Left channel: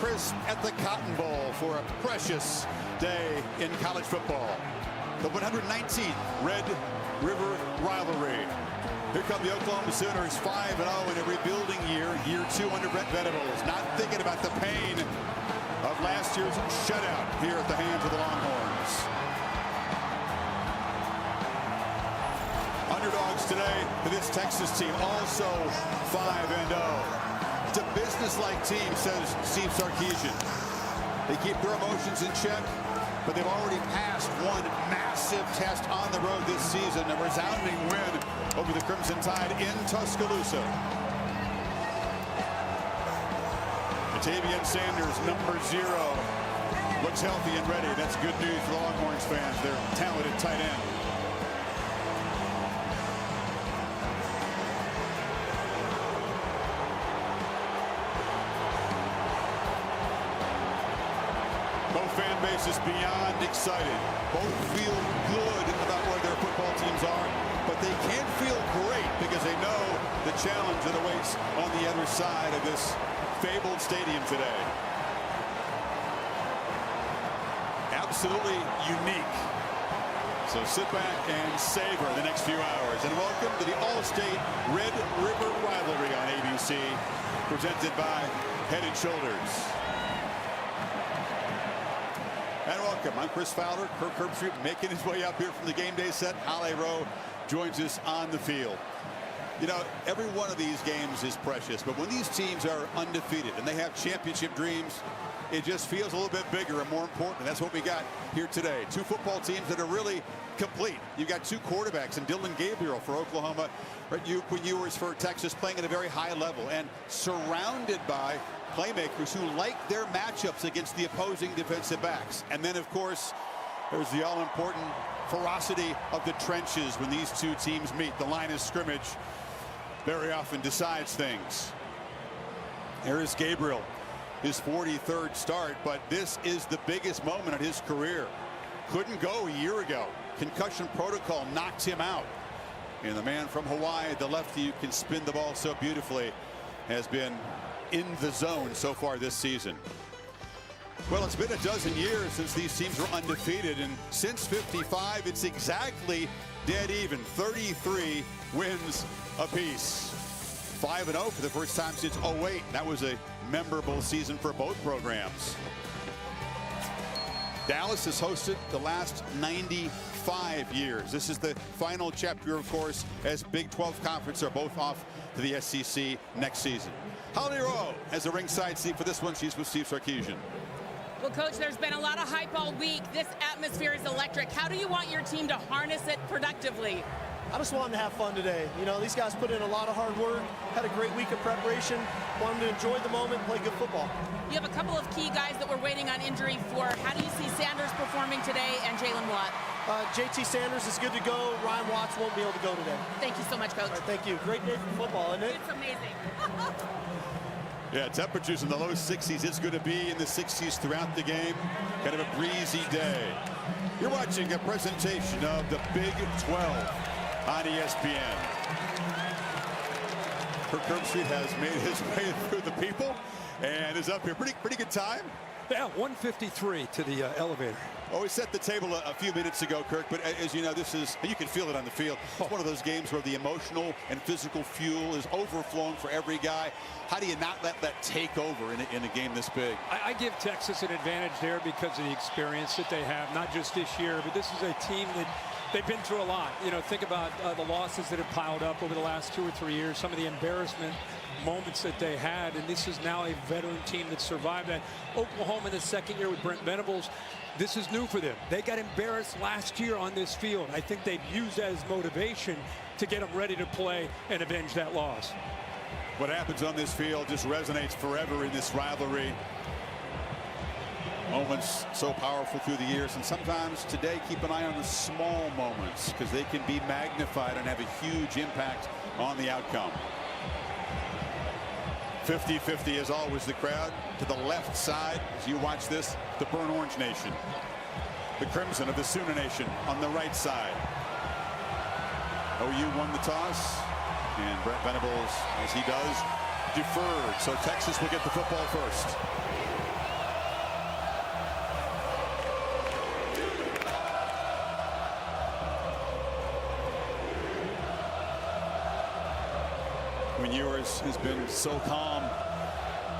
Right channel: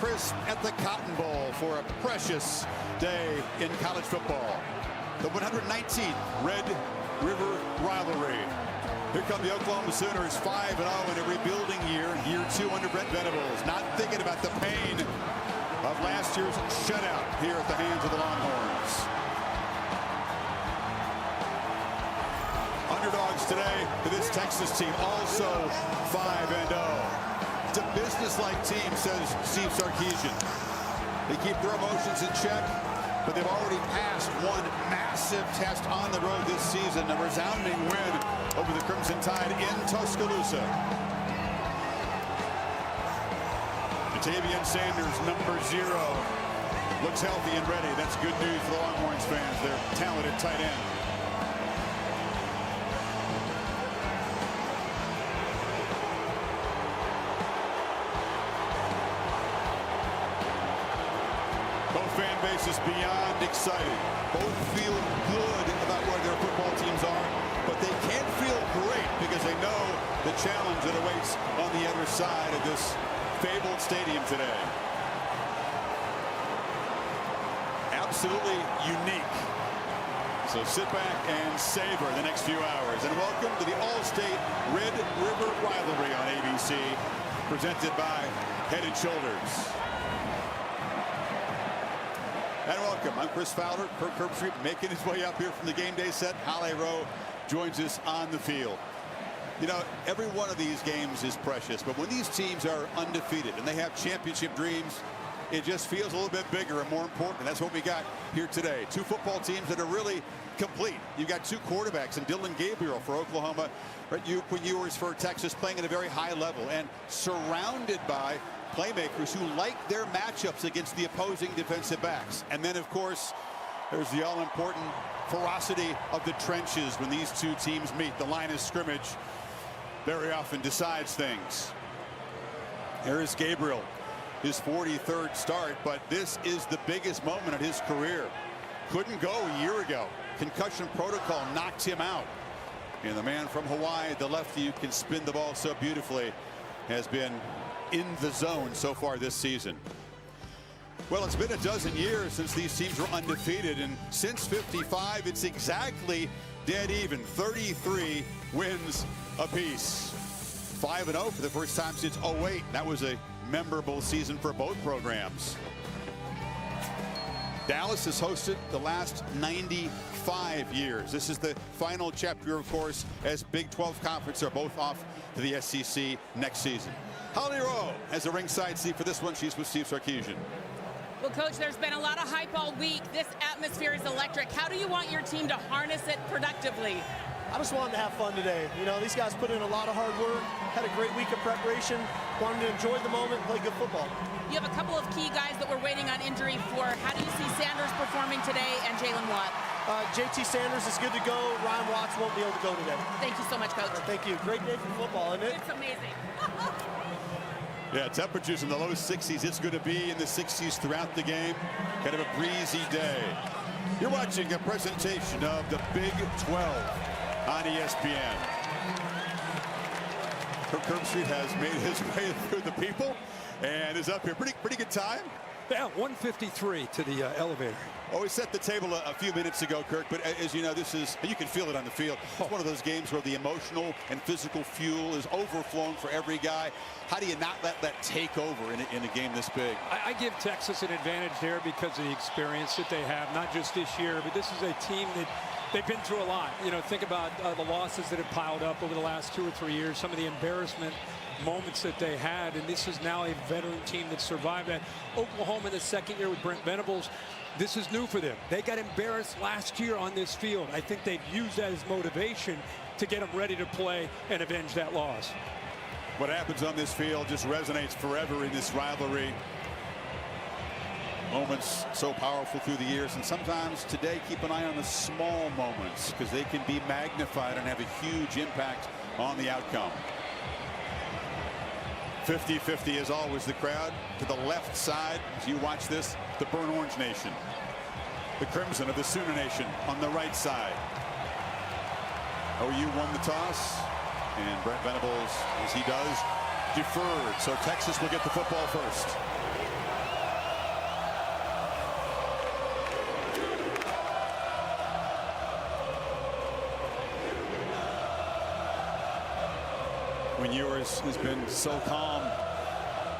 crisp at the Cotton Bowl for a precious day in college football. The 119th Red River Rivalry. Here come the Oklahoma Sooners, 5-0 in a rebuilding year 2 under Brent Venables. Not thinking about the pain of last year's shutout here at the hands of the Longhorns. Underdogs today to this Texas team, also 5-0. It's a business-like team, says Steve Sarkisian. They keep their emotions in check, but they've already passed one massive test on the road this season, a resounding win over the Crimson Tide in Tuscaloosa. Ja'Tavion Sanders, number 0, looks healthy and ready. That's good news for the Longhorns fans, their talented tight end. Both fan bases beyond excited. Both feel good about where their football teams are, but they can't feel great because they know the challenge that awaits on the other side of this fabled stadium today. Absolutely unique. So sit back and savor the next few hours. And welcome to the All-State Red River Rivalry on ABC, presented by Head & Shoulders. And welcome. I'm Chris Fowler. Kirk Herbstreit making his way up here from the game day set. Halle Rowe joins us on the field. You know, every one of these games is precious, but when these teams are undefeated and they have championship dreams, it just feels a little bit bigger and more important. And that's what we got here today. 2 football teams that are really complete. You've got 2 quarterbacks, and Dillon Gabriel for Oklahoma, right? Quinn Ewers for Texas, playing at a very high level and surrounded by playmakers who like their matchups against the opposing defensive backs. And then, of course, there's the all-important ferocity of the trenches when these 2 teams meet. The line of scrimmage very often decides things. There is Gabriel, his 43rd start, but this is the biggest moment of his career. Couldn't go a year ago. Concussion protocol knocked him out. And the man from Hawaii, the lefty who can spin the ball so beautifully, has been in the zone so far this season. Well, it's been a dozen years since these teams were undefeated, and since '55, it's exactly dead even. 33 wins apiece. 5-0 for the first time since '08. That was a memorable season for both programs. Dallas has hosted the last 95 years. This is the final chapter, of course, as Big 12 Conference are both off to the SEC next season. Halle Rowe has a ringside seat for this one. She's with Steve Sarkisian. Well, Coach, there's been a lot of hype all week. This atmosphere is electric. How do you want your team to harness it productively? I just want them to have fun today. You know, these guys put in a lot of hard work, had a great week of preparation, want them to enjoy the moment and play good football. You have a couple of key guys that we're waiting on injury for. How do you see Sanders performing today and Jalen Watt? JT Sanders is good to go. Ryan Watts won't be able to go today. Thank you so much, Coach. All right, thank you. Great day for football, isn't it? It's amazing. Yeah, temperatures in the low 60s. It's going to be in the 60s throughout the game. Kind of a breezy day. You're watching a presentation of the Big 12 on ESPN. Kirk Herbstreit has made his way through the people and is up here. Pretty good time. Yeah, 153 to the elevator. Oh, we set the table a few minutes ago, Kirk, but as you know, this is, you can feel it on the field. It's one of those games where the emotional and physical fuel is overflowing for every guy. How do you not let that take over in a game this big? I give Texas an advantage there because of the experience that they have, not just this year, but this is a team that they've been through a lot. You know, think about the losses that have piled up over the last 2 or 3 years, some of the embarrassment moments that they had, and this is now a veteran team that survived that. Oklahoma in the second year with Brent Venables, this is new for them. They got embarrassed last year on this field. I think they've used that as motivation to get them ready to play and avenge that loss. What happens on this field just resonates forever in this rivalry. Moments so powerful through the years, and sometimes today keep an eye on the small moments because they can be magnified and have a huge impact on the outcome. 50-50 as always the crowd to the left side as you watch this. The Burnt Orange Nation, the Crimson of the Sooner Nation on the right side. OU won the toss, and Brent Venables, as he does, deferred. So Texas will get the football first. When Ewers has been so calm.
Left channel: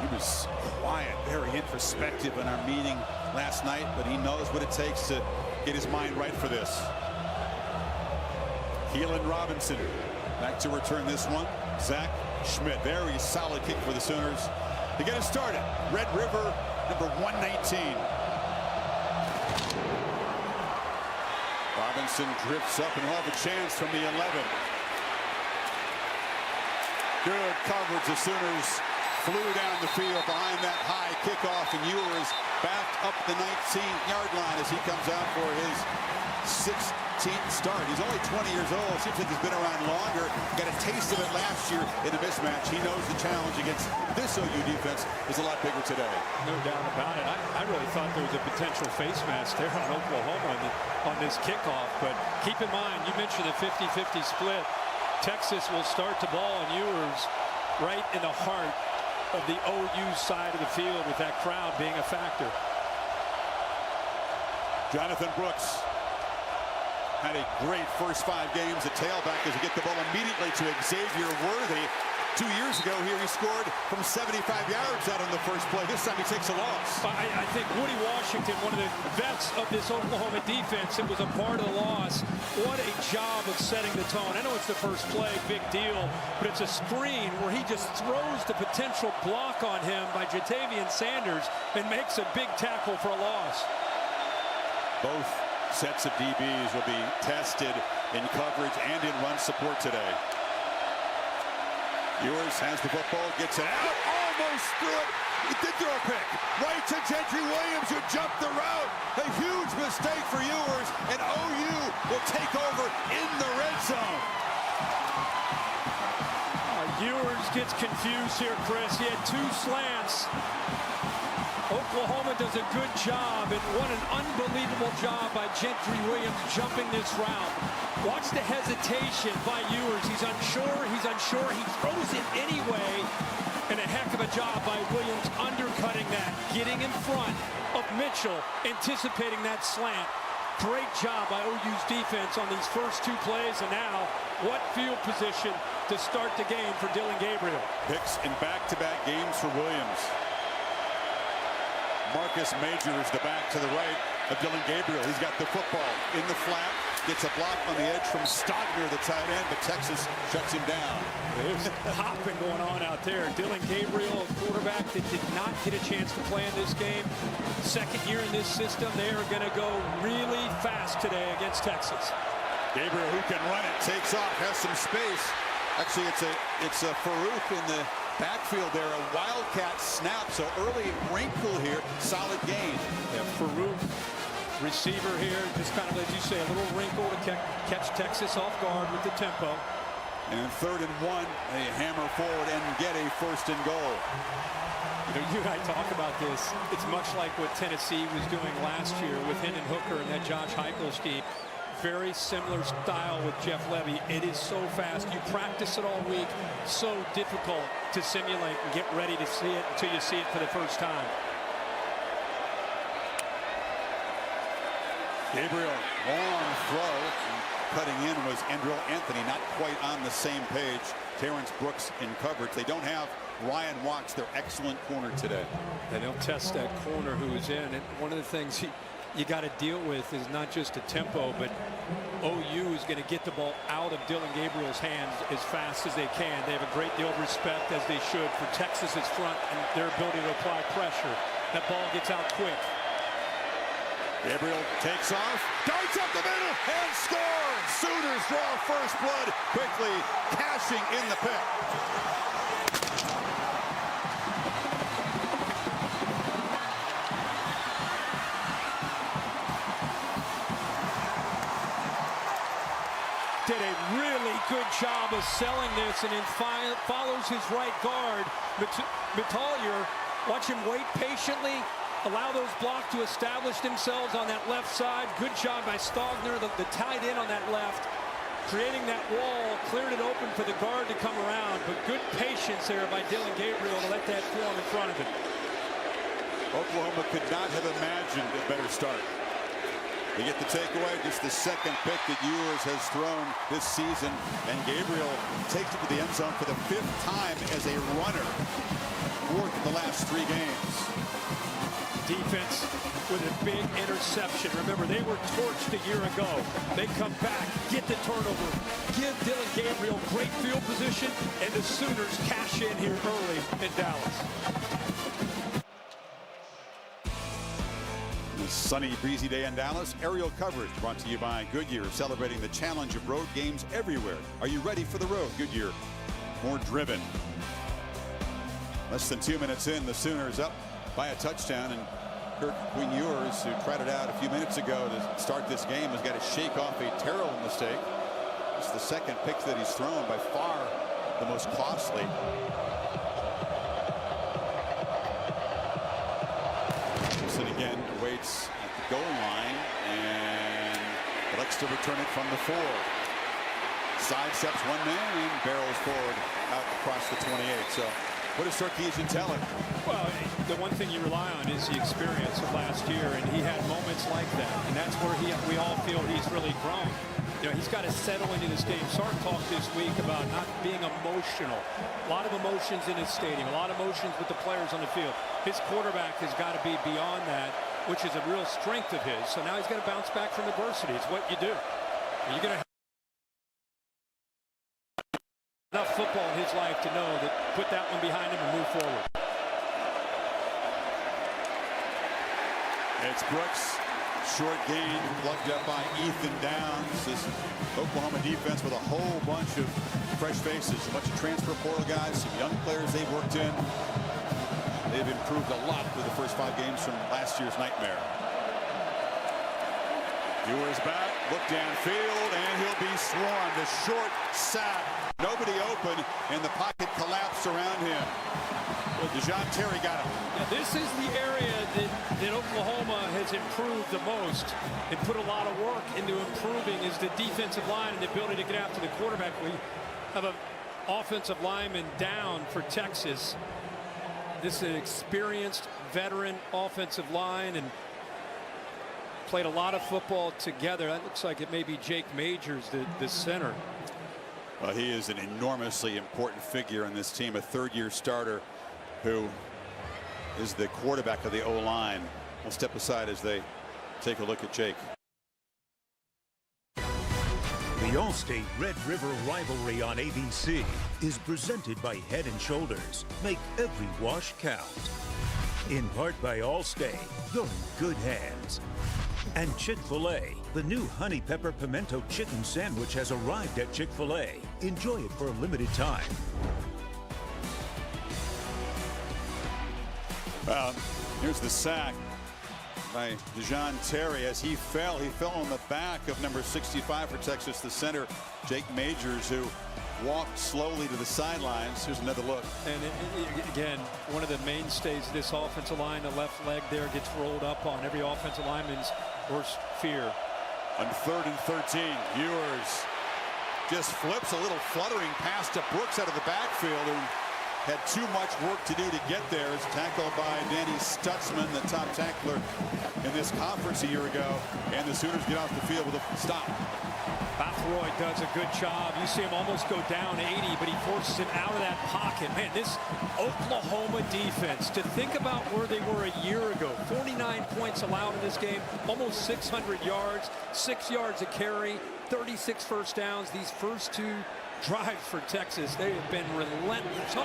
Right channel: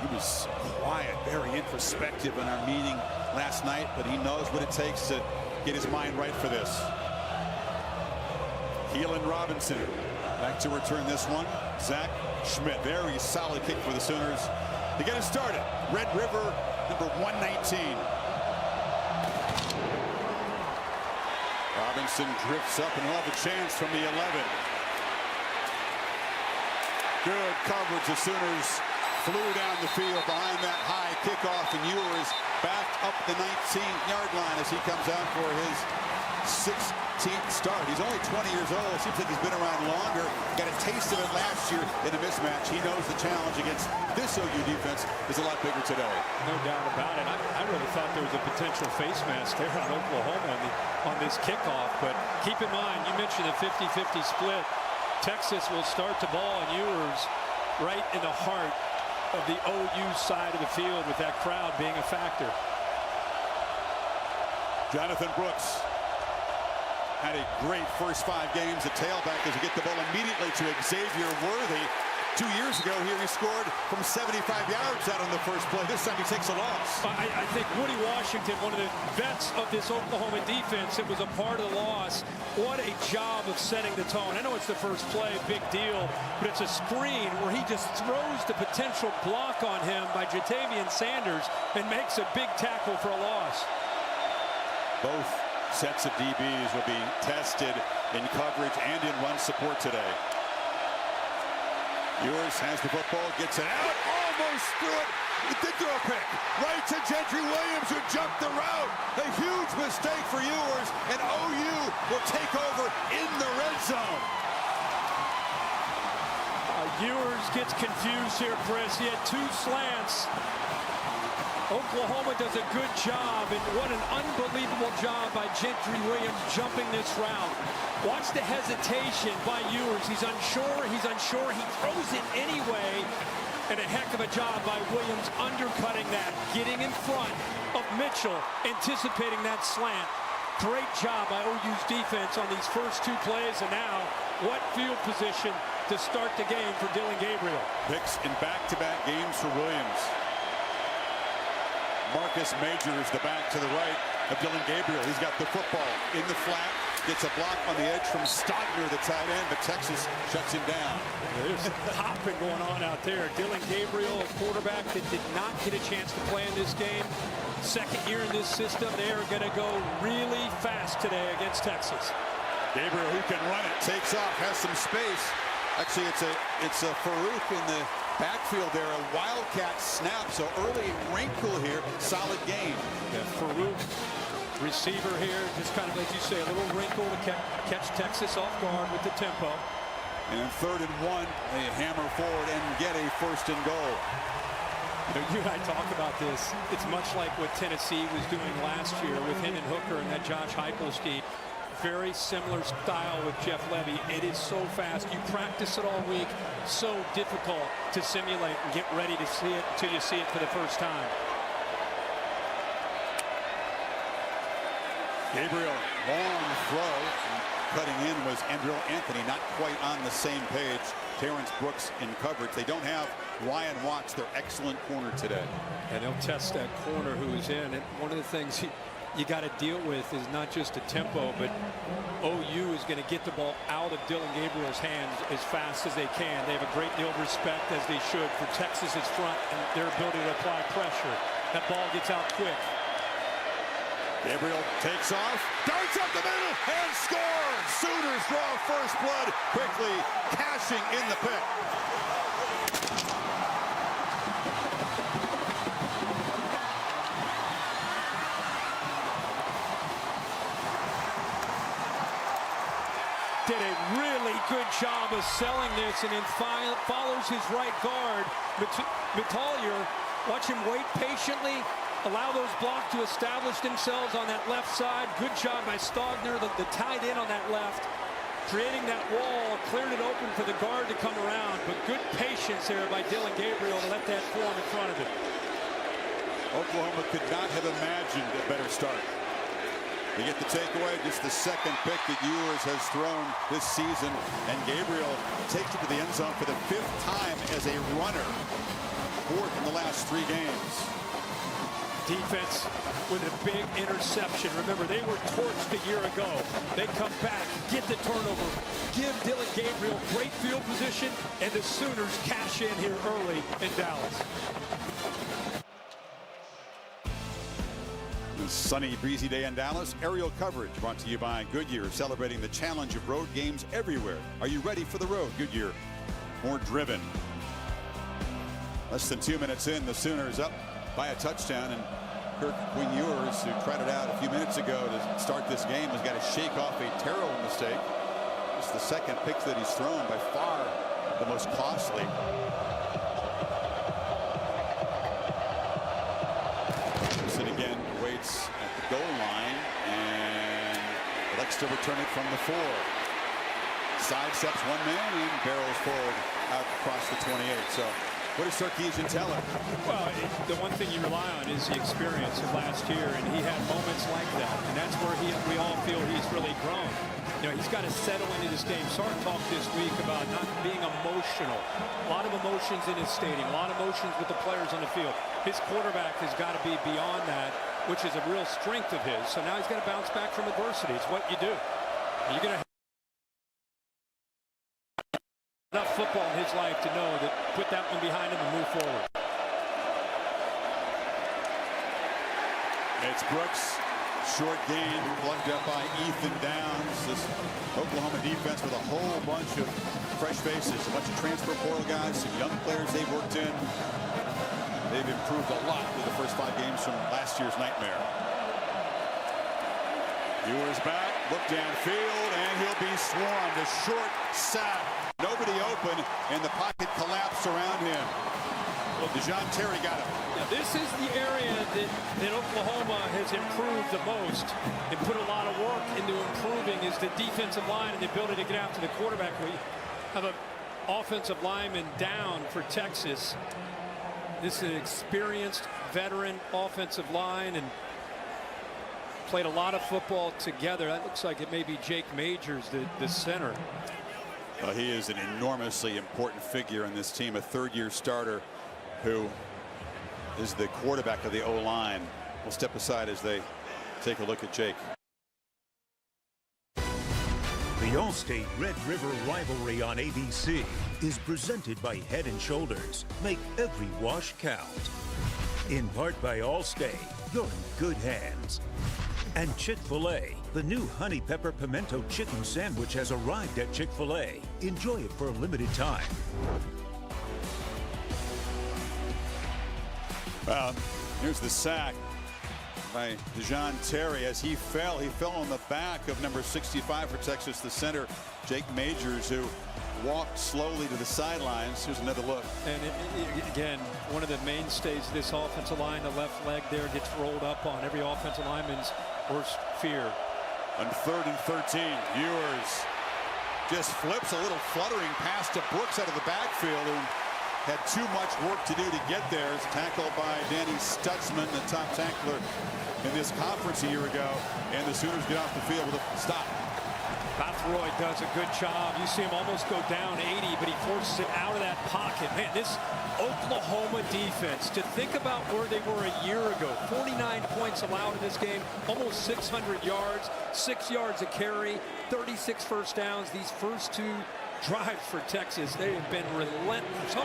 He was quiet, very introspective in our meeting last night, but he knows what it takes to get his mind right for this. Keelan Robinson back to return this one. Zach Schmidt, very solid kick for the Sooners to get it started. Red River, number 119. Robinson drifts up and he'll have a chance from the 11. Good coverage. The Sooners flew down the field behind that high kickoff, and Ewers backed up the 19-yard line as he comes out for his 16th start. He's only 20 years old. Seems like he's been around longer. Got a taste of it last year in a mismatch. He knows the challenge against this OU defense is a lot bigger today. No doubt about it. I really thought there was a potential face mask there on Oklahoma on this kickoff. But keep in mind, you mentioned a 50-50 split. Texas will start the ball, and Ewers right in the heart of the OU side of the field with that crowd being a factor. Jonathan Brooks had a great first 5 games at tailback as he get the ball immediately to Xavier Worthy. 2 years ago here he scored from 75 yards out on the first play. This time he takes a loss. I think Woody Washington, one of the vets of this Oklahoma defense, it was a part of the loss. What a job of setting the tone. I know it's the first play, big deal, but it's a screen where he just throws the potential block on him by Jatavian Sanders and makes a big tackle for a loss. Both sets of DBs will be tested in coverage and in run support today. Ewers has the football, gets it out, almost threw it. He did throw a pick. Right to Gentry Williams, who jumped the route. A huge mistake for Ewers, and OU will take over in the red zone. Ewers gets confused here, Chris. He had 2 slants. Oklahoma does a good job, and what an unbelievable job by Gentry Williams jumping this route. Watch the hesitation by Ewers. He's unsure, he throws it anyway, and a heck of a job by Williams undercutting that, getting in front of Mitchell, anticipating that slant. Great job by OU's defense on these first 2 plays, and now what field position to start the game for Dillon Gabriel. Picks in back-to-back games for Williams. Marcus Major is the back to the right of Dillon Gabriel. He's got the football in the flat, gets a block on the edge from Stogner, the tight end, but Texas shuts him down. There's hopping going on out there. Dillon Gabriel, a quarterback that did not get a chance to play in this game. Second year in this system. They are going to go really fast today against Texas. Gabriel, who can run it, takes off, has some space. Actually, it's a Farouk in the backfield there, a wildcat snap, so early wrinkle here, solid gain. Yeah, Farouk, receiver here, just kind of, as you say, a little wrinkle to catch Texas off guard with the tempo. And in 3rd and 1, they hammer forward and get a 1st and goal. You know, you and I talk about this. It's much like what Tennessee was doing last year with Hendon Hooker and that Josh Heupel scheme. Very similar style with Jeff Levy. It is so fast. You practice it all week. So difficult to simulate and get ready to see it until you see it for the first time. Gabriel, long throw. Cutting in was Andrew Anthony, not quite on the same page. Terrence Brooks in coverage. They don't have Ryan Watts, their excellent corner today. And they'll test that corner who is in. And one of the things you got to deal with is not just a tempo, but OU is going to get the ball out of Dillon Gabriel's hands as fast as they can. They have a great deal of respect, as they should, for Texas's front and their ability to apply pressure. That ball gets out quick. Gabriel takes off, darts up the middle, and scores! Sooners draw first blood, quickly cashing in the pick. Did a really good job of selling this, and then follows his right guard. Metalier, watch him wait patiently, allow those blocks to establish themselves on that left side. Good job by Stogner, the tight end on that left, creating that wall, cleared it open for the guard to come around, but good patience there by Dillon Gabriel to let that form in front of him. Oklahoma could not have imagined a better start. They get the takeaway, just the second pick that Ewers has thrown this season, and Gabriel takes it to the end zone for the 5th time as a runner, 4th in the last 3 games. Defense with a big interception. Remember, they were torched a year ago. They come back, get the turnover, give Dylan Gabriel great field position, and the Sooners cash in here early in Dallas. A sunny, breezy day in Dallas. Aerial coverage brought to you by Goodyear, celebrating the challenge of road games everywhere. Are you ready for the road? Goodyear, more driven. Less than 2 minutes in, the Sooners up by a touchdown, and Kirk Ewers, who tried it out a few minutes ago to start this game, has got to shake off a terrible mistake. It's the second pick that he's thrown, by far the most costly. Robinson again waits at the goal line and elects to return it from the 4. Sidesteps one man and barrels forward out across the 28. So what does Sarkisian tell him? Well, the one thing you rely on is the experience of last year, and he had moments like that, and that's where we all feel he's really grown. You know, he's got to settle into this game. Sark talked this week about not being emotional. A lot of emotions in his stadium, a lot of emotions with the players on the field. His quarterback has got to be beyond that, which is a real strength of his. So now he's got to bounce back from adversity. It's what you do. And you're going to have enough football in his life to know that put that one behind him and move forward. It's Brooks. Short gain plugged up by Ethan Downs. This Oklahoma defense with a whole bunch of fresh faces, a bunch of transfer portal guys, some young players they've worked in. They've improved a lot through the first 5 games from last year's nightmare. Ewers back, look downfield, and he'll be swarmed. A short sack, nobody open, and the pocket collapsed around him. Well, DeJohn Terry got him. Yeah, this is the area that Oklahoma has improved the most and put a lot of work into improving, is the defensive line and the ability to get after the quarterback. We have an offensive lineman down for Texas. This is an experienced veteran offensive line and played a lot of football together. That looks like it may be Jake Majors, the center. Well, he is an enormously important figure in this team, a 3rd-year starter who is the quarterback of the O-line. We'll step aside as they take a look at Jake. The Allstate Red River rivalry on ABC is presented by Head & Shoulders. Make every wash count. In part by Allstate, you're in good hands. And Chick-fil-A, the new Honey Pepper Pimento Chicken Sandwich has arrived at Chick-fil-A. Enjoy it for a limited time. Here's the sack by DeJohn Terry. As he fell on the back of number 65 for Texas, the center, Jake Majors, who walked slowly to the sidelines. Here's another look. And again, one of the mainstays of this offensive line, the left leg there gets rolled up on every offensive lineman's worst fear. On 3rd and 13, Ewers just flips a little fluttering pass to Brooks out of the backfield, who had too much work to do to get there. It's tackled by Danny Stutzman, the top tackler in this conference a year ago, and the Sooners get off the field with a stop. Bathroyd does a good job. You see him almost go down 80, but he forces him out of that pocket. Man, this Oklahoma defense, to think about where they were a year ago, 49 points allowed in this game, almost 600 yards, 6 yards a carry, 36 first downs. These first 2 drives for Texas, they have been relentless.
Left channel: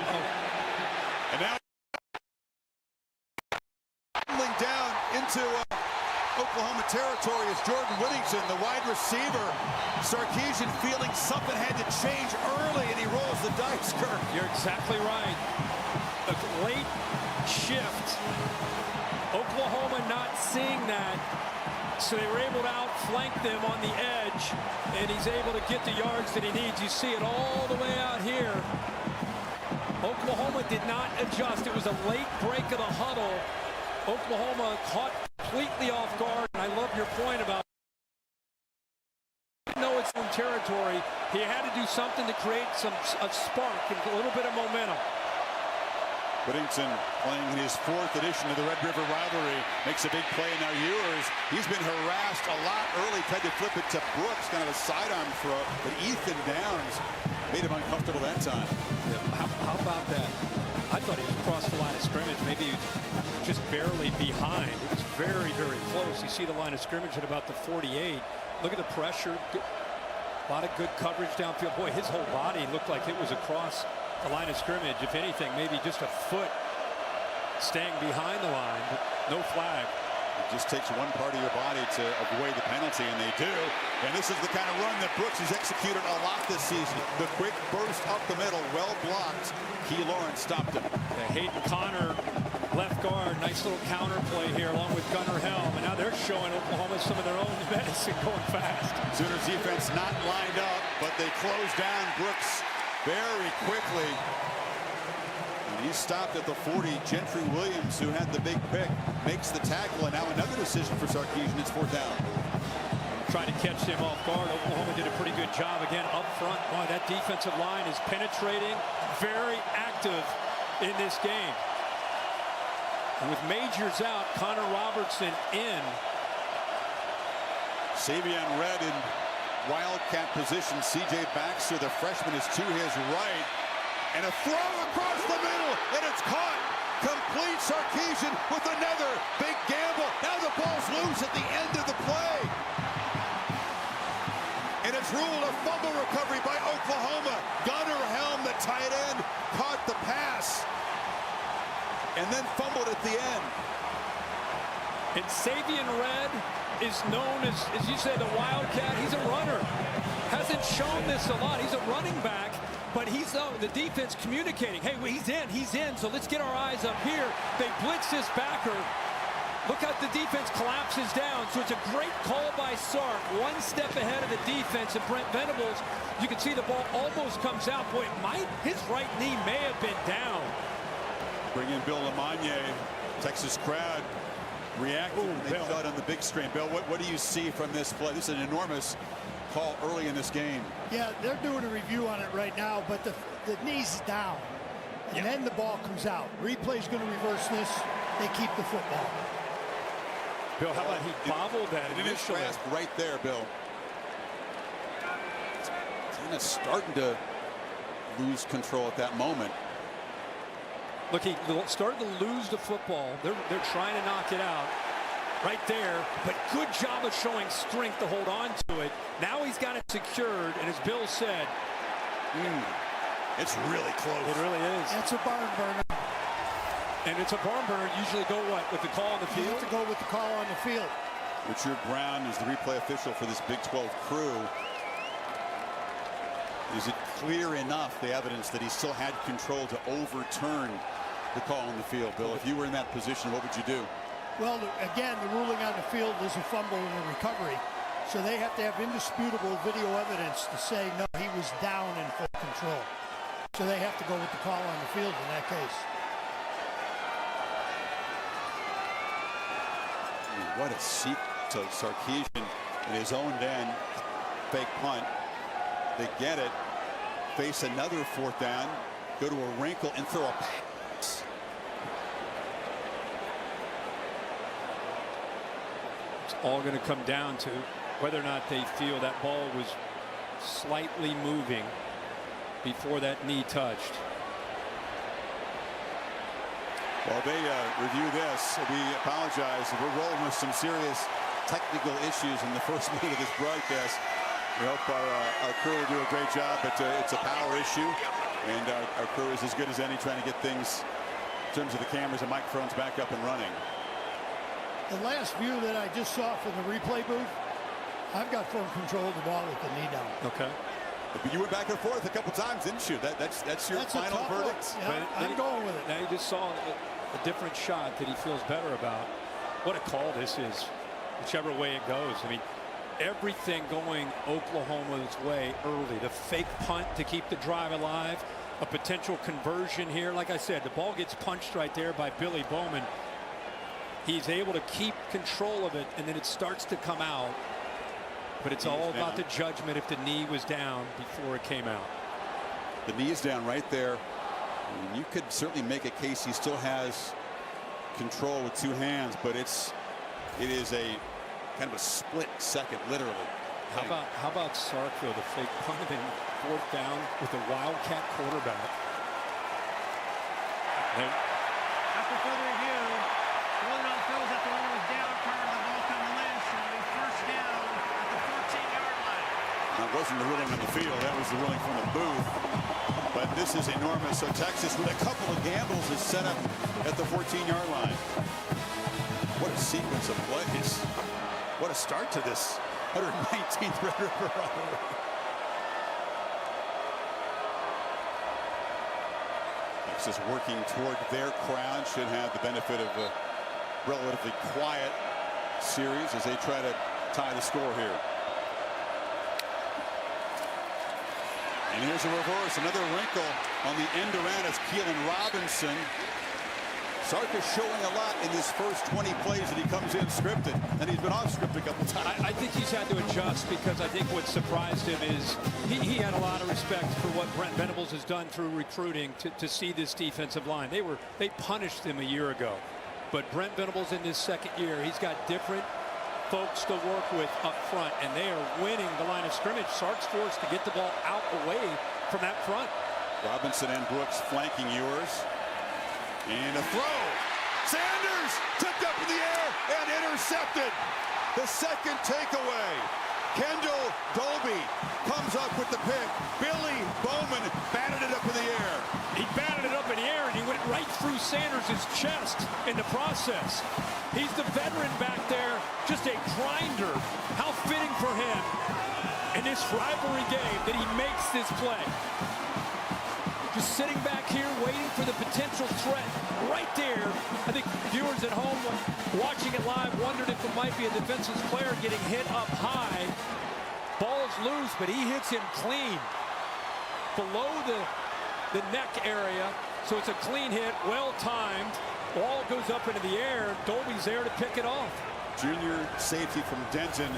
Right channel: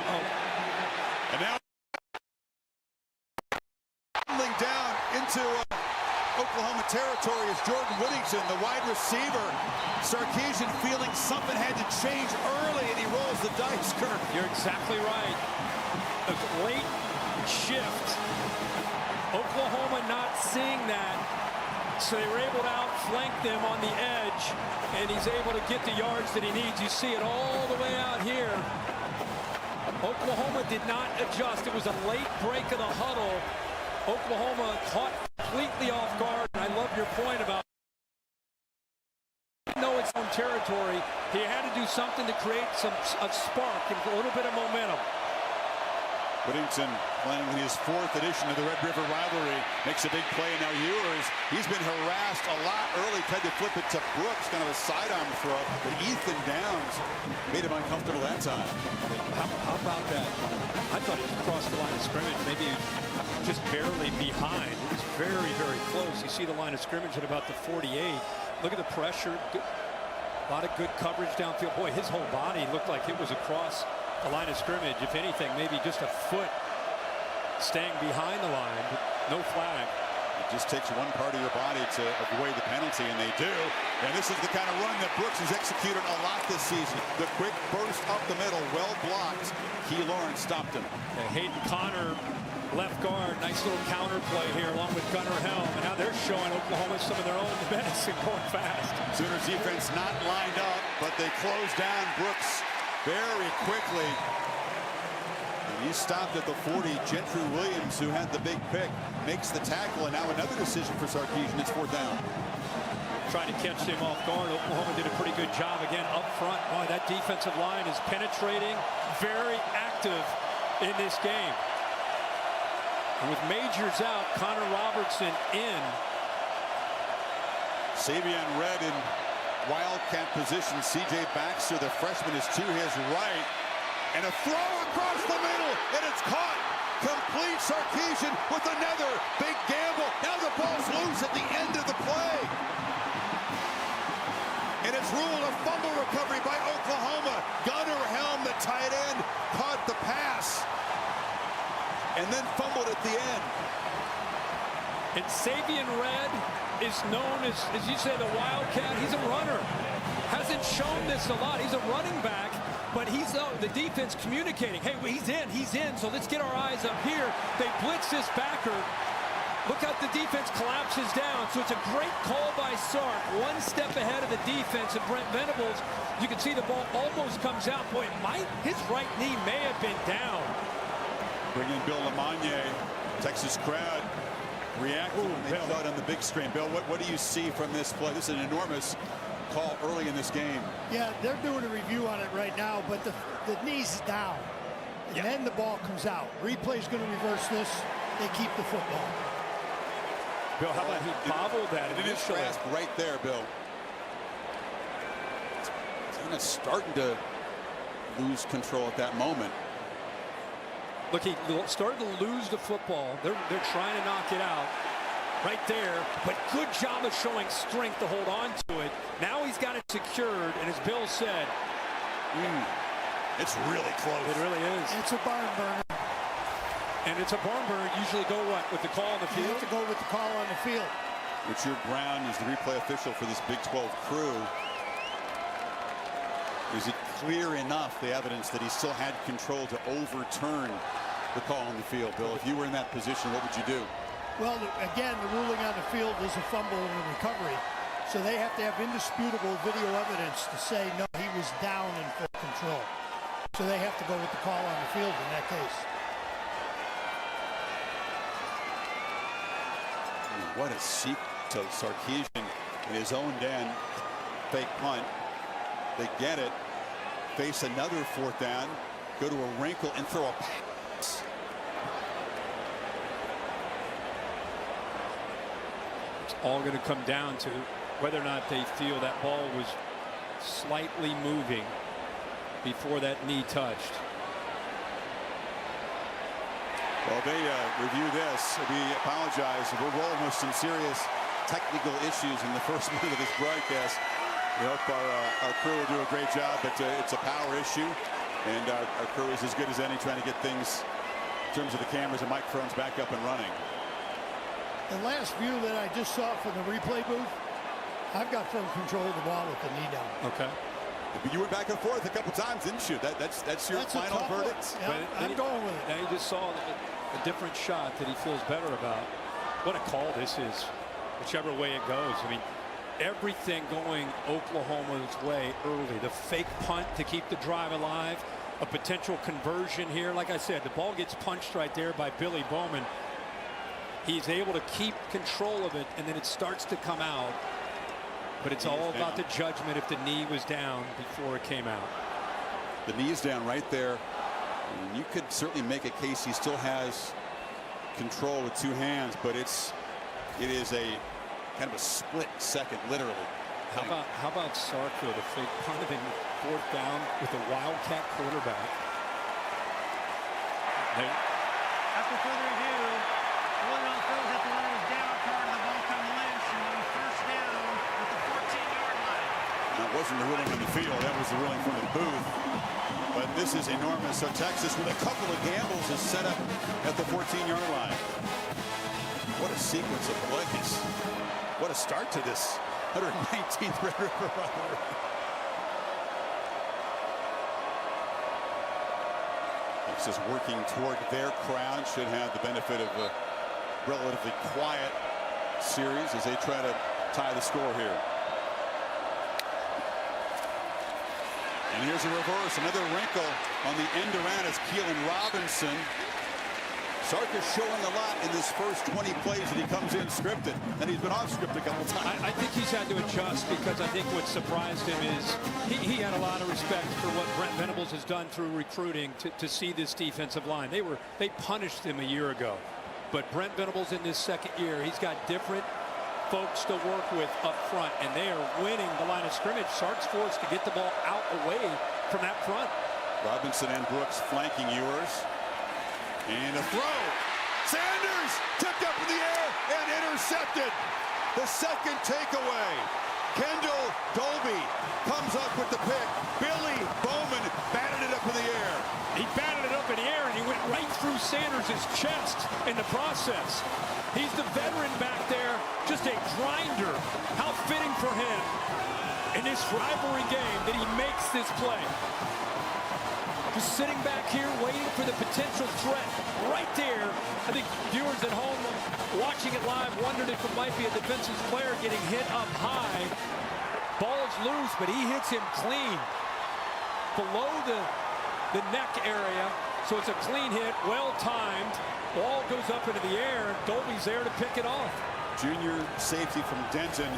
And now down into Oklahoma territory is Jordan Whittington, the wide receiver. Sarkisian feeling something had to change early, and he rolls the dice, Kirk. You're exactly right. A late shift. Oklahoma not seeing that, so they were able to outflank them on the edge, and he's able to get the yards that he needs. You see it all the way out here. Oklahoma did not adjust. It was a late break of the huddle. Oklahoma caught completely off guard, and I love your point about know its own territory. He had to do something to create a spark and a little bit of momentum. Whittington playing in his 4th edition of the Red River rivalry makes a big play, and now Ewers, he's been harassed a lot early, tried to flip it to Brooks, kind of a sidearm throw, but Ethan Downs made him uncomfortable that time. How about that? I thought he was across the line of scrimmage. Maybe he was just barely behind. It was very, very close. You see the line of scrimmage at about the 48. Look at the pressure. A lot of good coverage downfield. Boy, his whole body looked like it was across the line of scrimmage. If anything, maybe just a foot staying behind the line, but no flag. It just takes one part of your body to avoid the penalty, and they do. And this is the kind of run that Brooks has executed a lot this season. The quick burst up the middle, well blocked. Key Lawrence stopped him. Yeah, Hayden Connor, left guard, nice little counter play here along with Gunnar Helm. And now they're showing Oklahoma some of their own medicine going fast. Sooners defense not lined up, but they close down Brooks very quickly. And he's stopped at the 40. Gentry Williams, who had the big pick, makes the tackle, and now another decision for Sarkisian. It's 4th down. Trying to catch him off guard. Oklahoma did a pretty good job again up front. Boy, that defensive line is penetrating, very active in this game. And with Majors out, Connor Robertson in. Savion Red in wildcat position. C.J. Baxter, the freshman, is to his right. And a throw across the middle, and it's caught. Complete. Sarkisian with another big gamble. Now the ball's loose at the end of the play. And it's ruled a fumble recovery by Oklahoma. Gunnar Helm, the tight end, caught the pass and then fumbled at the end. And Savion Red is known as you said, a wildcat. He's a runner. Hasn't shown this a lot. He's a running back, but he's the defense communicating. Hey, he's in, so let's get our eyes up here. They blitz this backer. Look how the defense collapses down. So it's a great call by Sark. One step ahead of the defense, and Brent Venables, you can see the ball almost comes out. Boy, his right knee may have been down. Bring in Bill Lamagne. Texas crowd reacted when they saw it on the big screen. Bill, what do you see from this play? This is an enormous call early in this game. Yeah, they're doing a review on it right now, but the knee's down. And then the ball comes out. Replay's going to reverse this. They keep the football. Bill, how about he bobbled that initially? It is grasp right there, Bill. It's kind of starting to lose control at that moment. Look, he started to lose the football. They're trying to knock it out right there, but good job of showing strength to hold on to it. Now he's got it secured, and as Bill said, it's really close. It really is. It's a barn burner. And it's a barn burner. Usually go what? With the call on the field? You have to go with the call on the field. Richard Brown is the replay official for this Big 12 crew. Is it clear enough, the evidence, that he still had control to overturn the call on the field? Bill, if you were in that position, what would you do? Well, again, the ruling on the field is a fumble and a recovery. So they have to have indisputable video evidence to say, no, he was down in full control. So they have to go with the call on the field in that case. I mean, what a seek to Sarkisian in his own den. Fake punt. They get it. Face another 4th down. Go to a wrinkle and throw a pass. It's all going to come down to whether or not they feel that ball was slightly moving before that knee touched. Well, they review this. We apologize. We're rolling with some serious technical issues in the first minute of this broadcast. We hope our crew will do a great job, but it's a power issue, and our crew is as good as any trying to get things in terms of the cameras and microphones back up and running. The last view that I just saw from the replay booth, I've got firm control of the ball with the knee down. Okay. But you went back and forth a couple times, didn't you? That's your final verdict. Yeah, I'm going with it. Now you just saw a different shot that he feels better about. What a call this is, whichever way it goes. I mean, everything going Oklahoma's way early. The fake punt to keep the drive alive. A potential conversion here. Like I said, the ball gets punched right there by Billy Bowman. He's able to keep control of it, and then it starts to come out. But it's all about the judgment if the knee was down before it came out. The knee is down right there And you could certainly make a case he still has control with two hands, but it is a kind of a split second, literally. How about Sark, though, the fake punt and then 4th down with a Wildcat quarterback. After further review, the ruling on the field is that the runner was down prior to the ball coming loose, and it'll be first down at the 14-yard line. That wasn't the ruling on the field. That was the ruling from the booth. But this is enormous. So Texas, with a couple of gambles, is set up at the 14-yard line. What a sequence of plays. What a start to this 119th Red River rivalry. Texas working toward their crowd, should have the benefit of a relatively quiet series as they try to tie the score here. And here's a reverse, another wrinkle on the end around as Keelan Robinson. Sark is showing a lot in this first 20 plays that he comes in scripted, and he's been off script a couple times. I think he's had to adjust, because I think what surprised him is he had a lot of respect for what Brent Venables has done through recruiting to see this defensive line. They punished him a year ago, but Brent Venables in this second year, he's got different folks to work with up front, and they are winning the line of scrimmage. Sark's forced to get the ball out away from that front. Robinson and Brooks flanking Ewers. And a throw. Sanders tipped up in the air and intercepted. The second takeaway. Kendall Dolby comes up with the pick. Billy Bowman batted it up in the air. He batted it up in the air, and he went right through Sanders' chest in the process. He's the veteran back there, just a grinder. How fitting for him in this rivalry game that he makes this play. Just sitting back here waiting for the potential threat right there. I think viewers at home watching it live wondered if it might be a defenseless player getting hit up high. Ball's loose, but he hits him clean below the neck area. So it's a clean hit, well timed. Ball goes up into the air. Dolby's there to pick it off. Junior safety from Denton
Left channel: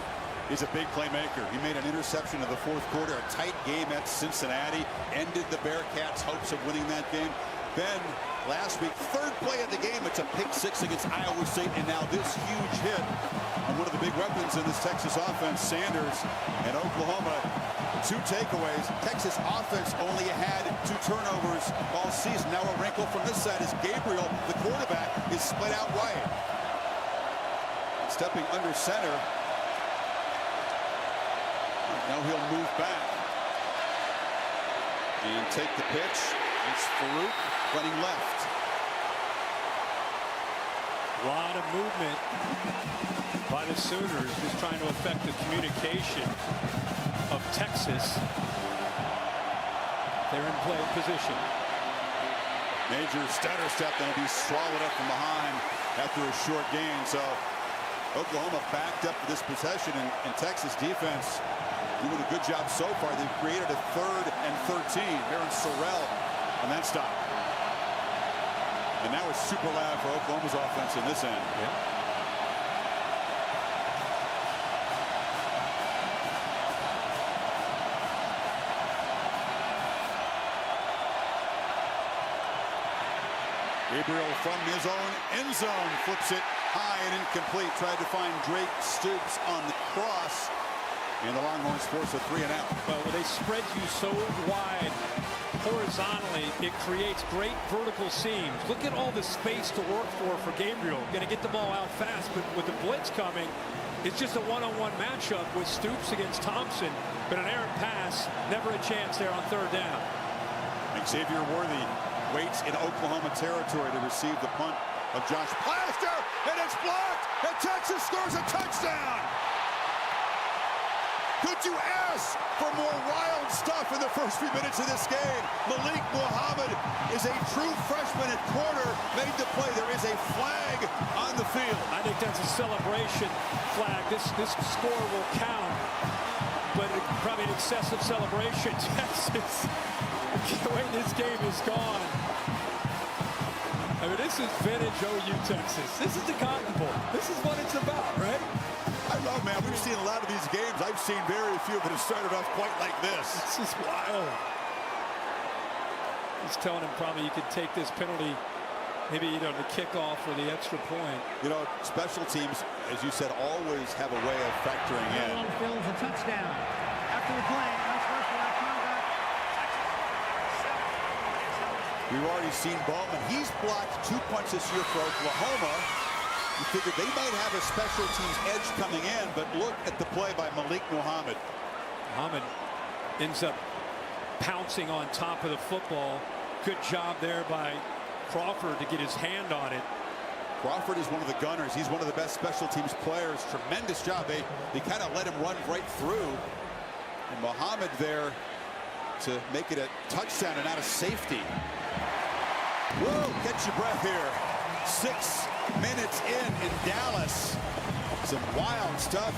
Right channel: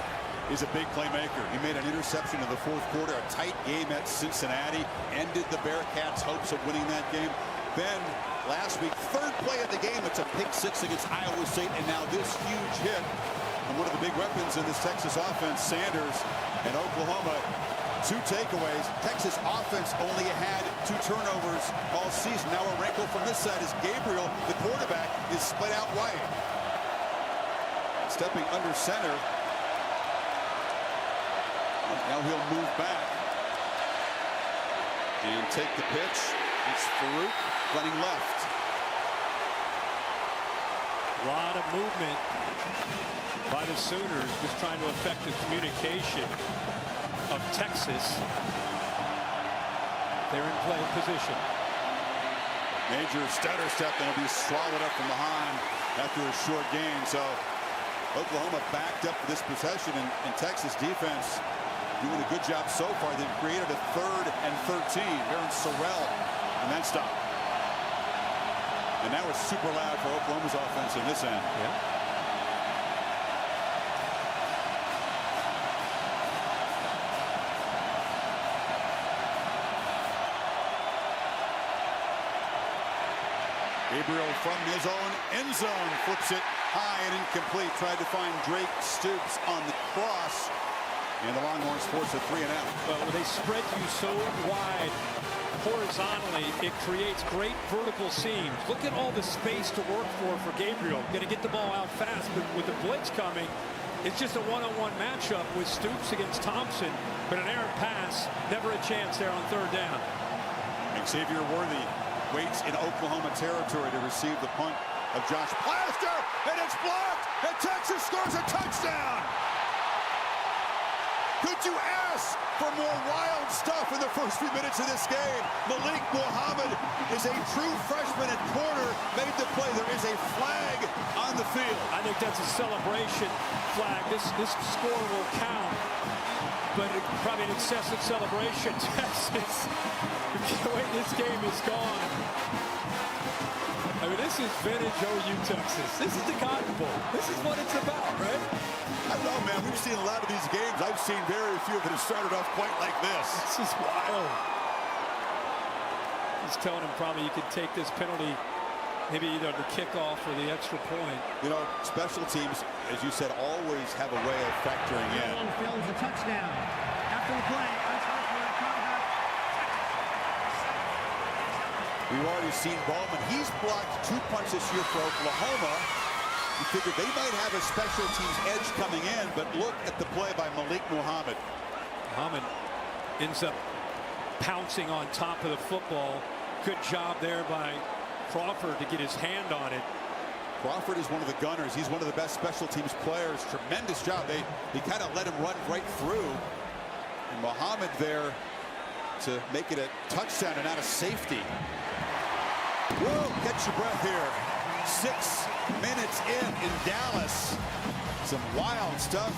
is a big playmaker. He made an interception in the fourth quarter. A tight game at Cincinnati ended the Bearcats' hopes of winning that game. Then last week, third play of the game, it's a pick six against Iowa State, and now this huge hit. And one of the big weapons in this Texas offense, Sanders, and Oklahoma, 2 takeaways. Texas offense only had 2 turnovers all season. Now a wrinkle from this side is Gabriel, the quarterback, is split out wide. Stepping under center. Now he'll move back and take the pitch. It's Farouk running left. A lot of movement by the Sooners, just trying to affect the communication of Texas. They're in play position. Major stutter step, then will be swallowed up from behind after a short gain. So Oklahoma backed up for this possession, and Texas defense doing a good job so far. They've created a 3rd and 13. Aaron Sorrell on that stop. And now it's super loud for Oklahoma's offense in this end. Yeah. Gabriel from his own end zone flips it high and incomplete. Tried to find Drake Stoops on the cross. And the Longhorns force a 3-and-out. Well, when they spread you so wide horizontally, it creates great vertical seams. Look at all the space to work for Gabriel. Going to get the ball out fast, but with the blitz coming, it's just a one-on-one matchup with Stoops against Thompson. But an errant pass, never a chance there on 3rd down. Xavier Worthy waits in Oklahoma territory to receive the punt of Josh Plaster, and it's blocked, and Texas scores a touchdown. Could you ask for more wild stuff in the first few minutes of this game? Malik Muhammad is a true freshman at corner, made the play. There is a flag on the field. I think that's a celebration flag. This score will count, but probably an excessive celebration. Texas, the way this game is gone. I mean, this is vintage OU Texas. This is the Cotton Bowl. This is what it's about, right? I don't know, man. We've seen a lot of these games. I've seen very few that have started off quite like this. This is wild. He's telling him probably you could take this penalty, maybe either the kickoff or the extra point. You know, special teams, as you said, always have a way of factoring in. On field is a touchdown. After the play, unsportsmanlike conduct. We've already seen Bowman. He's blocked 2 punts this year for Oklahoma. You figured they might have a special teams edge coming in, but look at the play by Malik Muhammad. Muhammad ends up pouncing on top of the football. Good job there by Crawford to get his hand on it. Crawford is one of the gunners. He's one of the best special teams players. Tremendous job. They kind of let him run right through. And Muhammad there to make it a touchdown and not a safety. Whoa, catch your breath here. 6 minutes in Dallas. Some wild stuff.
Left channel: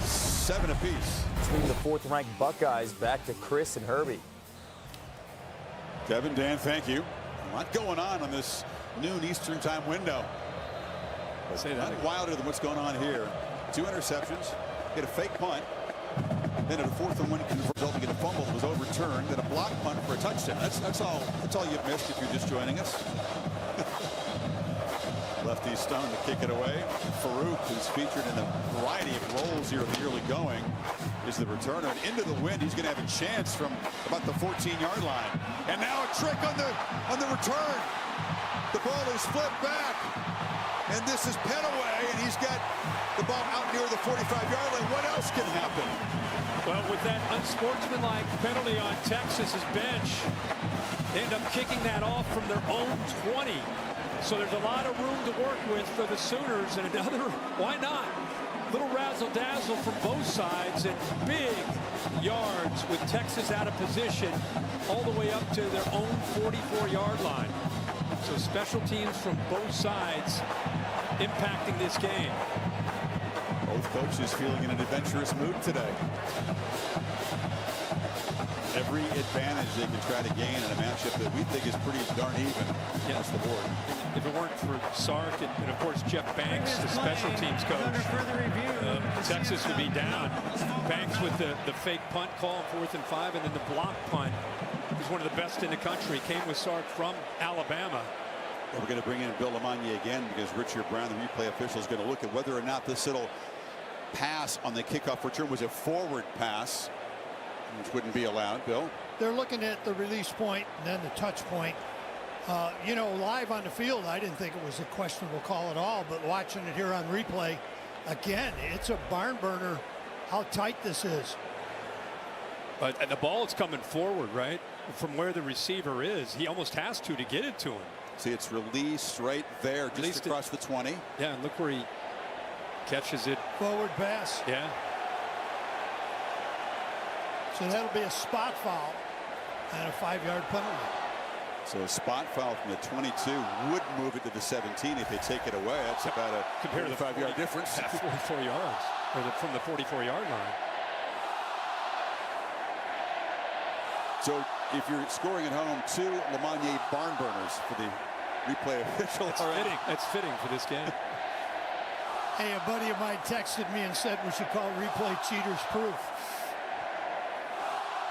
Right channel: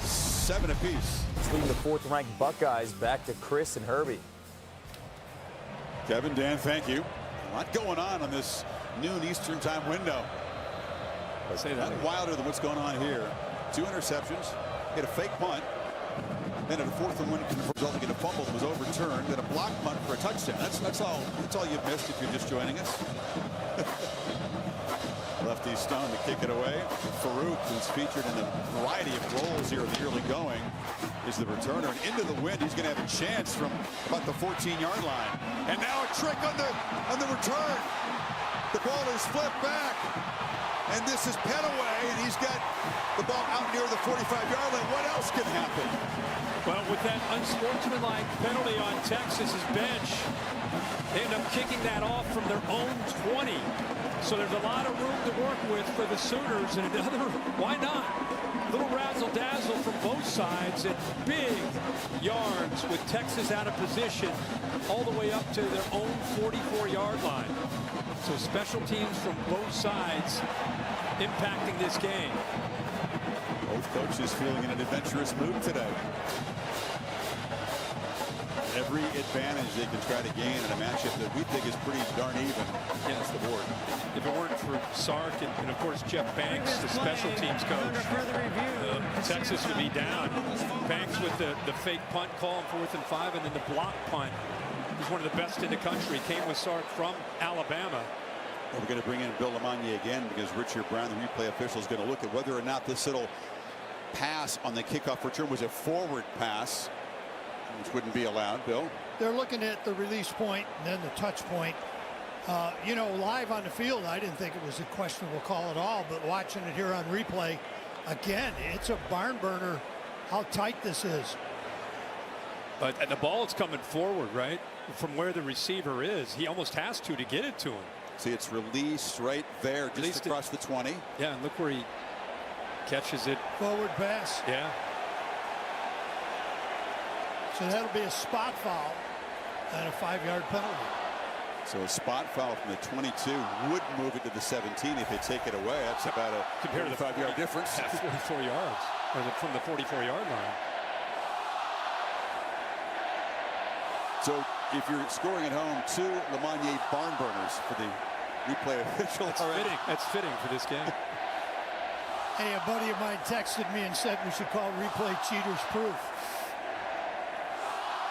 7 apiece. Leading the 4th-ranked Buckeyes back to Chris and Herbie. Kevin, Dan, thank you. A lot going on this noon Eastern time window. But say that none again. wilder than what's going on here. 2 interceptions. Hit a fake punt. Then at a 4th and 1 resulting in a fumble that was overturned. Then a block punt for a touchdown. That's all you've missed if you're just joining us. Lefty Stone to kick it away. Farouk, who's featured in a variety of roles here in the early going, is the returner. And into the wind, he's going to have a chance from about the 14-yard line. And now a trick on the return. The ball is flipped back. And this is Petaway, and he's got the ball out near the 45-yard line. What else can happen? Well, with that unsportsmanlike penalty on Texas's bench, they end up kicking that off from their own 20. So there's a lot of room to work with for the Sooners, and another, why not? Little razzle-dazzle from both sides, and big yards with Texas out of position all the way up to their own 44-yard line. So special teams from both sides impacting this game. Both coaches feeling in an adventurous mood today. Every advantage they can try to gain in a matchup that we think is pretty darn even across the board. And if it weren't for Sark and of course Jeff Banks, the special teams coach, Under further review, Texas would be down. Banks with the fake punt call on 4th and 5, and then the block punt. He's one of the best in the country. Came with Sark from Alabama. Well, we're going to bring in Bill Lamagna again because Richard Brown, the replay official, is going to look at whether or not this little pass on the kickoff return was a forward pass, which wouldn't be allowed. Bill? They're looking at the release point and then the touch point. You know, live on the field, I didn't think it was a questionable call at all, but watching it here on replay, again, it's a barn burner how tight this is. But the ball is coming forward, right? From where the receiver is. He almost has to get it to him. See, it's released right there, just Released across the 20. Yeah, and look where he catches it. Forward pass. Yeah. So that'll be a spot foul and a 5-yard penalty. So a spot foul from the 22 would move it to the 17 if they take it away. That's about a Compared to the 5-yard difference. Yeah, 44 yards, or from the 44-yard line. So if you're scoring at home, 2 Lamagna barn burners for the replay official. That's fitting. That's fitting for this game. Hey, a buddy of mine texted me and said we should call replay cheaters proof.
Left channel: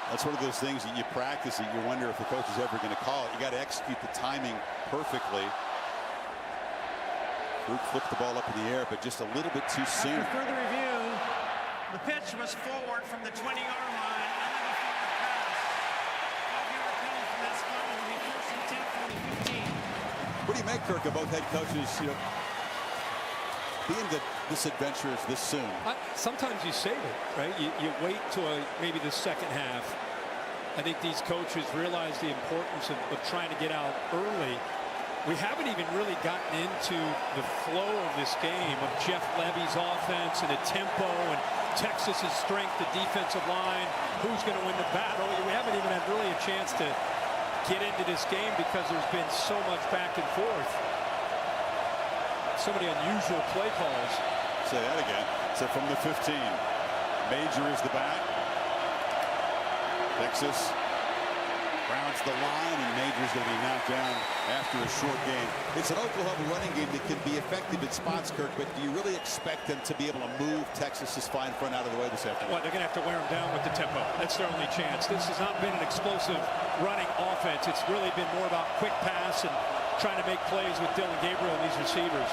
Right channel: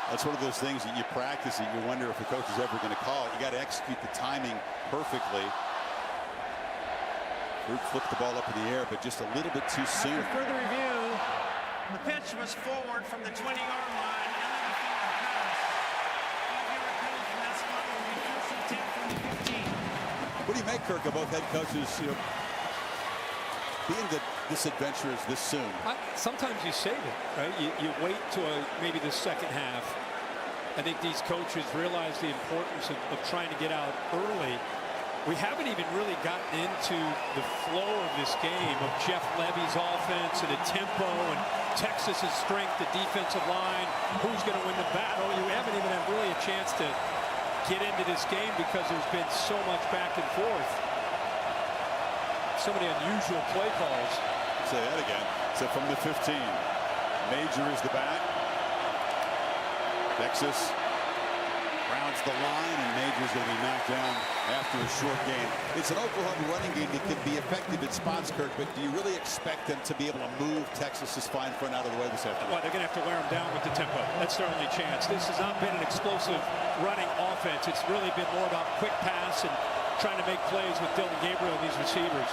That's one of those things that you practice it. You wonder if the coach is ever going to call it. You got to execute the timing perfectly. Farouk flipped the ball up in the air, but just a little bit too soon. After further review, the pitch was forward from the 20-yard line. Illegal pass. 5-yard penalty from that spot. It will be 1st and 10 from the 15. What do you make, Kirk, of both head coaches, you know, being this adventurous this soon? Sometimes you save it, right? You wait till maybe the second half. I think these coaches realize the importance of trying to get out early. We haven't even really gotten into the flow of this game of Jeff Levy's offense and the tempo and Texas's strength, the defensive line, who's going to win the battle. We haven't even had really a chance to get into this game because there's been so much back and forth. So many unusual play calls. Say that again. So from the 15, Major is the back. Texas Rounds the line, and Major's going to be knocked down after a short gain. It's an Oklahoma running game that can be effective in spots, Kirk, but do you really expect them to be able to move Texas's fine front out of the way this afternoon? Well, they're going to have to wear them down with the tempo. That's their only chance. This has not been an explosive running offense. It's really been more about quick pass and trying to make plays with Dillon Gabriel and these receivers.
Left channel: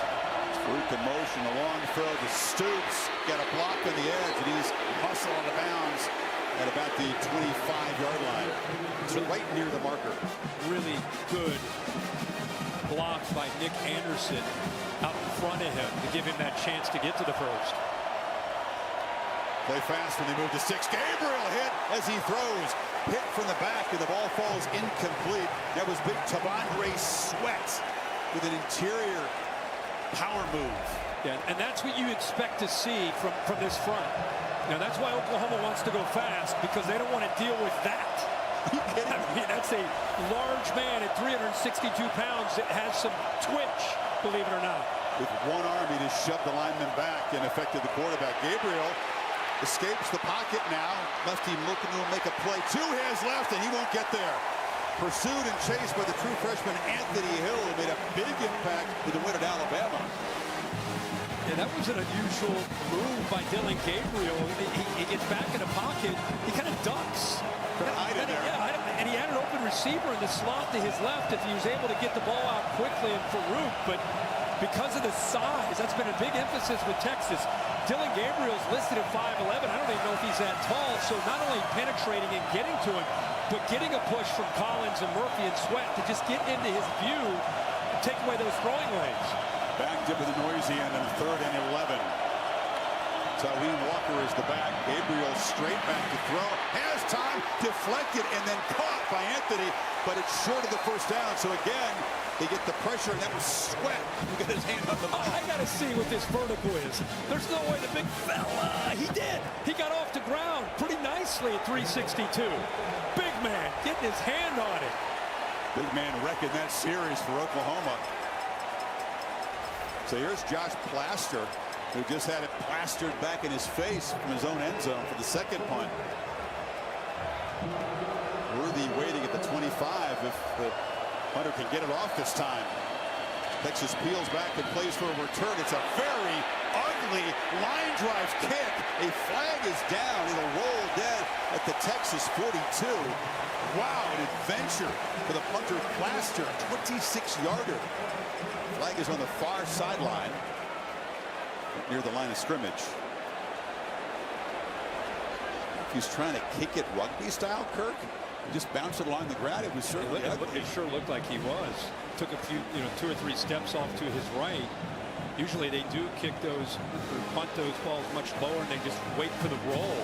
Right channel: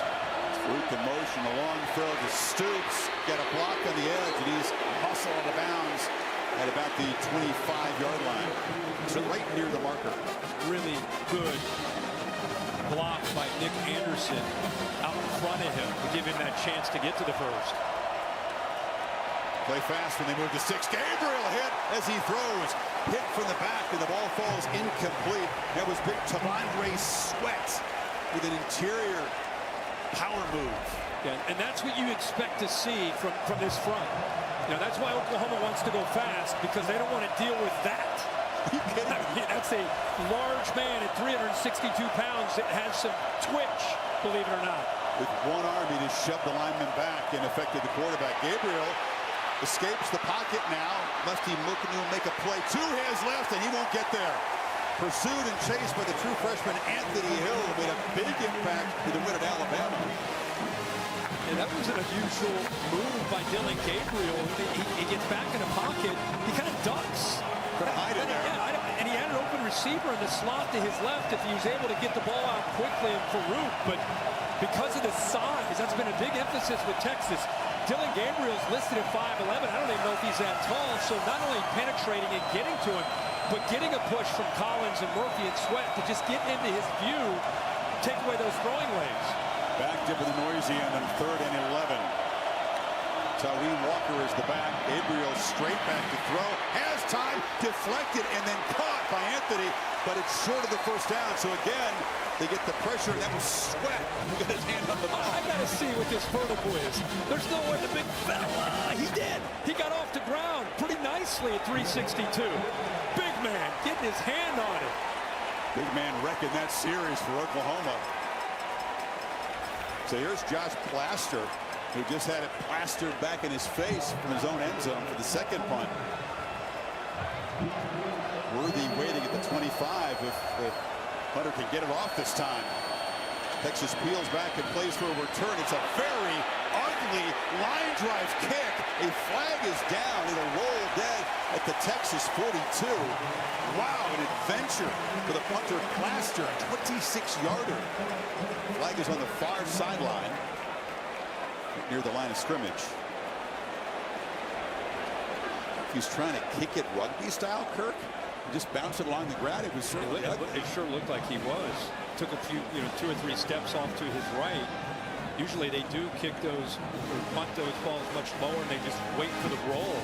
Farouk in motion, a long throw to Stoops. Got a block on the edge, and he's muscle out of bounds at about the 25-yard line. It's right near the marker. Really good block by Nick Anderson out in front of him to give him that chance to get to the first. Play fast when they move to 6. Gabriel hit as he throws. Hit from the back, and the ball falls incomplete. That was big T'Vondre Sweat with an interior power move. Yeah, and that's what you expect to see from this front. You know, that's why Oklahoma wants to go fast, because they don't want to deal with that. Are you kidding? I mean, that's a large man at 362 pounds that has some twitch, believe it or not. With one arm, he just shoved the lineman back and affected the quarterback. Gabriel escapes the pocket now. Lefty looking to make a play. 2 hands left, and he won't get there. Pursued and chased by the true freshman Anthony Hill, who made a big impact in the win at Alabama. Yeah, that was an unusual move by Dillon Gabriel. He gets back in the pocket. He kind of ducks. Could have hide in there. Yeah, and he had an open receiver in the slot to his left if he was able to get the ball out quickly and Farouk. But because of the size, that's been a big emphasis with Texas. Dillon Gabriel's listed at 5'11". I don't even know if he's that tall. So not only penetrating and getting to him, but getting a push from Collins and Murphy and Sweat to just get into his view and take away those throwing lanes. Backed up in the noisy end on 3rd and 11. Tawee Walker is the back. Gabriel straight back to throw. Has time, deflected, and then caught by Anthony, but it's short of the first down. So again, they get the pressure, and that was Sweat who got his hand on the ball. I got to see what this vertical is. There's no way the big fella, he did. He got off the ground pretty nicely at 362. Big man getting his hand on it. Big man wrecking that series for Oklahoma. So here's Josh Plaster, who just had it plastered back in his face from his own end zone for the second punt. Worthy waiting at the 25 if the punter can get it off this time. Texas peels back and plays for a return. It's a very ugly line drive kick. A flag is down. It'll roll dead at the Texas 42. Wow, an adventure for the punter Plaster, a 26-yarder. Flag is on the far sideline, right near the line of scrimmage. If he's trying to kick it rugby style, Kirk, he just bounced it along the ground. It was certainly ugly. It sure looked like he was. Took a few, 2 or 3 steps off to his right. Usually they do kick those or punt those balls much lower, and they just wait for the roll.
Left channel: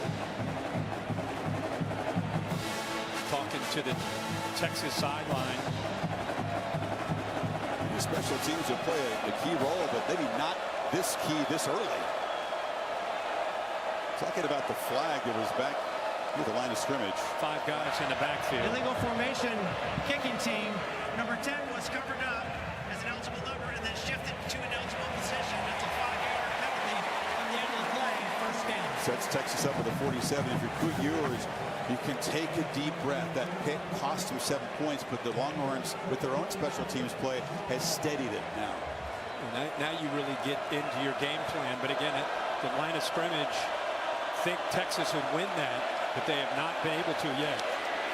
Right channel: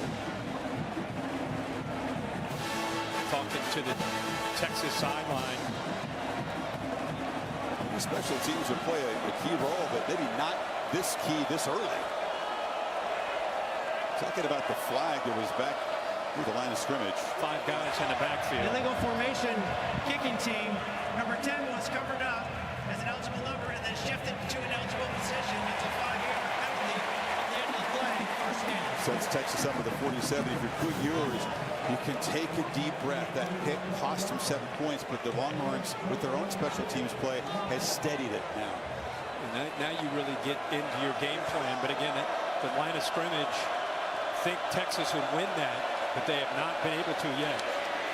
Talking to the Texas sideline. Maybe special teams would play a key role, but maybe not this key this early. Talking about the flag that was back near the line of scrimmage. 5 guys in the backfield. Illegal formation, kicking team. Number 10 was covered up as an eligible number and then shifted to an eligible position. That's a 5-yard penalty from the end of the play. First down. Sets Texas up with a 47. If you're Coot Ewers, you can take a deep breath. That pick cost him 7 points, but the Longhorns, with their own special teams play, has steadied it now. And now you really get into your game plan. But again, at the line of scrimmage, think Texas would win that, but they have not been able to yet.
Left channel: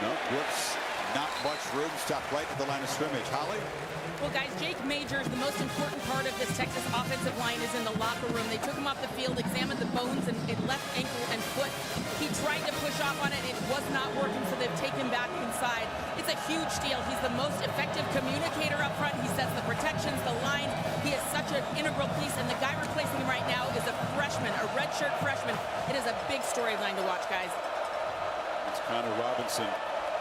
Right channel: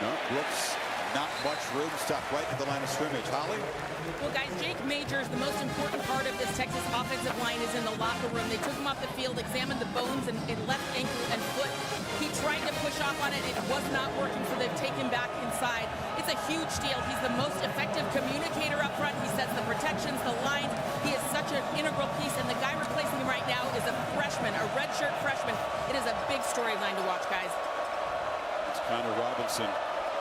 No, Brooks, not much room. Stopped right at the line of scrimmage. Holly? Well, guys, Jake Majors, the most important part of this Texas offensive line is in the locker room. They took him off the field, examined the bones and left ankle and foot. He tried to push off on it. It was not working, so they've taken him back inside. It's a huge deal. He's the most effective communicator up front. He sets the protections, the lines. He is such an integral piece, and the guy replacing him right now is a freshman, a redshirt freshman. It is a big storyline to watch, guys. It's Connor Robinson.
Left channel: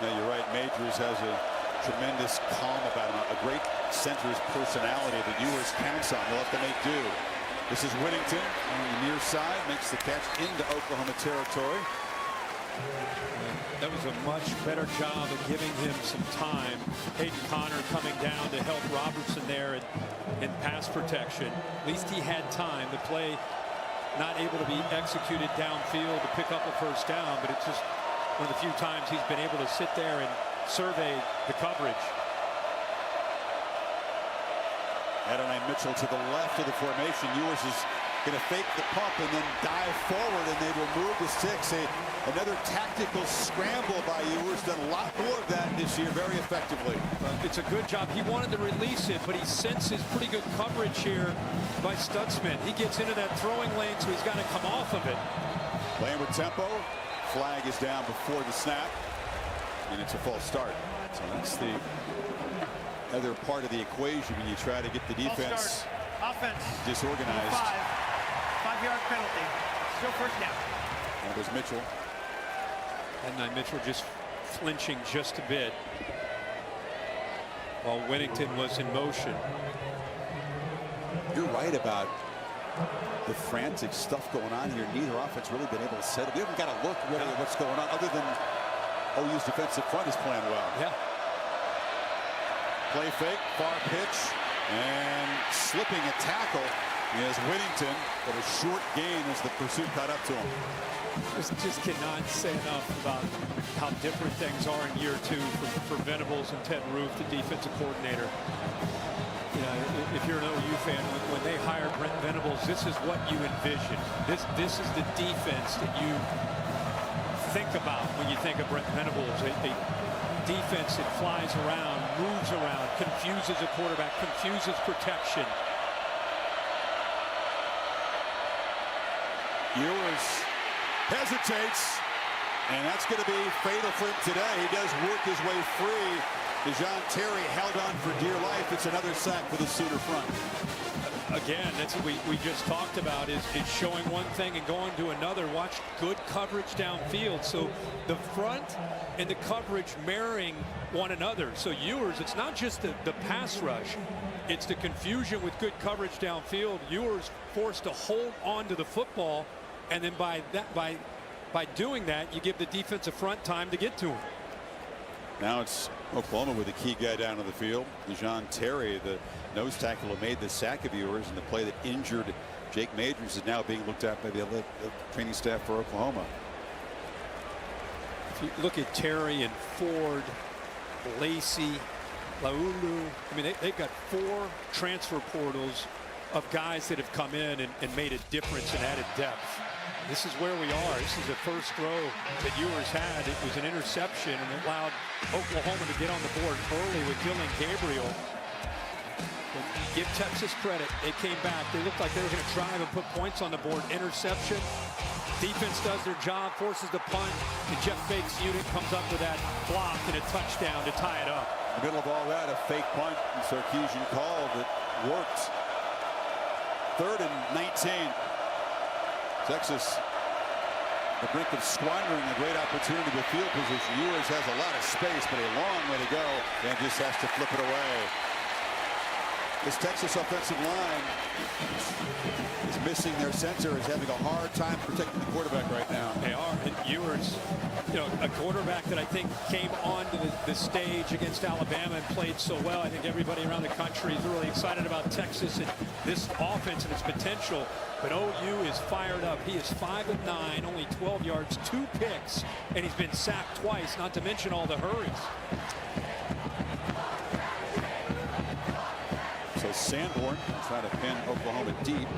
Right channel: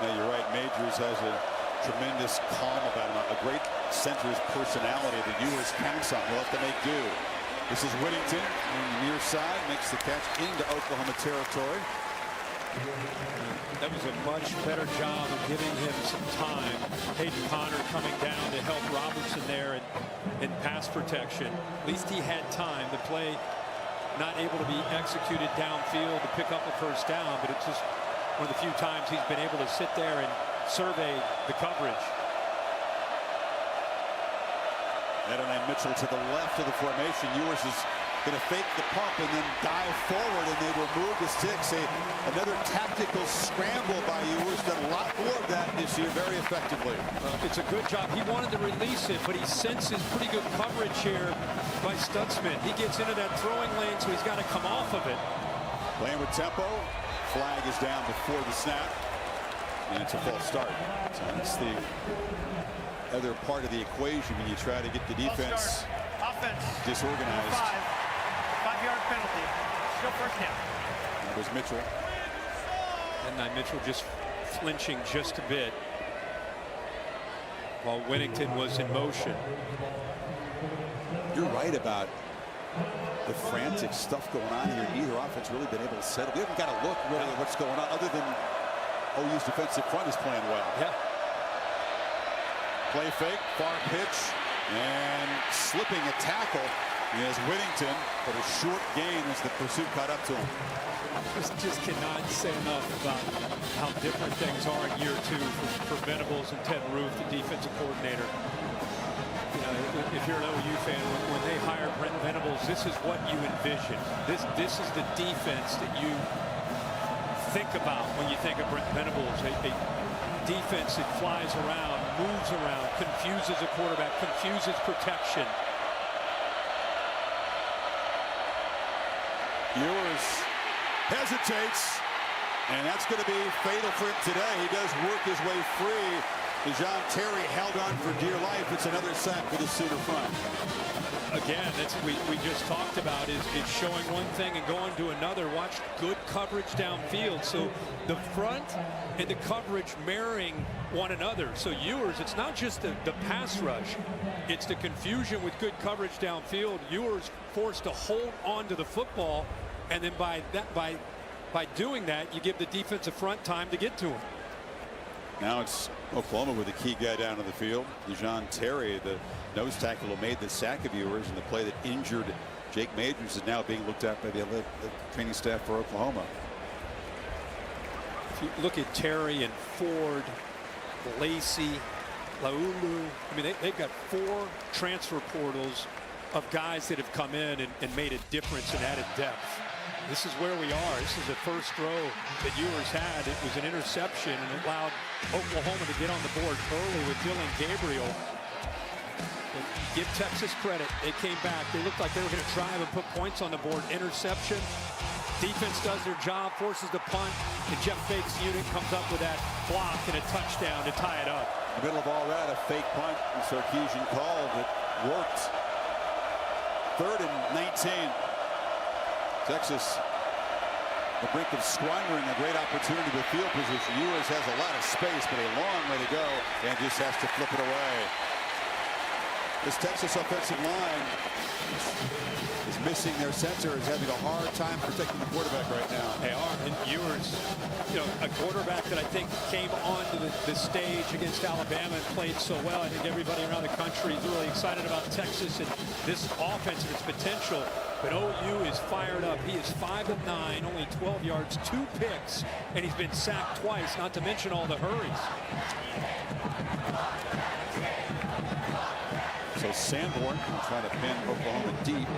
Now, you're right. Majors has a tremendous calm about him. A great center's personality that Ewers counts on. He'll have to make do. This is Whittington on the near side. Makes the catch into Oklahoma territory. And that was a much better job of giving him some time. Hayden Connor coming down to help Robertson there in pass protection. At least he had time. The play not able to be executed downfield to pick up a first down, but it's just one of the few times he's been able to sit there and survey the coverage. Adonai Mitchell to the left of the formation. Ewers is going to fake the pump and then dive forward, and they will move the sticks. Another tactical scramble by Ewers. Done a lot more of that this year very effectively. It's a good job. He wanted to release it, but he senses pretty good coverage here by Stutzman. He gets into that throwing lane, so he's got to come off of it. Playing with tempo. Flag is down before the snap, and it's a false start. So that's the other part of the equation when you try to get the defense offense disorganized. 5-yard penalty. Still first down. That was Mitchell. And Mitchell just flinching just a bit while Whittington was in motion. You're right about the frantic stuff going on here. Neither offense really been able to settle. We haven't got a look really at what's going on, other than OU's defensive front is playing well. Yeah. Play fake, far pitch, and slipping a tackle is Whittington, but a short gain as the pursuit caught up to him. Just cannot say enough about how different things are in year two for Venables and Ted Roof, the defensive coordinator. You know, if you're an OU fan, when they hired Brent Venables, this is what you envision. This is the defense that you think about when you think of Brent Venables. A defense that flies around, moves around, confuses a quarterback, confuses protection. Ewers hesitates, and that's going to be fatal for him today. He does work his way free. DeJohn Terry held on for dear life. It's another sack for the Sooner front. Again, that's what we just talked about, is showing one thing and going to another. Watch good coverage downfield. So the front and the coverage marrying one another. So Ewers, it's not just the pass rush. It's the confusion with good coverage downfield. Ewers forced to hold on to the football, and then by doing that, you give the defensive front time to get to him. Now it's Oklahoma with a key guy down on the field. DeJohn Terry, the nose tackle who made the sack of Ewers, and the play that injured Jake Majors is now being looked at by the training staff for Oklahoma. If you look at Terry and Ford, Lacey, Laulu, I mean, they've got 4 transfer portals of guys that have come in and made a difference and added depth. This is where we are. This is the first throw that Ewers had. It was an interception, and it allowed Oklahoma to get on the board early with Dylan Gabriel. But give Texas credit. They came back. They looked like they were going to drive and put points on the board. Interception. Defense does their job, forces the punt, and Jeff Fake's unit comes up with that block and a touchdown to tie it up. In the middle of all that, a fake punt and Sarkisian call that worked. 3rd and 19. Texas, the brink of squandering a great opportunity with field position. Ewers has a lot of space, but a long way to go, and just has to flip it away. This Texas offensive line is missing their center, is having a hard time protecting the quarterback right now. They are, and Ewers, you know, a quarterback that I think came onto the stage against Alabama and played so well. I think everybody around the country is really excited about Texas and this offense and its potential. But OU is fired up. He is 5 of 9, only 12 yards, 2 picks, and he's been sacked twice, not to mention all the hurries. So Sanborn will try to pin Oklahoma deep.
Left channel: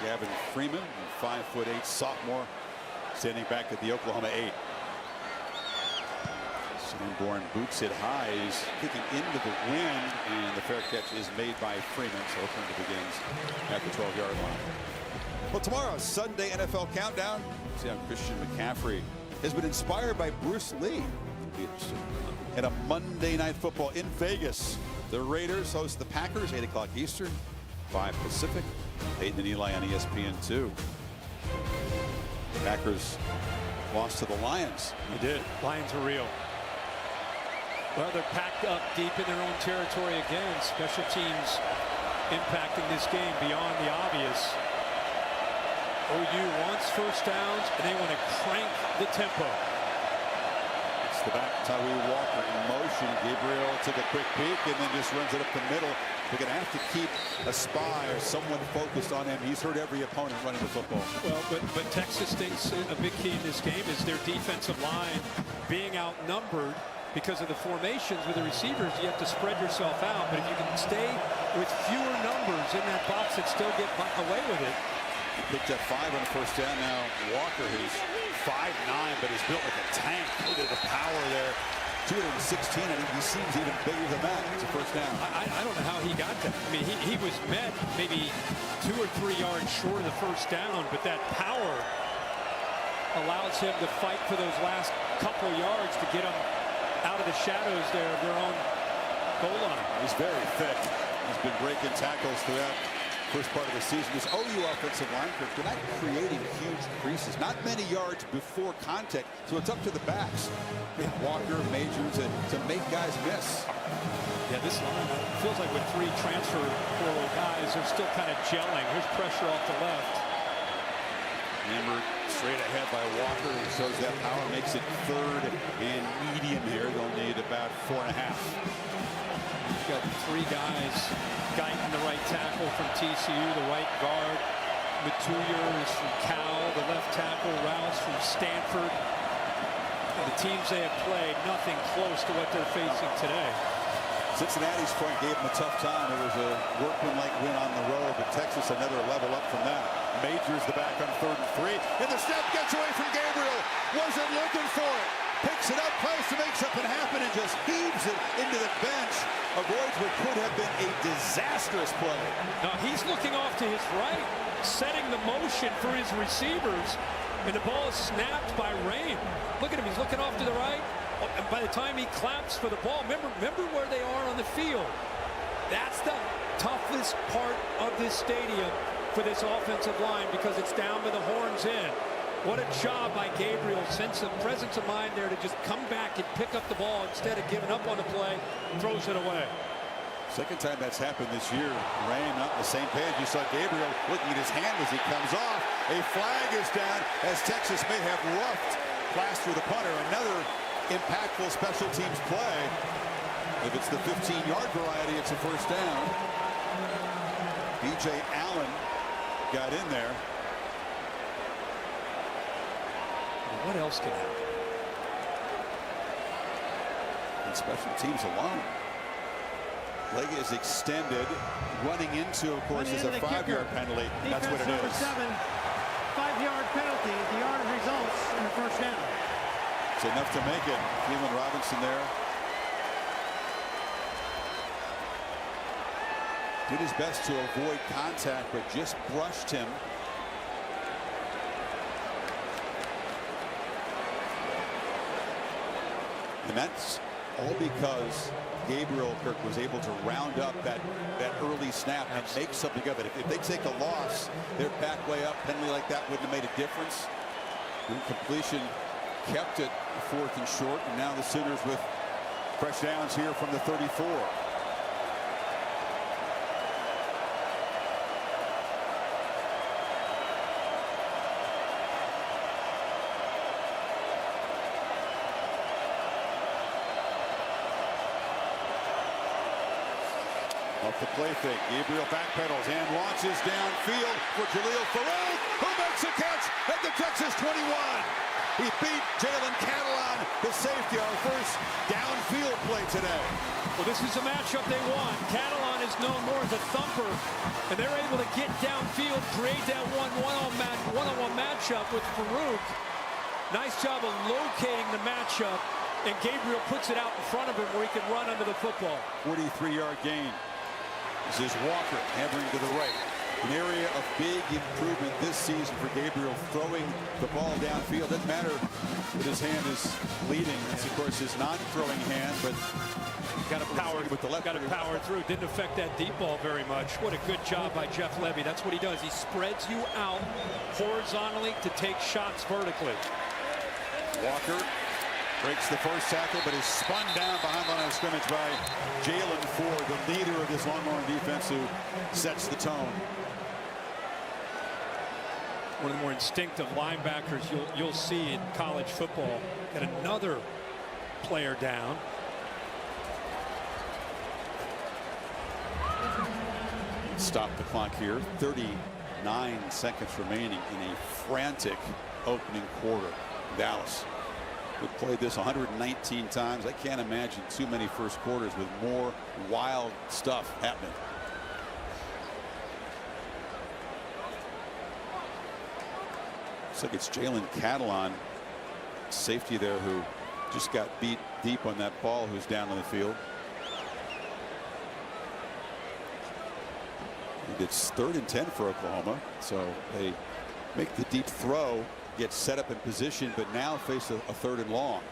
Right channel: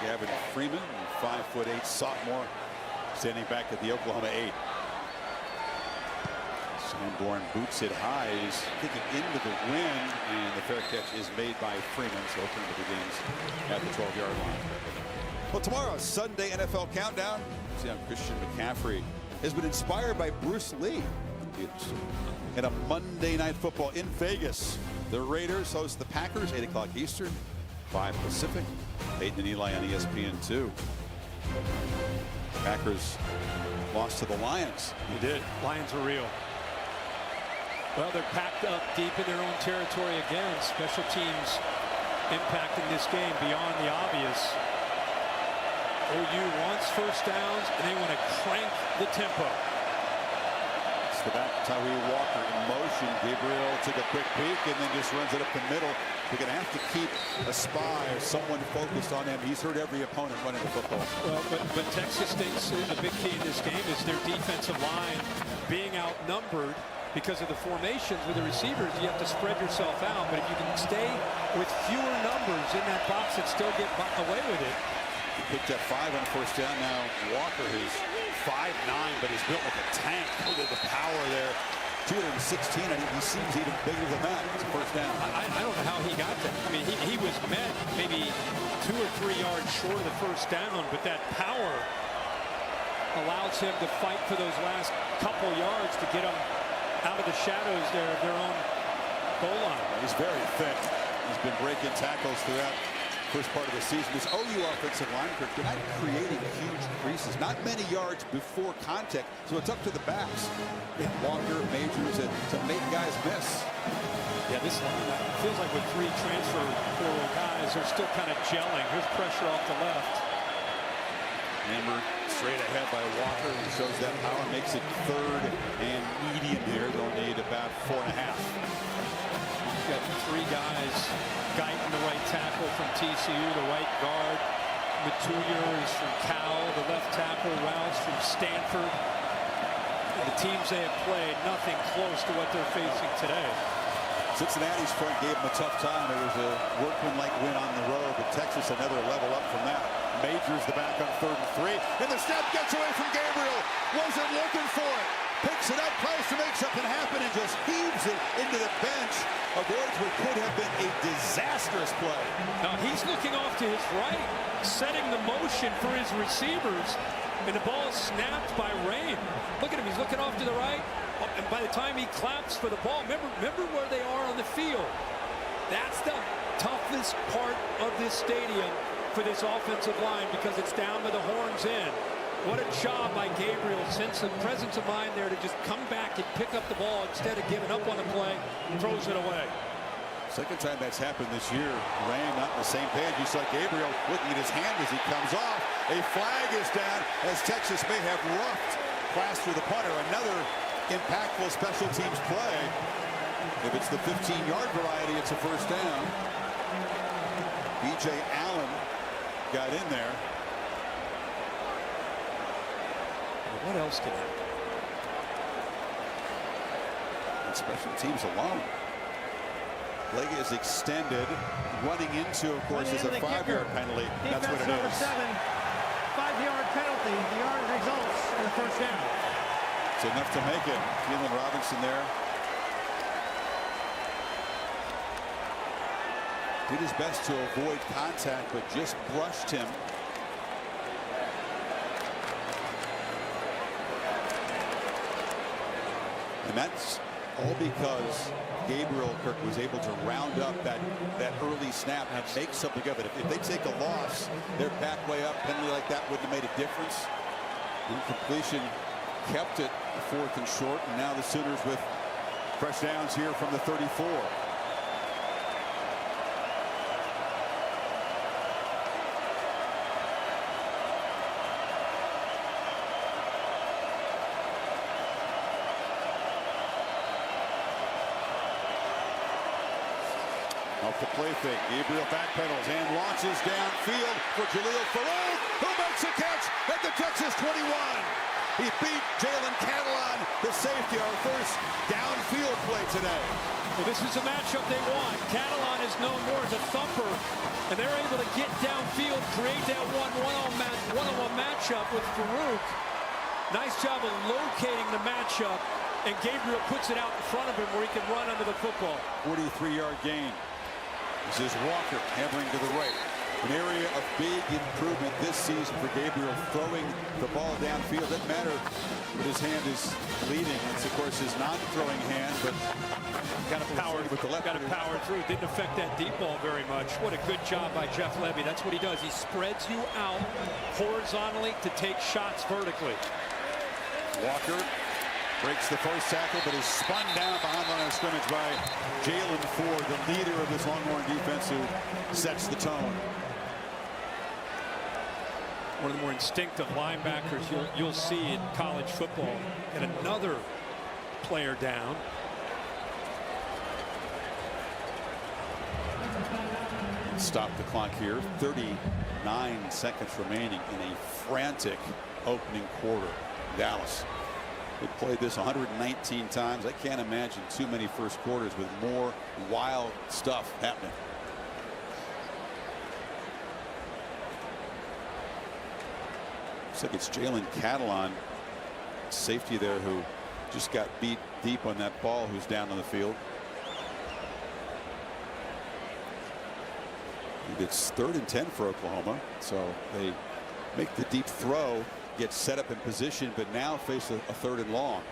Gavin Freeman, 5'8" sophomore, standing back at the Oklahoma 8. Sanborn boots it high. He's kicking into the wind, and the fair catch is made by Freeman. So Oklahoma begins at the 12-yard line. Well, tomorrow, Sunday NFL Countdown. See how Christian McCaffrey has been inspired by Bruce Lee. And a Monday Night Football in Vegas. The Raiders host the Packers, 8 o'clock Eastern, 5 Pacific. Peyton and Eli on ESPN2. Packers lost to the Lions. They did. Lions are real. Well, they're packed up deep in their own territory again. Special teams impacting this game beyond the obvious. OU wants first downs, and they want to crank the tempo. It's the back. Tyree Walker in motion. Gabriel took a quick peek and then just runs it up the middle. We're going to have to keep a spy or someone focused on him. He's hurt every opponent running the football. Well, but Texas thinks a big key in this game is their defensive line being outnumbered because of the formations with the receivers. You have to spread yourself out, but if you can stay with fewer numbers in that box and still get away with it. He picked up 5 on the first down. Now Walker, who's 5'9", but is built like a tank. Look at the power there. 216, and he seems even bigger than that. It's a first down. I don't know how he got that. I mean, he was met maybe 2 or 3 yards short of the first down, but that power allows him to fight for those last couple yards to get them out of the shadows there of their own goal line. He's very thick. He's been breaking tackles throughout first part of the season. This OU offensive line, Kirk, they're not creating huge creases, not many yards before contact, so it's up to the backs. Yeah. Walker, Majors, to make guys miss. Yeah, this line feels like with 3 transfer portal guys, they're still kind of gelling. Here's pressure off the left. Hammered straight ahead by Walker, who shows that power, makes it 3rd and medium here. They'll need about 4.5. You've got 3 guys. Guyton, the right tackle from TCU, the right guard. Matuyer is from Cal, the left tackle. Rouse from Stanford. And the teams they have played, nothing close to what they're facing today. Cincinnati's front gave them a tough time. It was a workmanlike win on the road, but Texas another level up from that. Majors the back on 3rd and 3, and the snap gets away from Gabriel. Wasn't looking for it. Picks it up, tries to make something happen, and just heaves it into the bench. Avoids what could have been a disastrous play. Now he's looking off to his right, setting the motion for his receivers, and the ball is snapped by Rain. Look at him, he's looking off to the right. Oh, and by the time he claps for the ball, remember where they are on the field. That's the toughest part of this stadium for this offensive line, because it's down by the horns in. What a job by Gabriel, sense of presence of mind there to just come back and pick up the ball instead of giving up on the play, throws it away. Second time that's happened this year. Ram not on the same page. You saw Gabriel looking at his hand as he comes off. A flag is down as Texas may have roughed Plaster the punter. Another impactful special teams play. If it's the 15-yard variety, it's a first down. B.J. Allen got in there. What else can happen? On special teams alone. Leg is extended. Running into, of course, is a 5-yard penalty. That's what it number is. 7, 5-yard penalty. The yardage results in a first down. It's enough to make it. Keelan Robinson there. Did his best to avoid contact, but just brushed him. And that's all because Gabriel Kirk was able to round up that early snap and make something of it. If they take a loss, they're back way up. Penalty like that wouldn't have made a difference. Incompletion kept it 4th and short, and now the Sooners with fresh downs here from the 34. Off the play fake, Gabriel backpedals and launches downfield for Jaleel Farouk, who makes a catch at the Texas 21. He beat Jalen Catalon, the safety, our first downfield play today. Well, this is a matchup they want. Catalon is known more as a thumper, and they're able to get downfield, create that one-on-one matchup with Farouk. Nice job of locating the matchup, and Gabriel puts it out in front of him where he can run under the football. 43-yard gain. This is Walker hammering to the right. An area of big improvement this season for Gabriel, throwing the ball downfield. Doesn't matter that his hand is bleeding. That's, of course, his non-throwing hand, but got to power with the left. Got to power through. Didn't affect that deep ball very much. What a good job by Jeff Levy. That's what he does. He spreads you out horizontally to take shots vertically. Walker breaks the first tackle, but is spun down behind the line of scrimmage by Jalen Ford, the leader of this Longhorn defense, who sets the tone. One of the more instinctive linebackers you'll see in college football. Got another player down. Stop the clock here. 39 seconds remaining in a frantic opening quarter. Dallas. They played this 119 times. I can't imagine too many first quarters with more wild stuff happening. Looks like it's Jalen Catalon, safety there, who just got beat deep on that ball, who's down on the field. And it's 3rd and 10 for Oklahoma, so they make the deep throw, get set up in position, but now face a 3rd and long.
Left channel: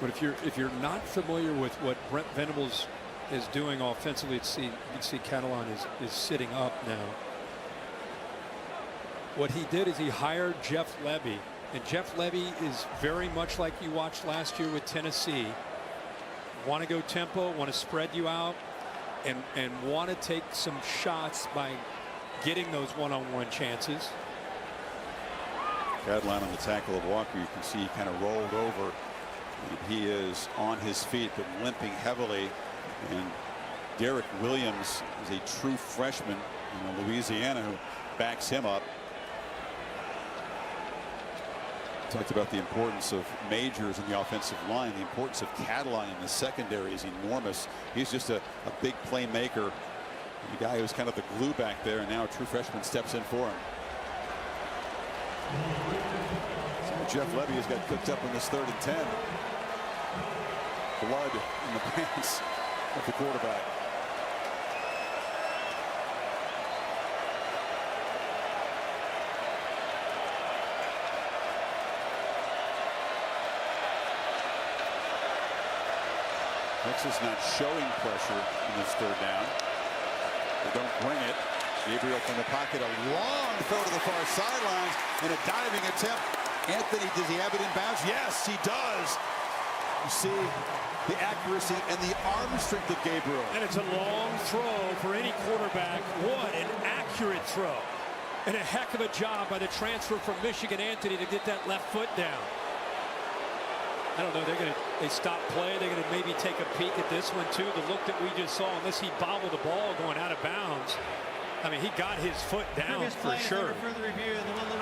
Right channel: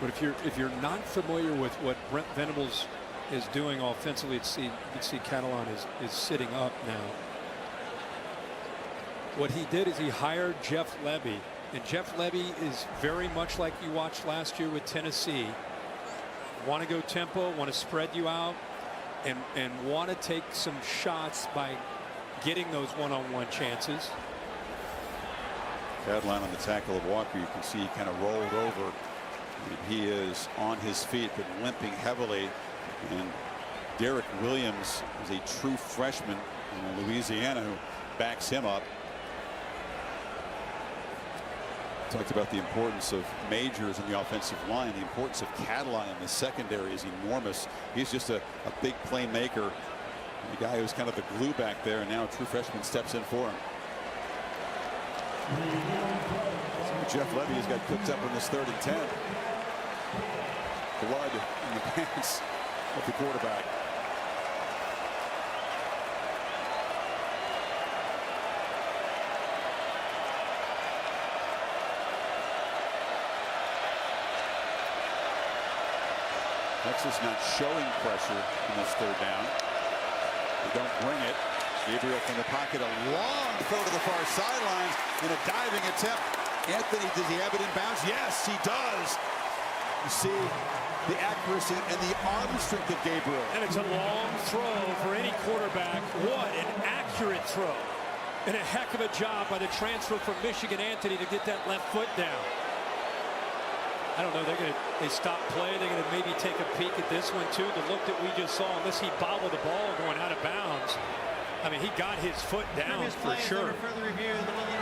But if you're not familiar with what Brent Venables is doing offensively, you can see Catalon is sitting up now. What he did is he hired Jeff Lebby, and Jeff Lebby is very much like you watched last year with Tennessee. Want to go tempo, want to spread you out, and want to take some shots by getting those one-on-one chances. Catalon on the tackle of Walker. You can see he kind of rolled over, and he is on his feet but limping heavily. And Derek Williams is a true freshman in Louisiana who backs him up. Talked about the importance of Majors in the offensive line. The importance of Catalon in the secondary is enormous. He's just a big playmaker. The guy who's kind of the glue back there, and now a true freshman steps in for him. See what Jeff Lebby has got cooked up in this 3rd and 10. Blood in the pants of the quarterback. Texas not showing pressure in this 3rd down. They don't bring it. Gabriel from the pocket, a long throw to the far sidelines, and a diving attempt. Anthony, does he have it in bounds? Yes, he does. You see the accuracy and the arm strength of Gabriel. And it's a long throw for any quarterback. What an accurate throw. And a heck of a job by the transfer from Michigan, Anthony, to get that left foot down. I don't know. They stop play. They're going to maybe take a peek at this one too. The look that we just saw, unless he bobbled the ball going out of bounds. I mean, he got his foot down for sure. Further review,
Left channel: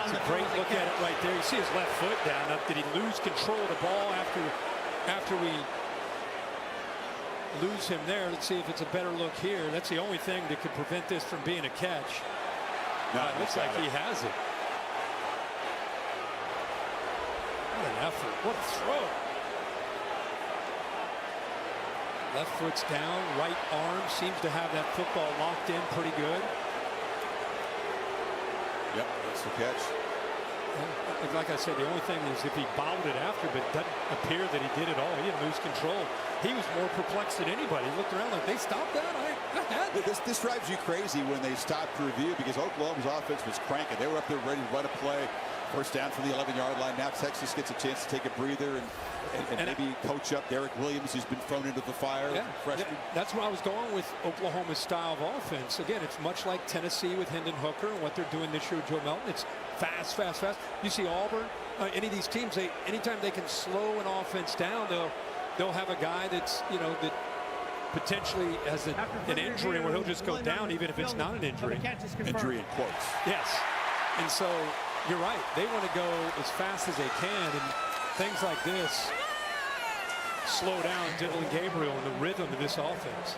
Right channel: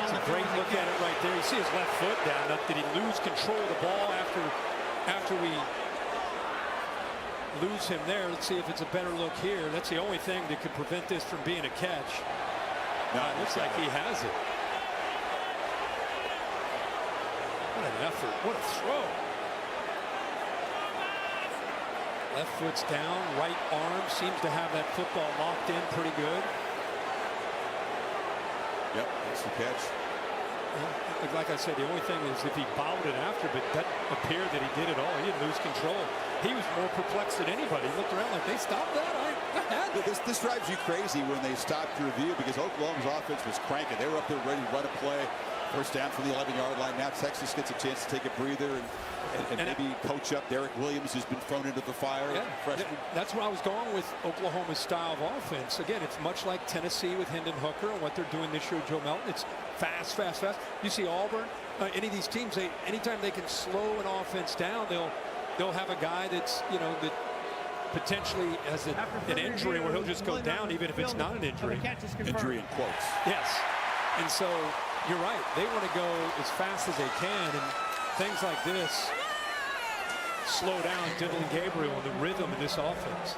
it's a great look at it right there. You see his left foot down. Now, did he lose control of the ball after we lose him there? Let's see if it's a better look here. That's the only thing that could prevent this from being a catch. No, it looks like he has it. What an effort. What a throw. Left foot's down. Right arm seems to have that football locked in pretty good. Yep, that's the catch. Like I said, the only thing is if he bobbled it after, but it doesn't appear that he did it all. He didn't lose control. He was more perplexed than anybody. He looked around like, they stopped that? I had that. This drives you crazy when they stop to review, because Oklahoma's offense was cranking. They were up there ready to run a play. First down from the 11-yard line. Now Texas gets a chance to take a breather and maybe coach up Derek Williams, who's been thrown into the fire. Yeah, freshman. That's where I was going with Oklahoma's style of offense. Again, it's much like Tennessee with Hendon Hooker and what they're doing this year with Joe Melton. It's fast, fast, fast. You see Auburn, any of these teams, anytime they can slow an offense down, they'll have a guy that's, that potentially has an injury where he'll just go down even if it's not an injury. Injury in quotes. Yes. And so you're right. They want to go as fast as they can, and things like this slow down Dylan Gabriel and the rhythm of this offense.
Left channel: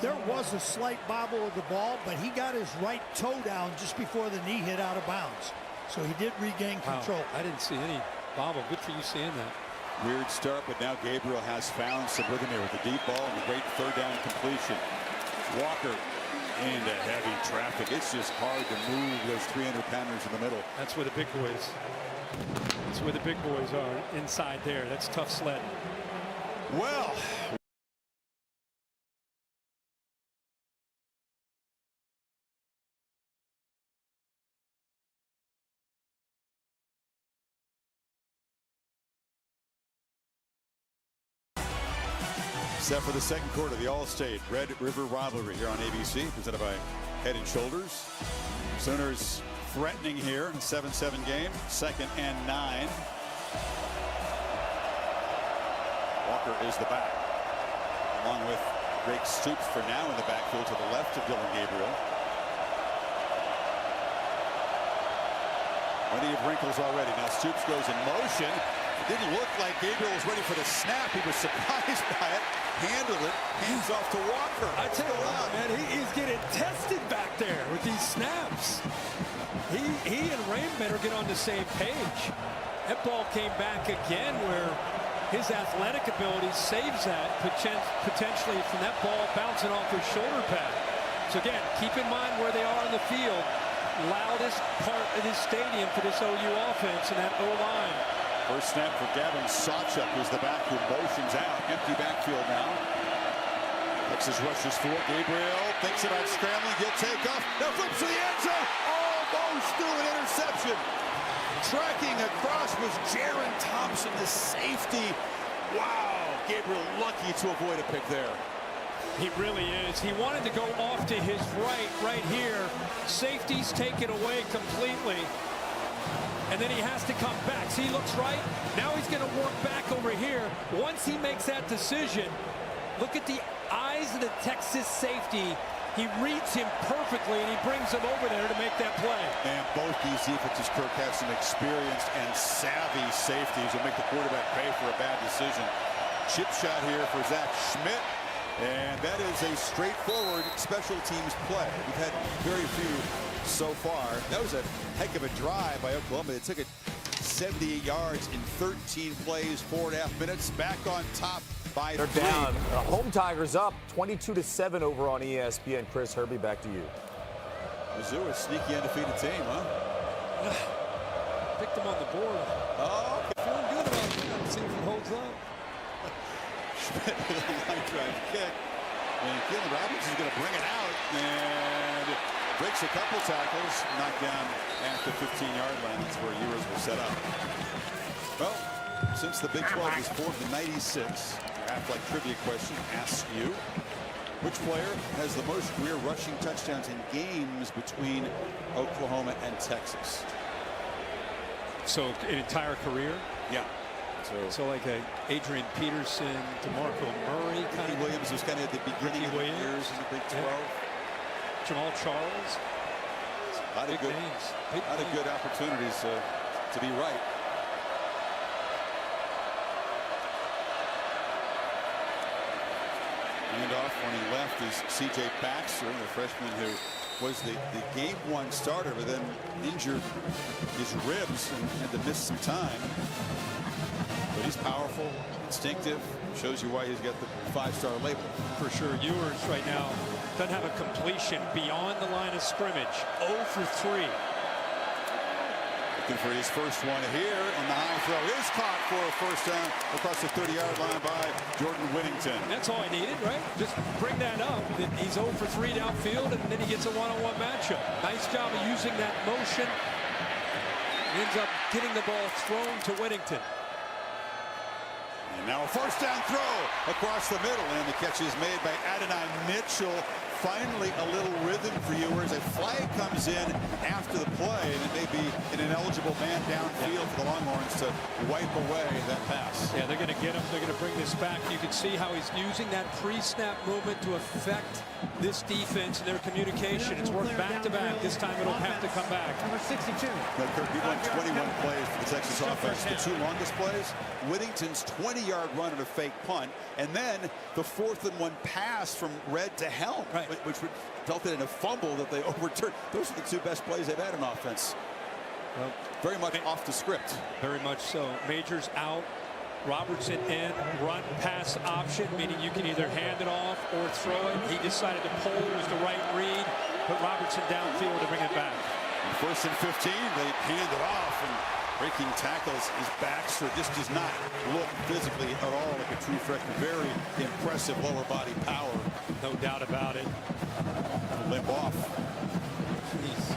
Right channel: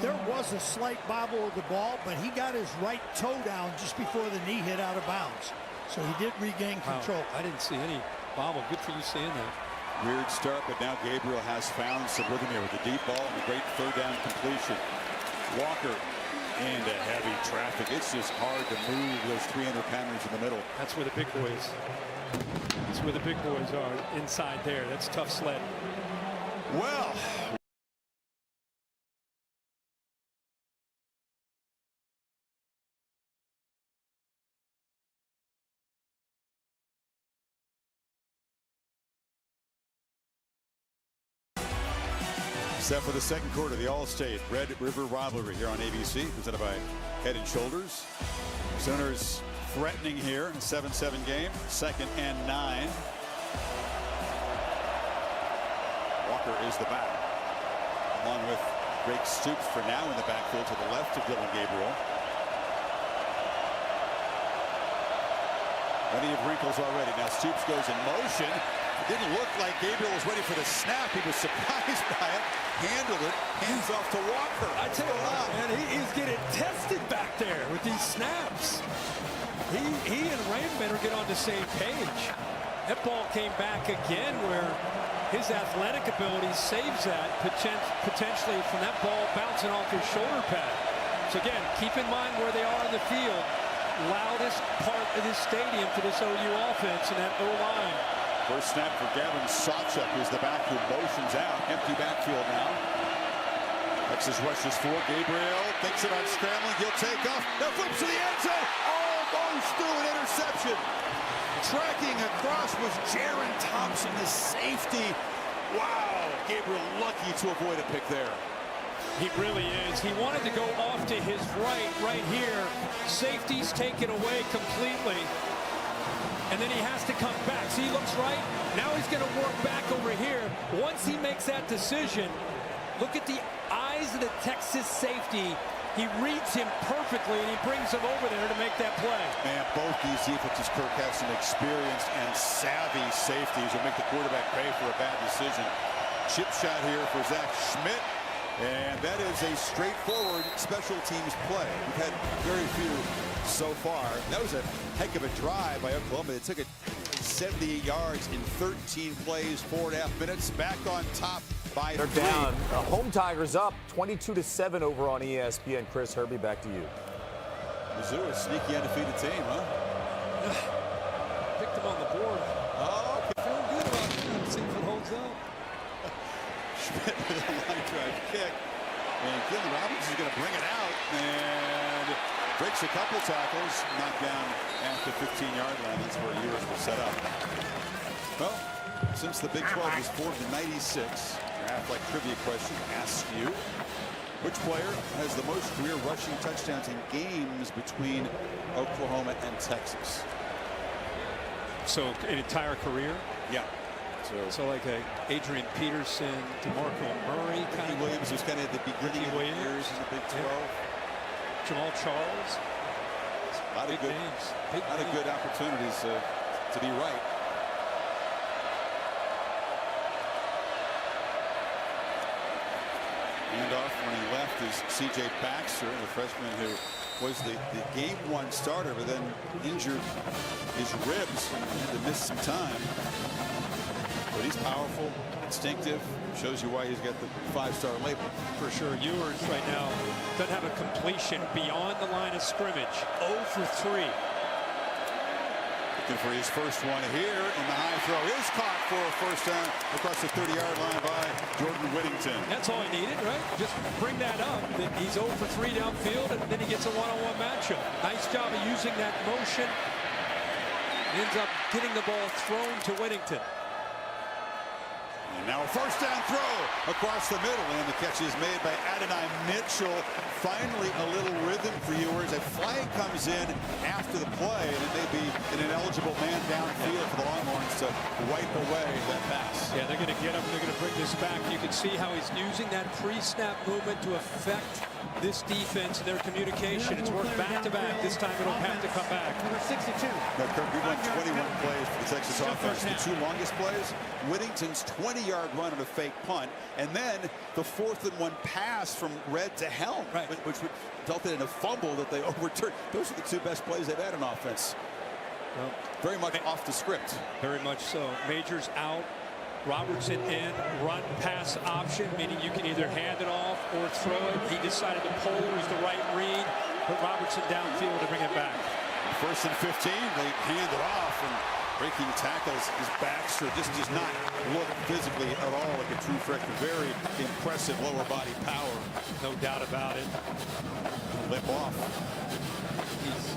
There was a slight bobble of the ball, but he got his right toe down just before the knee hit out of bounds. So he did regain control. Wow. I didn't see any bobble. Good for you seeing that. Weird start, but now Gabriel has found some rhythm here with the deep ball and the great 3rd down completion. Walker into heavy traffic. It's just hard to move those 300-pounders in the middle. That's where the big boys. That's where the big boys are, inside there. That's tough sledding. Well. Set for the second quarter, the All-State Red River rivalry here on ABC, presented by Head & Shoulders. Sooners threatening here in a 7-7 game, 2nd and 9. Walker is the back, along with Drake Stoops for now in the backfield to the left of Dylan Gabriel. Plenty of wrinkles already. Now Stoops goes in motion. It didn't look like Gabriel was ready for the snap. He was surprised by it, handled it, hands off to Walker. I tell you what, man, he's getting tested back there with these snaps. He and Rain better get on the same page. That ball came back again where his athletic ability saves that potentially from that ball bouncing off his shoulder pad. So again, keep in mind where they are on the field. Loudest part of this stadium for this OU offense and that O-line. First snap for Gavin Sawchuk, who's the back who motions out. Empty backfield now. Texas rushes for Gabriel. Thinks about scrambling. He'll take off. Now flips to the end zone. Almost through an interception. Tracking across was Jaron Thompson, the safety. Wow. Gabriel lucky to avoid a pick there. He really is. He wanted to go off to his right here. Safeties take it away completely. And then he has to come back. See, he looks right. Now he's going to work back over here. Once he makes that decision, look at the eyes of the Texas safety. He reads him perfectly, and he brings him over there to make that play. Man, both these defenses, Kirk, have some experienced and savvy safeties who make the quarterback pay for a bad decision. Chip shot here for Zach Schmidt. And that is a straightforward special teams play. We've had very few so far. That was a heck of a drive by Oklahoma. They took it 78 yards in 13 plays, 4.5 minutes. Back on top by 3. They're down. Home Tigers up 22-7 over on ESPN. Chris Herbie, back to you. Mizzou, a sneaky undefeated team, huh? Picked them on the board. Oh, okay. Feeling good about that. See if it holds up. Schmidt with a line drive kick. And Keelan Robbins is going to bring it out and breaks a couple tackles, knocked down at the 15-yard line. That's where Ewers will set up. Well, since the Big 12 was formed in '96, your Athletic trivia question asks you, which player has the most career rushing touchdowns in games between Oklahoma and Texas? So an entire career? Yeah. So like a Adrian Peterson, DeMarco Murray kind of. Williams was kind of at the beginning of the years in the Big 12. Yeah. Jamal Charles. A lot of good names. A lot of good opportunities to be right. Handoff running left is C.J. Baxter, the freshman who was the game 1 starter, but then injured his ribs and had to miss some time. But he's powerful, instinctive, shows you why he's got the 5-star label. For sure. Ewers right now doesn't have a completion beyond the line of scrimmage. 0 for 3. Looking for his first one here, and the high throw is caught for a first down across the 30-yard line by Jordan Whittington. That's all he needed, right? Just bring that up, that he's 0 for 3 downfield, and then he gets a one-on-one matchup. Nice job of using that motion. Ends up getting the ball thrown to Whittington. And now a first down throw across the middle, and the catch is made by Adonai Mitchell. Finally a little rhythm for Ewers. A flag comes in after the play, and it may be an ineligible man downfield for the Longhorns to wipe away that pass. Yeah, they're going to get him. They're going to bring this back. You can see how he's using that pre-snap movement to affect this defense and their communication. It's worked back-to-back. This time it'll have to come back. Number 62. Now, Kirk, we've run 21 plays for the Texas offense. The 2 longest plays, Whittington's 20-yard run on a fake punt, and then the 4th and 1 pass from Red to Helm, which resulted in a fumble that they overturned. Those are the 2 best plays they've had on offense. Well, very much off the script. Very much so. Majors out. Robertson in, run pass option, meaning you can either hand it off or throw it. He decided to pull, was the right read, put Robertson downfield to bring it back. And 1st and 15, they hand it off, and breaking tackles is Baxter. Just does not look physically at all like a true freshman. Very impressive lower body power. No doubt about it. A limp off. He's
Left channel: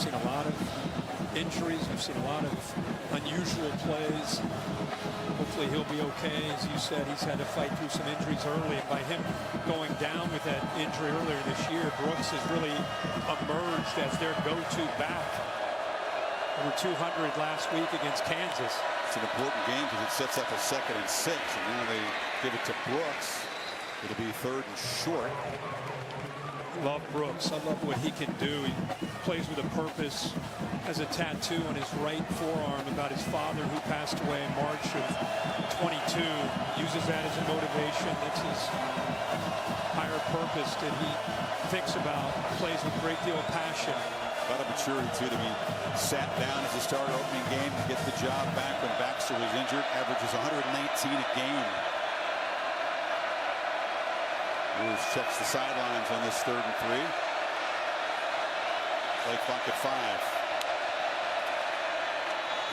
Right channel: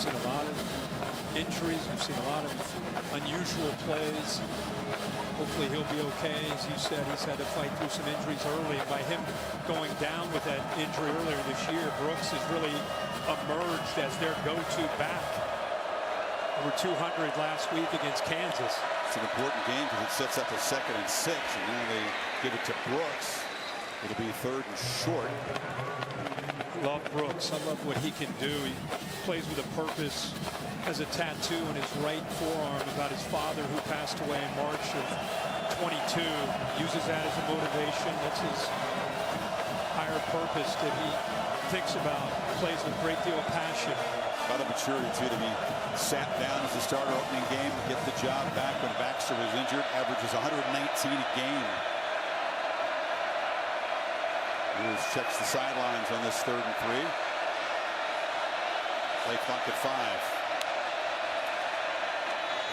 seen a lot of injuries. We've seen a lot of unusual plays. Hopefully he'll be okay. As you said, he's had to fight through some injuries early, and by him going down with that injury earlier this year, Brooks has really emerged as their go-to back. Over 200 last week against Kansas. It's an important game because it sets up a 2nd and 6, and now they give it to Brooks. It'll be 3rd and short. Love Brooks. I love what he can do. He plays with a purpose. has a tattoo on his right forearm about his father who passed away in March of 22. Uses that as a motivation. That's his higher purpose that he thinks about, plays with a great deal of passion. About a maturity, too, to be sat down as a starter opening game, get the job back when Baxter was injured, averages 119 a game. Lewis checks the sidelines on this 3rd and 3. Play clock at 5.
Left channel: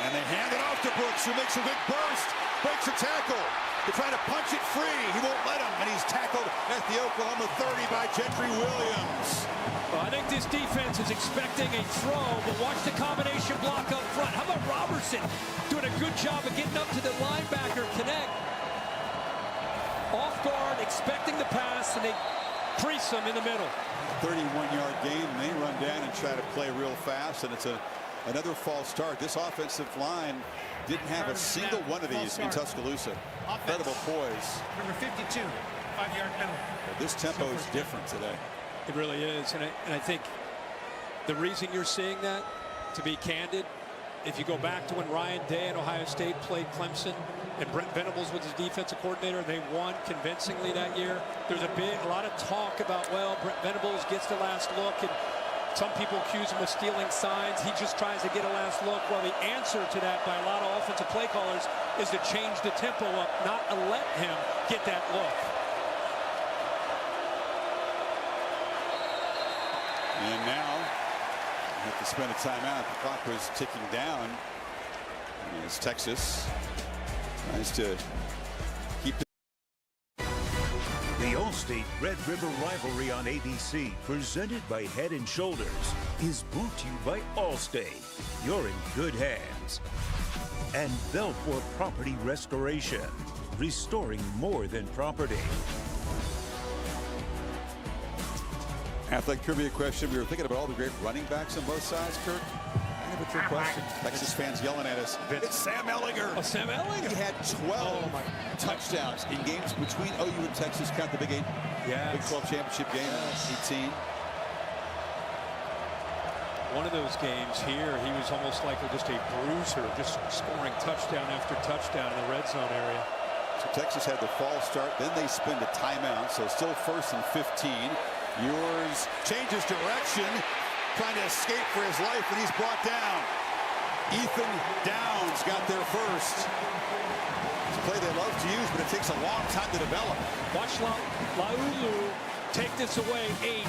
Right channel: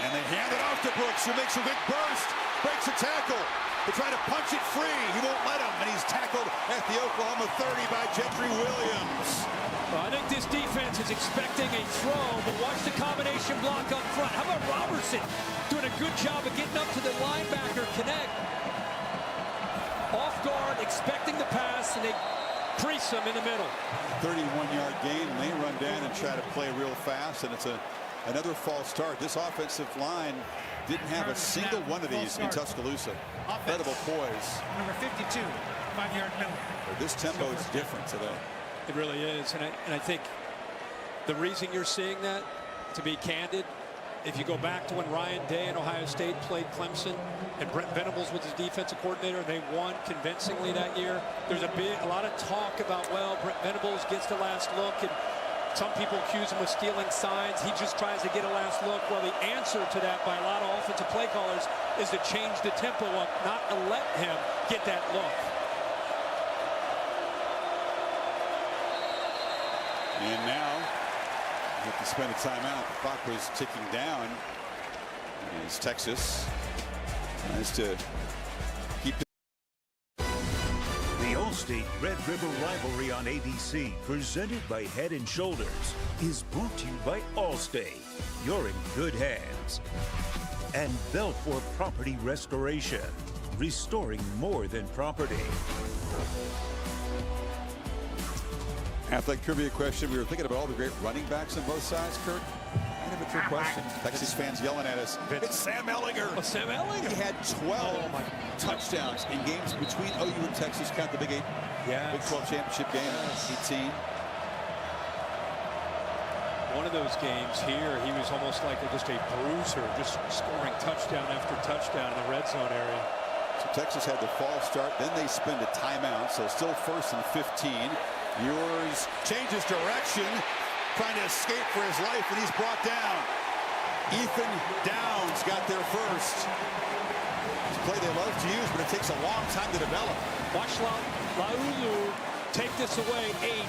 And they hand it off to Brooks, who makes a big burst, breaks a tackle. They try to punch it free. He won't let him, and he's tackled at the Oklahoma 30 by Gentry Williams. Well, I think this defense is expecting a throw, but watch the combination block up front. How about Robertson doing a good job of getting up to the linebacker connect? Off guard, expecting the pass, and they crease him in the middle. 31-yard gain, and they run down and try to play real fast, and it's another false start. This offensive line didn't have a single one of these in Tuscaloosa. Incredible poise. Number 52, 5-yard penalty. But this tempo is different today. It really is, and I think the reason you're seeing that, to be candid, if you go back to when Ryan Day and Ohio State played Clemson and Brent Venables was his defensive coordinator and they won convincingly that year, there's a lot of talk about, well, Brent Venables gets the last look, and some people accuse him of stealing signs. He just tries to get a last look. Well, the answer to that by a lot of offensive play callers is to change the tempo up, not to let him get that look. And now we have to spend a timeout. The clock was ticking down as Texas tries to keep it. The All-State Red River rivalry on ABC, presented by Head & Shoulders, is brought to you by Allstate. You're in good hands. And Belfour Property Restoration, restoring more than property. Athletic trivia question. We were thinking about all the great running backs on both sides, Kirk. I have a trick question. Texas fans yelling at us. It's Sam Ehlinger. Oh, Sam Ehlinger. He had 12 touchdowns in games between OU and Texas. Count the Big 8. Yes. Big 12 championship game in 18. One of those games here, he was almost like just a bruiser, just scoring touchdown after touchdown in the red zone area. So Texas had the false start. Then they spend a timeout. So still 1st and 15. Ewers changes direction, trying to escape for his life, and he's brought down. Ethan Downs got there first. It's a play they love to use, but it takes a long time to develop. Watch Laulu take this away. 8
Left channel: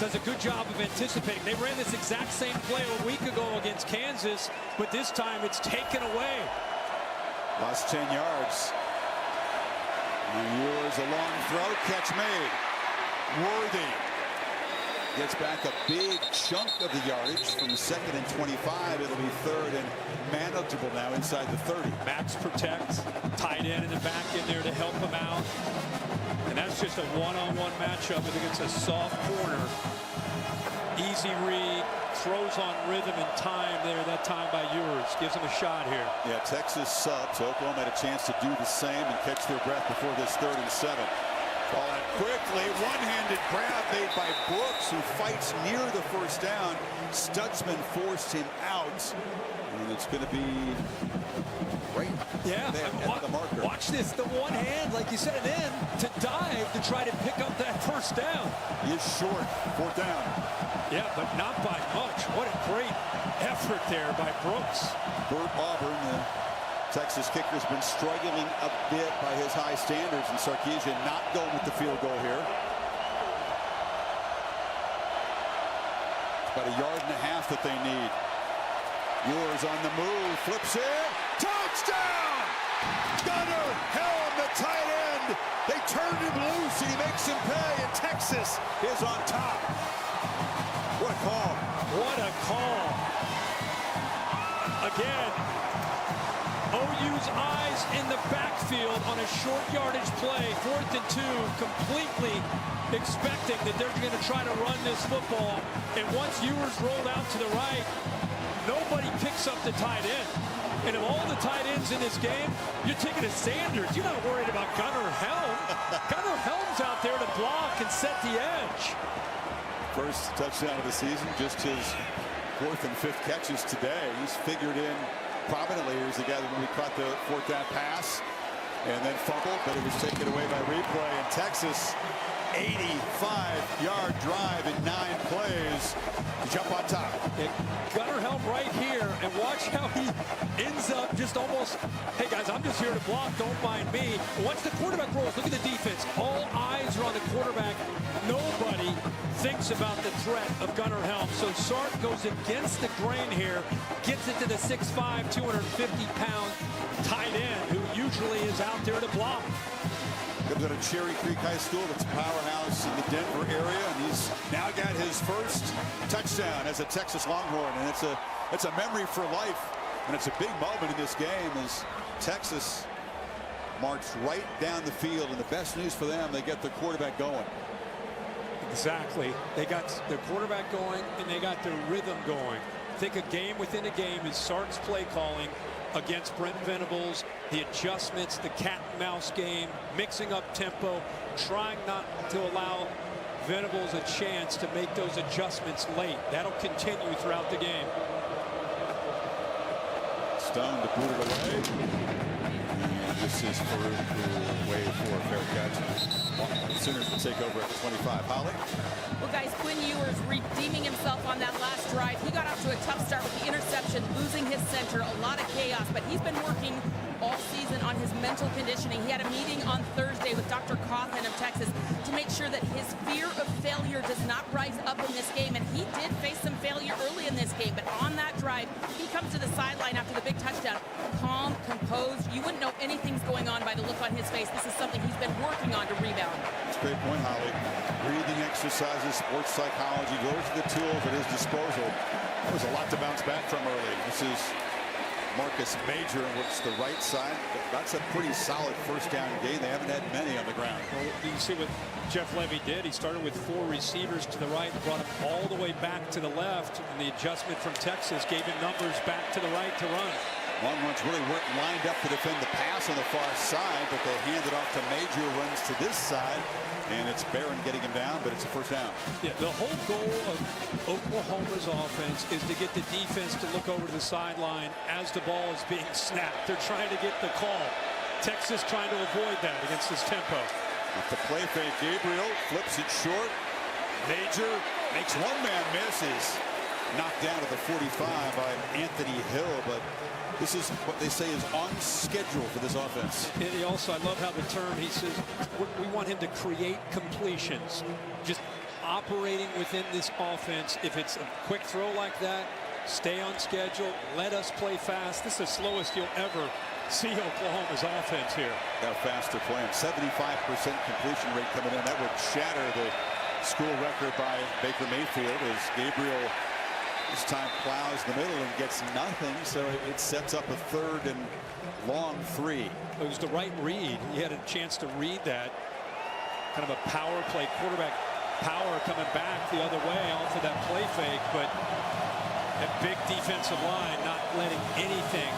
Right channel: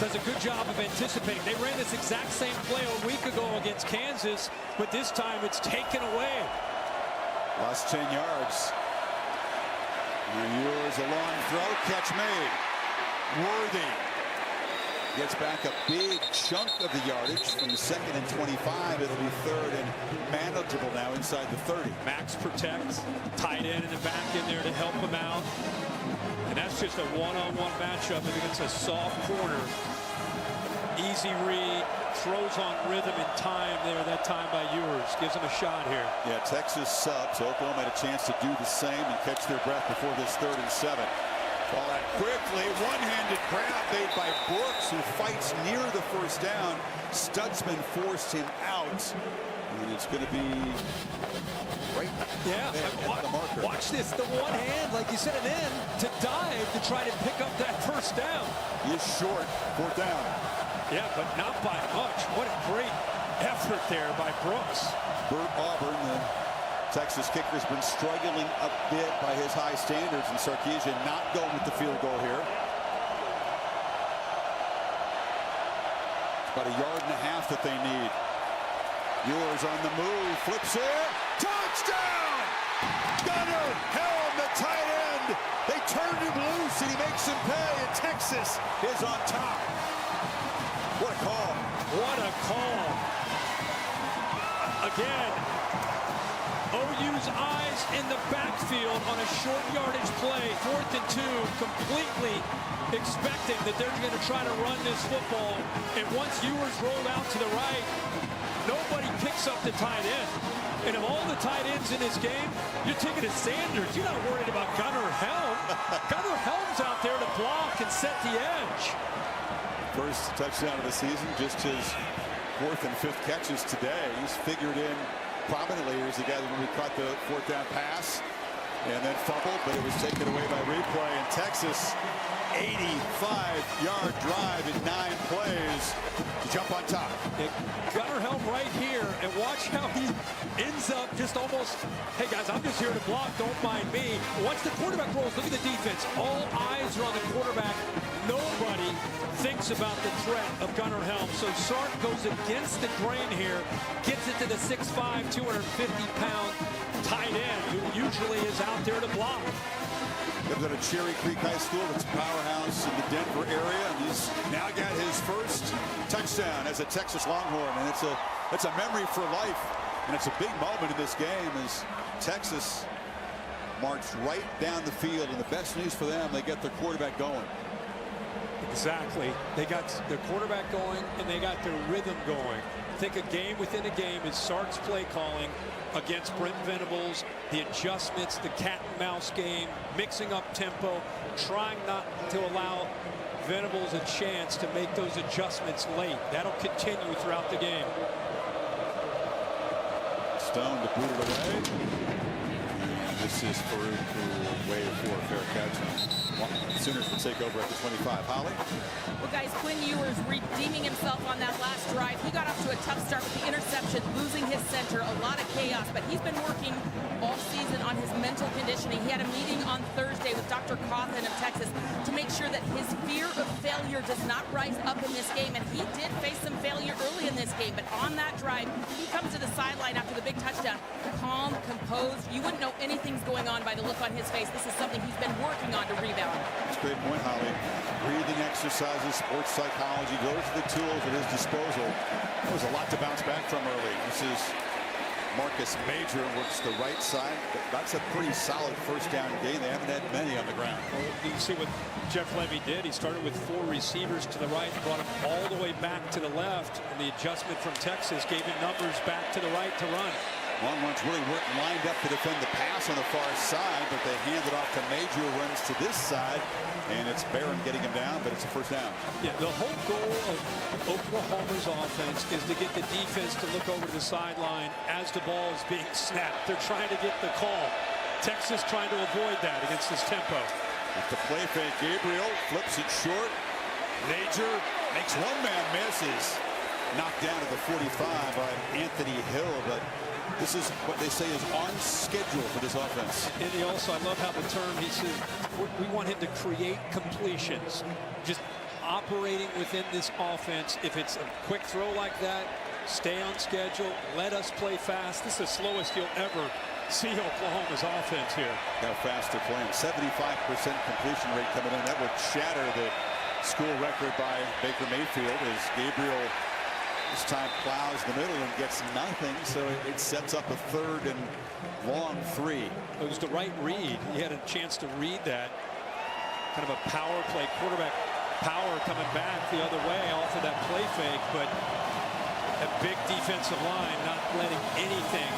does a good job of anticipating. They ran this exact same play a week ago against Kansas, but this time it's taken away. Lost 10 yards. Now Ewers, a long throw, catch made. Worthy gets back a big chunk of the yardage from 2nd and 25. It'll be 3rd and manageable now inside the 30. Max protect, tight end in the back in there to help him out. And that's just a one-on-one matchup against a soft corner. Easy read, throws on rhythm and time there, that time by Ewers. Gives him a shot here. Yeah, Texas subs. Oklahoma had a chance to do the same and catch their breath before this 3rd and 7. Ball out quickly, one-handed grab made by Brooks, who fights near the first down. Stutzman forced him out, and it's going to be right there at the marker. Watch this, the one hand, like you said, and then to dive to try to pick up that first down. He is short, 4th down. Yeah, but not by much. What a great effort there by Brooks. Bert Auburn, the Texas kicker, has been struggling a bit by his high standards, and Sarkisian not going with the field goal here. It's about 1.5 yards that they need. Ewers on the move, flips it, touchdown! Gunnar Helm, the tight end. They turned him loose, and he makes him pay, and Texas is on top. What a call. What a call. Again, OU's eyes in the backfield on a short yardage play, 4th and 2, completely expecting that they're going to try to run this football. And once Ewers rolled out to the right, nobody picks up the tight end. And of all the tight ends in this game, you're taking a Sanders. You're not worried about Gunnar Helm. Gunnar Helm's out there to block and set the edge. First touchdown of the season, just his 4th and 5th catches today. He's figured in prominently. Here's the guy that when we caught the 4th down pass and then fumbled, but it was taken away by replay. And Texas, 85-yard drive in 9 plays to jump on top. Gunnar Helm right here, and watch how he ends up just almost, hey guys, I'm just here to block, don't mind me. Once the quarterback rolls, look at the defense. All eyes are on the quarterback. Nobody thinks about the threat of Gunnar Helm. So Sark goes against the grain here, gets it to the 6'5", 250-pound tight end who usually is out there to block. Comes out of Cherry Creek High School. That's a powerhouse in the Denver area, and he's now got his first touchdown as a Texas Longhorn, and it's a memory for life, and it's a big moment in this game as Texas marched right down the field, and the best news for them, they get their quarterback going. Exactly. They got their quarterback going, and they got their rhythm going. I think a game within a game is Sark's play calling against Brent Venables, the adjustments, the cat and mouse game, mixing up tempo, trying not to allow Venables a chance to make those adjustments late. That'll continue throughout the game. Stone to boot it away. And this is Farouk who will wave for a fair catch. And Sooners will take over at the 25. Holly? Well, guys, Quinn Ewers redeeming himself on that last drive. He got off to a tough start with the interception, losing his center, a lot of chaos, but he's been working all season on his mental conditioning. He had a meeting on Thursday with Dr. Cawthon of Texas to make sure that his fear of failure does not rise up in this game, and he did face some failure early in this game, but on that drive, he comes to the sideline after the big touchdown, calm, composed. You wouldn't know anything's going on by the look on his face. This is something he's been working on to rebound. That's a great point, Holly. Breathing exercises, sports psychology, those are the tools at his disposal. That was a lot to bounce back from early. This is Marcus Major works the right side. That's a pretty solid first down game. They haven't had many on the ground. Well, you see what Jeff Levy did. He started with 4 receivers to the right, brought him all the way back to the left, and the adjustment from Texas gave him numbers back to the right to run. Long runs really weren't lined up to defend the pass on the far side, but they hand it off to Major, runs to this side, and it's Barron getting him down, but it's a first down. Yeah, the whole goal of Oklahoma's offense is to get the defense to look over to the sideline as the ball is being snapped. They're trying to get the call. Texas trying to avoid that against this tempo. Off the play fake, Gabriel flips it short. Major makes one man miss, is knocked down at the 45 by Anthony Hill, but this is what they say is on schedule for this offense. And he also, I love how the term, he says, we want him to create completions. Just operating within this offense. If it's a quick throw like that, stay on schedule, let us play fast. This is the slowest you'll ever see Oklahoma's offense here. Got a faster play, 75% completion rate coming in. That would shatter the school record by Baker Mayfield as Gabriel this time plows the middle and gets nothing, so it sets up a 3rd and long 3. It was the right read. He had a chance to read that. Kind of a power play, quarterback power coming back the other way off of that play fake, but that big defensive line not letting anything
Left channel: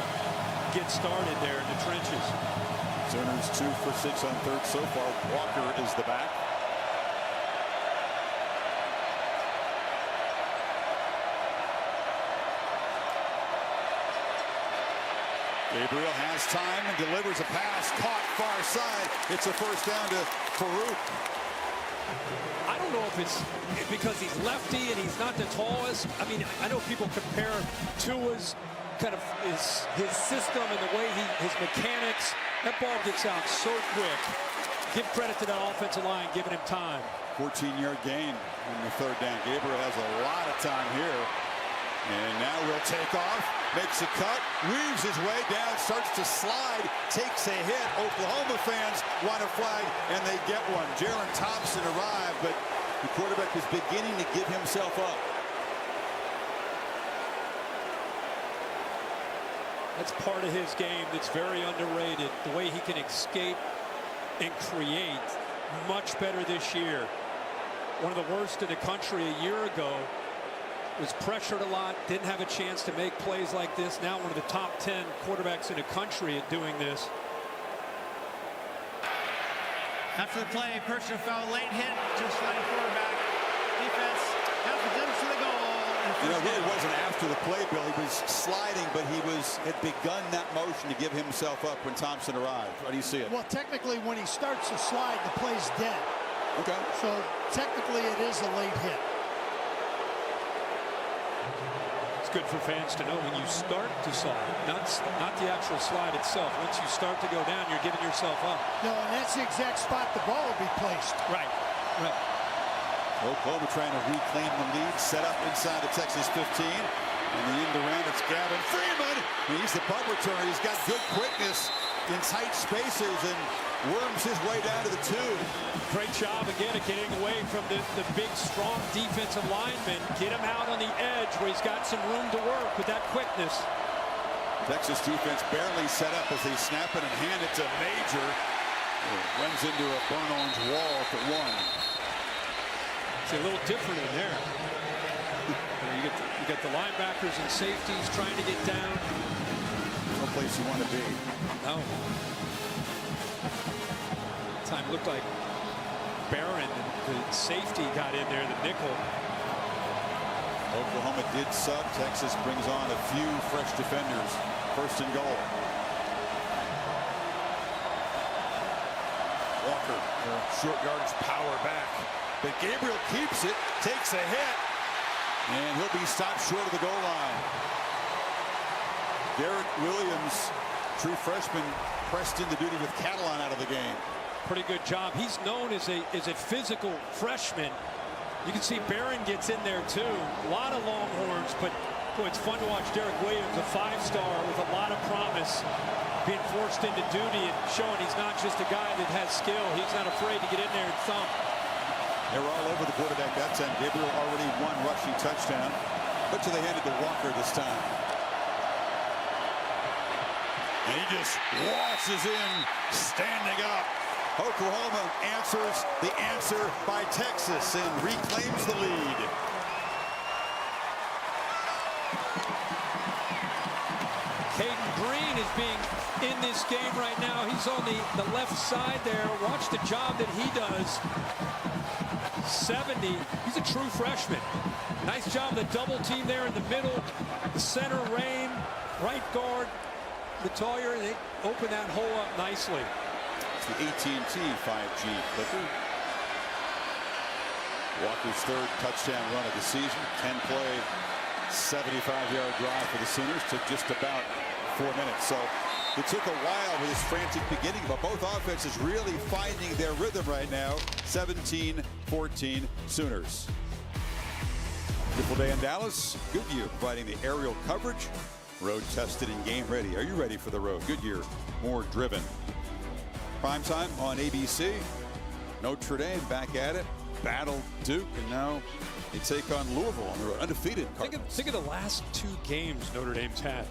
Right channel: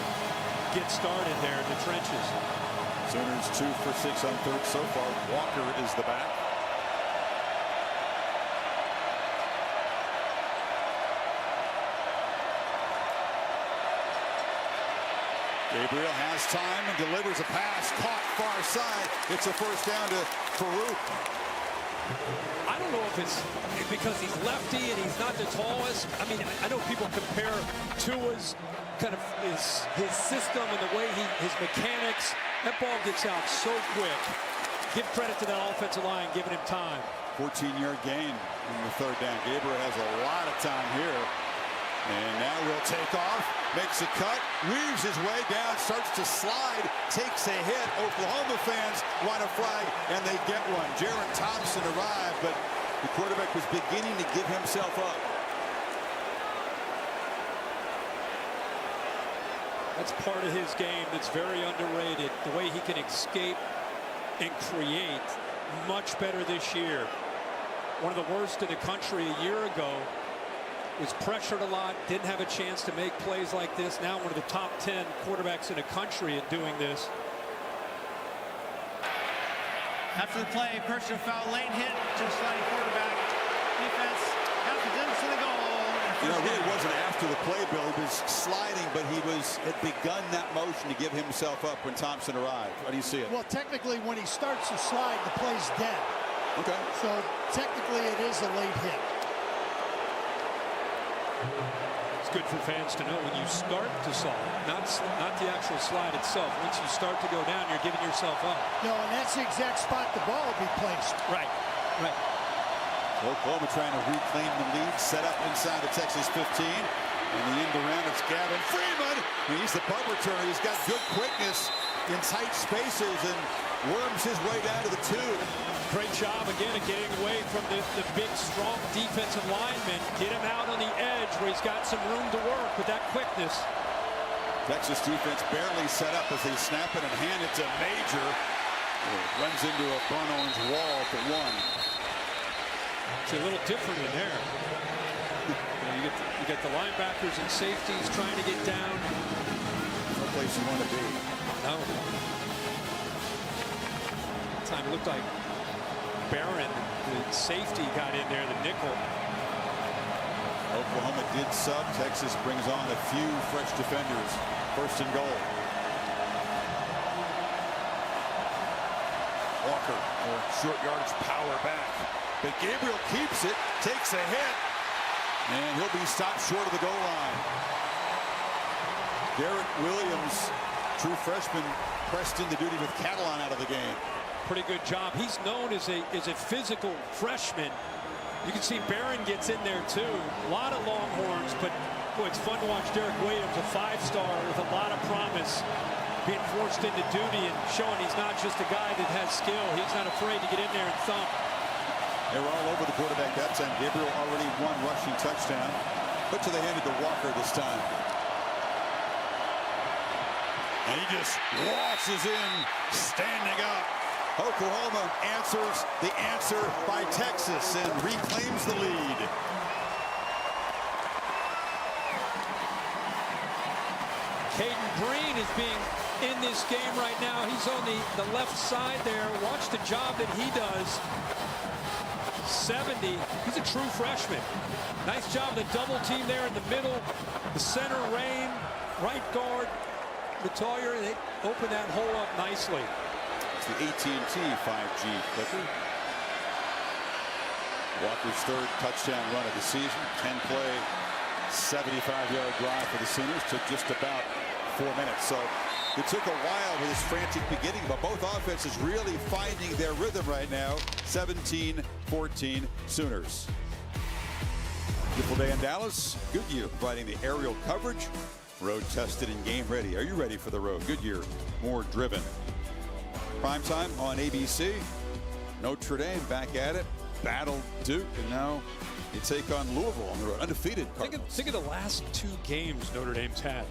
get started there in the trenches. Sooners 2 for 6 on 3rd so far. Walker is the back. Gabriel has time and delivers a pass caught far side. It's a first down to Farouk. I don't know if it's because he's lefty and he's not the tallest. I mean, I know people compare Tua's kind of his system and the way his mechanics. That ball gets out so quick. Give credit to that offensive line giving him time. 14-yard gain on the 3rd down. Gabriel has a lot of time here. And now we'll take off, makes a cut, weaves his way down, starts to slide, takes a hit. Oklahoma fans want a flag, and they get one. Jaron Thompson arrived, but the quarterback was beginning to give himself up. That's part of his game that's very underrated. The way he can escape and create, much better this year. One of the worst in the country a year ago. Was pressured a lot, didn't have a chance to make plays like this. Now one of the top 10 quarterbacks in the country at doing this. After the play, personal foul, late hit to a sliding quarterback. Defense half a distance to the goal, and You know, it really wasn't after the play, Bill. He was sliding, but he had begun that motion to give himself up when Thompson arrived. How do you see it? Well, technically, when he starts to slide, the play's dead. Okay. So technically, it is a late hit. It's good for fans to know when you start to slide, not the actual slide itself. Once you start to go down, you're giving yourself up. No, and that's the exact spot the ball will be placed. Right, right. Oklahoma trying to reclaim the lead, set up inside the Texas 15. And the end around, it's Gavin Freeman. He's the punt returner. He's got good quickness in tight spaces and worms his way down to the 2. Great job again of getting away from the big, strong defensive lineman. Get him out on the edge where he's got some room to work with that quickness. Texas defense barely set up as they snap it and hand it to Major. It runs into a burnt orange wall at the 1. It's a little different in there. You get the linebackers and safeties trying to get down. No place you want to be. No. That time it looked like Barron, the safety, got in there, the nickel. Oklahoma did sub. Texas brings on a few fresh defenders. First and goal. Walker, short yardage power back. But Gabriel keeps it, takes a hit, and he'll be stopped short of the goal line. Derek Williams, true freshman, pressed into duty with Catalan out of the game. Pretty good job. He's known as a physical freshman. You can see Barron gets in there too. A lot of Longhorns, but boy, it's fun to watch Derek Williams, a 5-star with a lot of promise, being forced into duty and showing he's not just a guy that has skill. He's not afraid to get in there and thump. They were all over the quarterback that time. Gabriel already one rushing touchdown, but they handed to Walker this time. And he just waltzes in, standing up. Oklahoma answers the answer by Texas and reclaims the lead. Caden Green is being in this game right now. He's on the left side there. Watch the job that he does. 70. He's a true freshman. Nice job of the double team there in the middle. The center, Rain, right guard, Natalia. They open that hole up nicely. It's the AT&T 5G clicker. Walker's third touchdown run of the season. 10-play, 75-yard drive for the Sooners. Took just about 4 minutes. So it took a while with this frantic beginning, but both offenses really finding their rhythm right now. 17-14 Sooners. Beautiful day in Dallas. Goodyear providing the aerial coverage. Road tested and game ready. Are you ready for the road? Goodyear, more driven. Prime time on ABC. Notre Dame back at it. Battle Duke, and now they take on Louisville on the road. Undefeated Cardinals. Think of the last 2 games Notre Dame's had.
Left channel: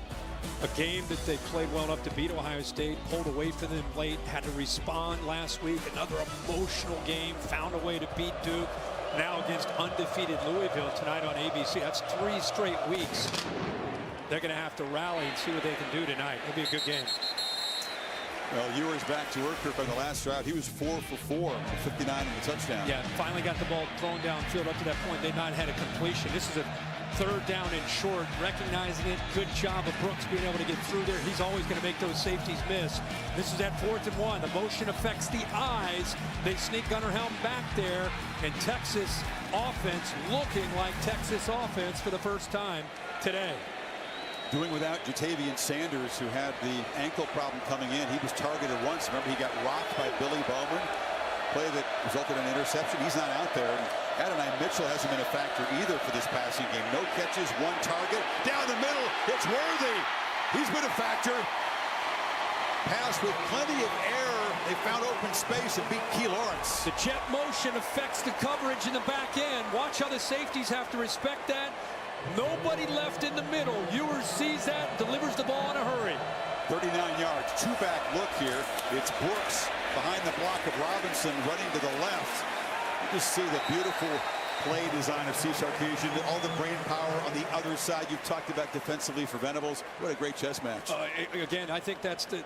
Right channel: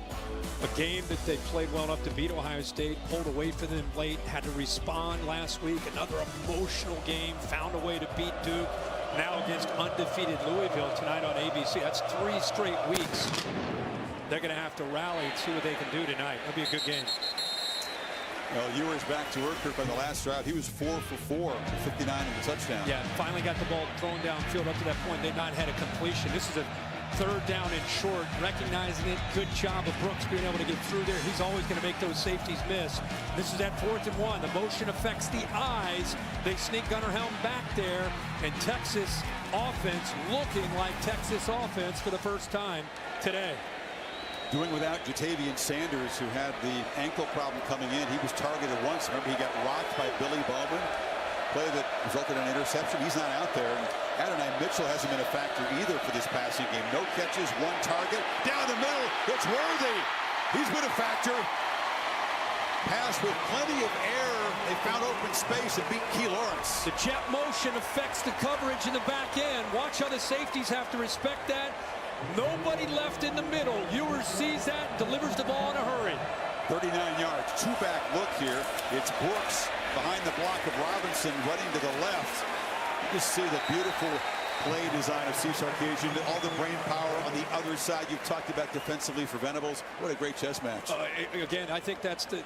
A game that they played well enough to beat Ohio State, pulled away from them late, had to respond last week. Another emotional game, found a way to beat Duke. Now against undefeated Louisville tonight on ABC. That's 3 straight weeks. They're going to have to rally and see what they can do tonight. It'll be a good game. Well, Ewers back to work on the last drive. He was 4 for 4 for 59 in the touchdown. Yeah, finally got the ball thrown downfield. Up to that point, they'd not had a completion. This is a 3rd down and short, recognizing it. Good job of Brooks being able to get through there. He's always going to make those safeties miss. This is at 4th and 1. The motion affects the eyes. They sneak Gunnar Helm back there, and Texas offense looking like Texas offense for the first time today. Doing without Jatavian Sanders, who had the ankle problem coming in. He was targeted once. Remember, he got rocked by Billy Bowman. Play that resulted in an interception. He's not out there. And Adonai Mitchell hasn't been a factor either for this passing game. No catches, 1 target. Down the middle, it's Worthy. He's been a factor. Pass with plenty of air. They found open space and beat Key Lawrence. The jet motion affects the coverage in the back end. Watch how the safeties have to respect that. Nobody left in the middle. Ewers sees that, delivers the ball in a hurry. 39 yards, 2-back look here. It's Brooks behind the block of Robinson, running to the left. You just see the beautiful play design of Steve Sarkisian, all the brain power on the other side. You've talked about defensively for Venables. What a great chess match. Again, I think that's the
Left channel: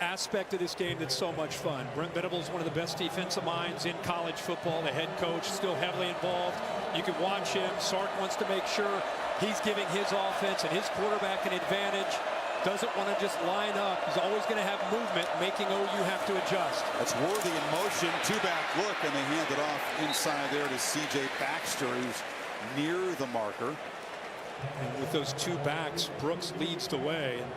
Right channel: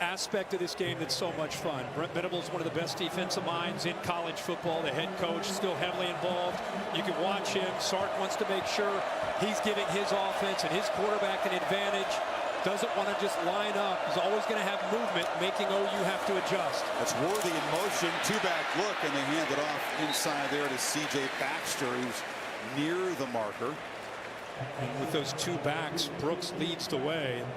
aspect of this game that's so much fun. Brent Venables, one of the best defensive minds in college football. The head coach still heavily involved. You can watch him. Sark wants to make sure he's giving his offense and his quarterback an advantage. Doesn't want to just line up. He's always going to have movement, making OU have to adjust. That's Worthy in motion. Two-back look, and they hand it off inside there to C.J. Baxter, who's near the marker. And with those two backs, Brooks leads the way. And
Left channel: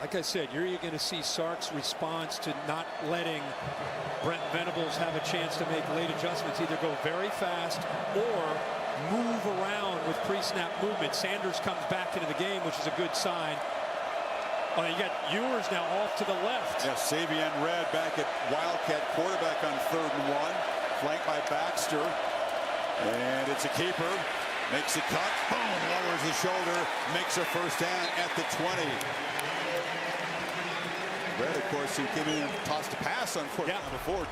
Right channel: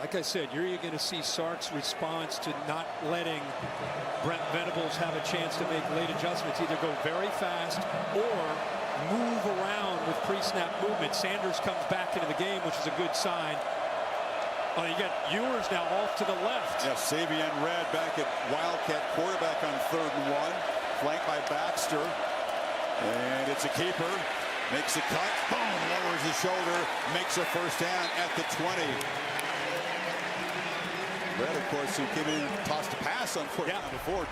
like I said, you're going to see Sark's response to not letting Brent Venables have a chance to make late adjustments. Either go very fast or move around with pre-snap movement. Sanders comes back into the game, which is a good sign. Oh, you got Ewers now off to the left. Yes, Savion Red back at Wildcat quarterback on 3rd and 1. Flanked by Baxter. And it's a keeper. Makes a cut. Boom. Lowers his shoulder. Makes a first down at the 20. Red, of course, who came in and tossed a pass on 4th down before.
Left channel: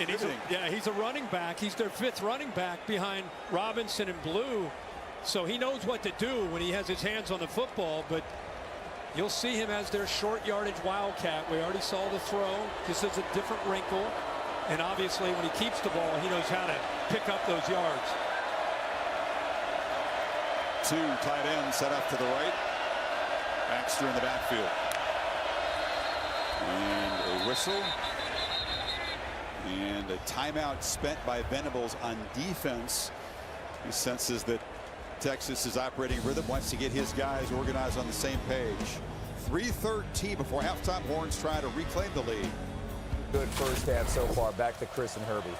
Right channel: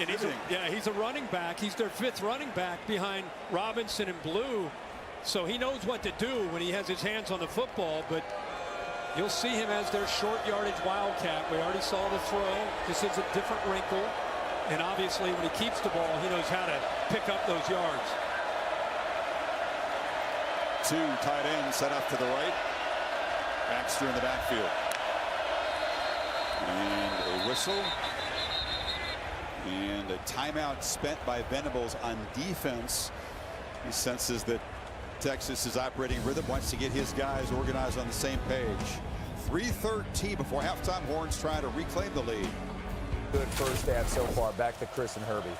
And he's a running back. He's their 5th running back behind Robinson and Blue. So he knows what to do when he has his hands on the football. But you'll see him as their short yardage Wildcat. We already saw the throw. Just as a different wrinkle. And obviously, when he keeps the ball, he knows how to pick up those yards. 2 tight ends set up to the right. Baxter in the backfield. And a whistle. And a timeout spent by Venables on defense. He senses that Texas is operating rhythm, wants to get his guys organized on the same page. 3:13 before halftime. Horns trying to reclaim the lead. Good first half so far. Back to Chris and Herbie.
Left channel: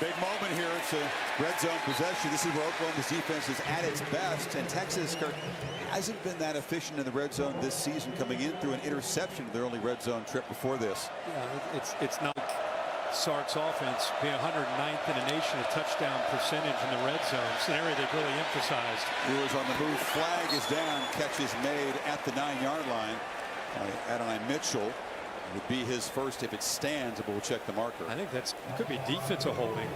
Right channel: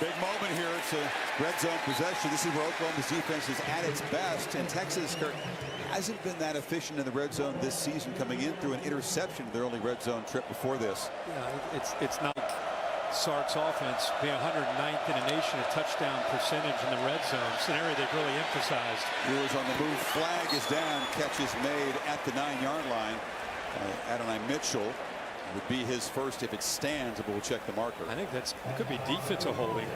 Big moment here. It's a red zone possession. This is where Oklahoma's defense is at its best, and Texas, Kirk, hasn't been that efficient in the red zone this season, coming in through an interception their only red zone trip before this. Yeah, it's not like Sark's offense being 109th in the nation in touchdown percentage in the red zone. It's an area they've really emphasized. Ewers on the move. Flag is down. Catch is made at the 9-yard line by Adonai Mitchell. It would be his first if it stands, but we'll check the marker. I think it could be defensive holding.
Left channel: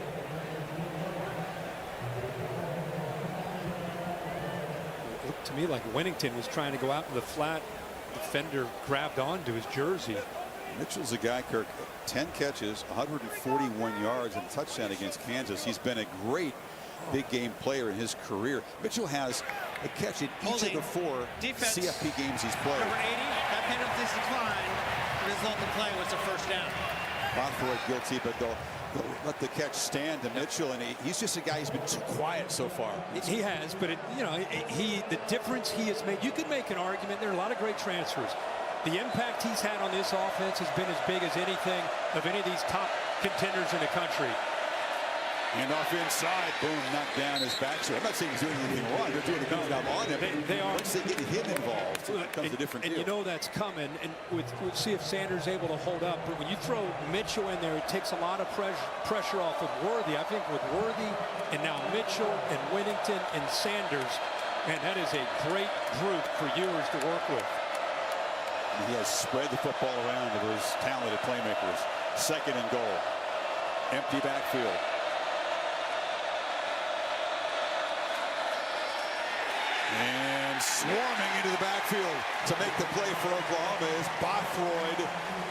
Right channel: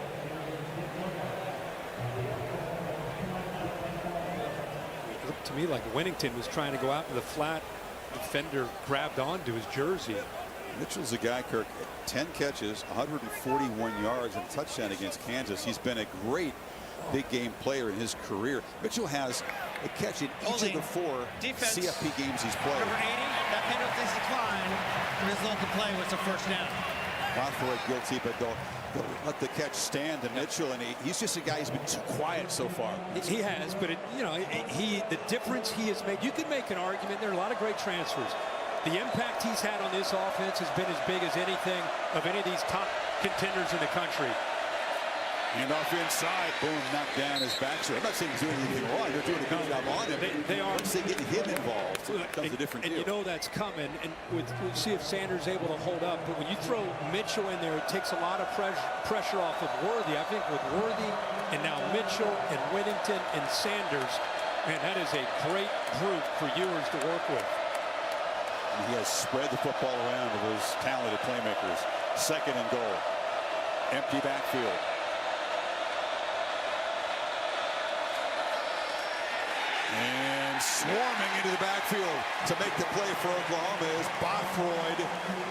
It looked to me like Winnington was trying to go out to the flat. Defender grabbed onto his jersey. Mitchell's a guy, Kirk, 10 catches, 141 yards, and a touchdown against Kansas. He's been a great big game player in his career. Mitchell has a catch in each of the 4 defense. CFP games he's played. Number 80, that penalty's declined. The result of the play was a first down. Bothroyd guilty, but they'll let the catch stand to Mitchell, and he's just a guy who's been too quiet so far. He has, but the difference he has made. You could make an argument. There are a lot of great transfers. The impact he's had on this offense has been as big as anything of any of these top contenders in the country. Hand off inside, boom, knocked down as Baxter. I'm not saying he's doing anything wrong. They're doing a good job on him. They are. Once they get him involved, it becomes a different deal. And you know that's coming. And we'll see if Sanders is able to hold up. But when you throw Mitchell in there, it takes a lot of pressure off of Worthy. I think with Worthy and now Mitchell and Winnington and Sanders, man, that is a great group for Ewers to work with. And he has spread the football around to those talented playmakers. 2nd and goal. Empty backfield. And swarming into the backfield to make the play for Oklahoma is Bothroyd.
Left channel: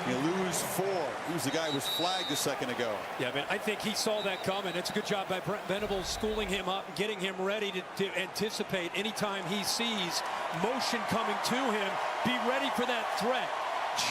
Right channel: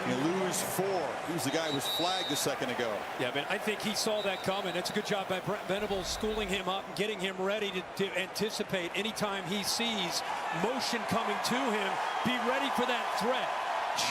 You lose 4. Who's the guy who was flagged a second ago? Yeah, but I think he saw that coming. It's a good job by Brent Venables schooling him up and getting him ready to anticipate anytime he sees motion coming to him. Be ready for that threat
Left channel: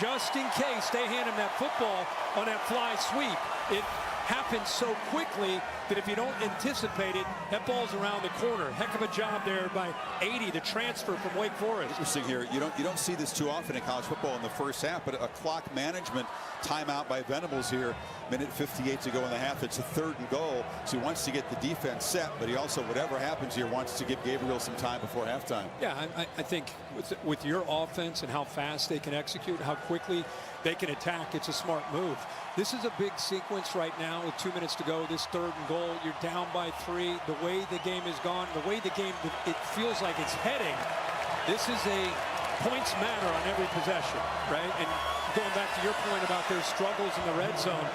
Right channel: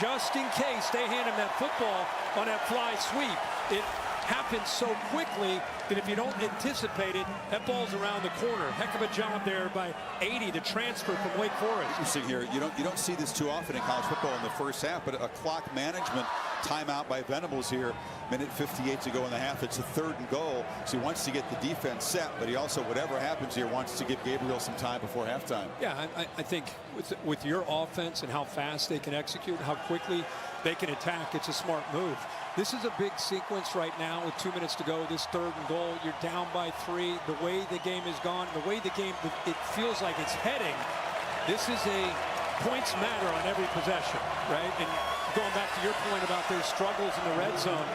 just in case they hand him that football on that fly sweep. It happens so quickly that if you don't anticipate it, that ball's around the corner. Heck of a job there by 80, the transfer from Wake Forest. Interesting here. You don't see this too often in college football in the first half, but a clock management timeout by Venables here. Minute 58 to go in the half. It's a 3rd and goal. So he wants to get the defense set, but he also, whatever happens here, wants to give Gabriel some time before halftime. Yeah, I think with your offense and how fast they can execute, how quickly they can attack, it's a smart move. This is a big sequence right now with 2 minutes to go. This 3rd and goal, you're down by 3. The way the game is gone, the way the game, it feels like it's heading. This is a points matter on every possession, right? And going back to your point about their struggles in the red zone,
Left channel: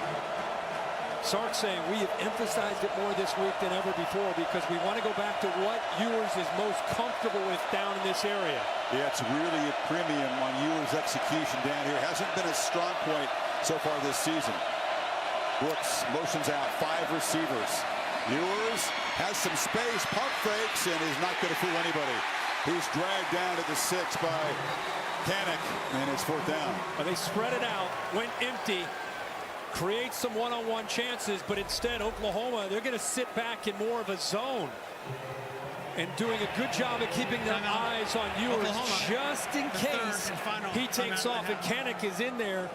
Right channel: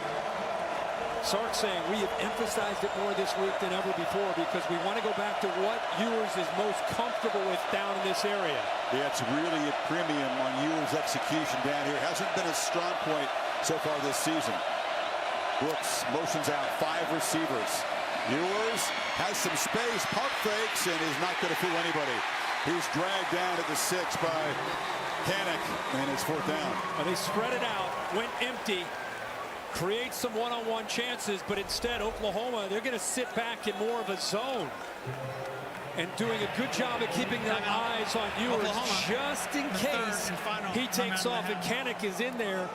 Sark saying we have emphasized it more this week than ever before because we want to go back to what Ewers is most comfortable with down in this area. Yeah, it's really a premium on Ewers' execution down here. Hasn't been a strong point so far this season. Brooks motions out, 5 receivers. Ewers has some space, pump fakes, and is not going to fool anybody. He's dragged down at the 6 by Kanak, and it's 4th down. They spread it out, went empty, create some one-on-one chances, but instead Oklahoma, they're going to sit back in more of a zone and doing a good job of keeping their eyes on Ewers Oklahoma, just in case he takes off. And Kanak is in there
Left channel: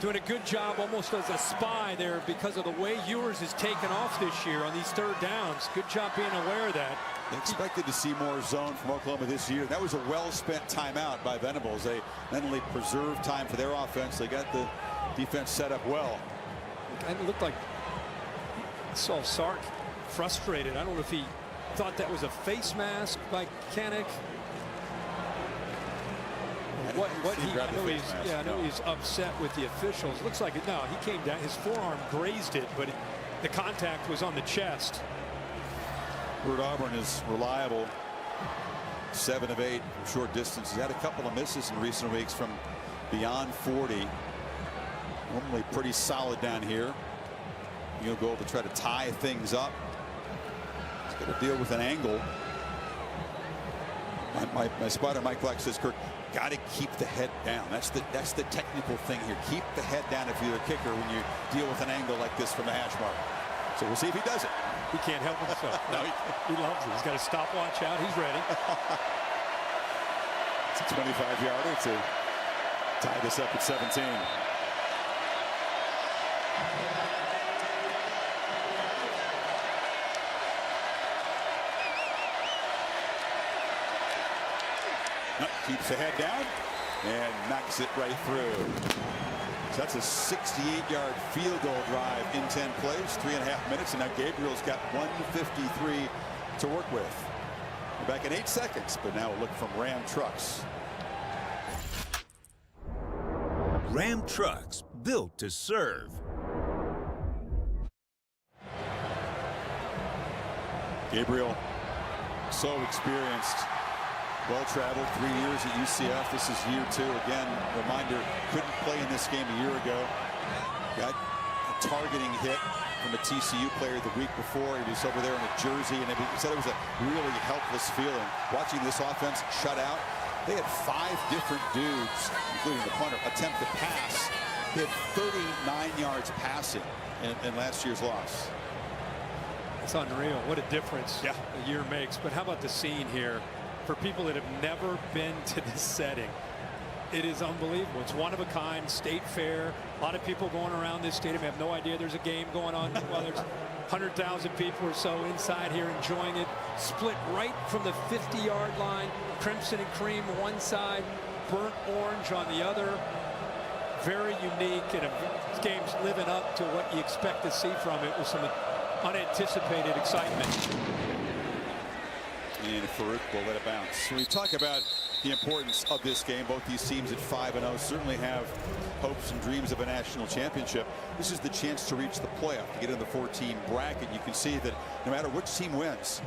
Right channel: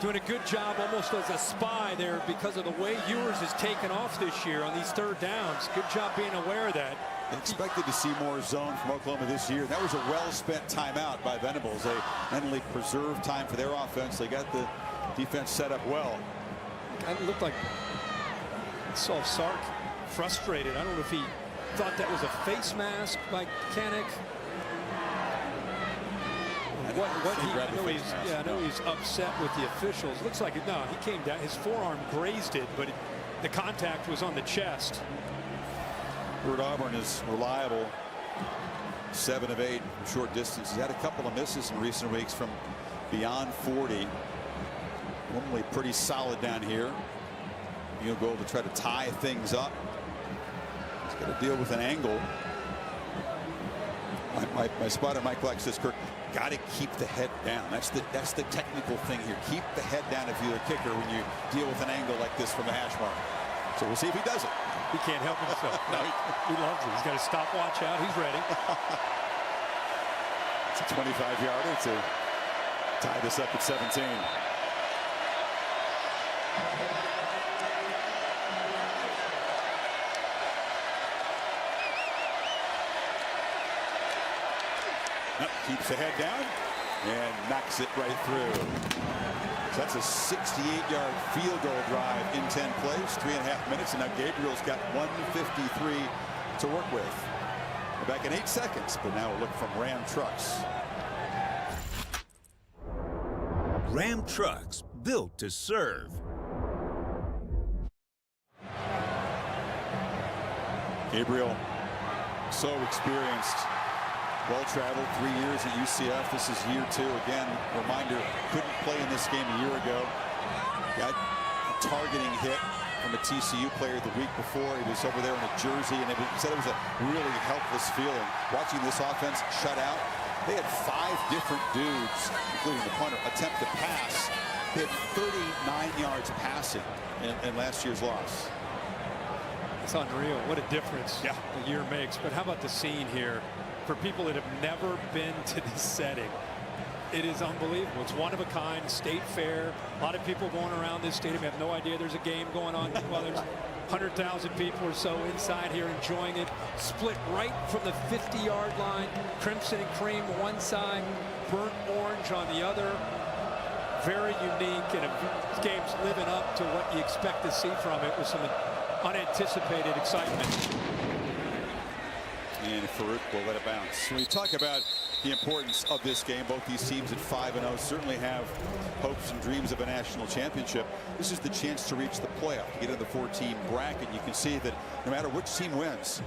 doing a good job almost as a spy there because of the way Ewers has taken off this year on these 3rd downs. Good job being aware of that. They expected to see more zone from Oklahoma this year. That was a well-spent timeout by Venables. They not only preserved time for their offense, they got the defense set up well. It looked like I saw Sark frustrated. I don't know if he thought that was a face mask by Kanak. I know he's upset with the officials. Looks like it. No, he came down. His forearm grazed it, but the contact was on the chest. Bert Auburn is reliable. 7 of 8 from short distance. He's had a couple of misses in recent weeks from beyond 40. Normally pretty solid down here. He'll go to try to tie things up. He's got to deal with an angle. My spotter Mike Black says, Kirk, got to keep the head down. That's the technical thing here. Keep the head down if you're a kicker when you deal with an angle like this from the hash mark. So we'll see if he does it. He can't help himself. No, he loves it. He's got a stopwatch out. He's ready. It's a 25-yarder to tie this up at 17. Keeps the head down and knocks it right through. So that's a 68-yard field goal drive in 10 plays, 3.5 minutes, and now Gabriel's got 153 to work with. We're back in 8 seconds, but now a look from Ram Trucks. Ram Trucks, built to serve. Gabriel, so experienced. Well-traveled, 3 years at UCF. This is year 2. Again, reminder, couldn't play in this game a year ago. Got a targeting hit from a TCU player the week before. He was over there in a jersey, and he said it was a really helpless feeling. Watching this offense shut out, they had 5 different dudes, including the punter, attempt to pass. They had 39 yards passing in last year's loss. It's unreal. What a difference a year makes. But how about the scene here? For people that have never been to this setting, it is unbelievable. It's one of a kind. State Fair. A lot of people going around this stadium have no idea there's a game going on. Well, there's 100,000 people or so inside here enjoying it. Split right from the 50-yard line. Crimson and cream one side, burnt orange on the other. Very unique, and this game's living up to what you expect to see from it with some unanticipated excitement. And Farouk will let it bounce. When we talk about the importance of this game, both these teams at 5-0 certainly have hopes and dreams of a national championship. This is the chance to reach the playoff, to get in the 4-team bracket. You can see that no matter which team wins,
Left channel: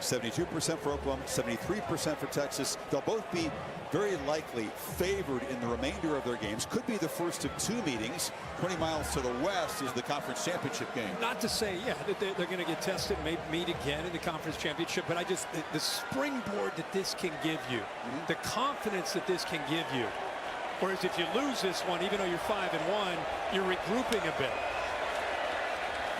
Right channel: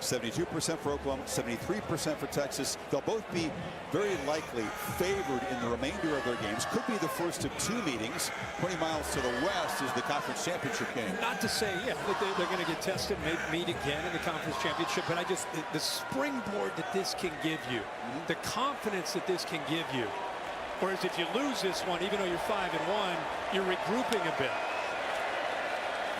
72% for Oklahoma, 73% for Texas, they'll both be very likely favored in the remainder of their games. Could be the first of 2 meetings. 20 miles to the west is the conference championship game. Not to say, that they're going to get tested and maybe meet again in the conference championship, but the springboard that this can give you, the confidence that this can give you. Whereas if you lose this one, even though you're 5-1, you're regrouping a bit.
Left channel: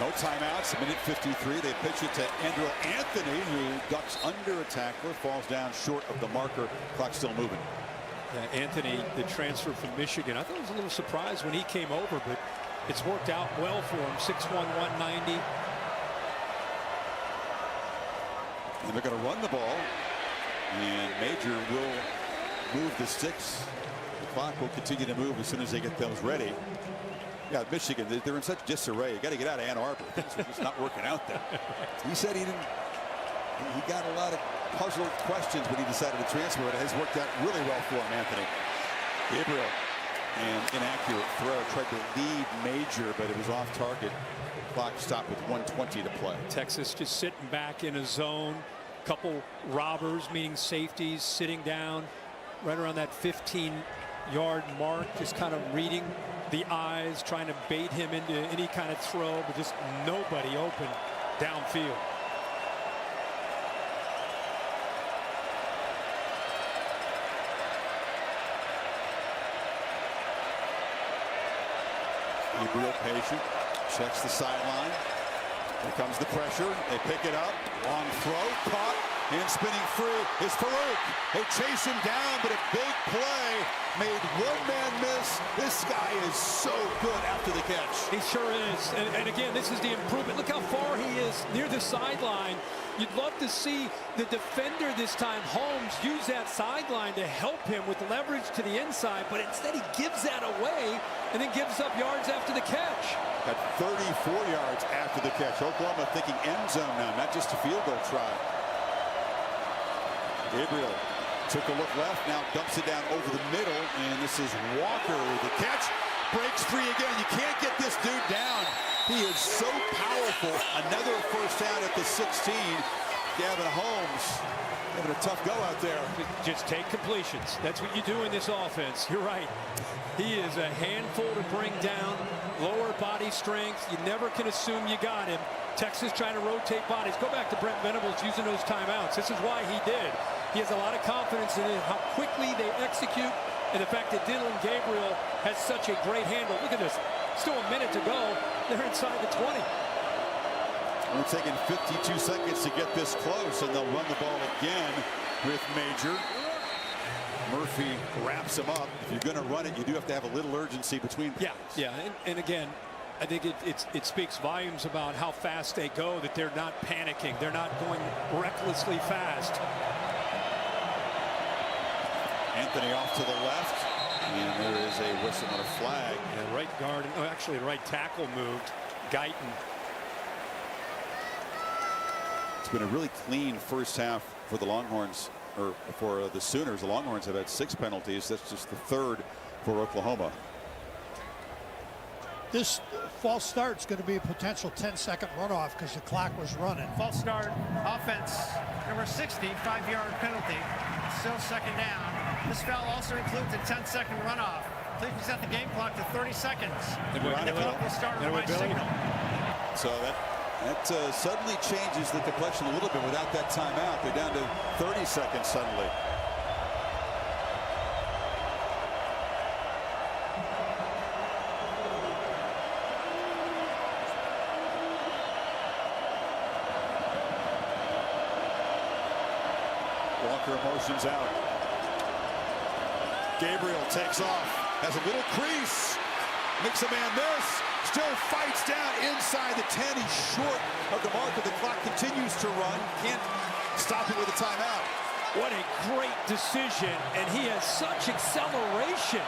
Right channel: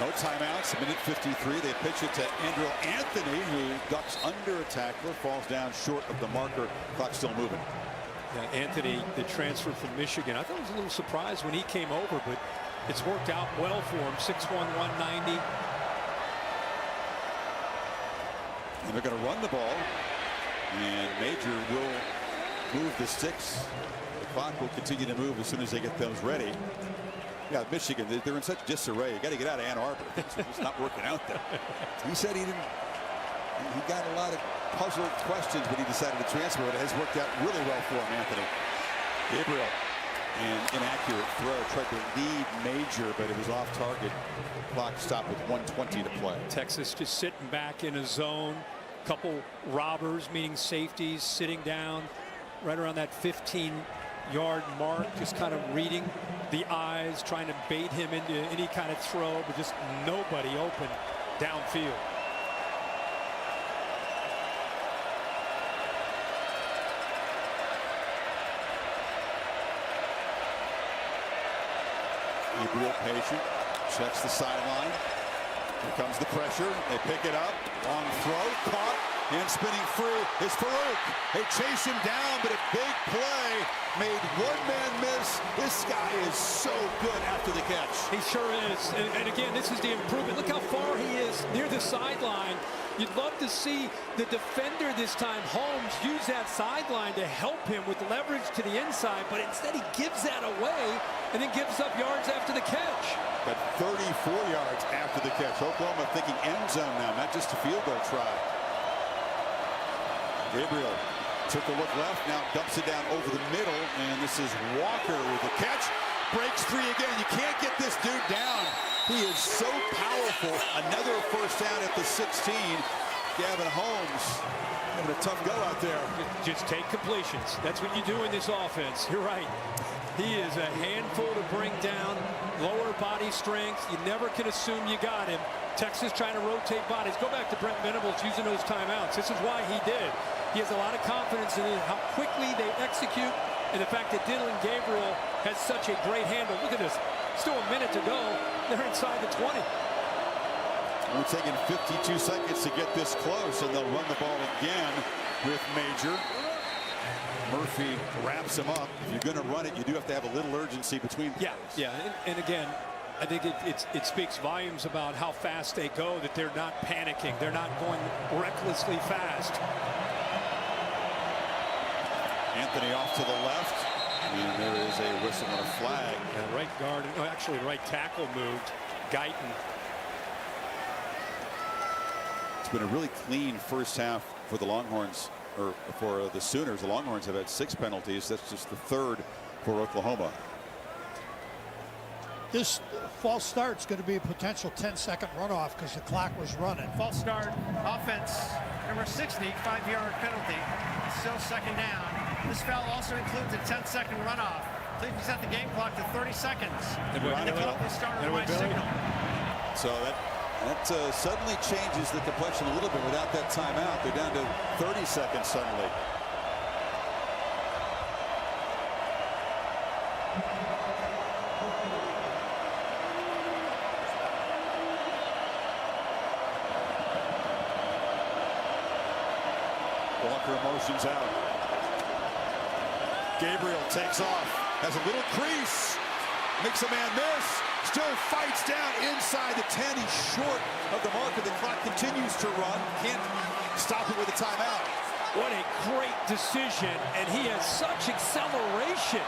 No timeouts, a minute 53. They pitch it to Andrew Anthony, who ducks under a tackler, falls down short of the marker. Clock still moving. Yeah, Anthony, the transfer from Michigan. I thought it was a little surprised when he came over, but it's worked out well for him. 6'1", 190. And they're going to run the ball. And Major will move the sticks. The clock will continue to move as soon as they get those ready. Yeah, Michigan, they're in such disarray. You got to get out of Ann Arbor. Things are just not working out there. He said he got a lot of puzzled questions when he decided to transfer, but it has worked out really well for him, Anthony. Gabriel and inaccurate throw. Tried to lead Major, but it was off target. Clock stopped with 1:20 to play. Texas just sitting back in a zone. Couple robbers, meaning safeties, sitting down right around that 15-yard mark, just kind of reading the eyes, trying to bait him into any kind of throw, but just nobody open downfield. Gabriel patient, checks the sideline. Here comes the pressure. They pick it up. Long throw, caught, and spinning free is Farouk. They chase him down, but a big play made one man miss. This guy is so good after the catch. He sure is. And again, this is the improvement. Look how far he is near the sideline. You'd love to see the defender this time, Holmes, use that sideline to help him with leverage to the inside, but instead he gives that away and then gives up yards after the catch. Got 34 yards after the catch. Oklahoma thinking end zone now, not just a field goal try. Gabriel took a look left, now dumps it down over the middle, and this is Walker with the catch. Breaks free again. You can't get this dude down. He is so powerful. Another first down at the 16. Gavin Holmes having a tough go out there. Just take completions. That's what you do in this offense. You're right. He is a handful to bring down. Lower body strength. You never can assume you got him. Texas trying to rotate bodies. Go back to Brent Venables using those timeouts. This is why he did. He has a lot of confidence in how quickly they execute, and the fact that Dylan Gabriel has such a great handle. Look at this. Still a minute to go. They're inside the 20. Only taking 52 seconds to get this close, and they'll run the ball again with Major. Murphy wraps him up. If you're going to run it, you do have to have a little urgency between plays. Yeah. And again, I think it speaks volumes about how fast they go, that they're not panicking. They're not going recklessly fast. Anthony off to the left, and there is a whistle and a flag. Yeah, right guard, actually right tackle moved. Guyton. It's been a really clean first half for the Longhorns, or for the Sooners. The Longhorns have had 6 penalties. That's just the 3rd for Oklahoma. This false start is going to be a potential 10-second runoff because the clock was running. False start, offense, number 60, 5-yard penalty. Still second down. This foul also includes a 10-second runoff. Please reset the game clock to 30 seconds. And the clock will start on my signal. So that suddenly changes the complexion a little bit without that timeout. They're down to 30 seconds suddenly. Walker motions out. Gabriel takes off, has a little crease, makes a man miss, still fights down inside the 10. He's short of the marker. The clock continues to run. Can't stop it with a timeout. What a great decision, and he has such acceleration.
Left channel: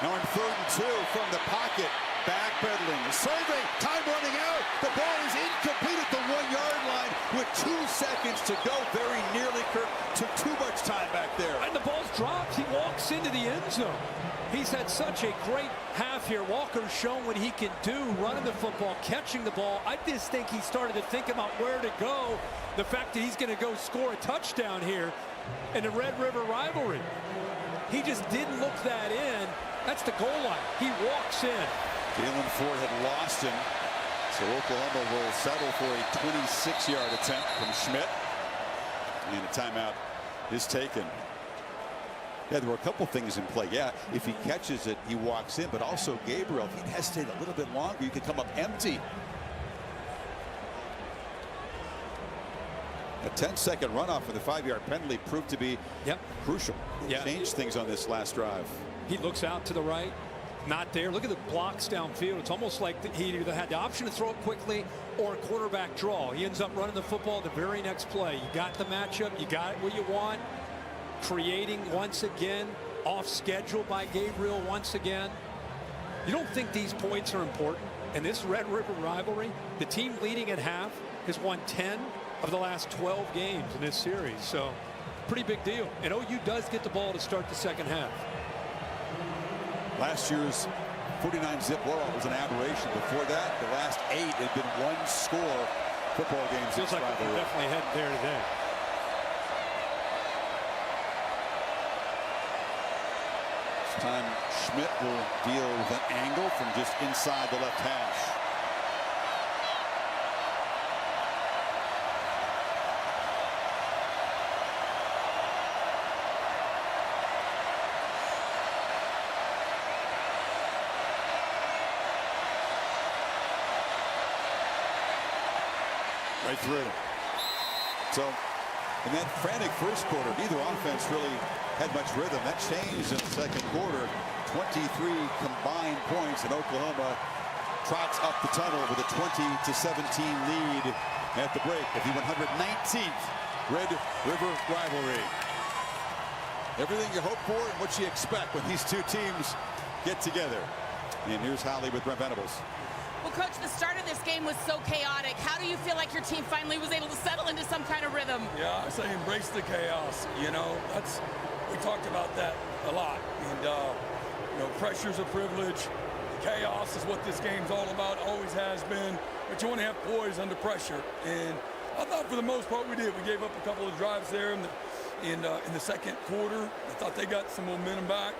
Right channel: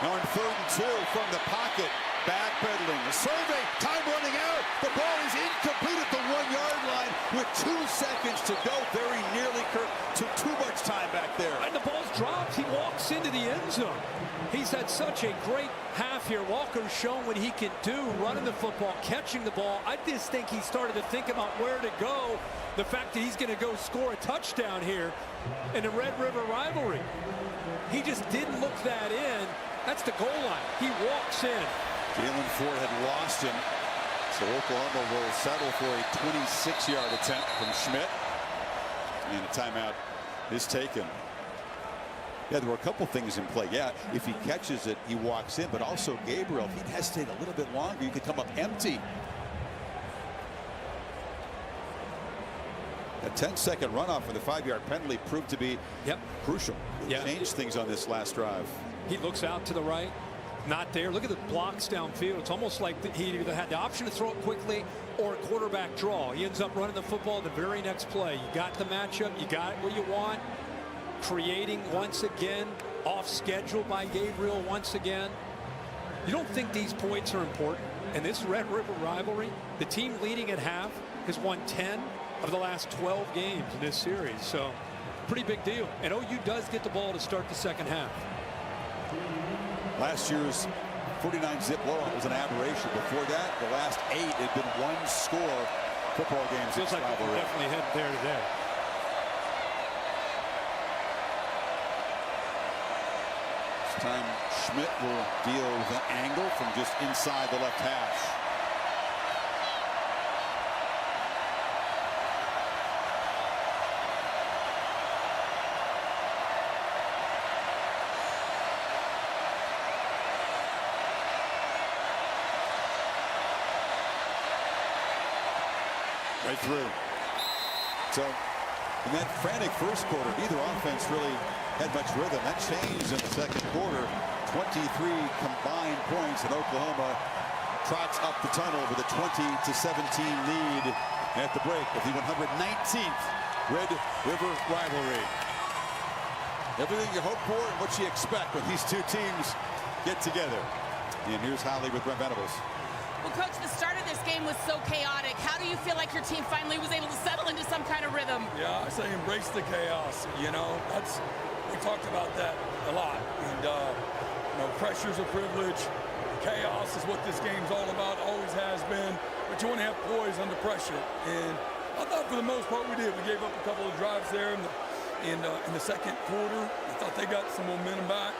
Now in 3rd and 2 from the pocket. Backpedaling, the survey, time running out. The ball is incomplete at the 1-yard line with 2 seconds to go. Very nearly, Kirk, took too much time back there. And the ball's dropped. He walks into the end zone. He's had such a great half here. Walker's shown what he can do, running the football, catching the ball. I just think he started to think about where to go. The fact that he's going to go score a touchdown here in the Red River rivalry. He just didn't look that in. That's the goal line. He walks in. Jalen Ford had lost him, so Oklahoma will settle for a 26-yard attempt from Schmidt, and a timeout is taken. Yeah, there were a couple things in play. Yeah, if he catches it, he walks in, but also Gabriel, if he'd hesitate a little bit longer, you could come up empty. A 10-second runoff for the 5-yard penalty proved to be crucial. It changed things on this last drive. He looks out to the right. Not there. Look at the blocks downfield. It's almost like he either had the option to throw it quickly or a quarterback draw. He ends up running the football the very next play. You got the matchup. You got what you want. Creating once again. Off schedule by Gabriel once again. You don't think these points are important? In this Red River rivalry, the team leading at half has won 10 of the last 12 games in this series. So pretty big deal. And OU does get the ball to start the second half. Last year's 49-zip blowout was an aberration. Before that, the last 8 had been one-score football games. Feels like we're definitely headed there today. This time, Schmidt will deal with an angle from just inside the left hash. Right through. So in that frantic first quarter, neither offense really had much rhythm. That changed in the second quarter. 23 combined points, and Oklahoma trots up the tunnel with a 20-17 lead at the break of the 119th Red River rivalry. Everything you hope for and what you expect when these two teams get together. And here's Holly with Brent Venables. Well, Coach, the start of this game was so chaotic. How do you feel like your team finally was able to settle into some kind of rhythm? Yeah, I say embrace the chaos. You know, we talked about that a lot. And, you know, pressure's a privilege. Chaos is what this game's all about, always has been. But you want to have poise under pressure. And I thought for the most part we did. We gave up a couple of drives there in the second quarter. I thought they got some momentum back.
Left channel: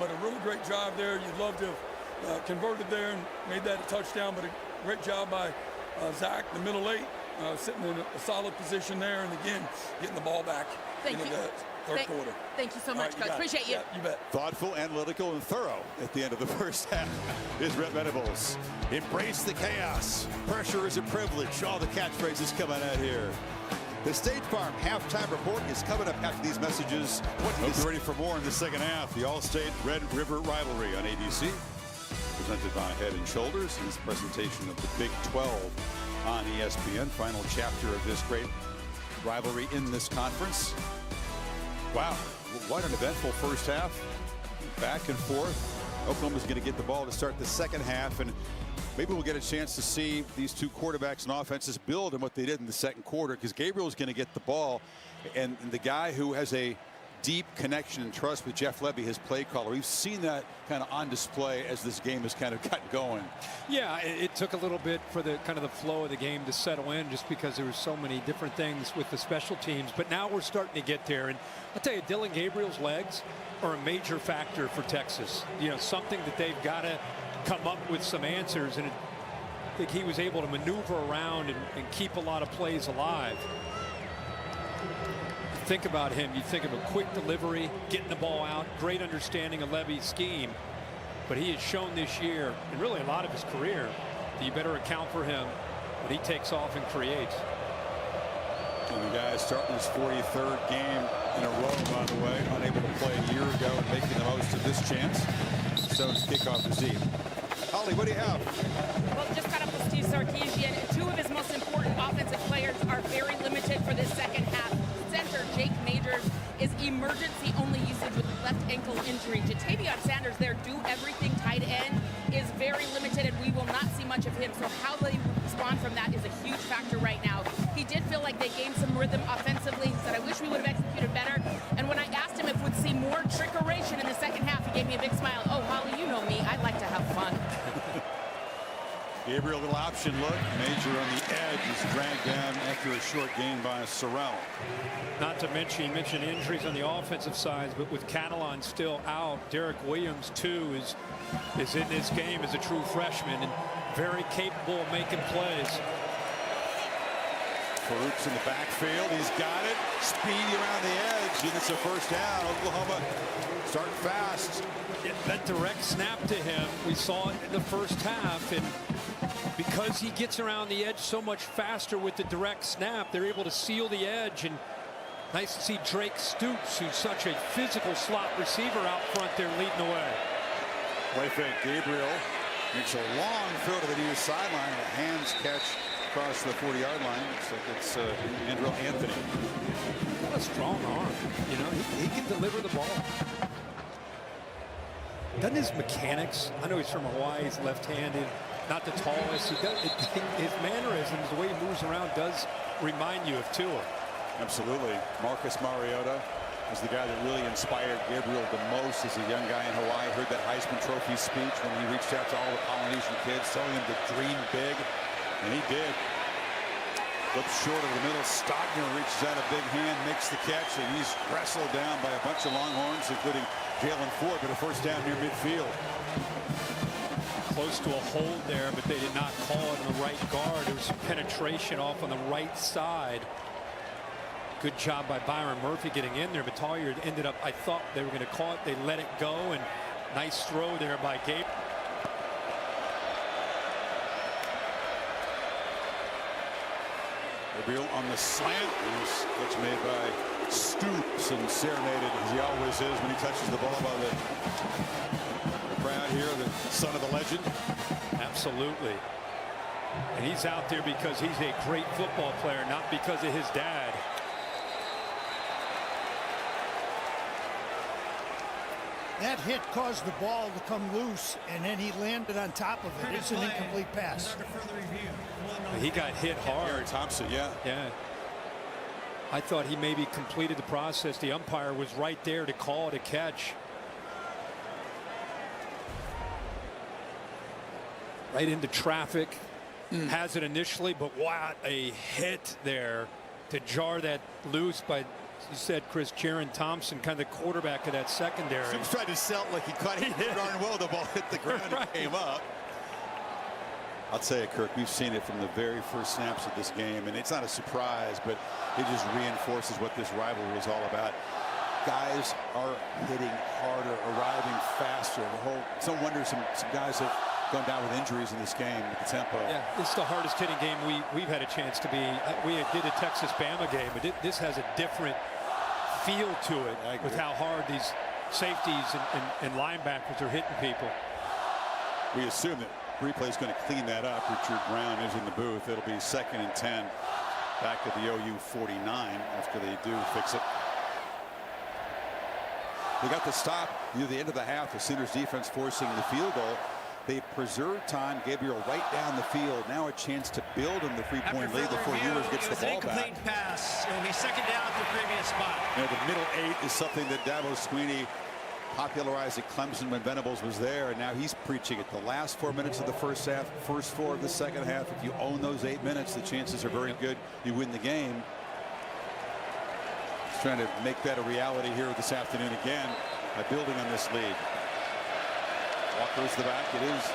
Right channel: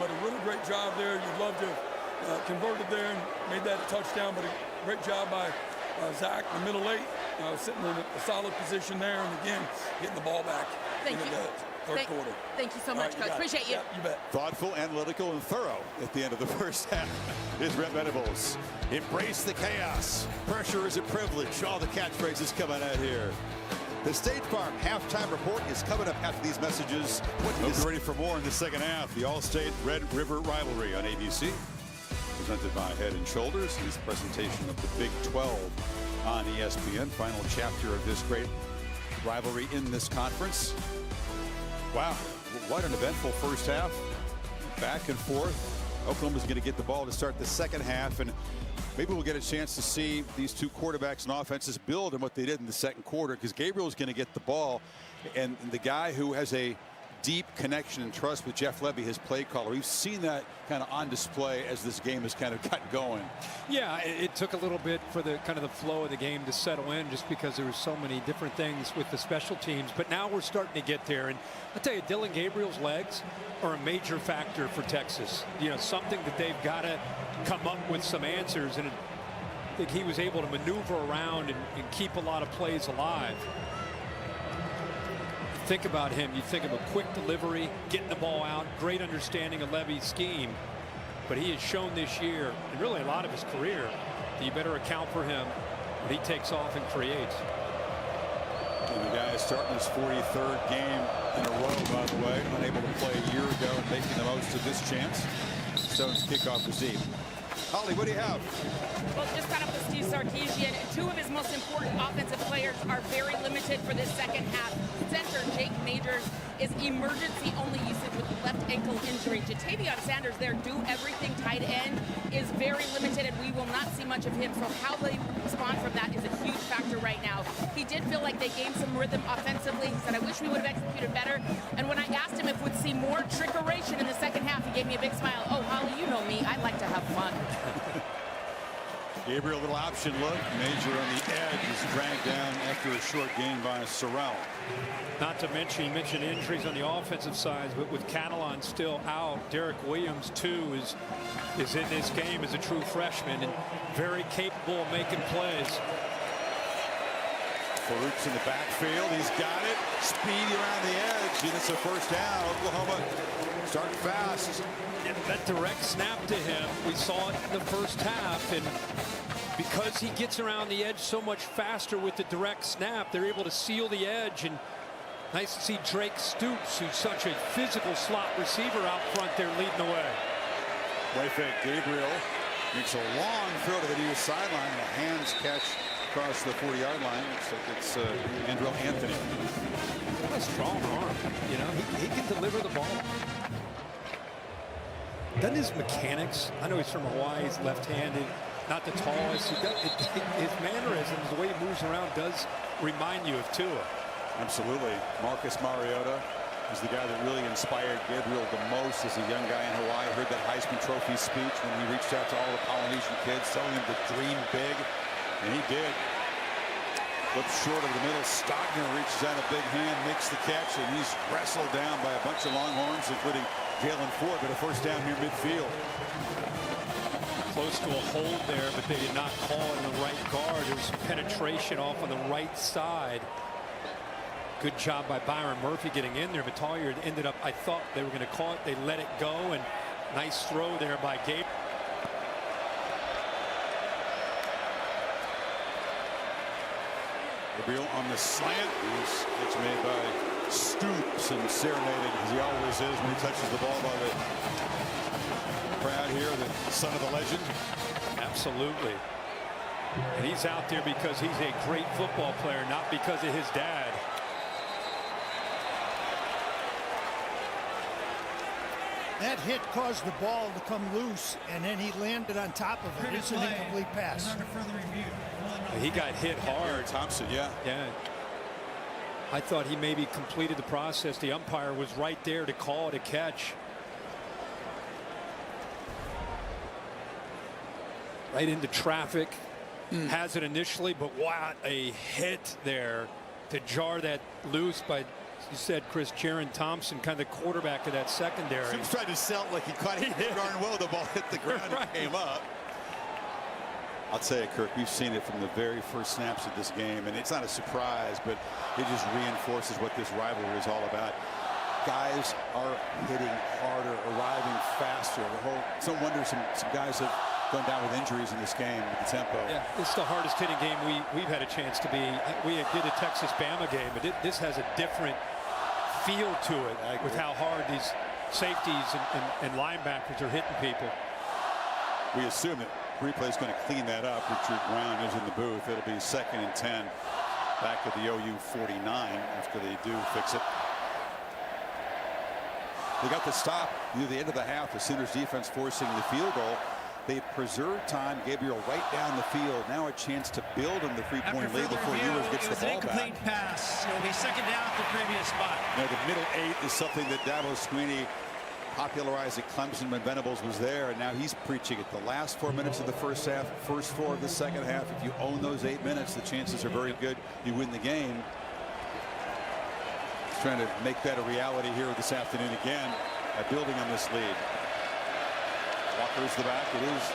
But a really great drive there. You'd love to have converted there and made that a touchdown, but a great job by Zach, the middle 8, sitting in a solid position there, and again, getting the ball back into the third quarter. Thank you so much, Coach. Appreciate you. Yeah, you bet. Thoughtful, analytical, and thorough at the end of the first half is Brent Venables. Embrace the chaos. Pressure is a privilege. All the catchphrases coming out here. The State Farm halftime report is coming up after these messages. Hope you're ready for more in the second half. The All-State Red River rivalry on ABC. Presented by Head & Shoulders. It's a presentation of the Big 12 on ESPN. Final chapter of this great rivalry in this conference. Wow, what an eventful first half. Back and forth. Oklahoma's going to get the ball to start the second half, and maybe we'll get a chance to see these two quarterbacks and offenses build on what they did in the second quarter, because Gabriel's going to get the ball, and the guy who has a deep connection and trust with Jeff Lebby, his play caller. We've seen that kind of on display as this game has kind of gotten going. Yeah, it took a little bit for the kind of the flow of the game to settle in, just because there were so many different things with the special teams. But now we're starting to get there. And I'll tell you, Dylan Gabriel's legs are a major factor for Texas. You know, something that they've got to come up with some answers. And I think he was able to maneuver around and keep a lot of plays alive. Think about him, you think of a quick delivery, getting the ball out, great understanding of Levy's scheme. But he has shown this year, and really a lot of his career, that you better account for him when he takes off and creates. And the guy is starting his 43rd game in a row, by the way, unable to play a year ago and making the most of this chance. Stone's kickoff is deep. Holly, what do you have? Well, just caught up with Steve Sarkisian, and two of his most important offensive players are very limited for this second half. Center Jake Majors is emergency only usage with left ankle injury. Jatavion Sanders, their do everything tight end, is very limited, and we will not see much of him. So how they respond from that is a huge factor right now. He did feel like they gained some rhythm offensively. He said, I wish we would have executed better. And when I asked him if we'd see more trickeration in the second half, he gave me a big smile. Oh, Holly, you know me. I like to have fun. Gabriel, little option look. Major on the edge is dragged down after a short gain by Sorrell. Not to mention, you mentioned injuries on the offensive side, but with Catalan still out, Derek Williams, too, is in this game as a true freshman and very capable of making plays. Farouk's in the backfield. He's got it. Speedy around the edge, and it's a first down. Oklahoma starting fast. That direct snap to him, we saw it in the first half, and because he gets around the edge so much faster with the direct snap, they're able to seal the edge. And nice to see Drake Stoops, who's such a physical slot receiver, out front there leading the way. Play fake. Gabriel makes a long throw to the near sideline and a hands catch across the 40-yard line. Looks like it's Andrew Anthony. What a strong arm. You know, he can deliver the ball. Doesn't his mechanics, I know he's from Hawaii, he's left-handed, not the tallest. He does, his mannerisms, the way he moves around, does remind you of Tua. Absolutely. Marcus Mariota was the guy that really inspired Gabriel the most as a young guy in Hawaii. Heard that Heisman Trophy speech when he reached out to all the Polynesian kids, telling them to dream big, and he did. Flips short of the middle. Stogner reaches out a big hand, makes the catch, and he's wrestled down by a bunch of Longhorns, including Jalen Ford, but a first down near midfield. Close to a hold there, but they did not call it in the right guard. There was some penetration off on the right side. Good job by Byron Murphy getting in there, but Tollier ended up, I thought they were going to call it. They let it go, and nice throw there by Gabe. Gabriel on the slant. Catch made by Stoops and serenaded, as he always is when he touches the ball, by the crowd here, the son of the legend. Absolutely. And he's out there because he's a great football player, not because of his dad. That hit caused the ball to come loose, and then he landed on top of it. It's an incomplete pass. Under further review. He got hit hard. Thompson, yeah. Yeah. I thought he maybe completed the process. The umpire was right there to call it a catch. Right into traffic. Has it initially, but what a hit there to jar that loose by, you said, Chris, Jaron Thompson, kind of the quarterback of that secondary. Sims tried to sell it like he caught it darn well. The ball hit the ground and came up. I'll tell you, Kirk, we've seen it from the very first snaps of this game, and it's not a surprise, but it just reinforces what this rivalry is all about. Guys are hitting harder, arriving faster. It's no wonder some guys have gone down with injuries in this game with the tempo. Yeah, it's the hardest hitting game we've had a chance to be. We did a Texas-Bama game, but this has a different feel to it with how hard these safeties and linebackers are hitting people. We assume that replay is going to clean that up. Richard Brown is in the booth. It'll be 2nd and 10 back at the OU 49 after they do fix it. They got the stop near the end of the half. The Sooners defense forcing the field goal. They preserve time. Gabriel right down the field. Now a chance to build on the 3-point lead before Ewers gets the ball back. Incomplete pass. It will be 2nd down at the previous spot. You know, the middle 8 is something that Dabo Sweeney popularized at Clemson when Venables was there, and now he's preaching it. The last 4 minutes of the first half, first 4 of the second half. If you own those 8 minutes, the chances are very good you win the game. He's trying to make that a reality here this afternoon again by building on this lead. Walker's the back. It is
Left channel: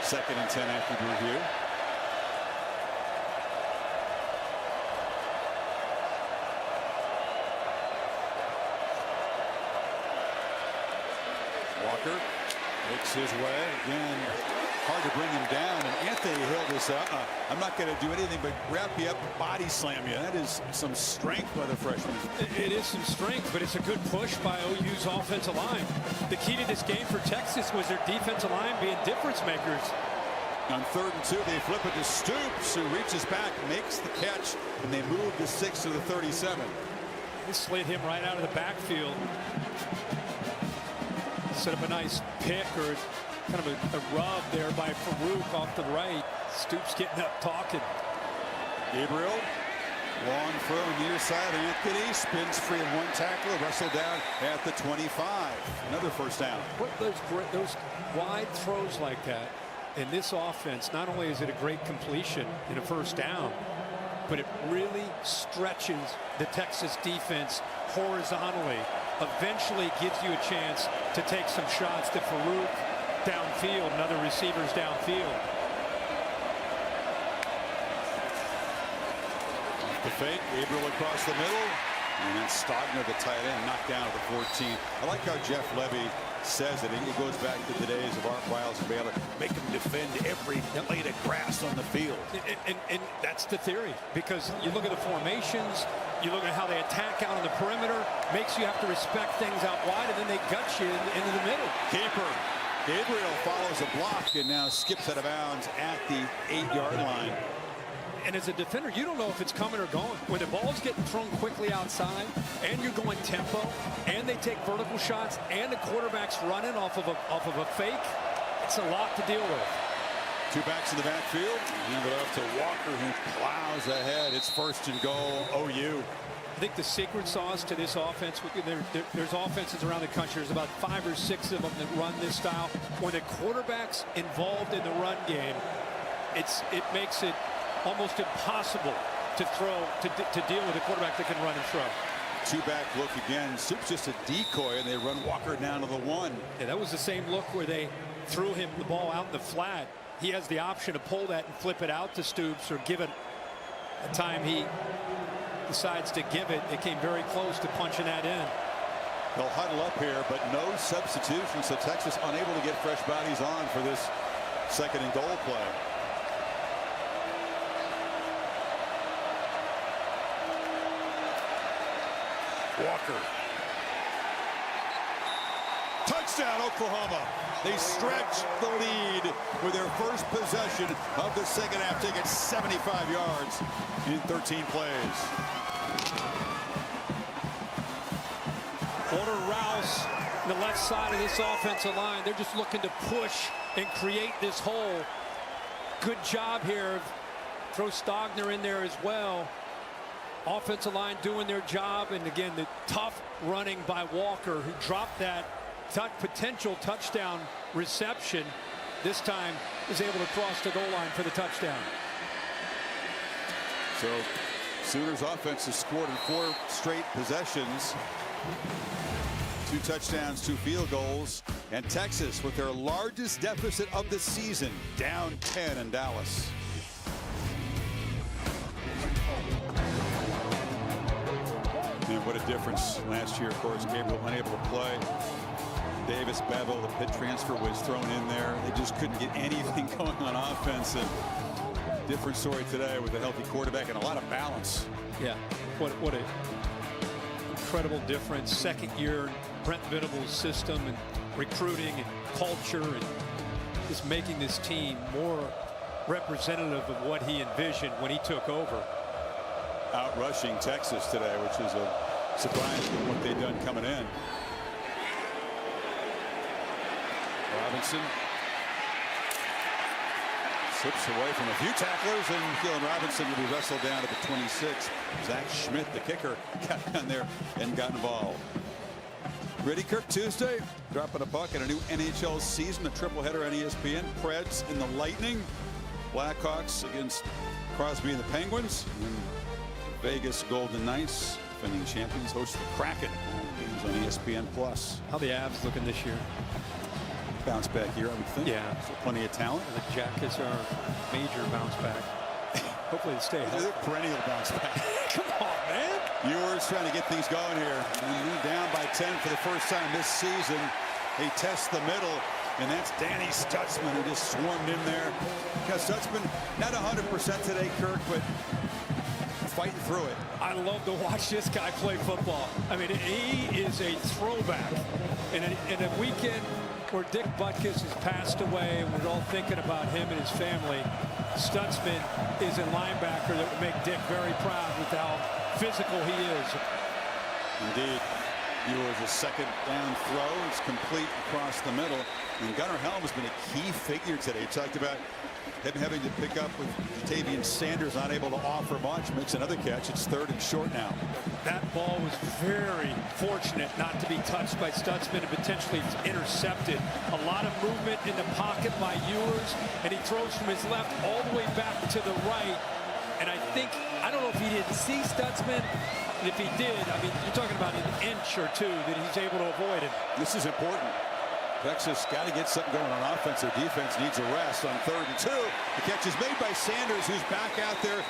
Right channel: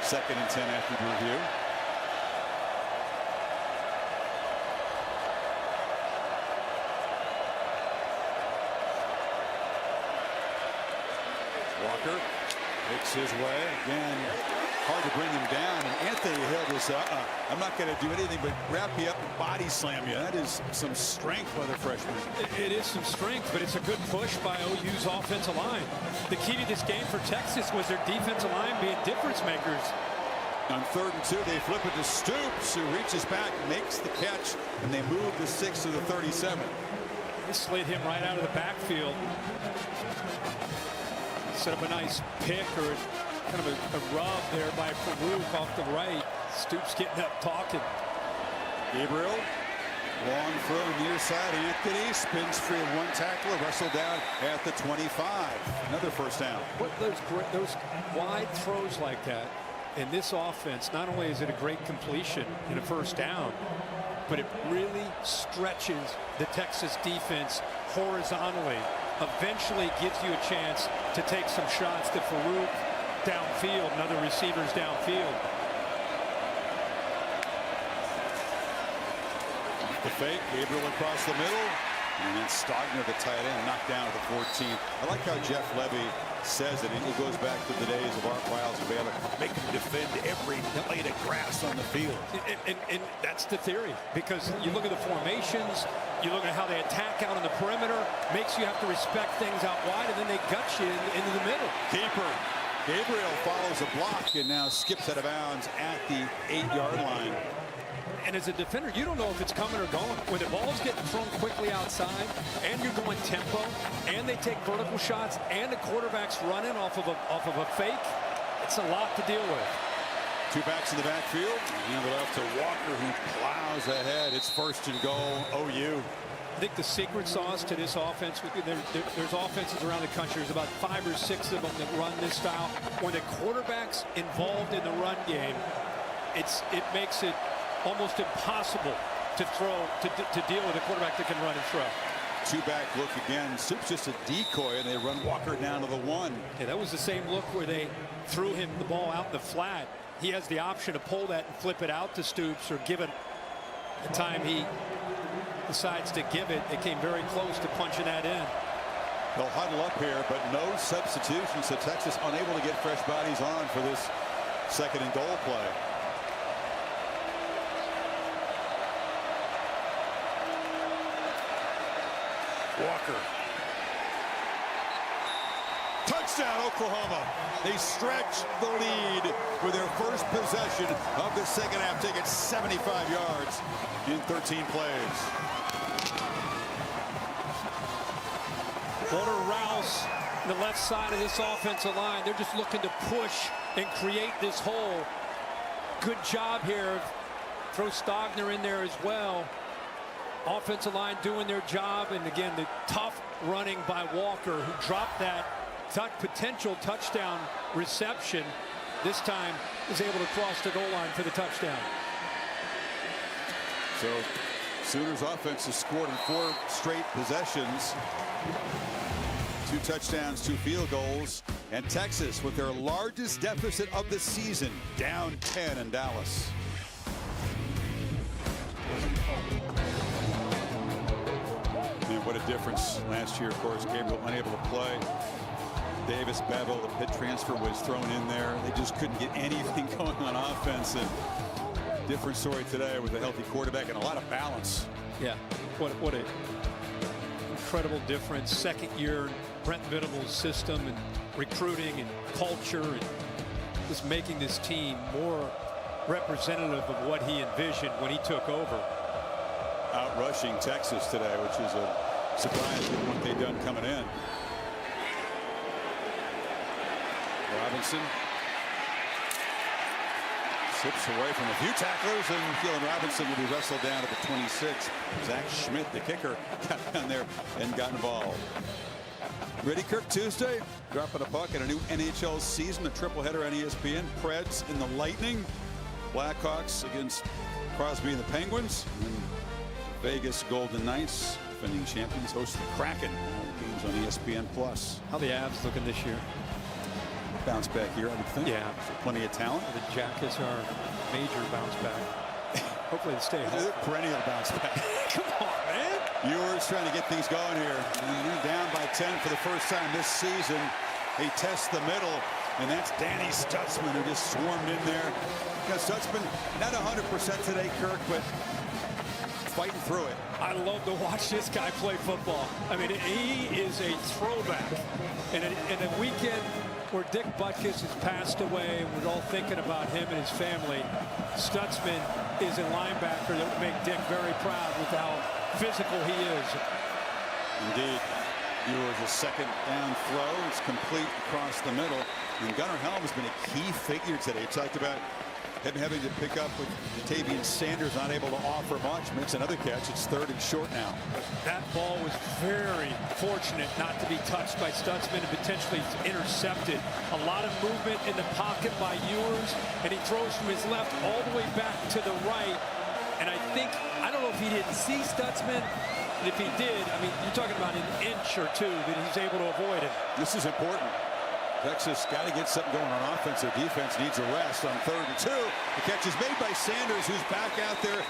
2nd and 10 after the review. Walker makes his way again. Hard to bring him down, and Anthony Hill just I'm not going to do anything but wrap you up and body slam you. That is some strength by the freshman. It is some strength, but it's a good push by OU's offensive line. The key to this game for Texas was their defensive line being difference makers. On 3rd and 2, they flip it to Stoops, who reaches back, makes the catch, and they move to 6 to the 37. They slid him right out of the backfield. Set up a nice pick or kind of a rub there by Farouk off the right. Stoops getting up talking. Gabriel, long throw near side. Anthony spins free of one tackler, wrestled down at the 25. Another first down. What those wide throws like that in this offense, not only is it a great completion in a first down, but it really stretches the Texas defense horizontally. Eventually gives you a chance to take some shots to Farouk downfield and other receivers downfield. Off the fake, Gabriel across the middle, and then Stogner, the tight end, knocked down at the 14. I like how Jeff Levy says it. It goes back to the days of Art Wiles and Baylor. Make them defend every blade of grass on the field. And that's the theory, because you look at the formations, you look at how they attack out on the perimeter, makes you have to respect things out wide, and then they gut you into the middle. Keeper. Gabriel follows a block and now skips out of bounds at the 8-yard line. And as a defender, you don't know if it's coming or going. When the ball's getting thrown quickly outside and you're going tempo and they take vertical shots and the quarterback's running off of a fake, it's a lot to deal with. 2 backs in the backfield. Hand it off to Walker, who plows ahead. It's 1st and goal, OU. I think the secret sauce to this offense, there's offenses around the country, there's about 5 or 6 of them that run this style. When the quarterback's involved in the run game, it makes it almost impossible to throw, to deal with a quarterback that can run and throw. 2-back look again. Soup's just a decoy, and they run Walker down to the 1. Yeah, that was the same look where they threw him the ball out in the flat. He has the option to pull that and flip it out to Stoops, or give it a time he decides to give it. It came very close to punching that in. They'll huddle up here, but no substitution, so Texas unable to get fresh bodies on for this 2nd and goal play. Walker. Touchdown, Oklahoma. They stretch the lead with their first possession of the 2nd half. Take it 75 yards in 13 plays. Porter Rouse, the left side of this offensive line. They're just looking to push and create this hole. Good job here. Throw Stogner in there as well. Offensive line doing their job, and again the tough running by Walker, who dropped that potential touchdown reception. This time is able to cross the goal line for the touchdown. So Sooners offense has scored in 4 straight possessions. 2 touchdowns, 2 field goals, and Texas with their largest deficit of the season, down 10 in Dallas. And what a difference last year. Of course, Gabriel unable to play. Davis, Bevel, the Pitt transfer, was thrown in there. They just couldn't get anything going on offense. And different story today with a healthy quarterback and a lot of balance. Yeah, what a incredible difference. 2nd year Brent Venables' system and recruiting and culture, and just making this team more representative of what he envisioned when he took over. Out rushing Texas today, which is a surprise given what they've done coming in. Robinson slips away from a few tacklers, and Keelan Robinson will be wrestled down at the 26. Zach Schmidt, the kicker, got down there and got involved. Ready, Kirk, Tuesday, dropping a buck in a new NHL season, a triple-header on ESPN. Preds and the Lightning, Blackhawks against Crosby and the Penguins, and Vegas Golden Knights, defending champions, host the Kraken. Games on ESPN+. How the Avs looking this year? Bounce back here, I would think. Yeah. So plenty of talent. The Jackets are major bounce back. Hopefully they stay healthy. They're perennial bounce back. Come on, man. Ewers trying to get things going here. And they're down by 10 for the first time this season. They test the middle, and that's Danny Stutzman, who just swarmed in there. You know, Stutzman, not 100% today, Kirk, but fighting through it. I love to watch this guy play football. I mean, he is a throwback. In a weekend where Dick Butkus has passed away, and we're all thinking about him and his family, Stutzman is a linebacker that would make Dick very proud with how physical he is. Indeed. Ewers a 2nd down throw. It's complete across the middle. And Gunnar Helm has been a key figure today. Talked about him having to pick up with Jatavian Sanders, not able to offer much. Makes another catch. It's 3rd and short now. That ball was very fortunate not to be touched by Stutzman and potentially intercepted. A lot of movement in the pocket by Ewers, and he throws from his left all the way back to the right. And I don't know if he didn't see Stutzman. And if he did, I mean, you're talking about an inch or 2 that he's able to avoid him. This is important. Texas got to get something going on offense. Their defense needs a rest on 3rd and 2. The catch is made by Sanders, who's back out there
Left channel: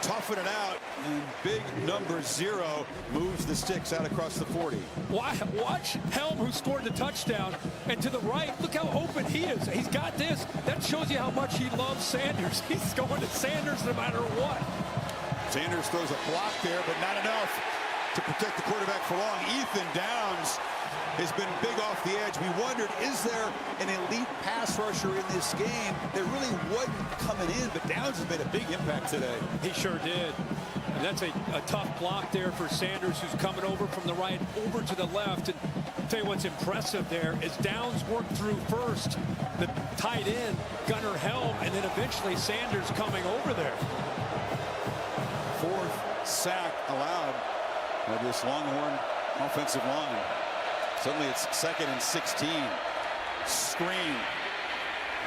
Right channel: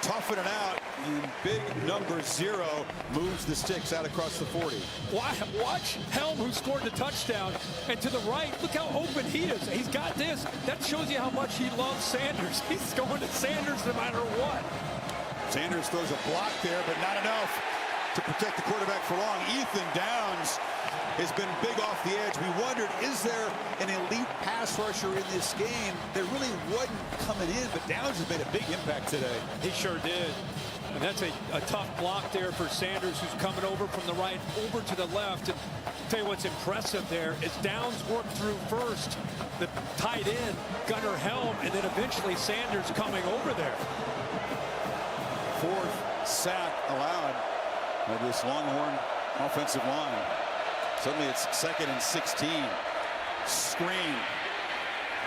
toughing it out, and big number 0 moves the sticks out across the 40. Watch Helm, who scored the touchdown, and to the right, look how open he is. He's got this. That shows you how much he loves Sanders. He's going to Sanders no matter what. Sanders throws a block there, but not enough to protect the quarterback for long. Ethan Downs has been big off the edge. We wondered, is there an elite pass rusher in this game? There really wasn't coming in, but Downs has made a big impact today. He sure did. And that's a tough block there for Sanders, who's coming over from the right over to the left. And I'll tell you what's impressive there is Downs worked through first the tight end, Gunnar Helm, and then eventually Sanders coming over there. 4th sack allowed This Longhorn offensive line. Suddenly it's 2nd and 16. Screen.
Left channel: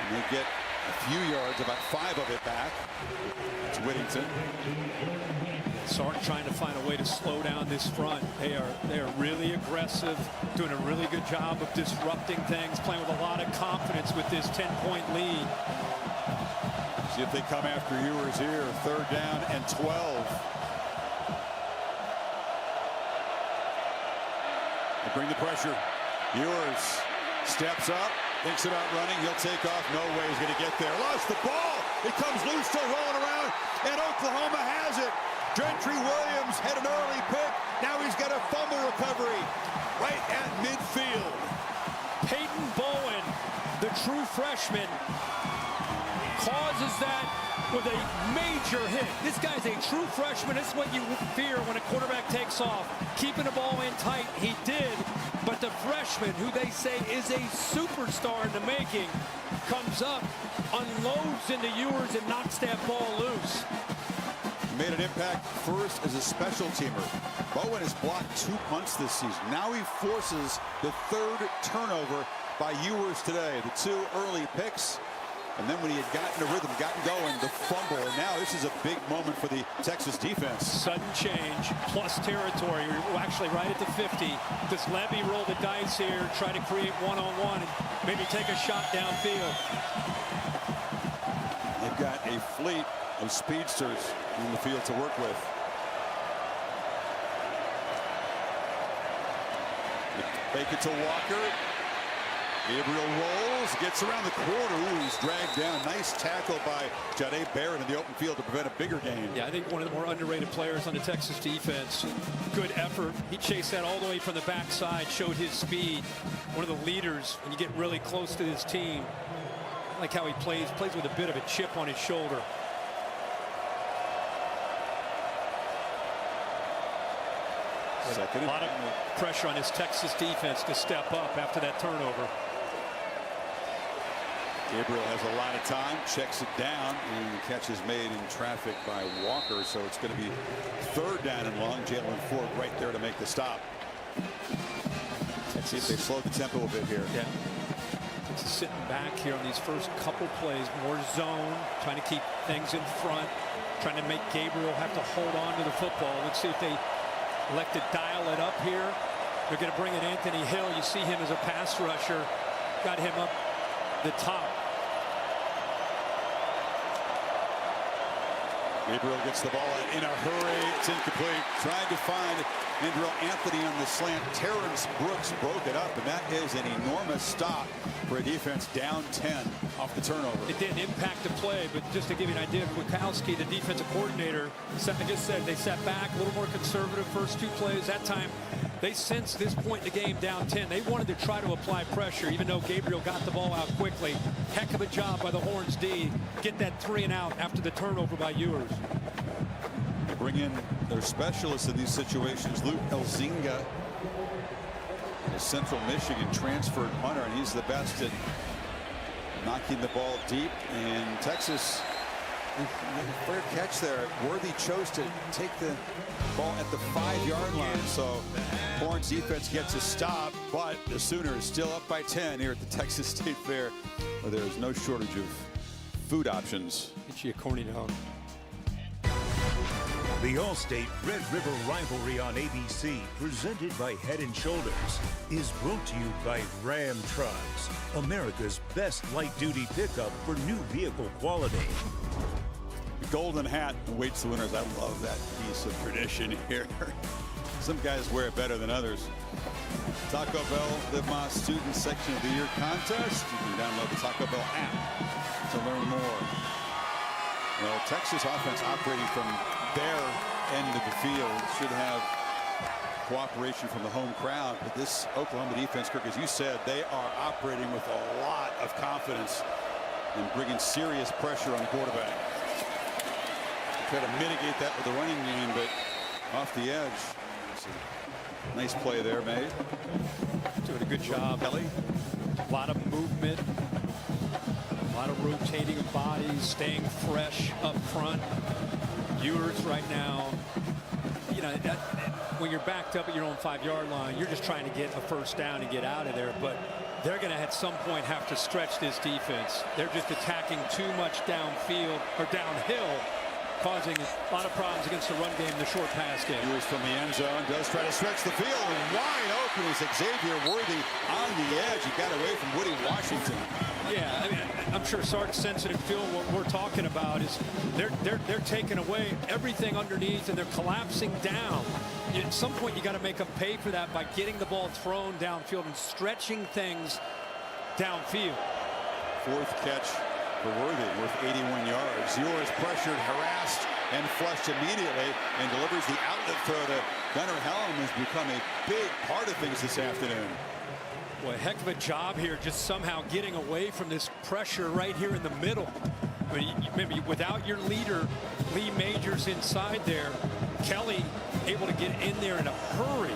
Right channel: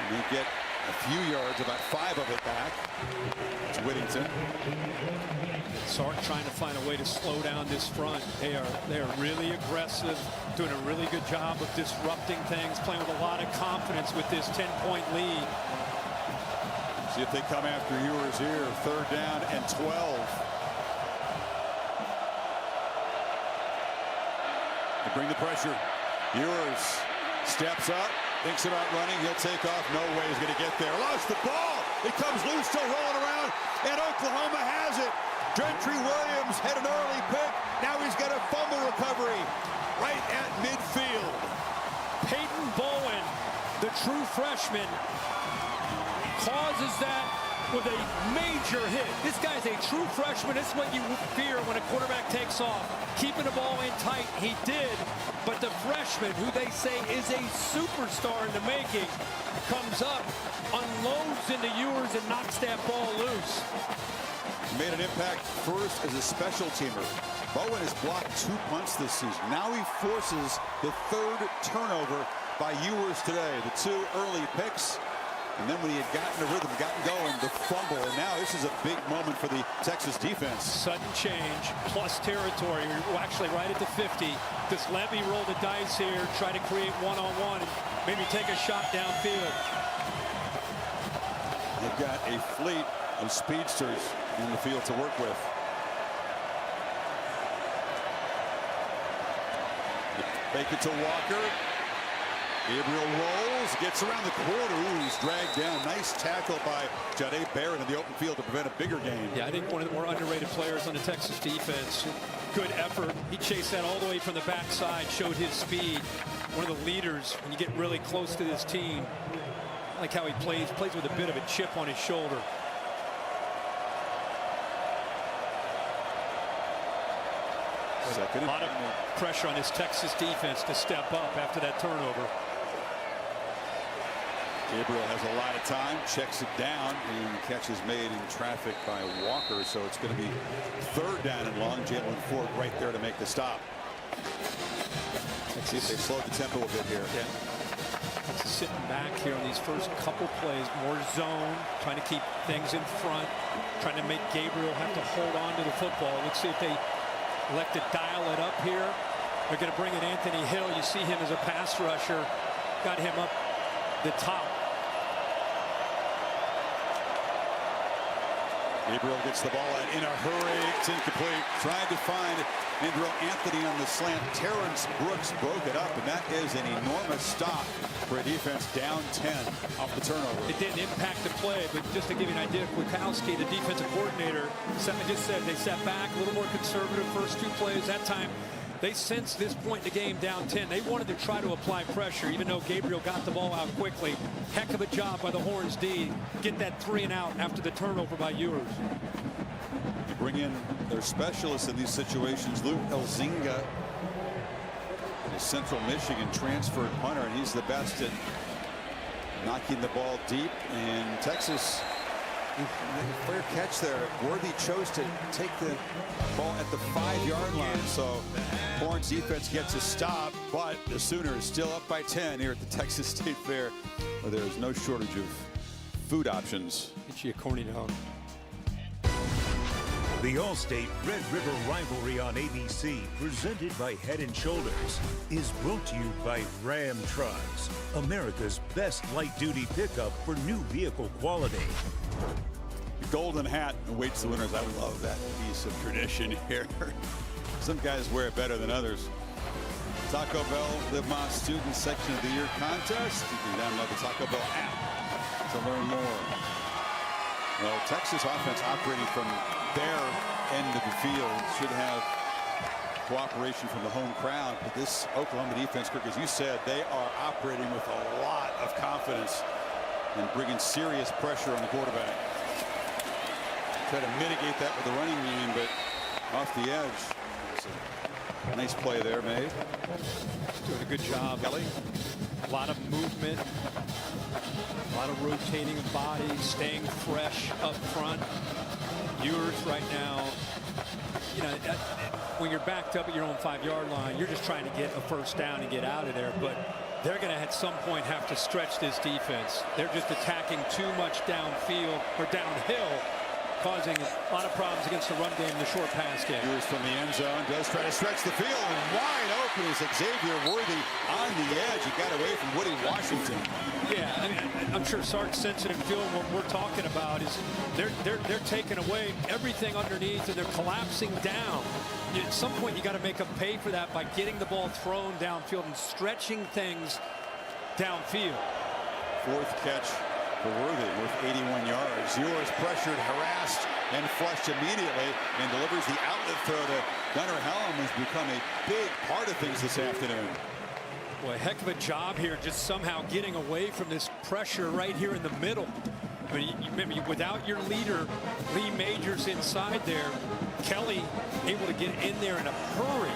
And they get a few yards, about 5 of it back. It's Whittington. Sark trying to find a way to slow down this front. They are really aggressive, doing a really good job of disrupting things, playing with a lot of confidence with this 10-point lead. See if they come after Ewers here. 3rd down and 12. They bring the pressure. Ewers steps up, thinks about running. He'll take off. No way he's going to get there. Lost the ball. It comes loose, still rolling around, and Oklahoma has it. Gentry Williams had an early pick. Now he's got a fumble recovery right at midfield. Peyton Bowen, the true freshman, causes that with a major hit. This guy's a true freshman. This is what you fear when a quarterback takes off. Keeping the ball in tight, he did. But the freshman, who they say is a superstar in the making, comes up, unloads into Ewers, and knocks that ball loose. Made an impact first as a special teamer. Bowen has blocked 2 punts this season. Now he forces the 3rd turnover by Ewers today. The 2 early picks. And then when he had gotten a rhythm, gotten going, the fumble. And now this is a big moment for the Texas defense. Sudden change, plus territory. We're actually right at the 50. Does Levy roll the dice here, try to create one-on-one, and maybe take a shot downfield? They've got a fleet of speedsters on the field to work with. They fake it to Walker. Gabriel rolls, gets around the corner. Ooh, he's dragged down. Nice tackle by Jahdae Barrett in the open field to prevent a bigger gain. Yeah, I think one of the more underrated players on the Texas defense. Good effort. He chased that all the way from the backside, showed his speed. One of the leaders when you get really close to this team. I like how he plays with a bit of a chip on his shoulder. Second. A lot of pressure on this Texas defense to step up after that turnover. Gabriel has a lot of time, checks it down, and catch is made in traffic by Walker. So it's going to be 3rd down and long. Jalen Ford right there to make the stop. See if they slowed the tempo a bit here. Yeah. Texas sitting back here on these first couple plays, more zone, trying to keep things in front, trying to make Gabriel have to hold on to the football. Let's see if they elect to dial it up here. They're going to bring in Anthony Hill. You see him as a pass rusher. Got him up the top. Gabriel gets the ball in a hurry. It's incomplete. Tried to find Andrew Anthony on the slant. Terrence Brooks broke it up, and that is an enormous stop for a defense down 10 off the turnover. It didn't impact the play, but just to give you an idea, Kwiatkowski, the defensive coordinator, I just said they sat back, a little more conservative first 2 plays. That time, they sensed this point in the game down 10. They wanted to try to apply pressure, even though Gabriel got the ball out quickly. Heck of a job by the Horns D. Get that 3 and out after the turnover by Ewers. They bring in their specialists in these situations, Luke Elzinga, a Central Michigan transferred punter, and he's the best at knocking the ball deep. And Texas, fair catch there. Worthy chose to take the ball at the 5-yard line. So Horns defense gets a stop, but the Sooners still up by 10 here at the Texas State Fair, where there's no shortage of food options. Get you a corny dog. The All-State Red River Rivalry on ABC, presented by Head & Shoulders, is brought to you by Ram Trucks, America's best light-duty pickup for new vehicle quality. The golden hat awaits the winners. I love that piece of tradition here. Some guys wear it better than others. Taco Bell Live Más Student Section of the Year contest. You can download the Taco Bell app to learn more. Well, Texas offense operating from their end of the field should have cooperation from the home crowd, but this Oklahoma defense, Kirk, as you said, they are operating with a lot of confidence and bringing serious pressure on the quarterback. Try to mitigate that with the running game, but off the edge. It's a nice play there made. Doing a good job. Kelly. A lot of movement. A lot of rotating of bodies, staying fresh up front. Ewers right now, you know, when you're backed up at your own 5-yard line, you're just trying to get a first down and get out of there. But they're going to at some point have to stretch this defense. They're just attacking too much downfield or downhill, causing a lot of problems against the run game and the short pass game. Ewers from the end zone does try to stretch the field, and wide open is Xavier Worthy on the edge. He got away from Woody Washington. Yeah, I mean, I'm sure Sark's sensing and feeling what we're talking about is they're taking away everything underneath and they're collapsing down. At some point, you got to make them pay for that by getting the ball thrown downfield and stretching things downfield. Fourth catch for Worthy, worth 81 yards. Ewers pressured, harassed, and flushed immediately, and delivers the outlet throw to Gunnar Helm, who's become a big part of things this afternoon. Well, a heck of a job here, just somehow getting away from this pressure right here in the middle. I mean, maybe without your leader, Lee Majors inside there, Kelly able to get in there in a hurry.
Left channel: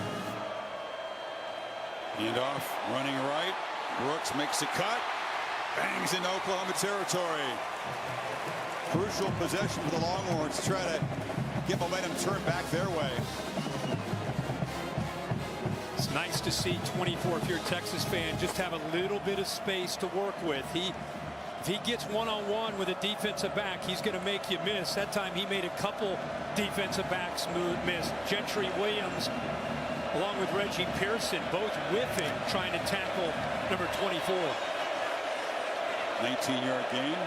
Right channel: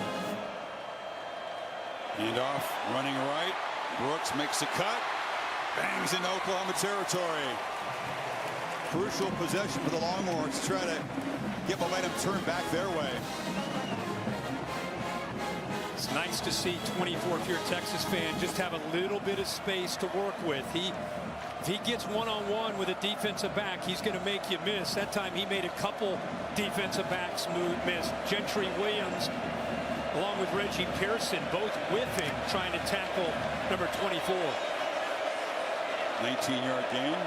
Handoff, running right. Brooks makes a cut, bangs into Oklahoma territory. Crucial possession for the Longhorns to try to get momentum turned back their way. It's nice to see 24, if you're a Texas fan, just have a little bit of space to work with. If he gets one-on-one with a defensive back, he's going to make you miss. That time he made a couple defensive backs miss. Gentry Williams along with Reggie Pearson, both with him trying to tackle number 24. 19-yard gain.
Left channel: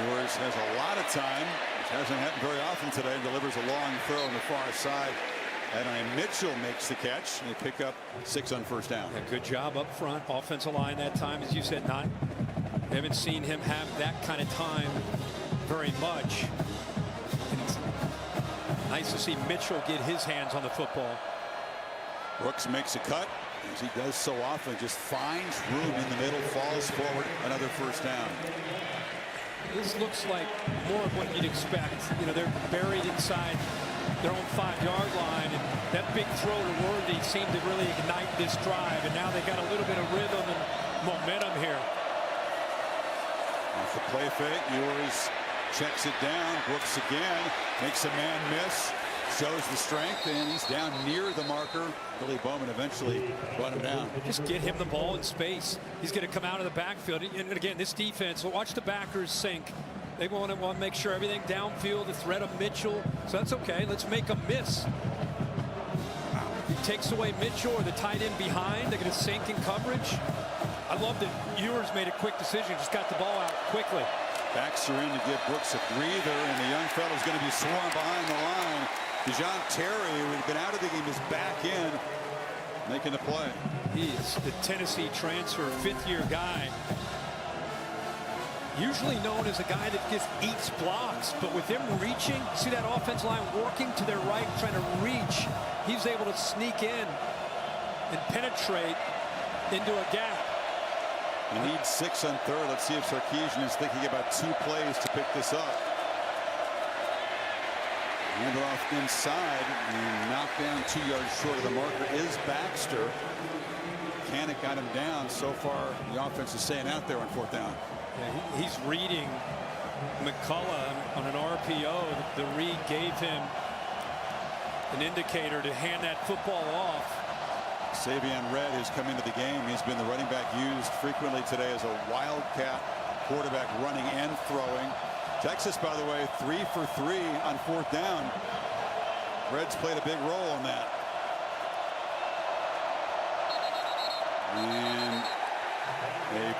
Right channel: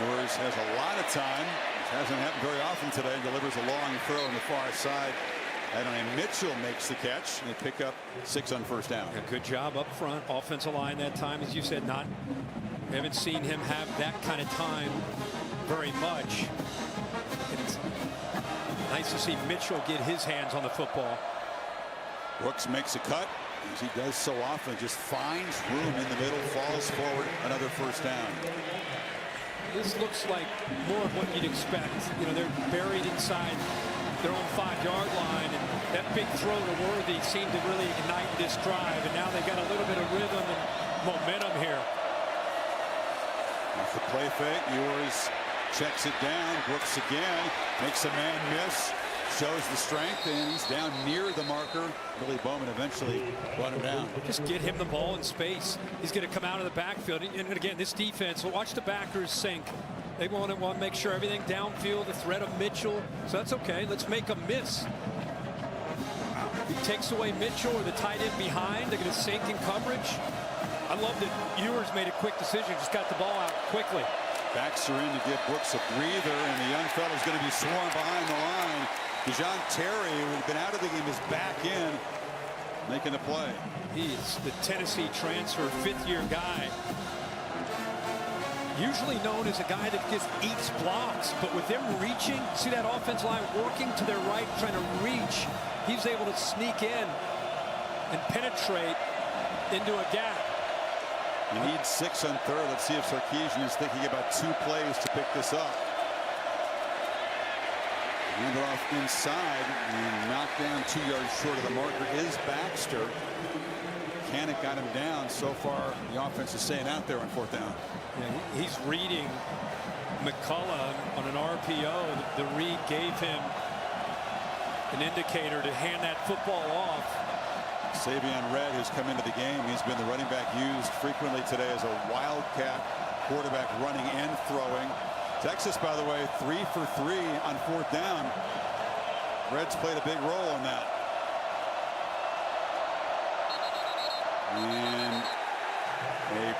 Ewers has a lot of time, which hasn't happened very often today, and delivers a long throw on the far side. Adonai Mitchell makes the catch, and they pick up 6 on first down. Yeah, good job up front. Offensive line that time, as you said, we haven't seen him have that kind of time very much. And it's nice to see Mitchell get his hands on the football. Brooks makes a cut, as he does so often, just finds room in the middle, falls forward, another first down. This looks like more of what you'd expect. You know, they're buried inside their own 5-yard line, and that big throw to Worthy seemed to really ignite this drive, and now they got a little bit of rhythm and momentum here. Off the play fake, Ewers checks it down. Brooks again makes a man miss, shows the strength, and he's down near the marker. Billy Bowman eventually brought him down. Just get him the ball in space. He's going to come out of the backfield, and again, this defense, watch the backers sink. They want to make sure everything downfield, the threat of Mitchell. So that's okay. Let's make them miss. Wow. If he takes away Mitchell or the tight end behind, they're going to sink in coverage. I love that Ewers made a quick decision, just got the ball out quickly. Backs are in to give Brooks a breather, and the young fellow's going to be swarmed behind the line. DeJohn Terry, who had been out of the game, is back in, making the play. He's the Tennessee transfer, 5th-year guy. Usually known as a guy that just eats blocks, but with him reaching, see that offensive line working to their right, trying to reach, he's able to sneak in and penetrate into a gap. You need 6 on third. Let's see if Sarkisian is thinking about 2 plays to pick this up. Hand it off inside, and knocked down 2 yards short of the marker is Baxter. Canick got him down. So far, the offense is staying out there on 4th down. Yeah, he's reading McCullough on an RPO. The read gave him an indicator to hand that football off. Savion Red has come into the game. He's been the running back used frequently today as a wildcat quarterback, running and throwing. Texas, by the way, 3 for 3 on 4th down. Red's played a big role in that. And a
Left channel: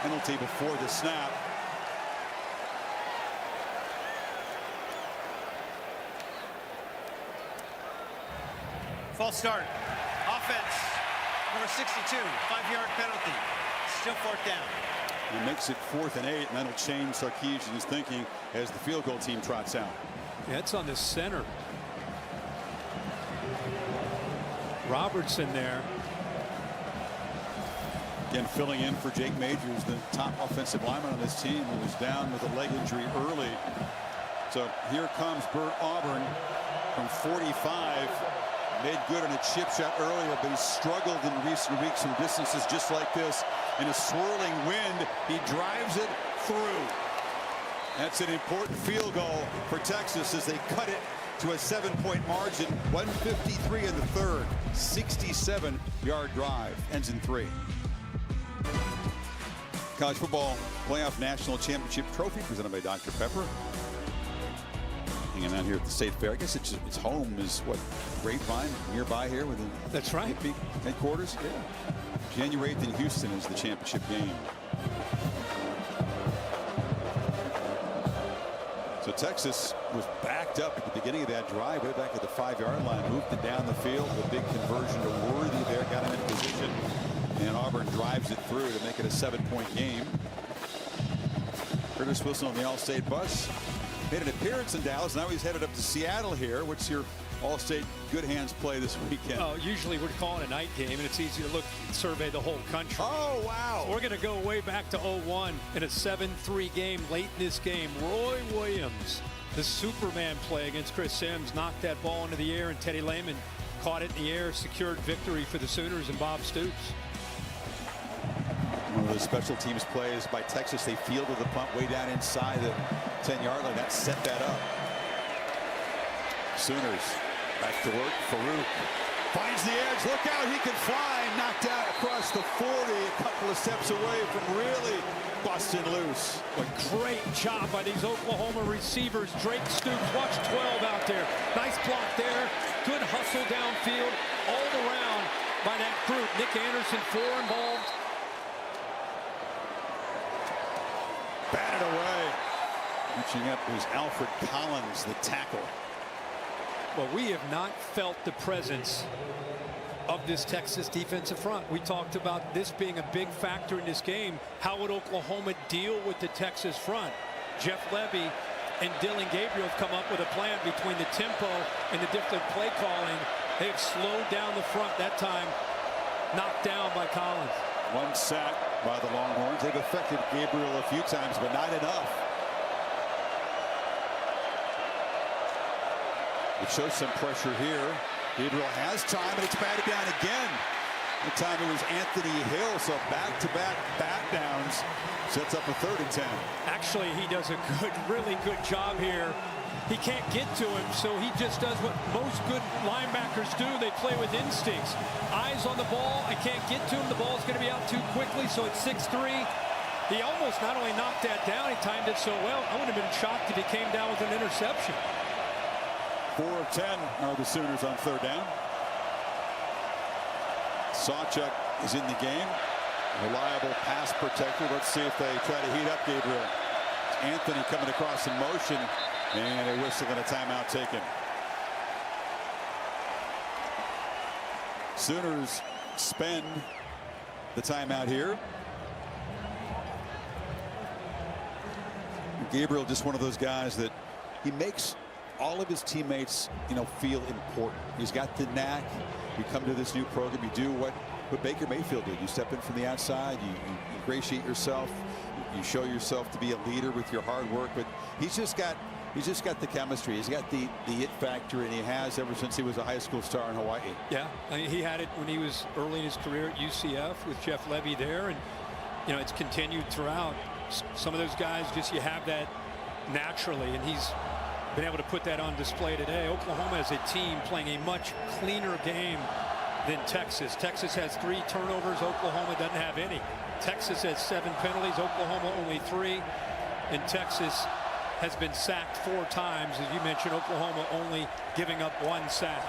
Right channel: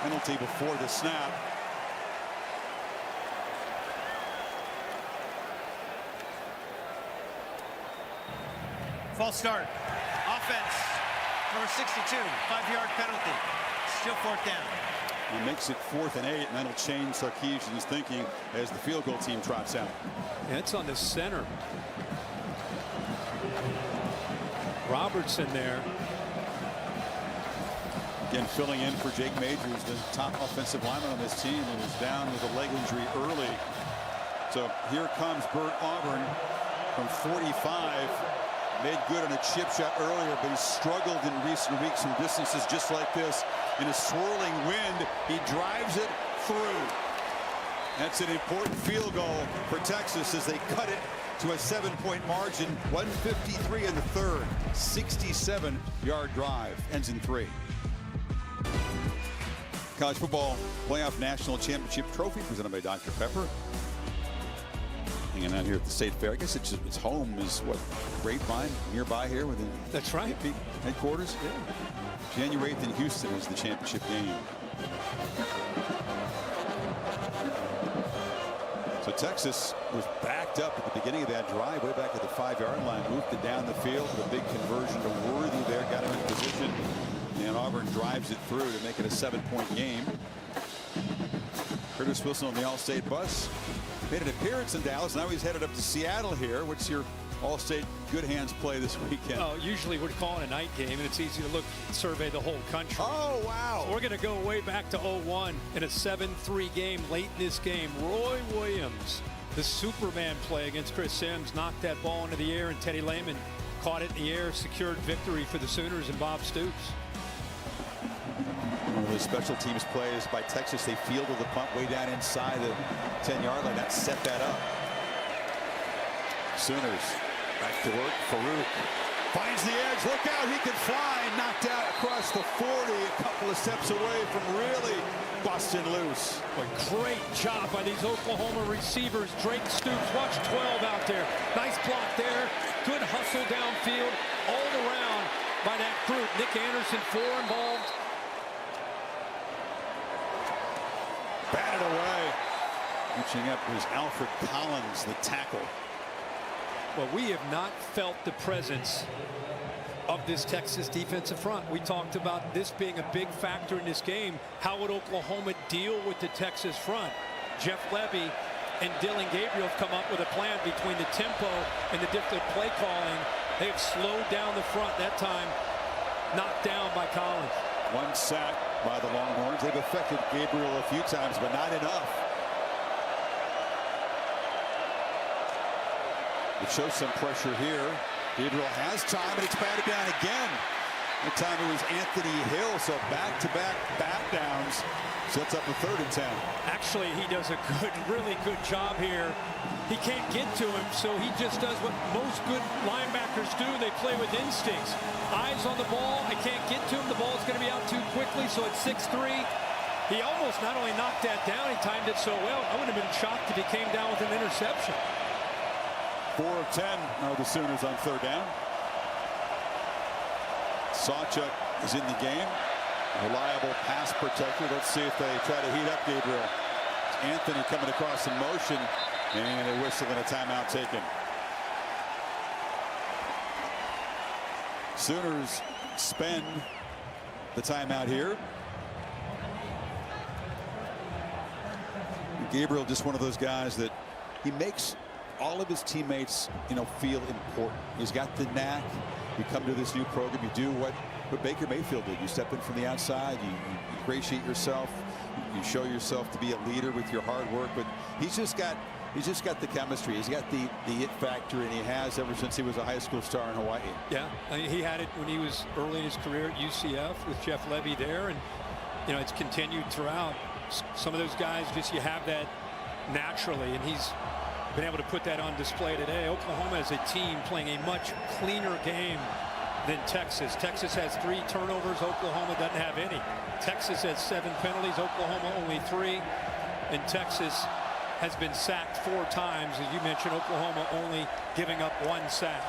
penalty before the snap. False start. Offense. Number 62. 5-yard penalty. Still 4th down. It makes it 4th and 8, and that'll change Sarkisian's thinking as the field goal team trots out. Yeah, it's on the center. Robertson there. Again, filling in for Jake Majors, the top offensive lineman on this team, who was down with a leg injury early. So here comes Bert Auburn from 45. Made good on a chip shot earlier, but he's struggled in recent weeks from distances just like this. In a swirling wind, he drives it through. That's an important field goal for Texas as they cut it to a 7-point margin. 153 in the third. 67-yard drive. Ends in 3. College football playoff national championship trophy presented by Dr. Pepper. Hanging out here at the State Fair. I guess its home is what, Grapevine, nearby here within. That's right. Headquarters. Yeah. January 8th in Houston is the championship game. So Texas was backed up at the beginning of that drive, way back at the 5-yard line, moved it down the field. The big conversion to Worthy there got him in position, and Auburn drives it through to make it a 7-point game. Curtis Wilson on the All-State bus made an appearance in Dallas. Now he's headed up to Seattle here. What's your All-State good hands play this weekend? Oh, usually we're calling a night game, and it's easy to look and survey the whole country. Oh, wow. So we're going to go way back to 01 in a 7-3 game. Late in this game, Roy Williams, the Superman play against Chris Sims, knocked that ball into the air, and Teddy Lehman caught it in the air, secured victory for the Sooners and Bob Stoops. One of those special teams plays by Texas. They fielded the punt way down inside the 10-yard line. That set that up. Sooners back to work. Farouk finds the edge. Look out, he can fly. Knocked out across the 40, a couple of steps away from really busting loose. But great job by these Oklahoma receivers. Drake Stoops, watch 12 out there. Nice block there. Good hustle downfield all around by that group. Nick Anderson, 4 involved. Batted away. Reaching up was Alfred Collins, the tackle. Well, we have not felt the presence of this Texas defensive front. We talked about this being a big factor in this game. How would Oklahoma deal with the Texas front? Jeff Levy and Dylan Gabriel have come up with a plan between the tempo and the different play calling. They have slowed down the front that time, knocked down by Collins. 1 sack by the Longhorns. They've affected Gabriel a few times, but not enough. It shows some pressure here. Gabriel has time, and it's batted down again. That time it was Anthony Hill, so back-to-back bat downs. Sets up a 3rd and 10. Actually, he does a really good job here. He can't get to him, so he just does what most good linebackers do. They play with instincts. Eyes on the ball. I can't get to him. The ball's going to be out too quickly, so it's 6-3. He almost not only knocked that down, he timed it so well. I wouldn't have been shocked if he came down with an interception. 4 of 10 are the Sooners on 3rd down. Sawchuk is in the game. Reliable pass protector. Let's see if they try to heat up Gabriel. It's Anthony coming across in motion, and a whistle and a timeout taken. Sooners spend the timeout here. Gabriel, just one of those guys that he makes all of his teammates, feel important. He's got the knack. You come to this new program, you do what Baker Mayfield did. You step in from the outside, you ingratiate yourself, you show yourself to be a leader with your hard work. But he's just got the chemistry. He's got the it factor, and he has ever since he was a high school star in Hawaii. Yeah, he had it when he was early in his career at UCF with Jeff Levy there, and it's continued throughout. Some of those guys, you have that naturally, and he's been able to put that on display today. Oklahoma as a team playing a much cleaner game than Texas. Texas has 3 turnovers. Oklahoma doesn't have any. Texas has 7 penalties. Oklahoma only 3. And Texas has been sacked 4 times. As you mentioned, Oklahoma only giving up 1 sack.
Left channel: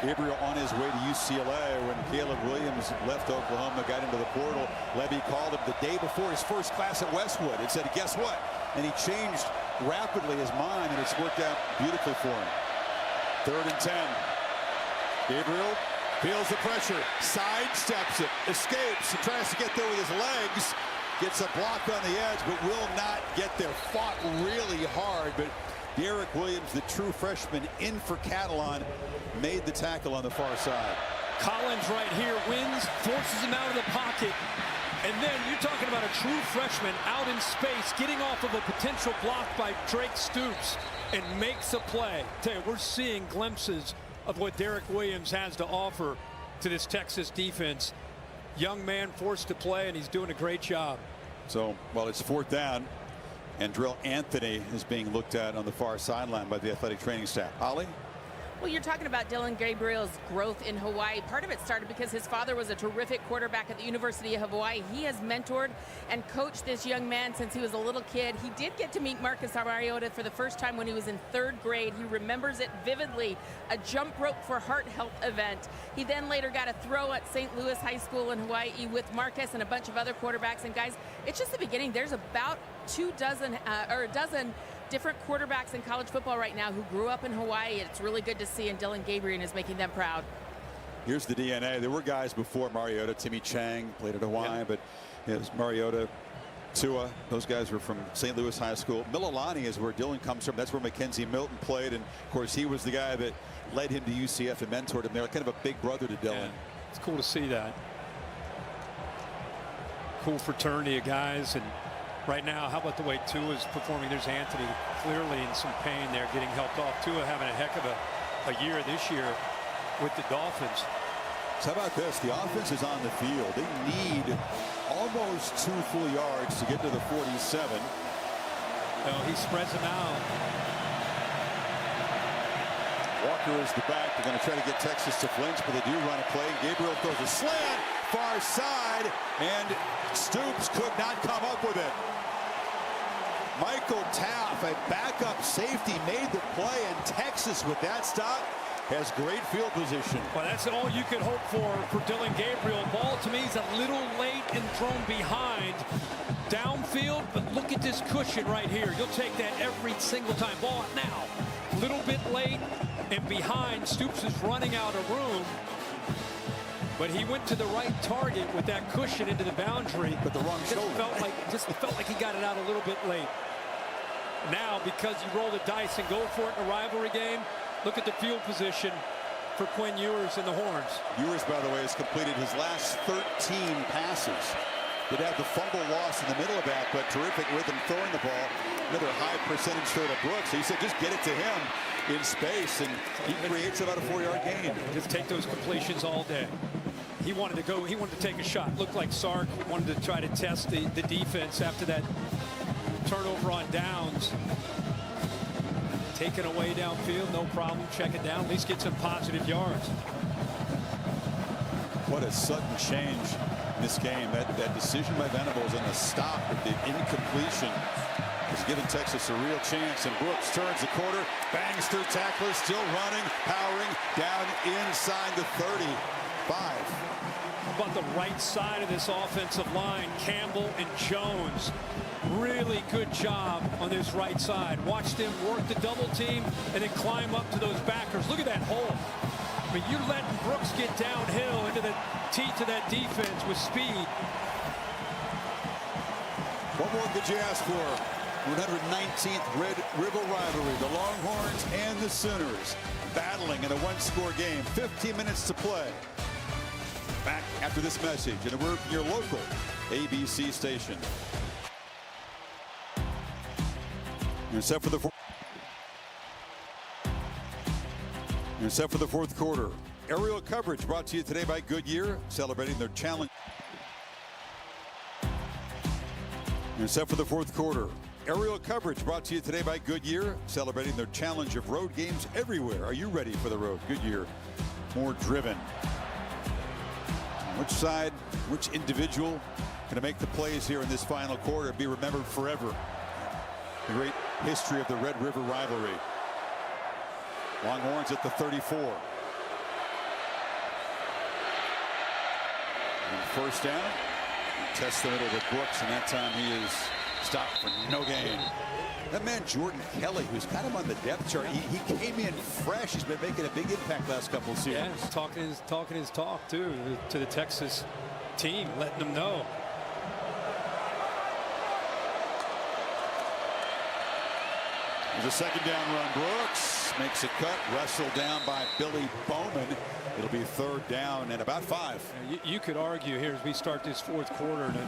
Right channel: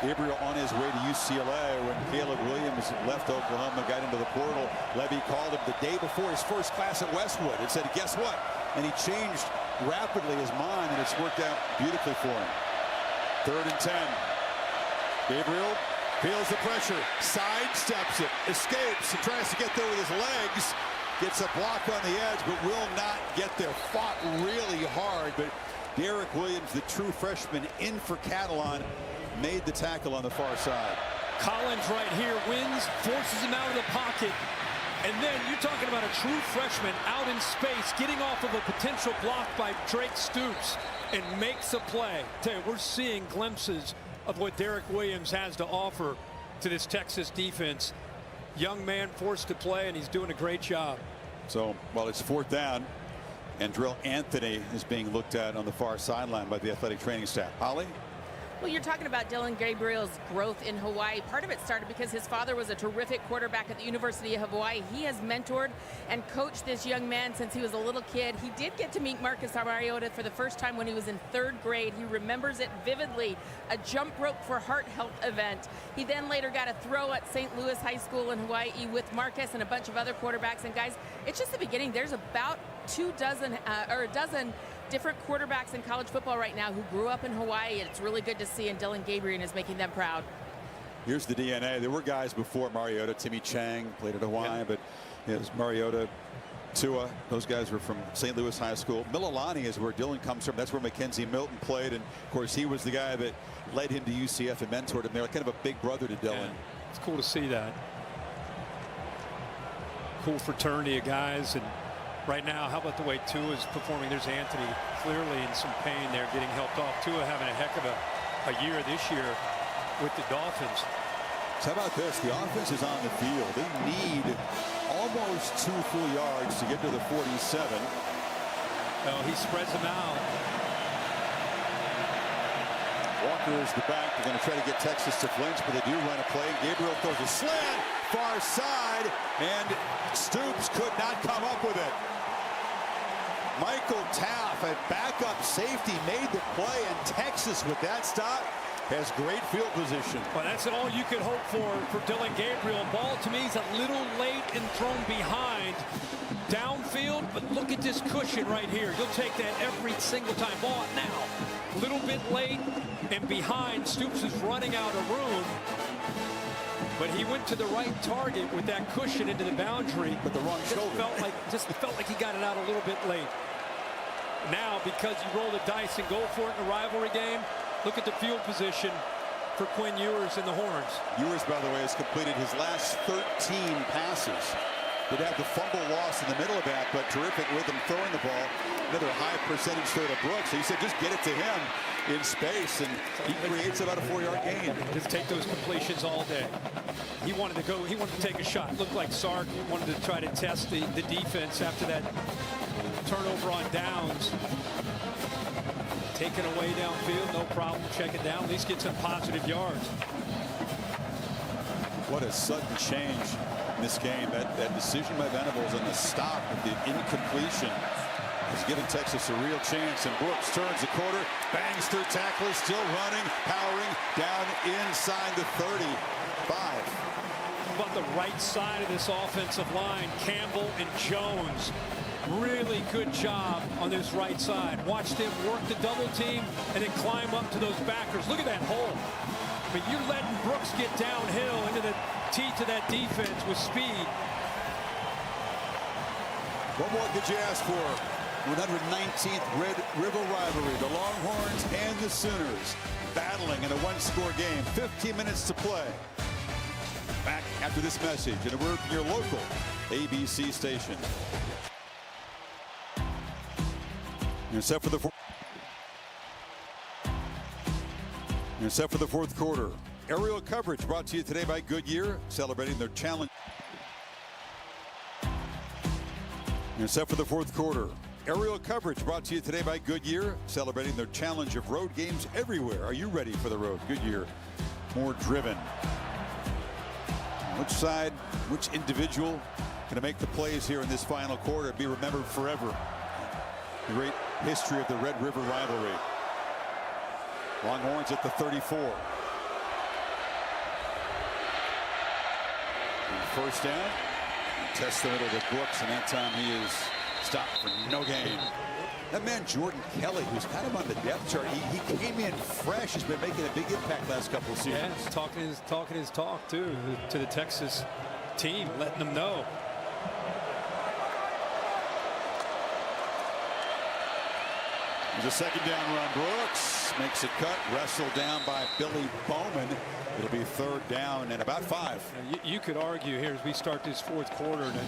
Gabriel on his way to UCLA when Caleb Williams left Oklahoma, got into the portal. Levy called him the day before his first class at Westwood and said, guess what? And he changed rapidly his mind, and it's worked out beautifully for him. 3rd and 10. Gabriel feels the pressure, sidesteps it, escapes, and tries to get there with his legs. Gets a block on the edge, but will not get there. Fought really hard, but Derek Williams, the true freshman in for Catalan, made the tackle on the far side. Collins right here wins, forces him out of the pocket. And then you're talking about a true freshman out in space, getting off of a potential block by Drake Stoops, and makes a play. Tell you, we're seeing glimpses of what Derek Williams has to offer to this Texas defense. Young man forced to play, and he's doing a great job. So, well, it's 4th down. And Drill Anthony is being looked at on the far sideline by the athletic training staff. Holly? Well, you're talking about Dylan Gabriel's growth in Hawaii. Part of it started because his father was a terrific quarterback at the University of Hawaii. He has mentored and coached this young man since he was a little kid. He did get to meet Marcus Mariota for the first time when he was in 3rd grade. He remembers it vividly, a jump rope for heart health event. He then later got a throw at St. Louis High School in Hawaii with Marcus and a bunch of other quarterbacks. And guys, it's just the beginning. There's about a dozen different quarterbacks in college football right now who grew up in Hawaii. It's really good to see, and Dylan Gabriel is making them proud. Here's the DNA. There were guys before Mariota. Timmy Chang played at Hawaii, but it was Mariota, Tua. Those guys were from St. Louis High School. Mililani is where Dylan comes from. That's where Mackenzie Milton played, and of course he was the guy that led him to UCF and mentored him there, kind of a big brother to Dylan. Yeah, it's cool to see that. Cool fraternity of guys. And right now, how about the way Tua is performing? There's Anthony clearly in some pain there, getting helped off. Tua having a heck of a year this year with the Dolphins. So how about this? The offense is on the field. They need almost 2 full yards to get to the 47. Well, he spreads them out. Walker is the back. They're going to try to get Texas to flinch, but they do run a play. Gabriel throws a slant, far side, and Stoops could not come up with it. Michael Taff, a backup safety, made the play, and Texas with that stop has great field position. Well, that's all you could hope for Dylan Gabriel. Ball to me is a little late and thrown behind downfield, but look at this cushion right here. You'll take that every single time. Ball now, a little bit late and behind. Stoops is running out of room, but he went to the right target with that cushion into the boundary. But the wrong shoulder. Just felt like he got it out a little bit late. Now, because you roll the dice and go for it in a rivalry game, look at the field position for Quinn Ewers and the Horns. Ewers, by the way, has completed his last 13 passes. Did have the fumble loss in the middle of that, but terrific rhythm throwing the ball. Another high percentage throw to Brooks. So he said, just get it to him in space, and he creates about a 4-yard gain. Just take those completions all day. He wanted to go. He wanted to take a shot. Looked like Sark wanted to try to test the defense after that turnover on downs. Taken away downfield, no problem. Check it down. At least get some positive yards. What a sudden change in this game. That decision by Venables and the stop of the incompletion has given Texas a real chance. And Brooks turns the corner, bangs through tacklers, still running, powering down inside the 35. How about the right side of this offensive line? Campbell and Jones. Really good job on this right side. Watch them work the double team and then climb up to those backers. Look at that hole. I mean, you're letting Brooks get downhill into the teeth of that defense with speed. What more could you ask for? 119th Red River rivalry. The Longhorns and the Sooners battling in a 1-score game. 15 minutes to play. Back after this message, and a word from your local ABC station. You're set for the fourth quarter. Aerial coverage brought to you today by Goodyear, celebrating their challenge. You're set for the fourth quarter. Aerial coverage brought to you today by Goodyear, celebrating their challenge of road games everywhere. Are you ready for the road? Goodyear, more driven. Which side, which individual going to make the plays here in this final quarter, be remembered forever? The great history of the Red River rivalry. Longhorns at the 34. And first down. Test the middle with Brooks, and that time he is stopped for no gain. That man Jordan Kelly, who's kind of on the depth chart, he came in fresh. He's been making a big impact last couple of seasons. Yeah, talking his talk too to the Texas team, letting them know. There's a second down run. Brooks makes a cut, wrestled down by Billy Bowman. It'll be third down and about 5. You could argue here as we start this fourth quarter in a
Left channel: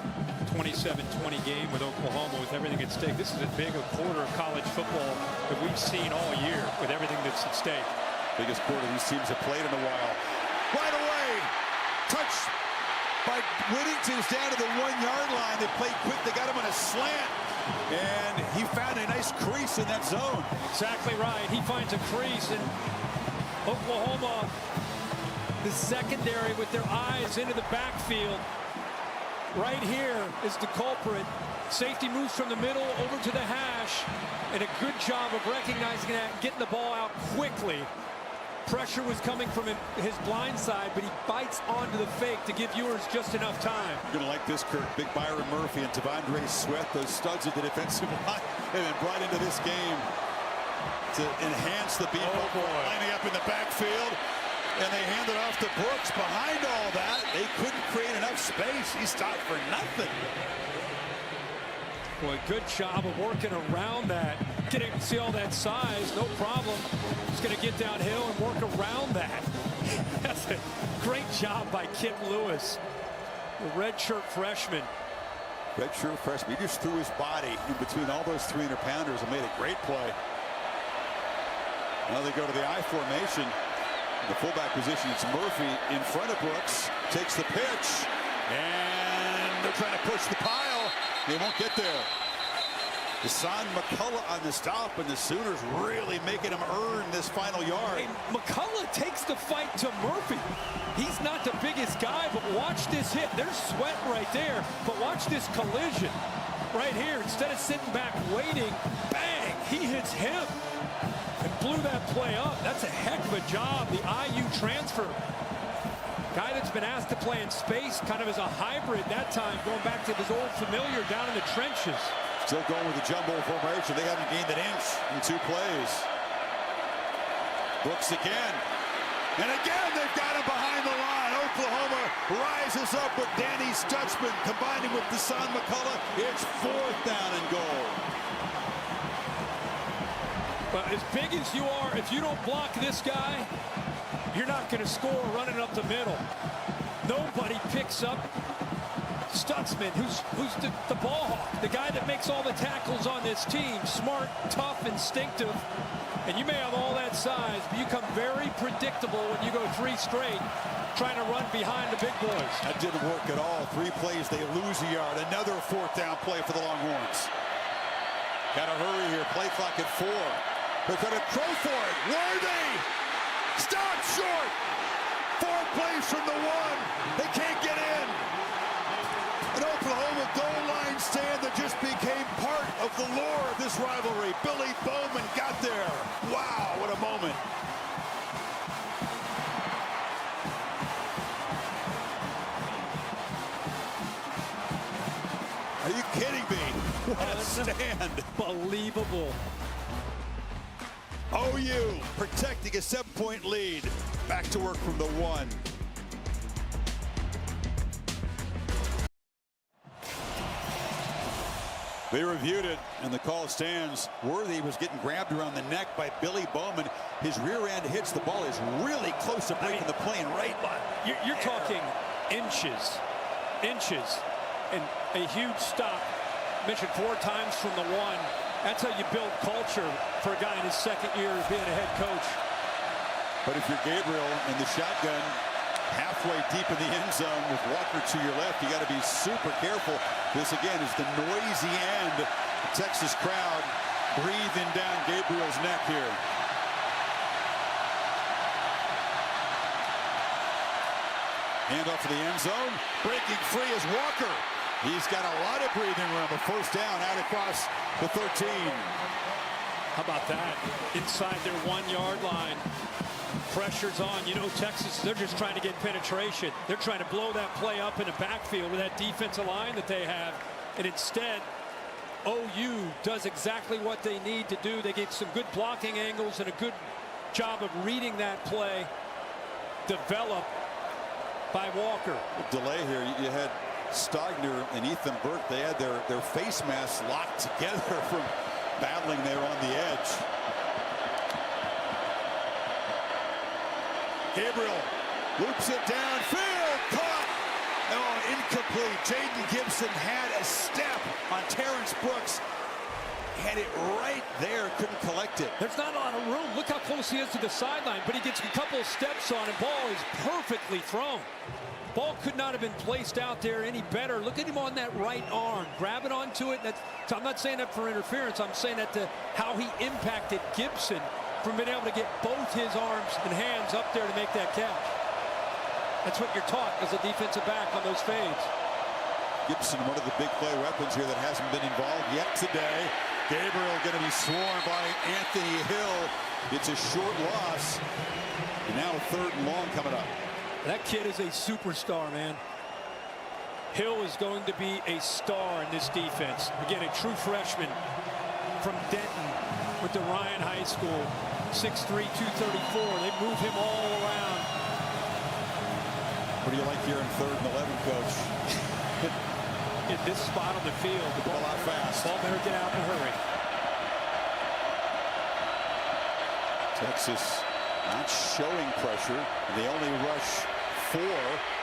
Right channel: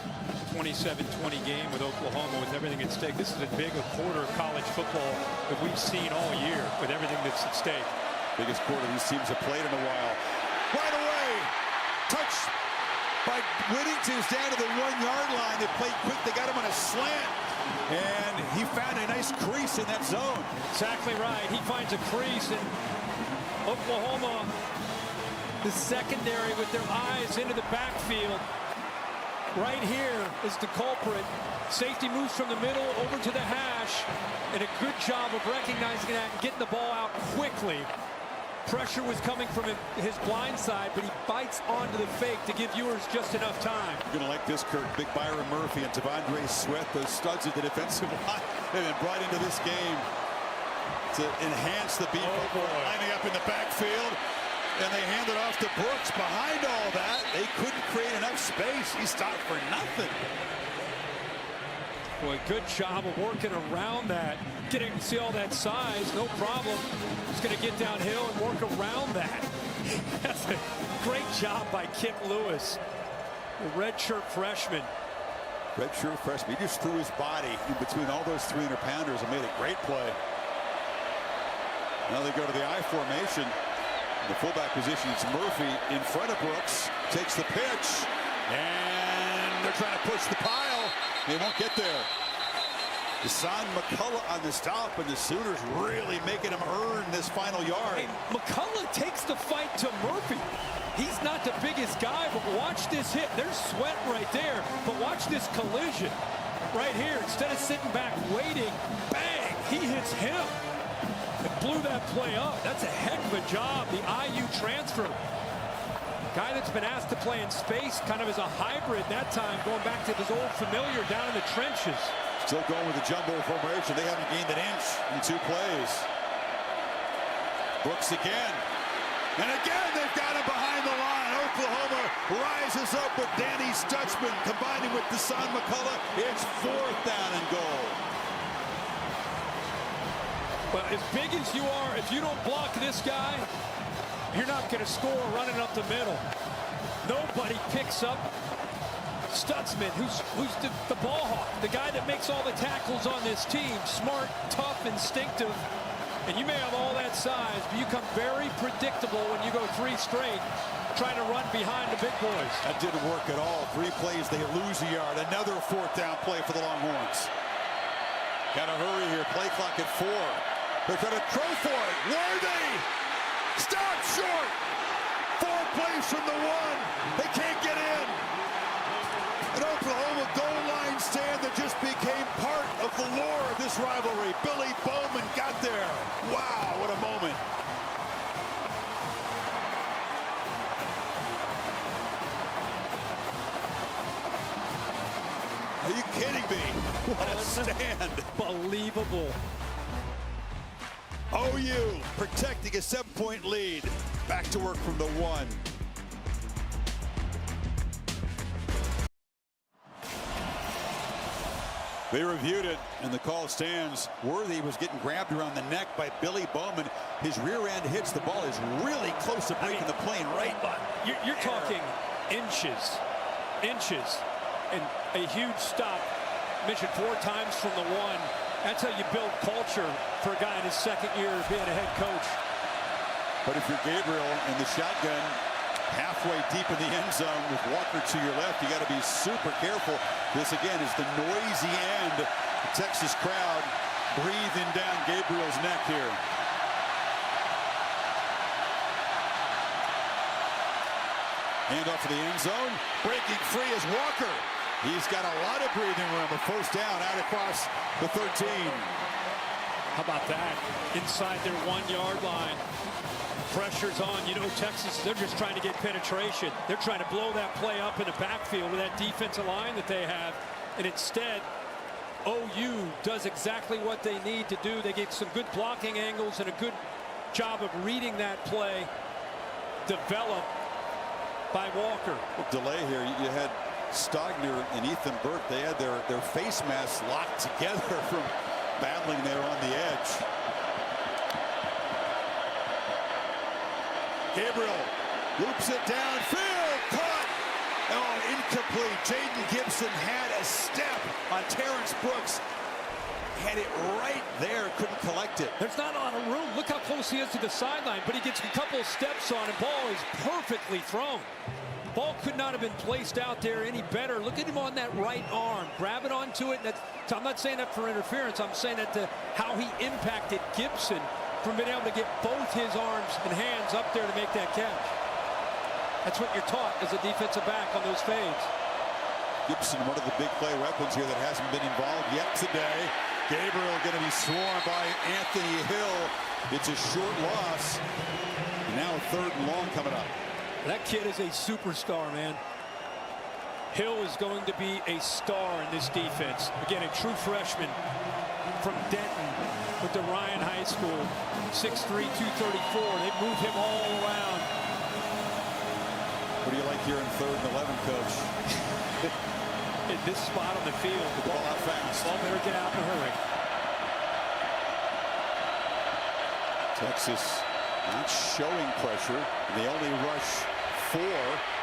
27-20 game with Oklahoma with everything at stake. This is as big a quarter of college football that we've seen all year with everything that's at stake. Biggest quarter these teams have played in a while. Right away, touch by Whittington is down to the 1-yard line. They played quick. They got him on a slant. And he found a nice crease in that zone. Exactly right. He finds a crease, and Oklahoma, the secondary with their eyes into the backfield. Right here is the culprit. Safety moves from the middle over to the hash, and a good job of recognizing that and getting the ball out quickly. Pressure was coming from his blind side, but he bites onto the fake to give Ewers just enough time. You're going to like this, Kirk. Big Byron Murphy and Tavondre Sweat, those studs of the defensive line, have been brought into this game to enhance the beat. Lining up in the backfield, and they hand it off to Brooks. Behind all that, they couldn't create enough space. He stopped for nothing. Boy, good job of working around that. See all that size, no problem. He's going to get downhill and work around that. That's a great job by Kip Lewis, the redshirt freshman. Redshirt freshman. He just threw his body in between all those 300-pounders and made a great play. Now they go to the I formation. In the fullback position, it's Murphy in front of Brooks. Takes the pitch. And they're trying to push the pile. They won't get there. Deshaun McCullough on the stop, and the Sooners really making him earn this final yard. Hey, McCullough takes the fight to Murphy. He's not the biggest guy, but watch this hit. There's Sweat right there, but watch this collision right here. Instead of sitting back waiting, bang, he hits him and blew that play up. That's a heck of a job. The IU transfer. Guy that's been asked to play in space, kind of as a hybrid that time, going back to his old familiar down in the trenches. Still going with the jumbo formation. They haven't gained an inch in 2 plays. Brooks again. And again, they've got him behind the line. Oklahoma rises up with Danny Stutzman combining with Deshaun McCullough. It's 4th down and goal. Well, as big as you are, if you don't block this guy, you're not going to score running up the middle. Nobody picks up Stutzman, who's the ball hawk, the guy that makes all the tackles on this team. Smart, tough, instinctive. And you may have all that size, but you come very predictable when you go 3 straight trying to run behind the big boys. That didn't work at all. 3 plays, they lose a yard. Another 4th down play for the Longhorns. Got to hurry here. Play clock at 4. They're going to throw for it. Worthy! Stop short! 4 plays from the 1. They can't get in. An Oklahoma goal line stand that just became part of the lore of this rivalry. Billy Bowman got there. Wow, what a moment. Are you kidding me? What a stand. Unbelievable. OU protecting a 7-point lead. Back to work from the 1. They reviewed it, and the call stands. Worthy was getting grabbed around the neck by Billy Bowman. His rear end hits the ball. Is really close to breaking the plane right. You're talking inches, and a huge stop. Mentioned 4 times from the 1. That's how you build culture for a guy in his 2nd year of being a head coach. But if you're Gabriel in the shotgun, halfway deep in the end zone with Walker to your left, you got to be super careful. This again is the noisy end. The Texas crowd breathing down Gabriel's neck here. Hand off to the end zone. Breaking free is Walker. He's got a lot of breathing room. A 1st down out across the 13. How about that? Inside their 1-yard line. Pressure's on. You know, Texas, they're just trying to get penetration. They're trying to blow that play up in the backfield with that defensive line that they have. And instead, OU does exactly what they need to do. They get some good blocking angles and a good job of reading that play. Developed by Walker. Well, delay here. You had Stogner and Ethan Burke. They had their face masks locked together from battling there on the edge. Gabriel loops it downfield, caught. Oh, incomplete. Jaden Gibson had a step on Terrence Brooks. Had it right there, couldn't collect it. There's not a lot of room. Look how close he is to the sideline, but he gets a couple of steps on it. Ball is perfectly thrown. Ball could not have been placed out there any better. Look at him on that right arm. Grabbing onto it. I'm not saying that for interference. I'm saying that to how he impacted Gibson from being able to get both his arms and hands up there to make that catch. That's what you're taught as a defensive back on those fades. Gibson, one of the big play weapons here that hasn't been involved yet today. Gabriel going to be swarmed by Anthony Hill. It's a short loss. And now a 3rd and long coming up. That kid is a superstar, man. Hill is going to be a star in this defense. Again, a true freshman from Denton, went to Ryan High School, 6'3", 234. They move him all around. What do you like here in 3rd and 11, Coach? At this spot on the field, the ball out fast. Ball better get out in a hurry. Texas not showing pressure, and they only rush 4.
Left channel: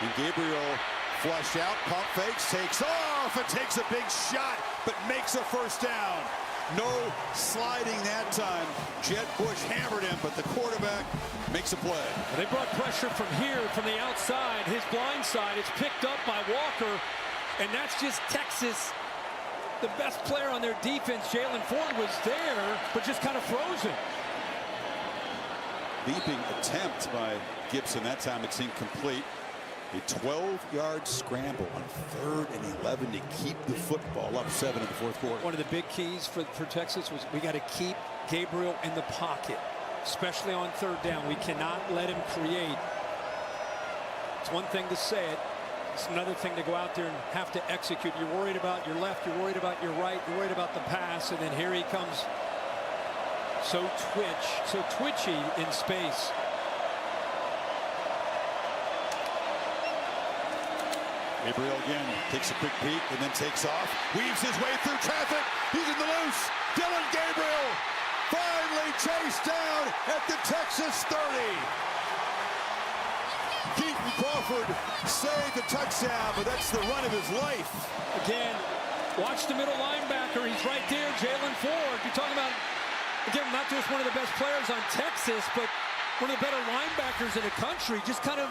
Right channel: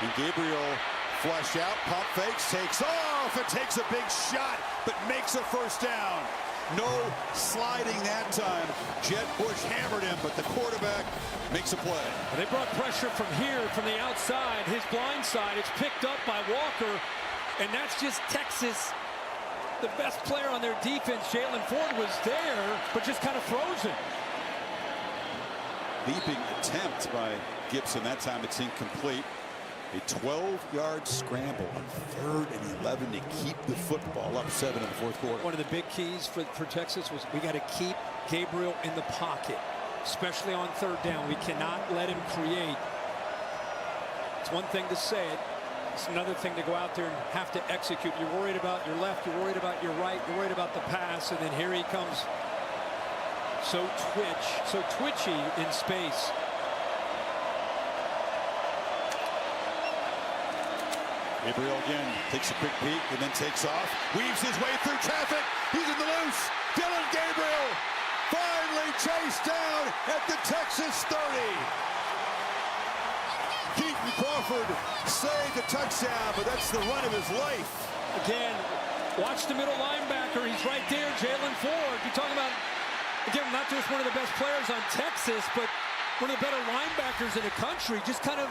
And Gabriel flushed out, pump fakes, takes off, and takes a big shot, but makes a 1st down. No sliding that time. Jet Bush hammered him, but the quarterback makes a play. They brought pressure from here, from the outside. His blind side is picked up by Walker, and that's just Texas. The best player on their defense, Jalen Ford, was there, but just kind of frozen. Leaping attempt by Gibson. That time it's incomplete. A 12-yard scramble on 3rd and 11 to keep the football up 7 in the 4th quarter. One of the big keys for Texas was we got to keep Gabriel in the pocket, especially on 3rd down. We cannot let him create. It's one thing to say it. It's another thing to go out there and have to execute. You're worried about your left. You're worried about your right. You're worried about the pass. And then here he comes. So twitchy in space. Gabriel again takes a quick peek and then takes off, weaves his way through traffic. He's in the loose. Dylan Gabriel finally chased down at the Texas 30. Keaton Crawford saved a touchdown, but that's the run of his life. Again, watch the middle linebacker. He's right there, Jalen Ford. You're talking about, again, not just one of the best players on Texas, but one of the better linebackers in the country, just kind of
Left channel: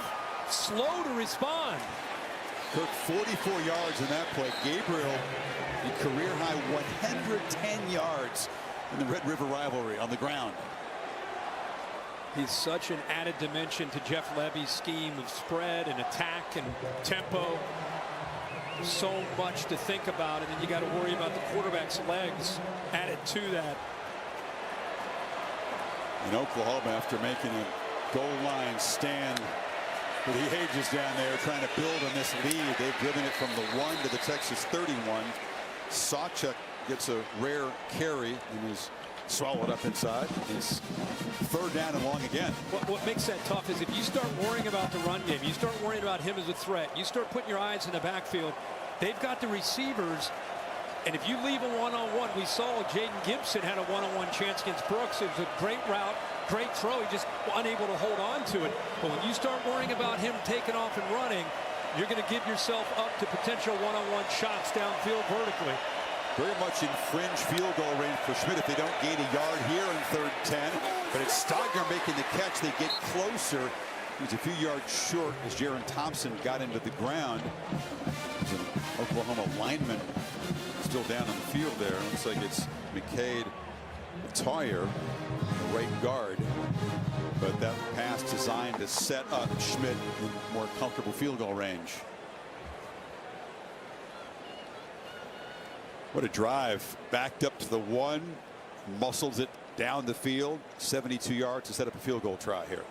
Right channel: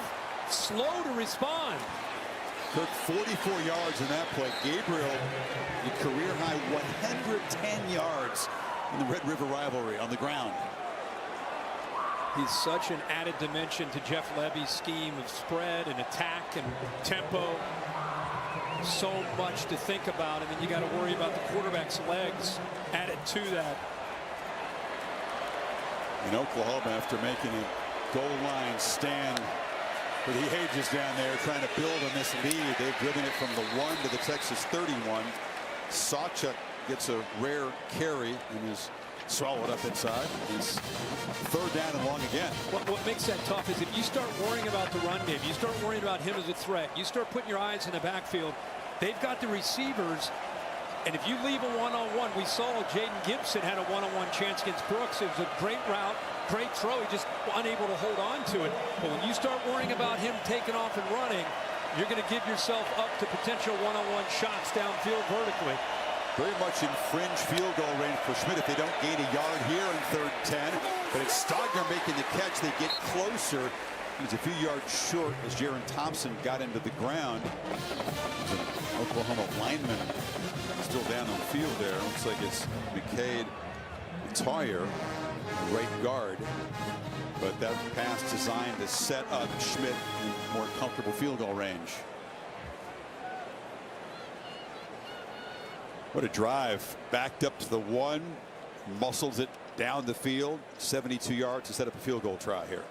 slow to respond. Kirk, 44 yards in that play. Gabriel, a career-high 110 yards in the Red River rivalry on the ground. He's such an added dimension to Jeff Levy's scheme of spread and attack and tempo. So much to think about, and then you got to worry about the quarterback's legs added to that. In Oklahoma, after making a goal line stand for the ages down there, trying to build on this lead, they've driven it from the 1 to the Texas 31. Sawchuk gets a rare carry and is swallowed up inside. It's 3rd down and long again. What makes that tough is if you start worrying about the run game, you start worrying about him as a threat, you start putting your eyes in the backfield, they've got the receivers, and if you leave a one-on-one, we saw Jaden Gibson had a one-on-one chance against Brooks. It was a great route, great throw. He just unable to hold on to it. But when you start worrying about him taking off and running, you're going to give yourself up to potential one-on-one shots downfield vertically. Very much in fringe field goal range for Schmidt if they don't gain a yard here in 3rd and 10. But it's Stogner making the catch. They get closer. He's a few yards short as Jaron Thompson got into the ground. There's an Oklahoma lineman still down on the field there. Looks like it's McCade Toyer, a right guard. But that pass designed to set up Schmidt in more comfortable field goal range. What a drive. Backed up to the 1, muscles it down the field, 72 yards to set up a field goal try here.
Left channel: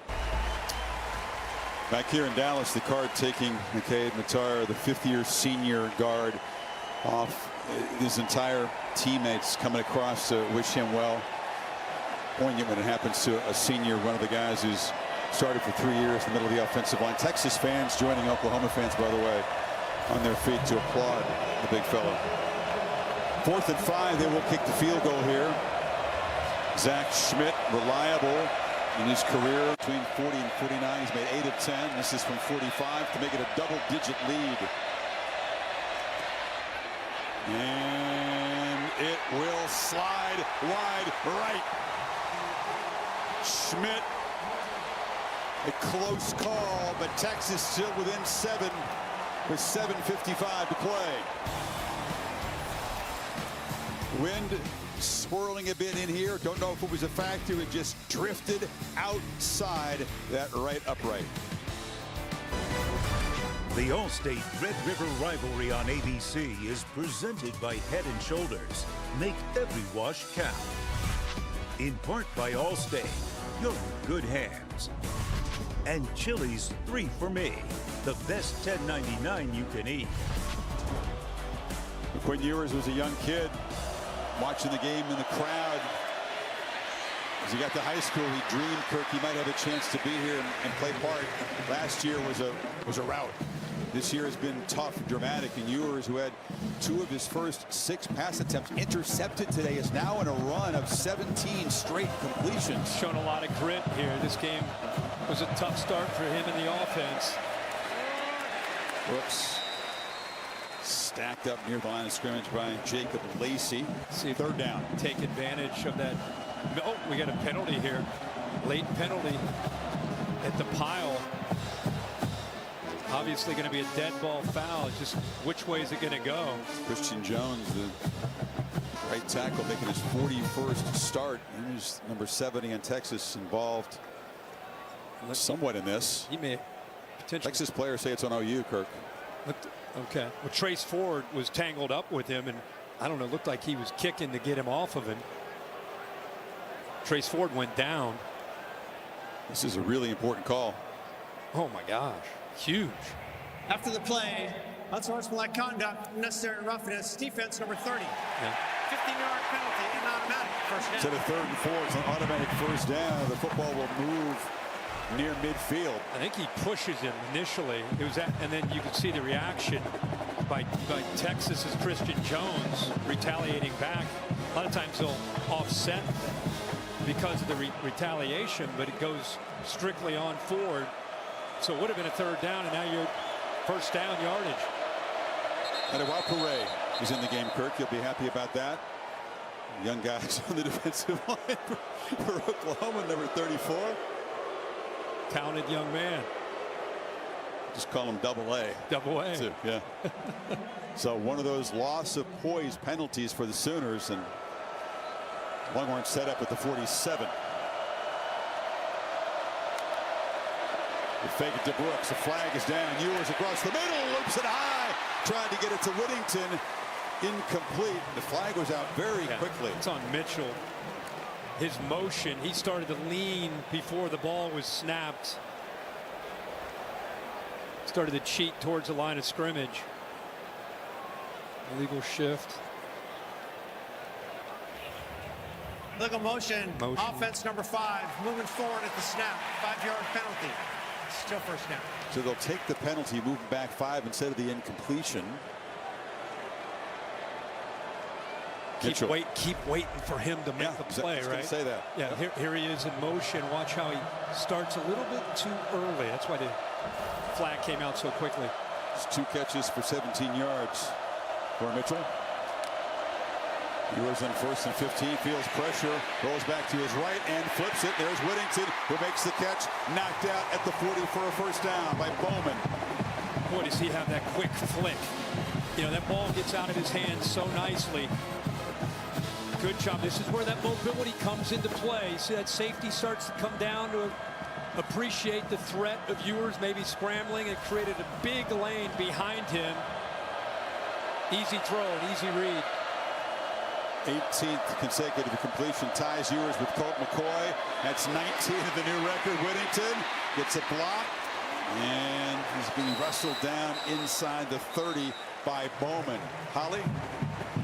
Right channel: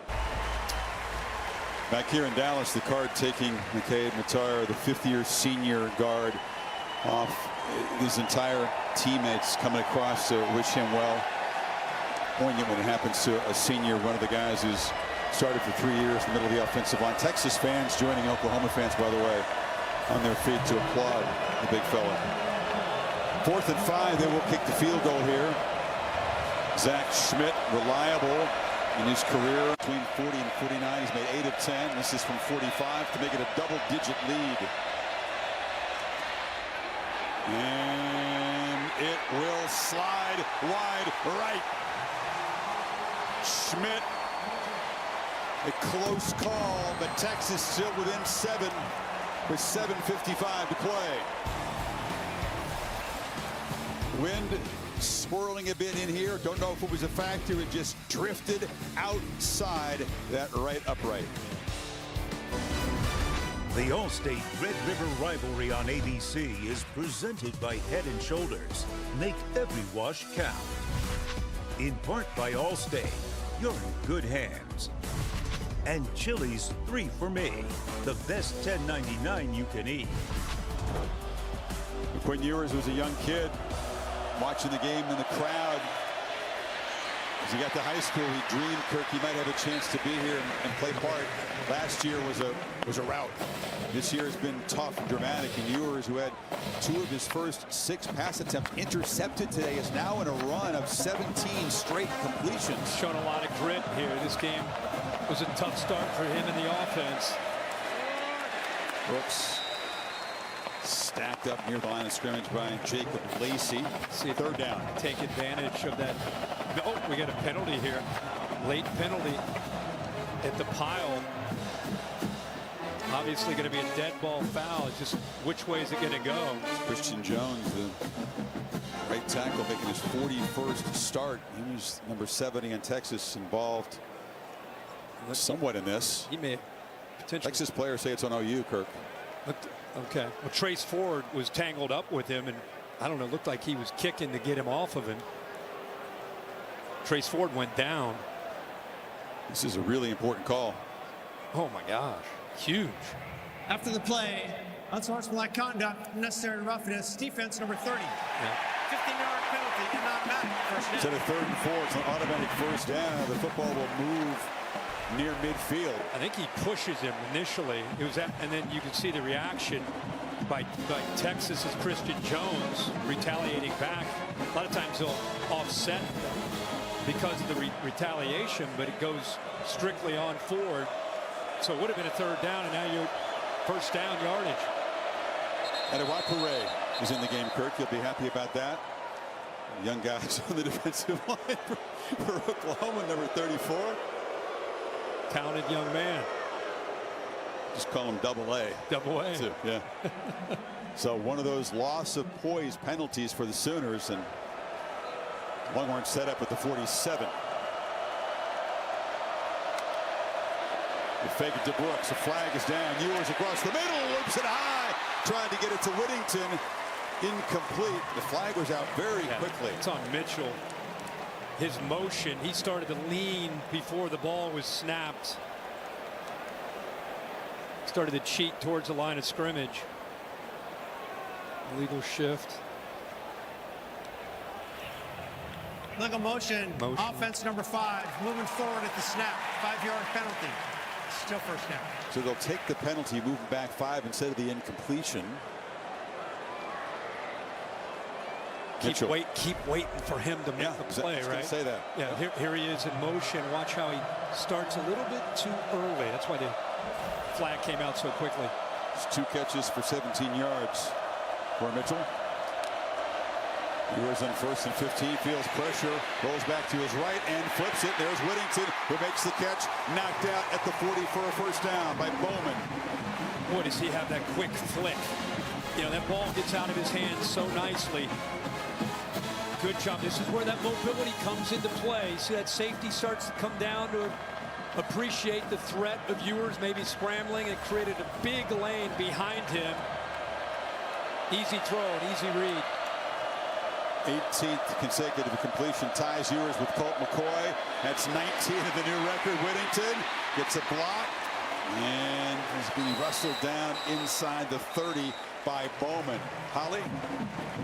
Back here in Dallas, the Card taking McCade Matar, the 5th-year senior guard, off. His entire teammates coming across to wish him well. Poignant when it happens to a senior, one of the guys who's started for 3 years in the middle of the offensive line. Texas fans joining Oklahoma fans, by the way, on their feet to applaud the big fella. 4th and 5, they will kick the field goal here. Zach Schmidt, reliable in his career between 40 and 49. He's made 8 of 10. This is from 45 to make it a double-digit lead. And it will slide wide right. Schmidt A close call, but Texas still within 7 with 7:55 to play. Wind swirling a bit in here. Don't know if it was a factor. It just drifted outside that right upright. The All-State Red River rivalry on ABC is presented by Head & Shoulders. Make every wash count. In part by All-State, you're in good hands. And Chili's 3 for Me, the best $10.99 you can eat. Quinn Ewers was a young kid watching the game in the crowd. As he got to high school, he dreamed, Kirk, he might have a chance to be here and play part. Last year was a rout. This year has been tough and dramatic, and Ewers, who had 2 of his first 6 pass attempts intercepted today, is now in a run of 17 straight completions. Shown a lot of grit here. This game was a tough start for him in the offense. Brooks stacked up near the line of scrimmage by Jacob Lacey. See if 3rd down. Take advantage of that. Oh, we got a penalty here. Late penalty at the pile. Obviously going to be a dead ball foul. Just which way is it going to go? It's Christian Jones, the right tackle, making his 41st start. He was number 70 in Texas, involved somewhat in this. He may potentially. Texas players say it's on OU, Kirk. Okay. Well, Trace Ford was tangled up with him, and I don't know, looked like he was kicking to get him off of him. Trace Ford went down. This is a really important call. Oh my gosh, huge. After the play, unsportsmanlike conduct, necessary roughness, defense number 30. Yeah. 15-yard penalty and automatic first down. Instead of 3rd and 4, it's an automatic first down. The football will move near midfield. I think he pushes him initially. It was that, and then you can see the reaction by Texas's Christian Jones retaliating back. A lot of times they'll offset because of the retaliation, but it goes strictly on Ford. So it would have been a 3rd down, and now you're first down yardage. Adewapure is in the game, Kirk. You'll be happy about that. Young guys on the defensive line for Oklahoma, number 34. Talented young man. Just call him Double A. Double A. Too, yeah. So one of those loss of poise penalties for the Sooners, and Longhorn set up at the 47. They fake it to Brooks. The flag is down. Ewers across the middle, loops it high, trying to get it to Whittington. Incomplete. The flag was out very quickly. It's on Mitchell. His motion, he started to lean before the ball was snapped. Started to cheat towards the line of scrimmage. Illegal shift. Legal motion. Offense number 5, moving forward at the snap. 5-yard penalty. Still first down. So they'll take the penalty, moving back 5 instead of the incompletion. Keep waiting for him to make the play, I was right? Say that. Yeah, here he is in motion. Watch how he starts a little bit too early. That's why the flag came out so quickly. Just 2 catches for 17 yards for Mitchell. Ewers on 1st and 15, feels pressure, rolls back to his right and flips it. There's Whittington, who makes the catch, knocked out at the 40 for a first down by Bowman. Boy, does he have that quick flick. You know, that ball gets out of his hands so nicely. Good job. This is where that mobility comes into play. See, that safety starts to come down to appreciate the threat of Ewers maybe scrambling. It created a big lane behind him. Easy throw, an easy read. 18th consecutive completion ties Ewers with Colt McCoy. That's 19 of the new record. Whittington gets a block and is being wrestled down inside the 30 by Bowman. Holly?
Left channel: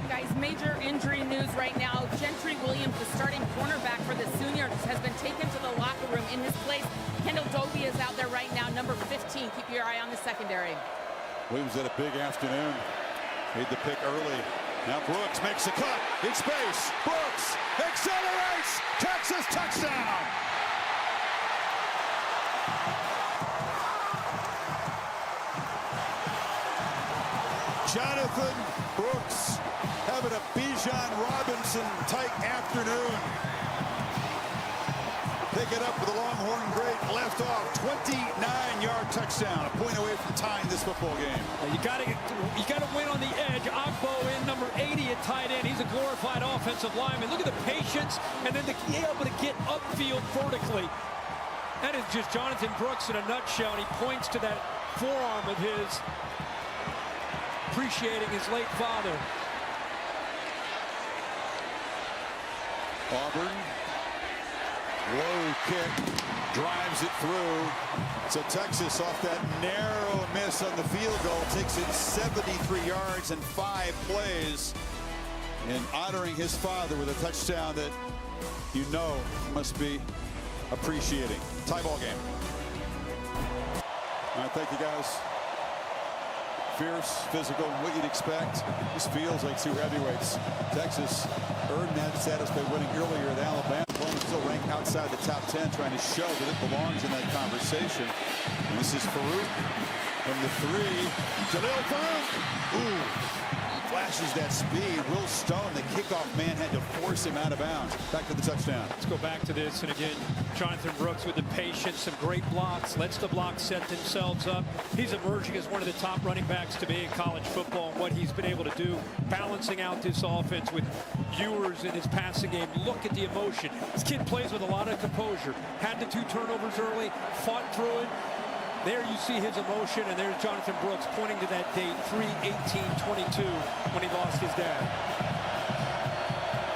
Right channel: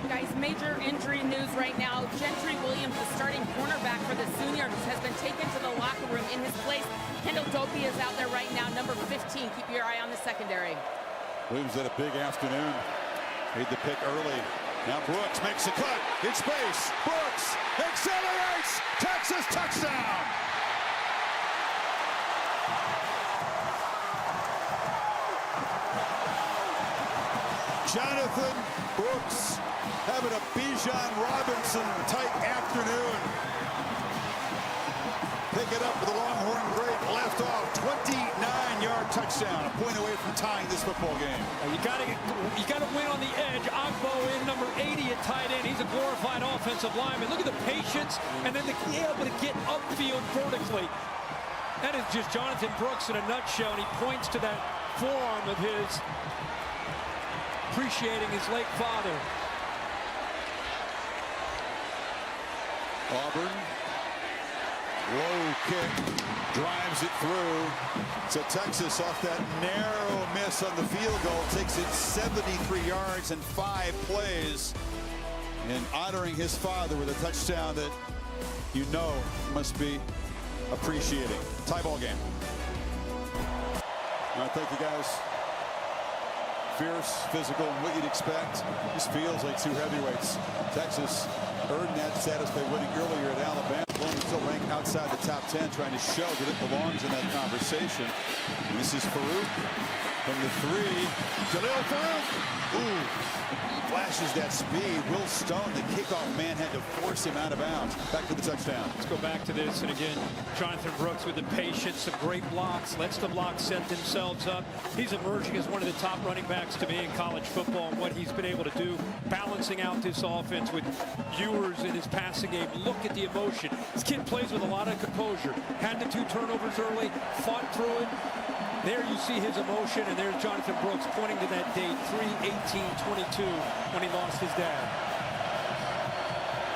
Guys, major injury news right now. Gentry Williams, the starting cornerback for the Sooners, has been taken to the locker room. In his place, Kendall Doby is out there right now, number 15. Keep your eye on the secondary. Williams had a big afternoon. Made the pick early. Now Brooks makes a cut in space. Brooks accelerates. Texas touchdown. Jonathan Brooks having a Bijan Robinson type afternoon. Pick it up for the Longhorn great left off. 29-yard touchdown, a point away from tying this football game. You got to win on the edge. Ogbo in number 80 at tight end. He's a glorified offensive lineman. Look at the patience, and then to be able to get upfield vertically. That is just Jonathan Brooks in a nutshell, and he points to that forearm of his, appreciating his late father. Auburn, low kick, drives it through. So Texas, off that narrow miss on the field goal, takes it 73 yards and 5 plays. And honoring his father with a touchdown that you know must be appreciating. Tie ball game. All right, thank you guys. Fierce, physical, what you'd expect. This feels like two heavyweights. Texas earned that status by winning earlier at Alabama. Oklahoma still ranked outside the top 10, trying to show that it belongs in that conversation. And this is Farouk from the 3. Jalil Farouk. Ooh. Flashes that speed. Will Stone, the kickoff man, had to force him out of bounds. Back to the touchdown. Let's go back to this. And again, Jonathan Brooks with the patience, some great blocks, lets the blocks set themselves up. He's emerging as one of the top running backs to me in college football, and what he's been able to do, balancing out this offense with Ewers in his passing game. Look at the emotion. This kid plays with a lot of composure. Had the 2 turnovers early, fought through it. There you see his emotion, and there's Jonathan Brooks pointing to that date, 3/18/22, when he lost his dad.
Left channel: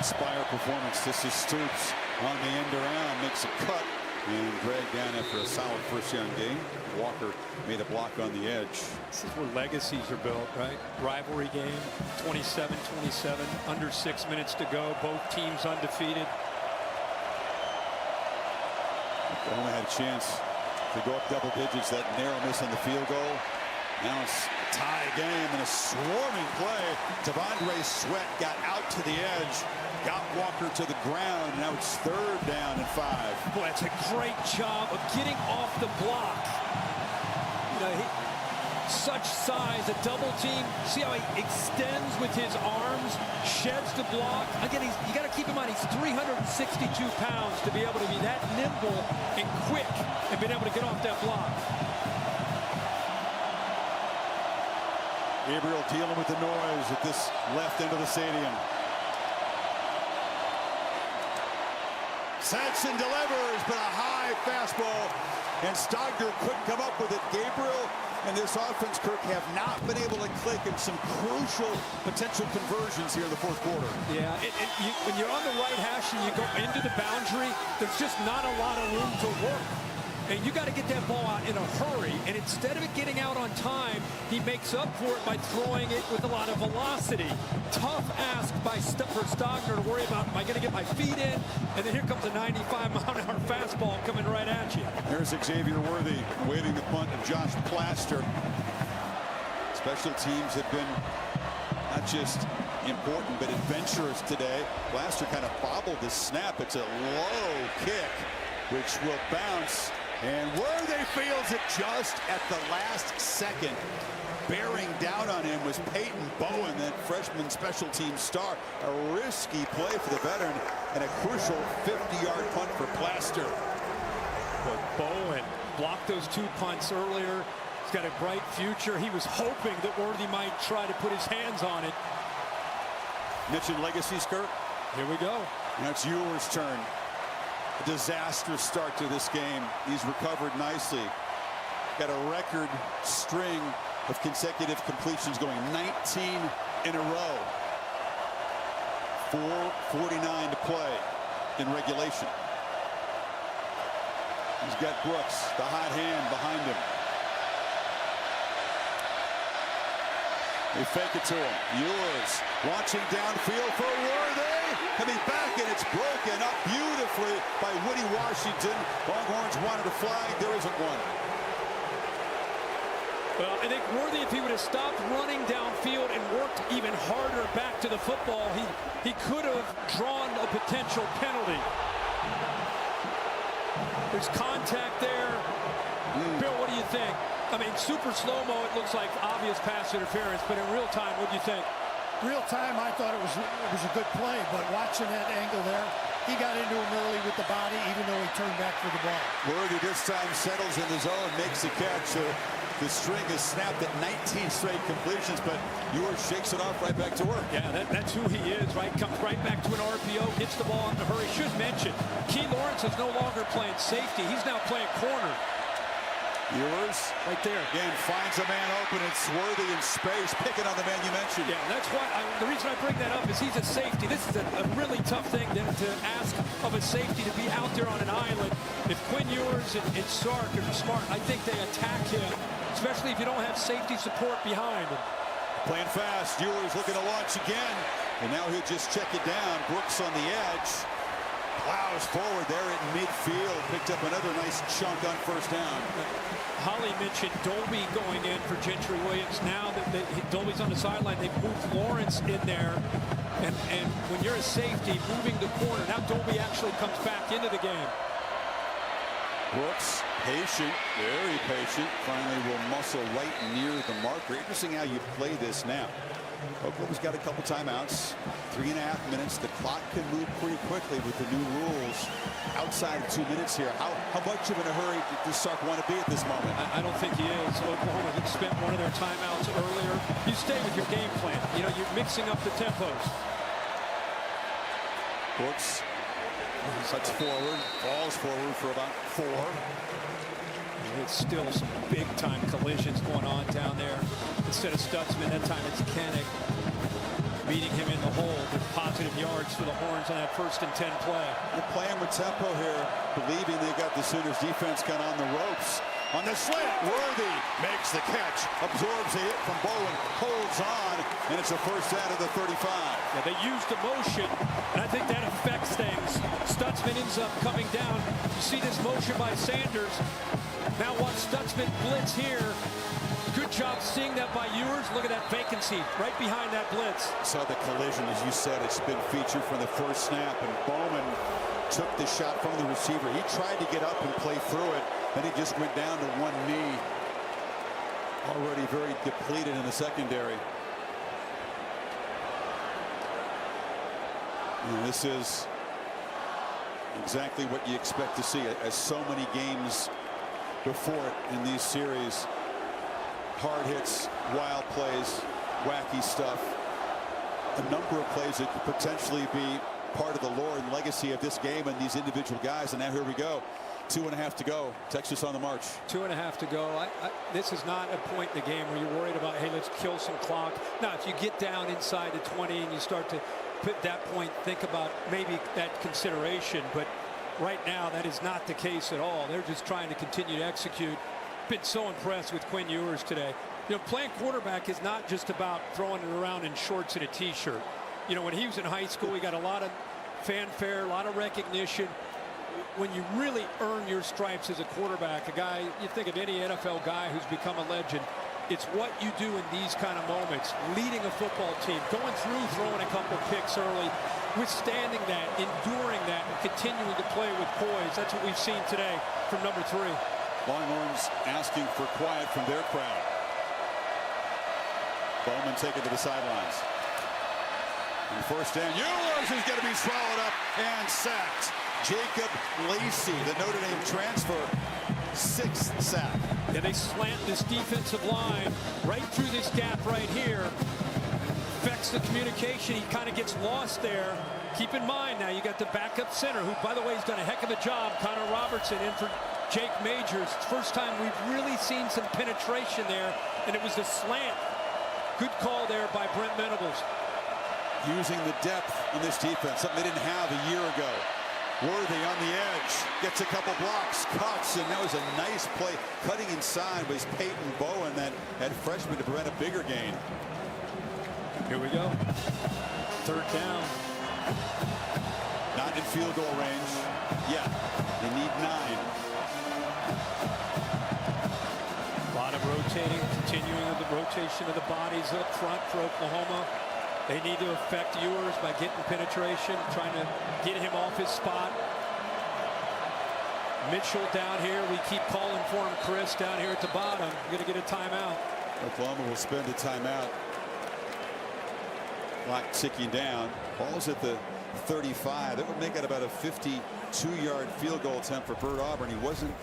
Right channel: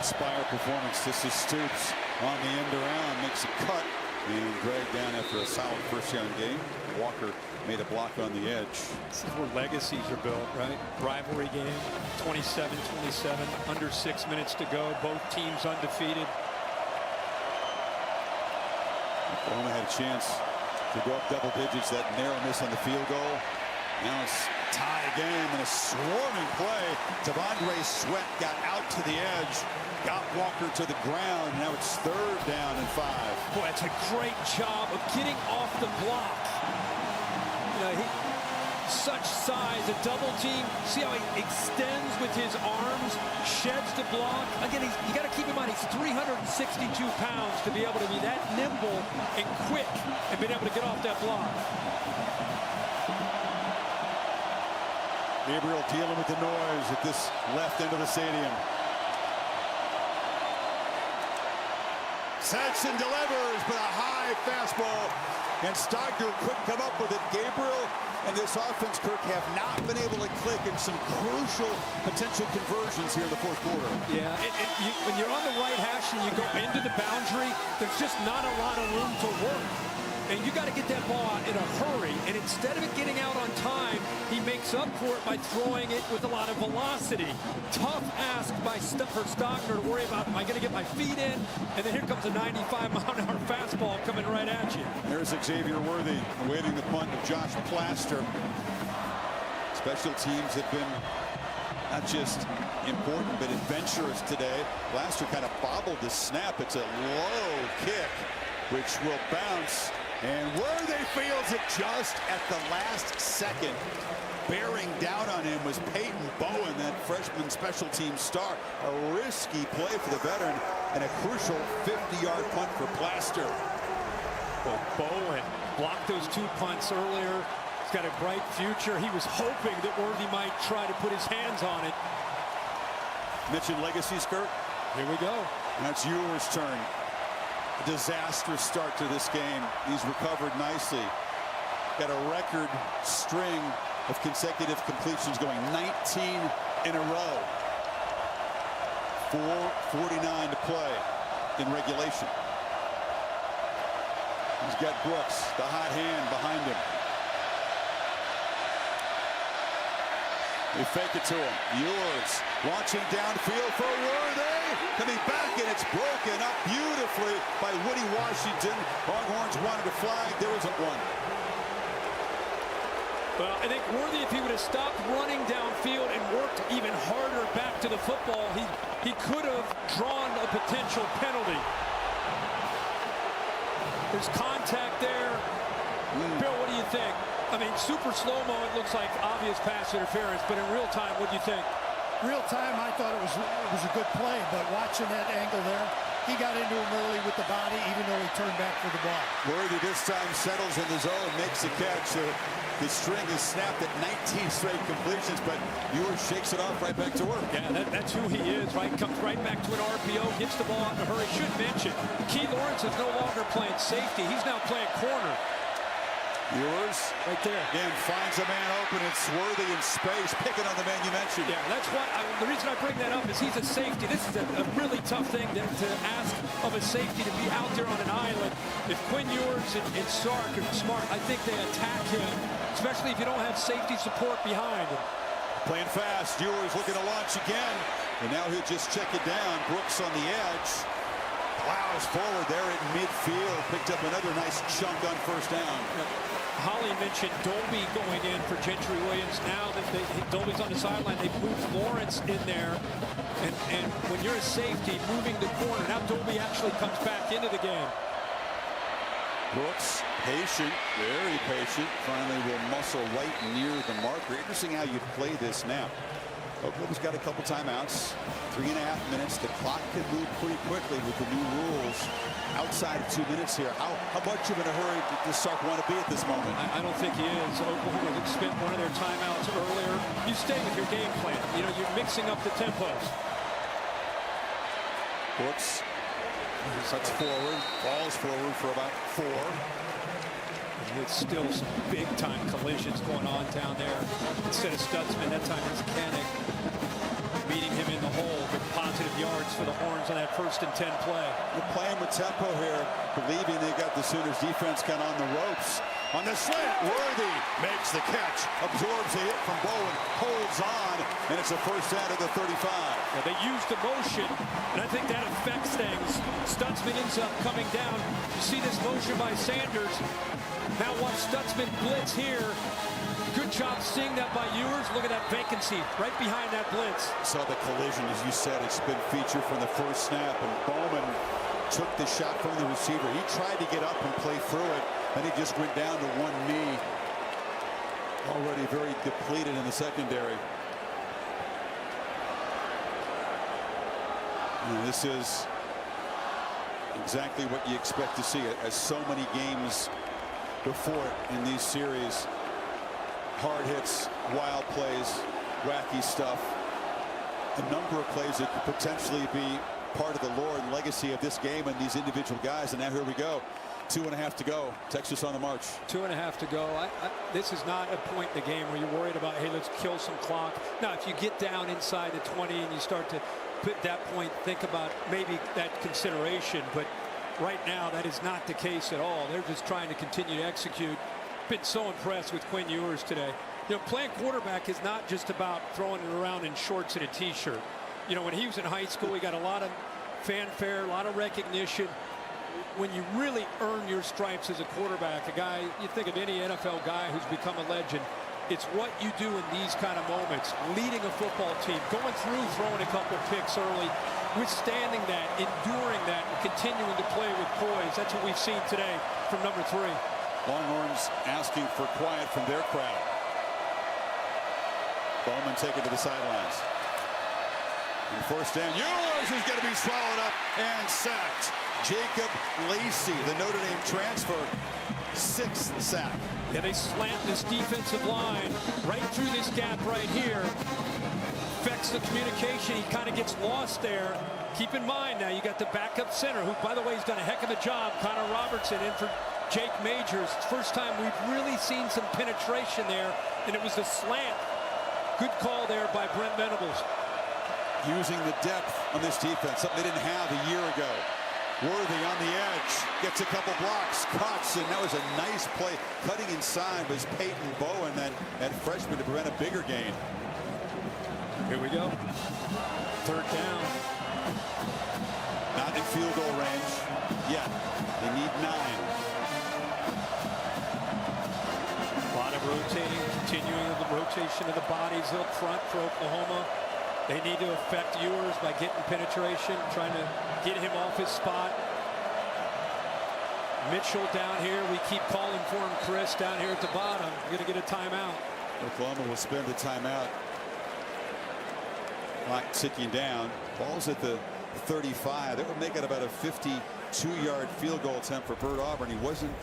Spire performance. This is Stoops on the end around, makes a cut and dragged down after a solid first down game. Walker made a block on the edge. This is where legacies are built, right? Rivalry game, 27-27, under 6 minutes to go. Both teams undefeated. Oklahoma had a chance to go up double digits. That narrow miss on the field goal. Now it's a tie game and a swarming play. T'Vondre Sweat got out to the edge, got Walker to the ground, and now it's 3rd down and 5. Boy, that's a great job of getting off the block. You know, such size, a double team. See how he extends with his arms, sheds the block. Again, you got to keep in mind he's 362 pounds to be able to be that nimble and quick and being able to get off that block. Gabriel dealing with the noise at this left end of the stadium. Sanson delivers, but a high fastball, and Stogner couldn't come up with it. Gabriel and this offense, Kirk, have not been able to click in some crucial potential conversions here in the 4th quarter. Yeah, when you're on the right hash and you go into the boundary, there's just not a lot of room to work. And you got to get that ball out in a hurry. And instead of it getting out on time, he makes up for it by throwing it with a lot of velocity. Tough ask for Stogner to worry about, am I going to get my feet in? And then here comes a 95-mile-an-hour fastball coming right at you. There's Xavier Worthy awaiting the punt of Josh Plaster. Special teams have been not just important, but adventurous today. Plaster kind of bobbled the snap. It's a low kick, which will bounce. And Worthy fields it just at the last second. Bearing down on him was Peyton Bowen, that freshman special team star. A risky play for the veteran and a crucial 50-yard punt for Plaster. Boy, Bowen blocked those 2 punts earlier. He's got a bright future. He was hoping that Worthy might try to put his hands on it. Mentioned legacies, Kirk. Here we go. Now it's Ewers' turn. A disastrous start to this game. He's recovered nicely. Got a record string of consecutive completions going, 19 in a row. 4:49 to play in regulation. He's got Brooks, the hot hand behind him. They fake it to him. Ewers launching downfield for Worthy. Coming back, and it's broken up beautifully by Woody Washington. Longhorns wanted a flag. There isn't one. Well, I think Worthy, if he would have stopped running downfield and worked even harder back to the football, he could have drawn a potential penalty. There's contact there. Bill, what do you think? I mean, super slow-mo, it looks like obvious pass interference, but in real time, what do you think? Real time, I thought it was a good play, but watching that angle there, he got into him early with the body, even though he turned back for the ball. Worthy this time settles in the zone, makes the catch. The string is snapped at 19 straight completions, but Ewers shakes it off right back to work. Yeah, that's who he is, right? Comes right back to an RPO, gets the ball out in a hurry. Should mention, Key Lawrence is no longer playing safety. He's now playing corner. Ewers right there. Again, finds a man open. It's Worthy in space, picking on the man you mentioned. Yeah, that's what the reason I bring that up is he's a safety. This is a really tough thing to ask of a safety, to be out there on an island. If Quinn Ewers and Sark are smart, I think they attack him, especially if you don't have safety support behind him. Playing fast, Ewers looking to launch again, and now he'll just check it down. Brooks on the edge. Plows forward there at midfield. Picked up another nice chunk on first down. Holly mentioned Dolby going in for Gentry Williams. Now that Dolby's on the sideline, they've moved Lawrence in there. And when you're a safety, moving the corner, now Dolby actually comes back into the game. Brooks, patient, very patient. Finally will muscle right near the marker. Interesting how you play this snap. Oklahoma's got a couple timeouts. 3.5 minutes. The clock can move pretty quickly with the new rules. Outside of 2 minutes here. How much of in a hurry does Sark want to be at this moment? I don't think he is. Oklahoma has spent one of their timeouts earlier. You stay with your game plan. You know, you're mixing up the tempos. Brooks cuts forward, falls forward for about 4. It's still some big-time collisions going on down there. Instead of Stutzman, that time it's Kanik meeting him in the hole, but positive yards for the Horns on that 1st and 10 play. They're playing with tempo here, believing they got the Sooners defense kind of on the ropes. On the slant, Worthy makes the catch, absorbs a hit from Bowen, holds on, and it's a first down to the 35. Yeah, they used the motion, and I think that affects things. Stutzman ends up coming down. You see this motion by Sanders. Now watch Stutzman blitz here. Good job seeing that by Ewers. Look at that vacancy right behind that blitz. Saw the collision, as you said. It's been featured from the first snap, and Bowman took the shot from the receiver. He tried to get up and play through it. Then he just went down to one knee. Already very depleted in the secondary. You know, this is exactly what you expect to see, as so many games before it in these series. Hard hits, wild plays, wacky stuff. A number of plays that could potentially be part of the lore and legacy of this game and these individual guys. And now here we go. 2.5 to go. Texas on the march. 2.5 to go. This is not a point in the game where you're worried about, hey, let's kill some clock. Now, if you get down inside the 20 and you start to put that point, think about maybe that consideration. But right now, that is not the case at all. They're just trying to continue to execute. Been so impressed with Quinn Ewers today. You know, playing quarterback is not just about throwing it around in shorts and a t-shirt. You know, when he was in high school, he got a lot of fanfare, a lot of recognition. When you really earn your stripes as a quarterback, a guy, you think of any NFL guy who's become a legend, it's what you do in these kind of moments. Leading a football team, going through, throwing a couple picks early, withstanding that, enduring that, and continuing to play with poise. That's what we've seen today from number 3. Longhorns asking for quiet from their crowd. Bowman taken to the sidelines. And first down, Ewers is going to be swallowed up and sacked. Jacob Lacey, the Notre Dame transfer, 6th sack. Yeah, they slant this defensive line right through this gap right here. Affects the communication. He kind of gets lost there. Keep in mind now you got the backup center, who, by the way, has done a heck of a job. Connor Robertson in for Jake Majors. It's the first time we've really seen some penetration there, and it was the slant. Good call there by Brent Venables. Using the depth on this defense, something they didn't have a year ago. Worthy on the edge, gets a couple blocks, cuts, and that was a nice play. Cutting inside was Peyton Bowen, that freshman, to prevent a bigger gain. Here we go. 3rd down. Not in field goal range yet. They need 9. A lot of rotating, continuing with the rotation of the bodies up front for Oklahoma. They need to affect Ewers by getting penetration, trying to get him off his spot. Mitchell down here. We keep calling for him, Chris, down here at the bottom. We're going to get a timeout. Oklahoma will spend a timeout. Clock ticking down. Ball's at the 35. That would make it about a 52-yard field goal attempt for Bert Auburn. He wasn't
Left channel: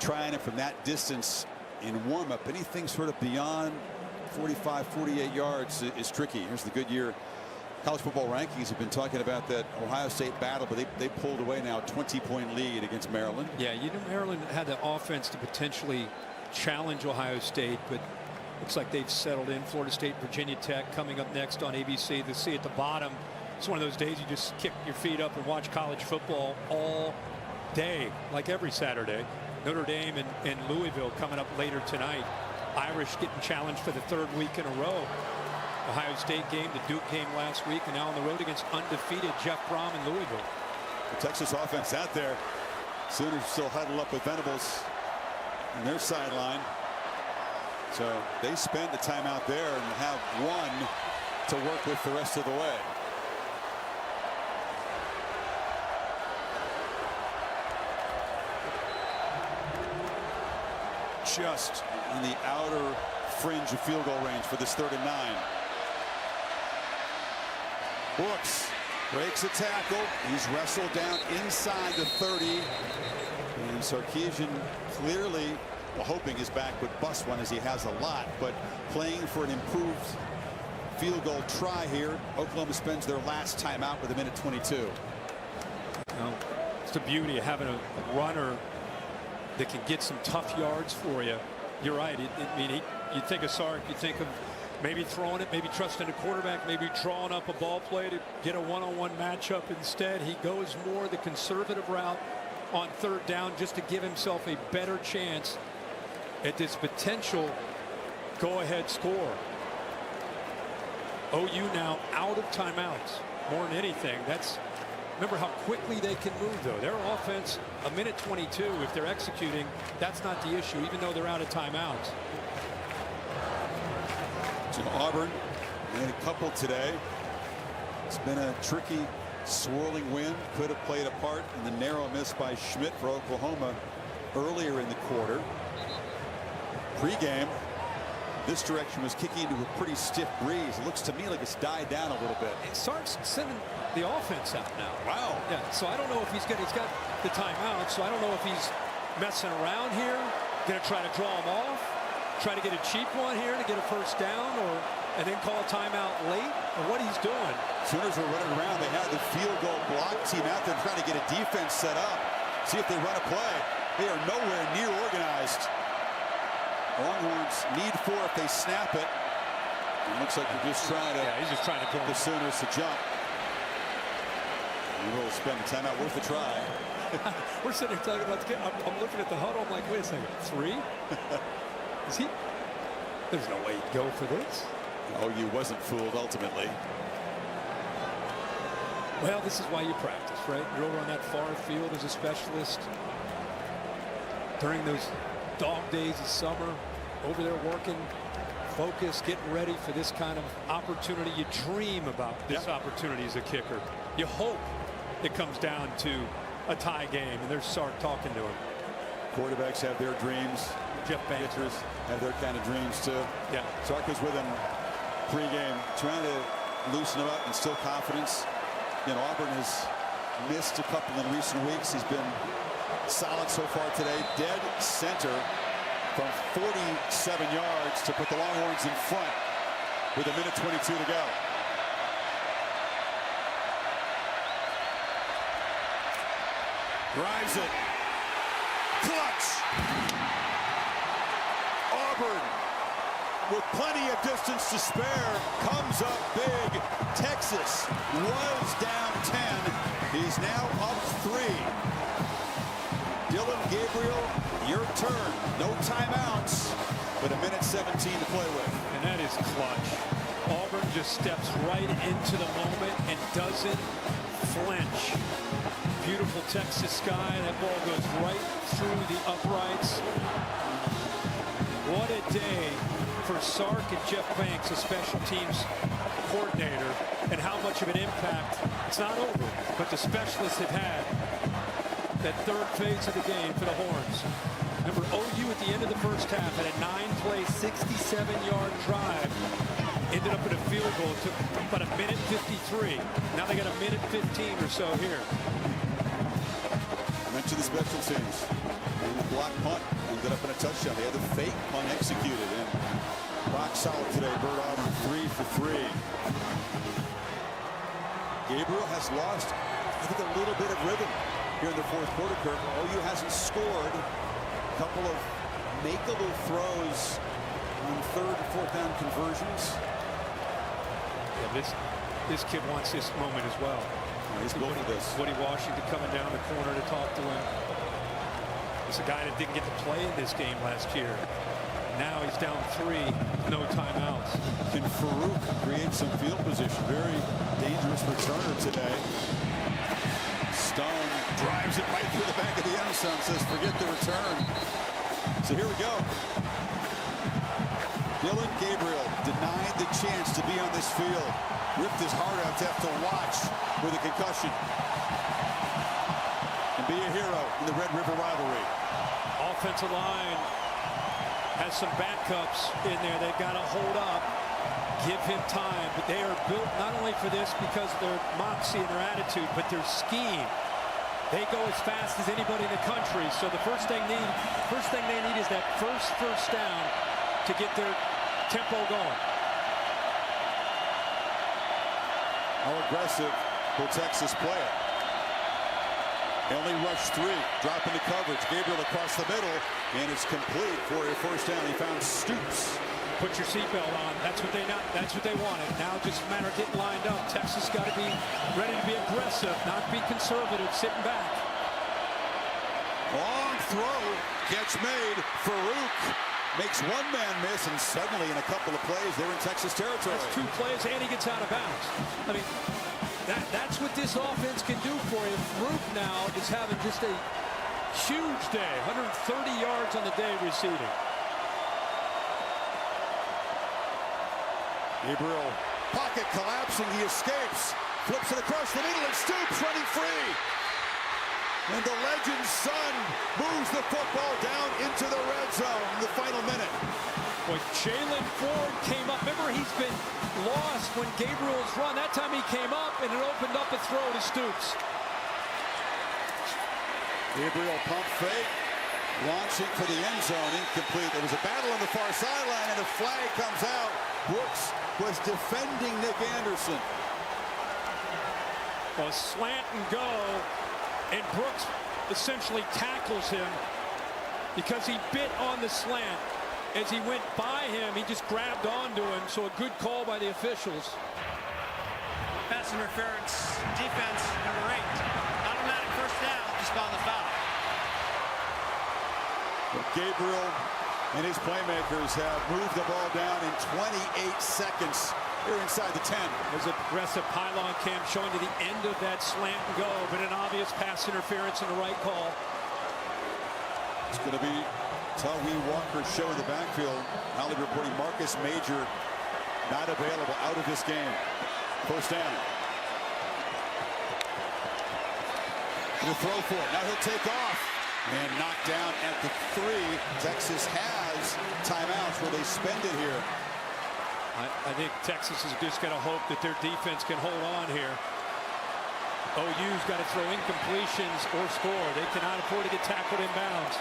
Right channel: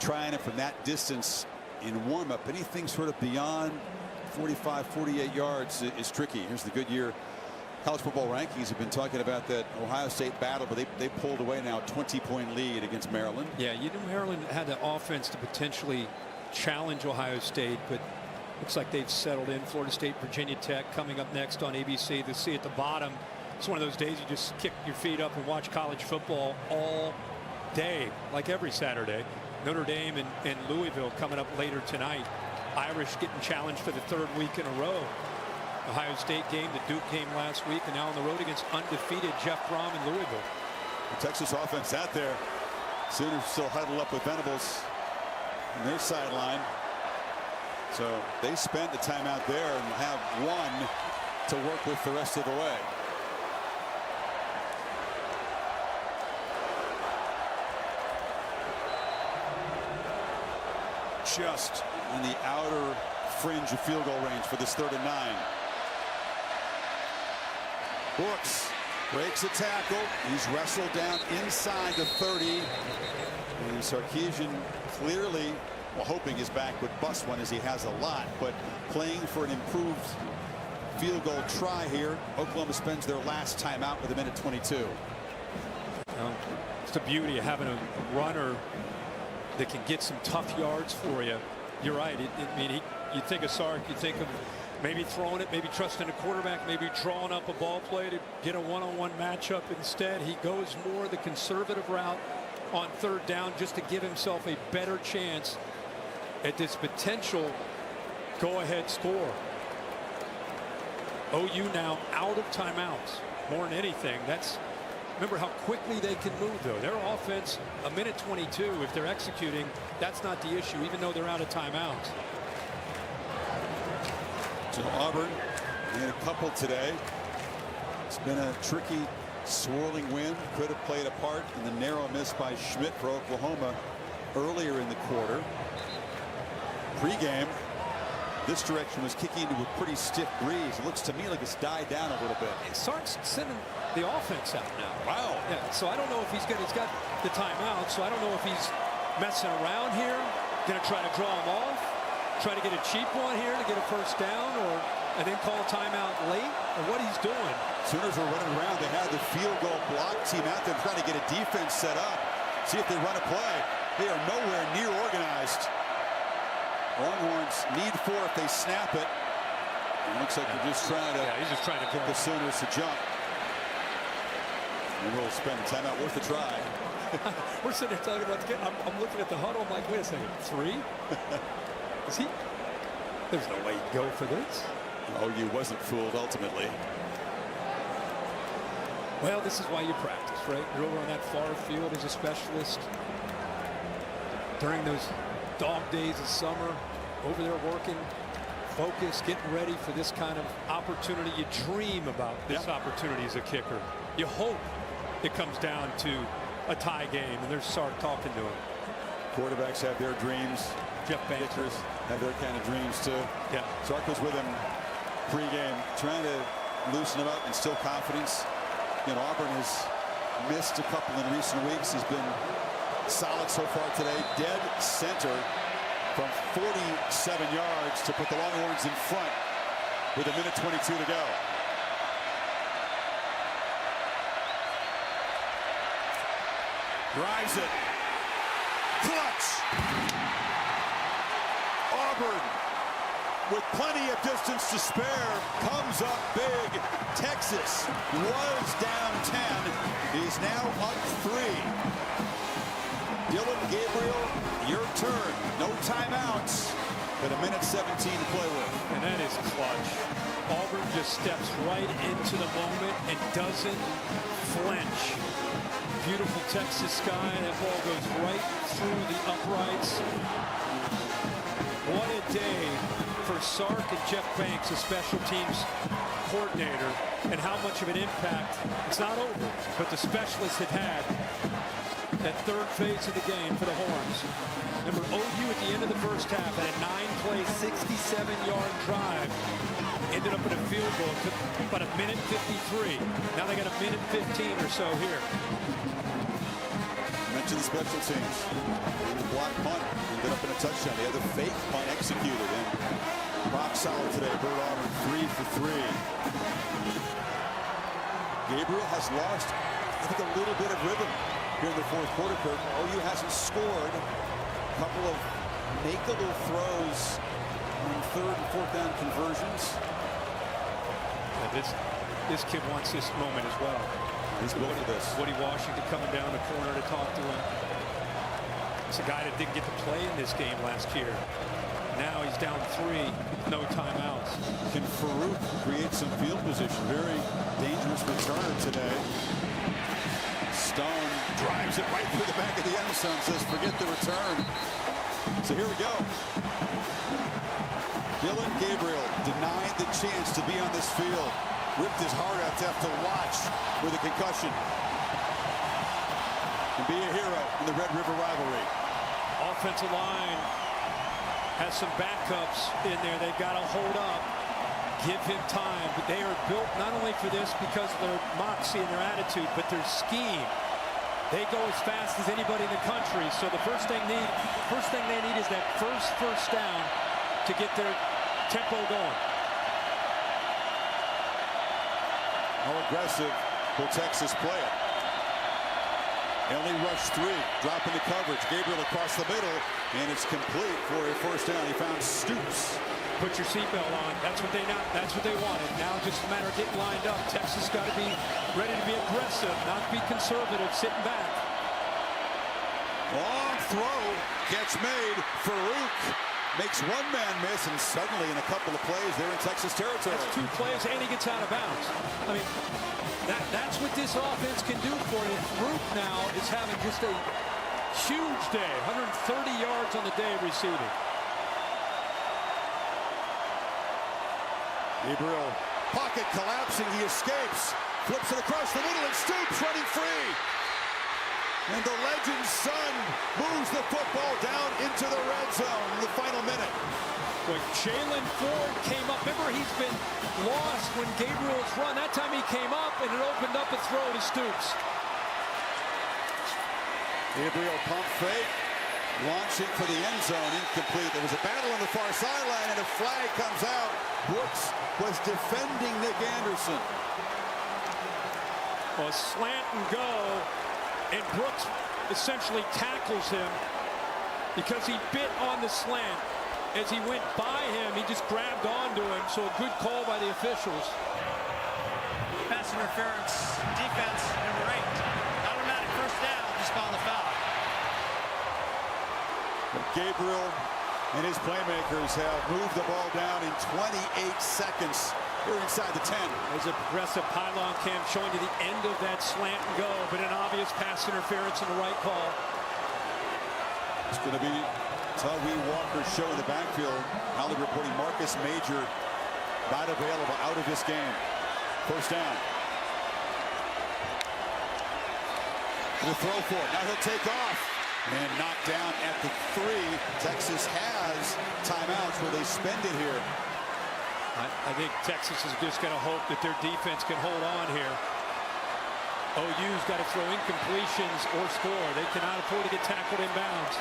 trying it from that distance in warm-up. Anything sort of beyond 45, 48 yards is tricky. Here's the Goodyear college football rankings. Have been talking about that Ohio State battle, but they pulled away now a 20-point lead against Maryland. Yeah, you know, Maryland had the offense to potentially challenge Ohio State, but looks like they've settled in. Florida State, Virginia Tech coming up next on ABC. The see at the bottom. It's one of those days you just kick your feet up and watch college football all day, like every Saturday. Notre Dame and Louisville coming up later tonight. Irish getting challenged for the 3rd week in a row. Ohio State game, the Duke game last week, and now on the road against undefeated Jeff Brom in Louisville. The Texas offense out there. Sooners still huddled up with Venables in their sideline. So they spent the timeout there and have one to work with the rest of the way. Just on the outer fringe of field goal range for this 3rd and 9. Brooks breaks a tackle. He's wrestled down inside the 30. And Sarkisian clearly, well, hoping his back would bust one, as he has a lot, but playing for an improved field goal try here. Oklahoma spends their last timeout with 1:22. You know, it's the beauty of having a runner that can get some tough yards for you. You're right. You think of Sark, you think of maybe throwing it, maybe trusting a quarterback, maybe drawing up a ball play to get a one-on-one matchup. Instead, he goes more the conservative route on 3rd down just to give himself a better chance at this potential go-ahead score. OU now out of timeouts more than anything. Remember how quickly they can move, though. Their offense, 1:22, if they're executing, that's not the issue, even though they're out of timeouts. So Auburn made a couple today. It's been a tricky, swirling wind. Could have played a part in the narrow miss by Schmidt for Oklahoma earlier in the quarter. Pre-game, this direction was kicking into a pretty stiff breeze. It looks to me like it's died down a little bit. Sark's sending the offense out now. Wow. Yeah, so I don't know if he's got the timeout, so I don't know if he's messing around here, going to try to draw him off, try to get a cheap one here to get a 1st down, and then call a timeout late, or what he's doing. Sooners were running around. They had the field goal block team out there trying to get a defense set up, see if they run a play. They are nowhere near organized. Longhorns need 4 if they snap it. It looks like they're just trying to. Yeah, he's just trying to get the Sooners to jump. We will spend a timeout worth a try. We're sitting here talking about the kid. I'm looking at the huddle. I'm like, wait a second, 3? Is he? There's no way he'd go for this. OU wasn't fooled ultimately. Well, this is why you practice, right? You're over on that far field as a specialist during those dog days of summer, over there working, focused, getting ready for this kind of opportunity. You dream about this opportunity as a kicker. You hope it comes down to a tie game, and there's Sark talking to him. Quarterbacks have their dreams. Jeff Banks. Kickers have their kind of dreams too. Yeah. Sark was with him pre-game, trying to loosen him up, instill confidence. You know, Auburn has missed a couple in recent weeks. He's been solid so far today. Dead center from 47 yards to put the Longhorns in front with 1:22 to go. Drives it. Clutch. Auburn, with plenty of distance to spare, comes up big. Texas was down 10. He's now up 3. Dylan Gabriel, your turn. No timeouts, but 1:17 to play with. And that is clutch. Auburn just steps right into the moment and doesn't flinch. Beautiful Texas sky. That ball goes right through the uprights. What a day for Sark and Jeff Banks, a special teams coordinator, and how much of an impact. It's not over, but the specialists have had that 3rd phase of the game for the Horns. Remember, OU at the end of the 1st half had a 9-play, 67-yard drive ended up in a field goal. It took about a minute 53. Now they got a minute 15 or so here. I mentioned the special teams. And the block punt ended up in a touchdown. They had the fake punt executed, and rock solid today. Bird Auburn 3 for 3. Gabriel has lost, I think, a little bit of rhythm here in the fourth quarter, Kirk. OU hasn't scored. A couple of makeable throws on third and fourth down conversions. Yeah, but this kid wants this moment as well. He's built for this. Woody Washington coming down the corner to talk to him. It's a guy that didn't get to play in this game last year. Now he's down 3 with no timeouts. Can Farouk create some field position? Very dangerous returner today. Stone drives it right through the back of the end zone, says forget the return. So here we go. Dylan Gabriel denied the chance to be on this field. Ripped his heart out to have to watch with a concussion. And be a hero in the Red River rivalry. Offensive line has some backups in there. They've got to hold up, give him time. But they are built not only for this because of their moxie and their attitude, but their scheme. They go as fast as anybody in the country. So the first thing they need is that first down to get their tempo going. How aggressive will Texas play it? They only rush 3, drop into coverage. Gabriel across the middle, and it's complete for a first down. He found Stoops. Put your seatbelt on. That's what they wanted. Now just a matter of getting lined up. Texas got to be ready to be aggressive, not be conservative, sitting back. Long throw, catch made. Farouk makes one man miss, and suddenly in a couple of plays, they're in Texas territory. That's 2 plays, and he gets out of bounds. I mean, that's what this offense can do for you. Farouk now is having just a huge day. 130 yards on the day receiving. Gabriel, pocket collapsing, he escapes. Flips it across the middle, and Stoops running free. And the legend's son moves the football down into the red zone in the final minute. Boy, Jalen Ford came up. Remember, he's been lost when Gabriel's run. That time he came up, and it opened up a throw to Stoops. Gabriel pump fake, launching for the end zone, incomplete. There was a battle on the far sideline, and a flag comes out. Brooks was defending Nick Anderson. Well, a slant and go, and Brooks essentially tackles him because he bit on the slant. As he went by him, he just grabbed onto him, so a good call by the officials. Pass interference, defense, number 8. Automatic first down, just on the foul. Well, Gabriel and his playmakers have moved the ball down in 28 seconds. Here inside the 10. There's a progressive pylon cam showing to the end of that slant and go, but an obvious pass interference in the right call. It's going to be Tawee Walker's show in the backfield. Holly reporting Marcus Major not available, out of this game. First down. To throw for it. Now he'll take off and knocked down at the 3. Texas has timeouts. Will they spend it here? I think Texas is just going to hope that their defense can hold on here. OU's got to throw incompletions or score. They cannot afford to get tackled in bounds.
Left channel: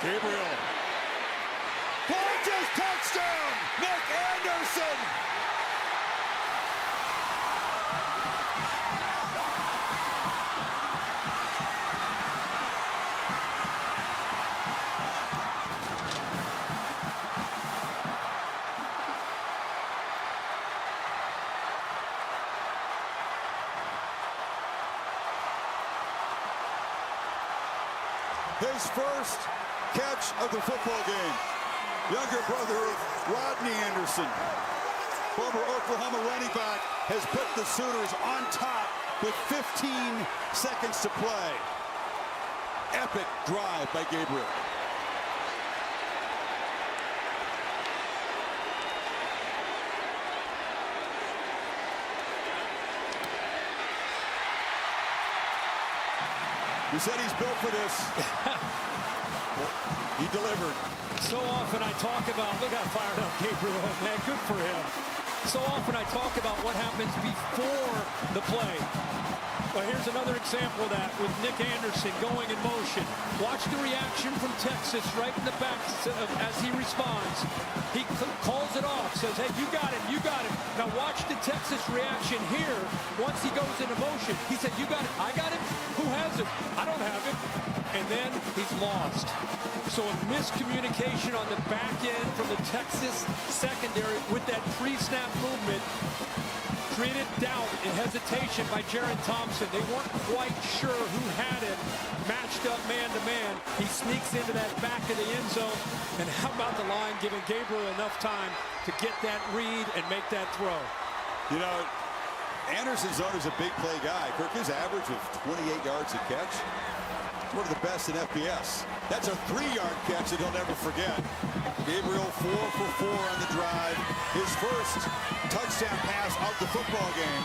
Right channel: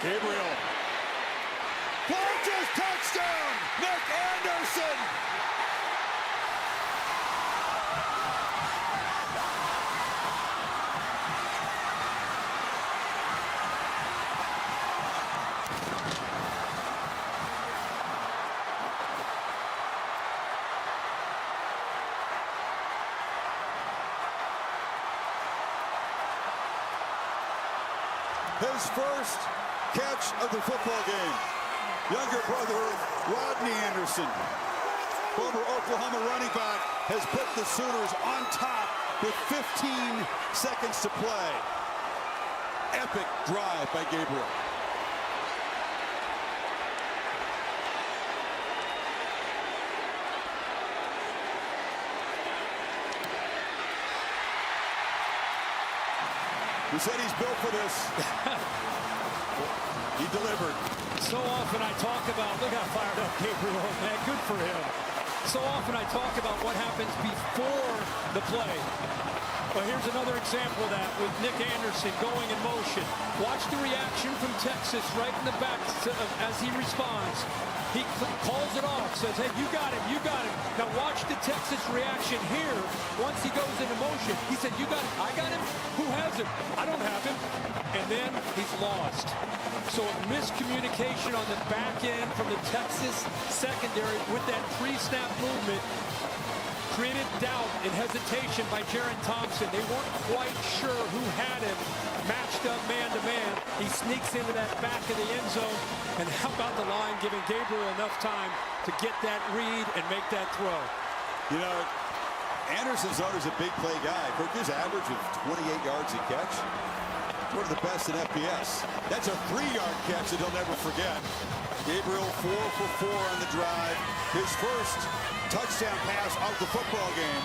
Gabriel. Launches, touchdown! Nick Anderson! His first catch of the football game. Younger brother of Rodney Anderson, former Oklahoma running back, has put the Sooners on top with 15 seconds to play. Epic drive by Gabriel. He said he's built for this. He delivered. So often I talk about, look how fired up Gabriel is, man. Good for him. So often I talk about what happens before the play. Well, here's another example of that with Nick Anderson going in motion. Watch the reaction from Texas right in the back as he responds. He calls it off, says, hey, you got him, you got him. Now watch the Texas reaction here once he goes into motion. He said, you got him, I got him? Who has him? I don't have him. And then he's lost. So a miscommunication on the back end from the Texas secondary with that pre-snap movement created doubt and hesitation by Jaron Thompson. They weren't quite sure who had him matched up man-to-man. He sneaks into that back of the end zone. And how about the line giving Gabriel enough time to get that read and make that throw? You know, Anderson's is a big play guy. Kirk, his average of 28 yards a catch. It's one of the best in FBS. That's a 3-yard catch that he'll never forget. Gabriel 4 for 4 on the drive. His first touchdown pass of the football game.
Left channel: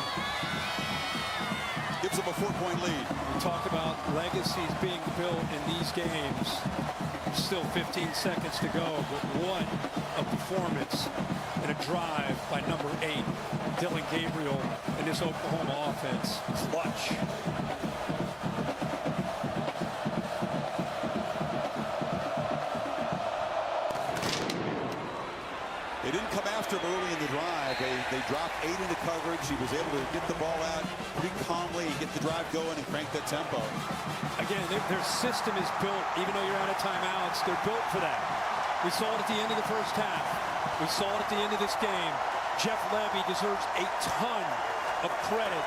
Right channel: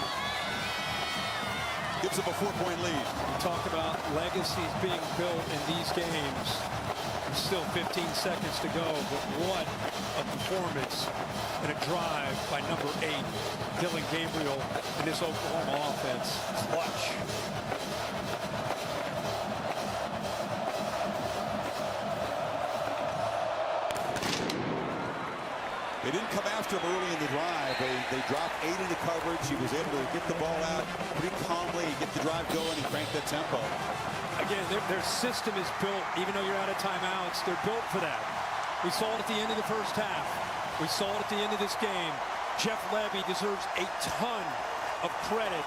Gives them a 4-point lead. You talk about legacies being built in these games. Still 15 seconds to go, but what a performance and a drive by number 8, Dillon Gabriel, in this Oklahoma offense. Clutch. They didn't come after him early in the drive. They dropped 8 into coverage. He was able to get the ball out pretty calmly and get the drive going and crank that tempo. Again, their system is built, even though you're out of timeouts, they're built for that. We saw it at the end of the first half. We saw it at the end of this game. Jeff Levy deserves a ton of credit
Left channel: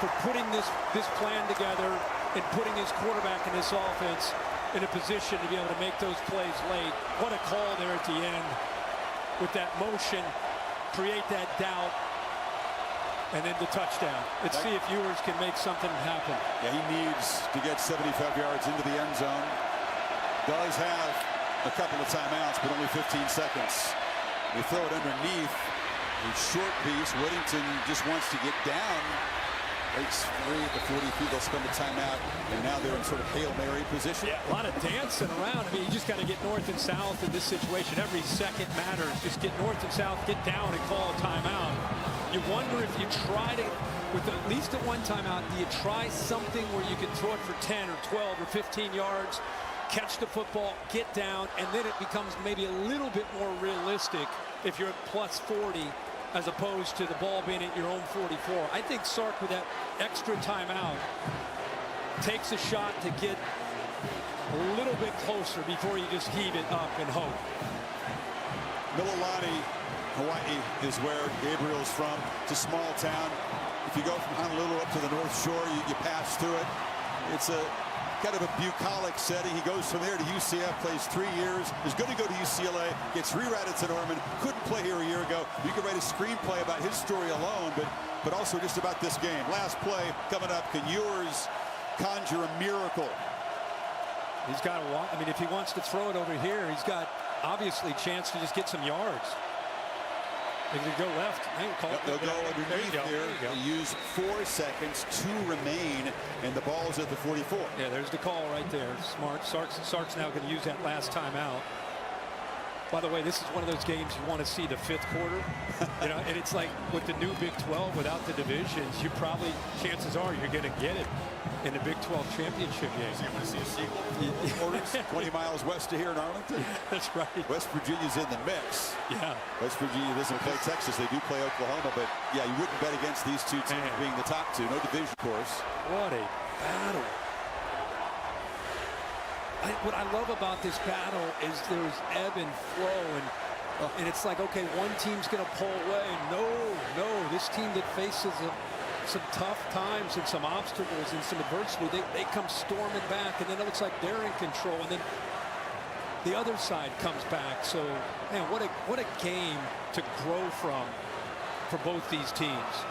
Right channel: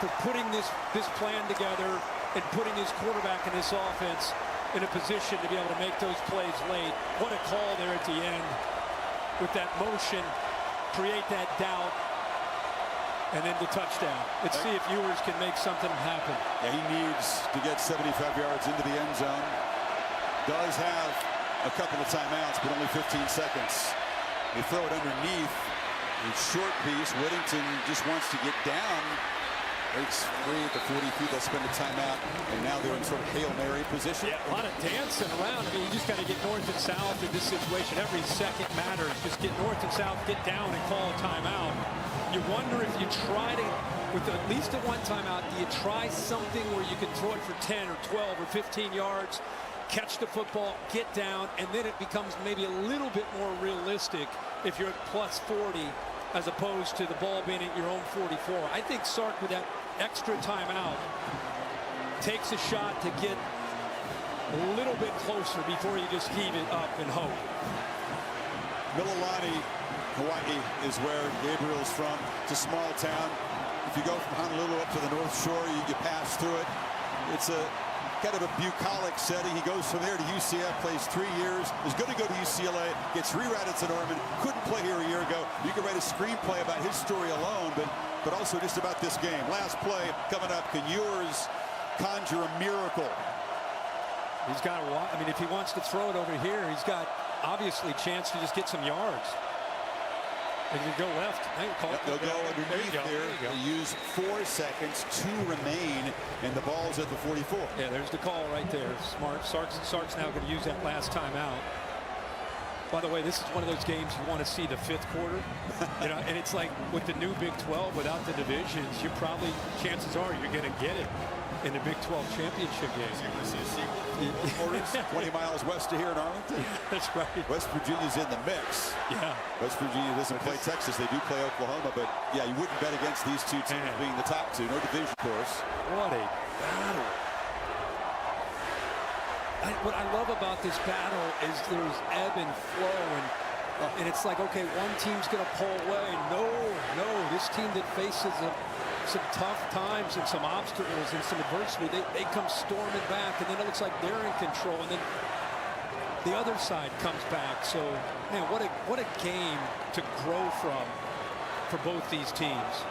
for putting this plan together and putting his quarterback in this offense in a position to be able to make those plays late. What a call there at the end. With that motion, create that doubt, and then the touchdown. Let's see if viewers can make something happen. Yeah, he needs to get 75 yards into the end zone. Does have a couple of timeouts, but only 15 seconds. They throw it underneath. A short piece. Whittington just wants to get down. Breaks free at the 43. They'll spend a timeout, and now they're in sort of Hail Mary position. Yeah, a lot of dancing around. I mean, you just got to get north and south in this situation. Every second matters. Just get north and south, get down, and call a timeout. You wonder if you try to, with at least a one timeout, do you try something where you can throw it for 10 or 12 or 15 yards, catch the football, get down, and then it becomes maybe a little bit more realistic if you're at plus 40 as opposed to the ball being at your own 44. I think Sark, with that extra timeout, takes a shot to get a little bit closer before you just heave it up and hope. Mililani, Hawaii is where Gabriel's from. It's a small town. If you go from Honolulu up to the North Shore, you pass through it. It's a kind of a bucolic setting. He goes from there to UCF, plays 3 years, is going to go to UCLA, gets rerouted to Norman, couldn't play here a year ago. You could write a screenplay about his story alone, but also just about this game. Last play coming up. Can yours conjure a miracle? He's got I mean, if he wants to throw it over here, he's got obviously a chance to just get some yards. They can go left. They'll go underneath there. They use 4 seconds, 2 remain, and the ball's at the 44. Yeah, there's the call right there. Smart. Sark's now going to use that last time out. By the way, this is one of those games you want to see the 5th quarter. You know, and it's like with the new Big 12, without the divisions, you probably, chances are you're going to get it in the Big 12 championship game. So you want to see a sequel? 4 quarters, 20 miles west of here in Arlington? Yeah, that's right. West Virginia's in the mix. Yeah. West Virginia doesn't play Texas. They do play Oklahoma, but yeah, you wouldn't bet against these two teams being the top 2. No division course. What a battle. What I love about this battle is there's ebb and flow, and it's like, okay, one team's going to pull away. No, this team that faces some tough times and some obstacles and some adversity, they come storming back, and then it looks like they're in control, and then the other side comes back. So, man, what a game to grow from for both these teams.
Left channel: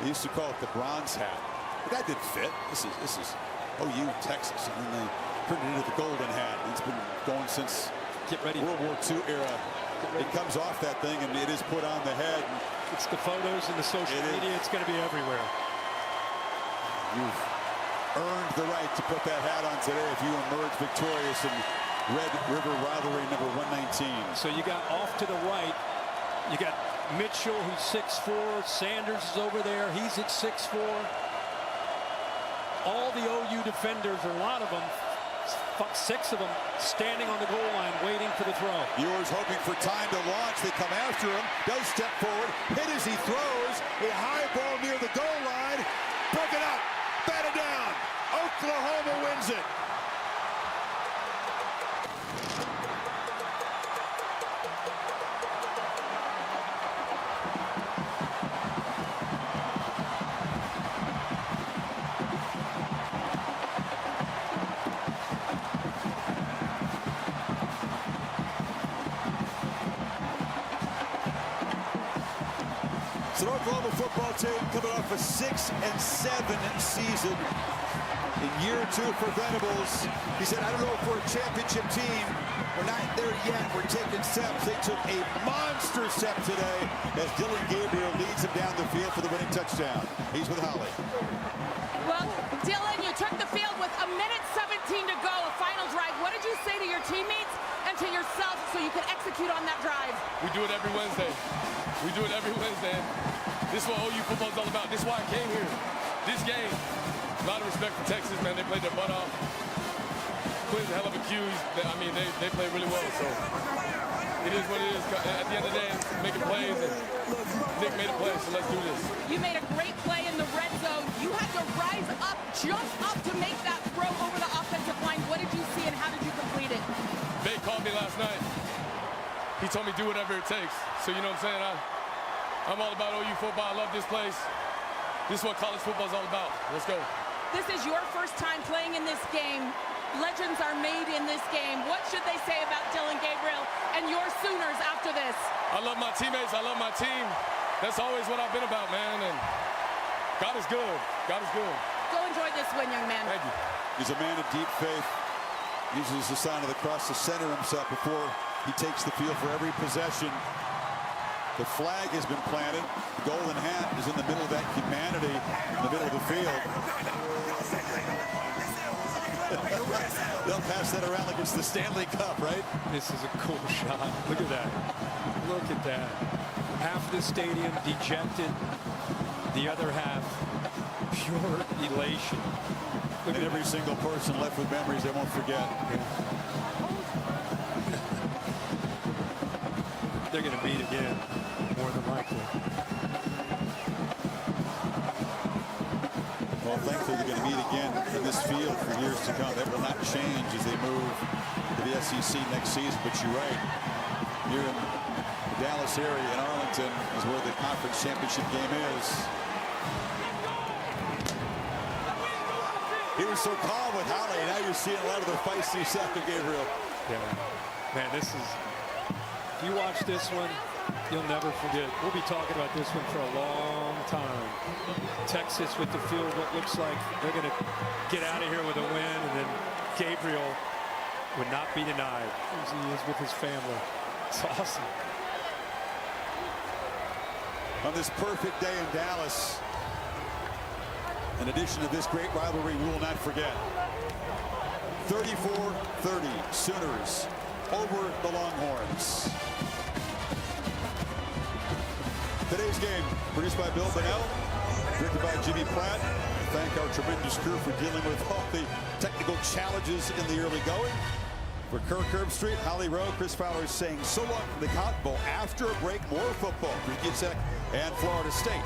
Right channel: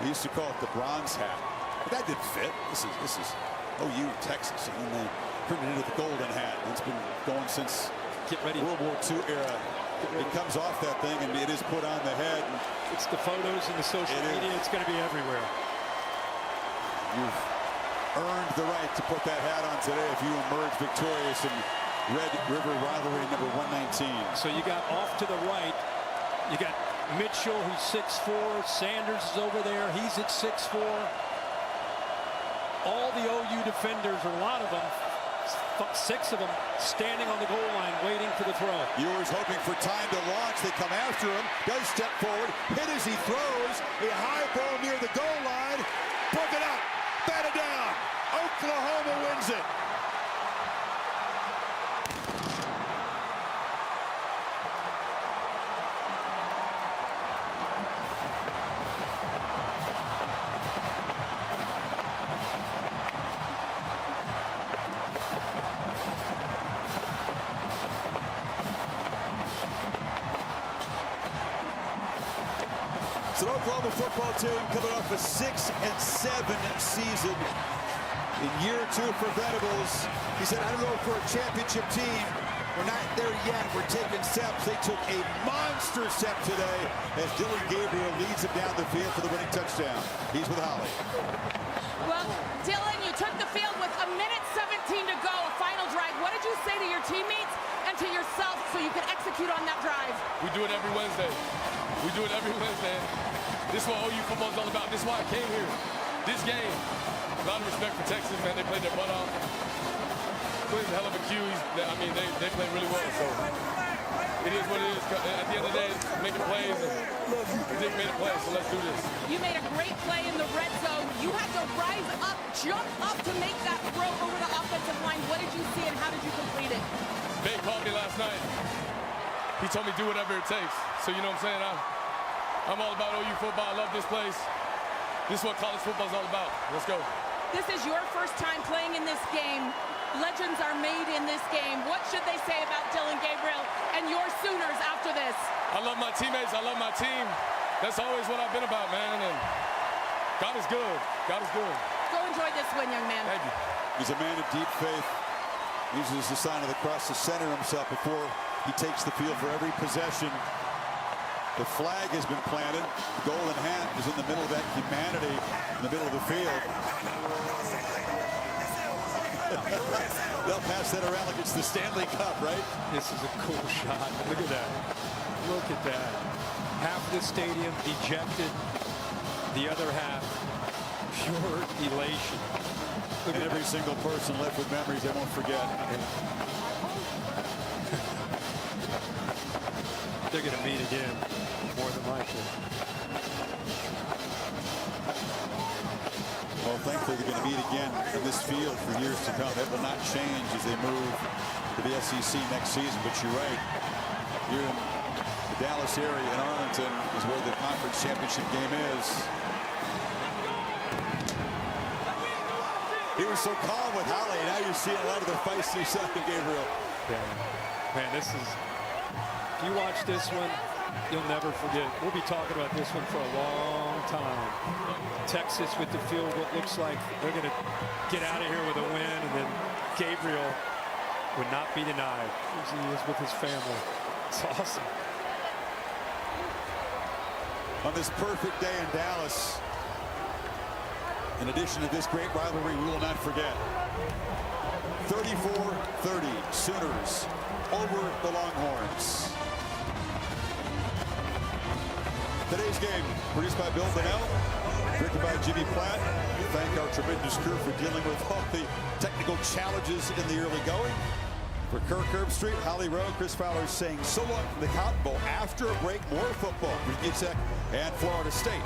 They used to call it the bronze hat, but that didn't fit. This is OU in Texas, and then they turned it into the golden hat. It's been going since World War II era. It comes off that thing, and it is put on the head. And it's the photos and the social media. It's going to be everywhere. You've earned the right to put that hat on today if you emerge victorious in Red River rivalry number 119. So you got off to the right, you got Mitchell, who's 6'4". Sanders is over there. He's at 6'4". All the OU defenders, or a lot of them, 6 of them, standing on the goal line waiting for the throw. Ewers hoping for time to launch. They come after him. Does step forward. Hit as he throws. A high ball near the goal line. Broken up. Batted down. Oklahoma wins it. It's an Oklahoma football team coming off a 6-7 season in year 2 for Venables. He said, I don't know if we're a championship team. We're not there yet. We're taking steps. They took a monster step today as Dylan Gabriel leads him down the field for the winning touchdown. He's with Holly. Well, Dylan, you took the field with 1:17 to go, a final drive. What did you say to your teammates and to yourself so you could execute on that drive? We do it every Wednesday. We do it every Wednesday. This is what OU football is all about. This is why I came here. This game. A lot of respect for Texas, man. They played their butt off. Quinn's a hell of a Q. They play really well. So it is what it is. At the end of the day, making plays. And Nick made a play, so let's do this. You made a great play in the red zone. You had to rise up, jump up to make that throw over the offensive line. What did you see and how did you complete it? Bay called me last night. He told me do whatever it takes. So you know what I'm saying? I'm all about OU football. I love this place. This is what college football is all about. Let's go. This is your first time playing in this game. Legends are made in this game. What should they say about Dylan Gabriel and your Sooners after this? I love my teammates. I love my team. That's always what I've been about, man. And God is good. God is good. Go enjoy this win, young man. Thank you. He's a man of deep faith. Uses the sign of the cross to center himself before he takes the field for every possession. The flag has been planted. The golden hat is in the middle of that humanity in the middle of the field. They'll pass that around like it's the Stanley Cup, right? This is a cool shot. Look at that. Look at that. Half of the stadium dejected. The other half, pure elation. Look at every single person left with memories they won't forget. Yeah. They're going to meet again, more than likely. Well, thankfully, they're going to meet again in this field for years to come. That will not change as they move to the SEC next season. But you're right. Here in the Dallas area in Arlington is where the conference championship game is. He was so calm with Holly. Now you're seeing a lot of the feisty side of Gabriel. Yeah. Man, this is... If you watch this one, you'll never forget. We'll be talking about this one for a long time. Texas with the field goal. Looks like they're going to get out of here with a win, and then Gabriel would not be denied as he is with his family. It's awesome. On this perfect day in Dallas, in addition to this great rivalry, we will not forget. 34-30 Sooners over the Longhorns. Today's game produced by Bill Bonnell, directed by Jimmy Platt. We thank our tremendous crew for dealing with all the technical challenges in the early going. For Kirk Herbstreit, Holly Rowe, Chris Fowler saying so long from the Cotton Bowl. After a break, more football. Virginia Tech and Florida State.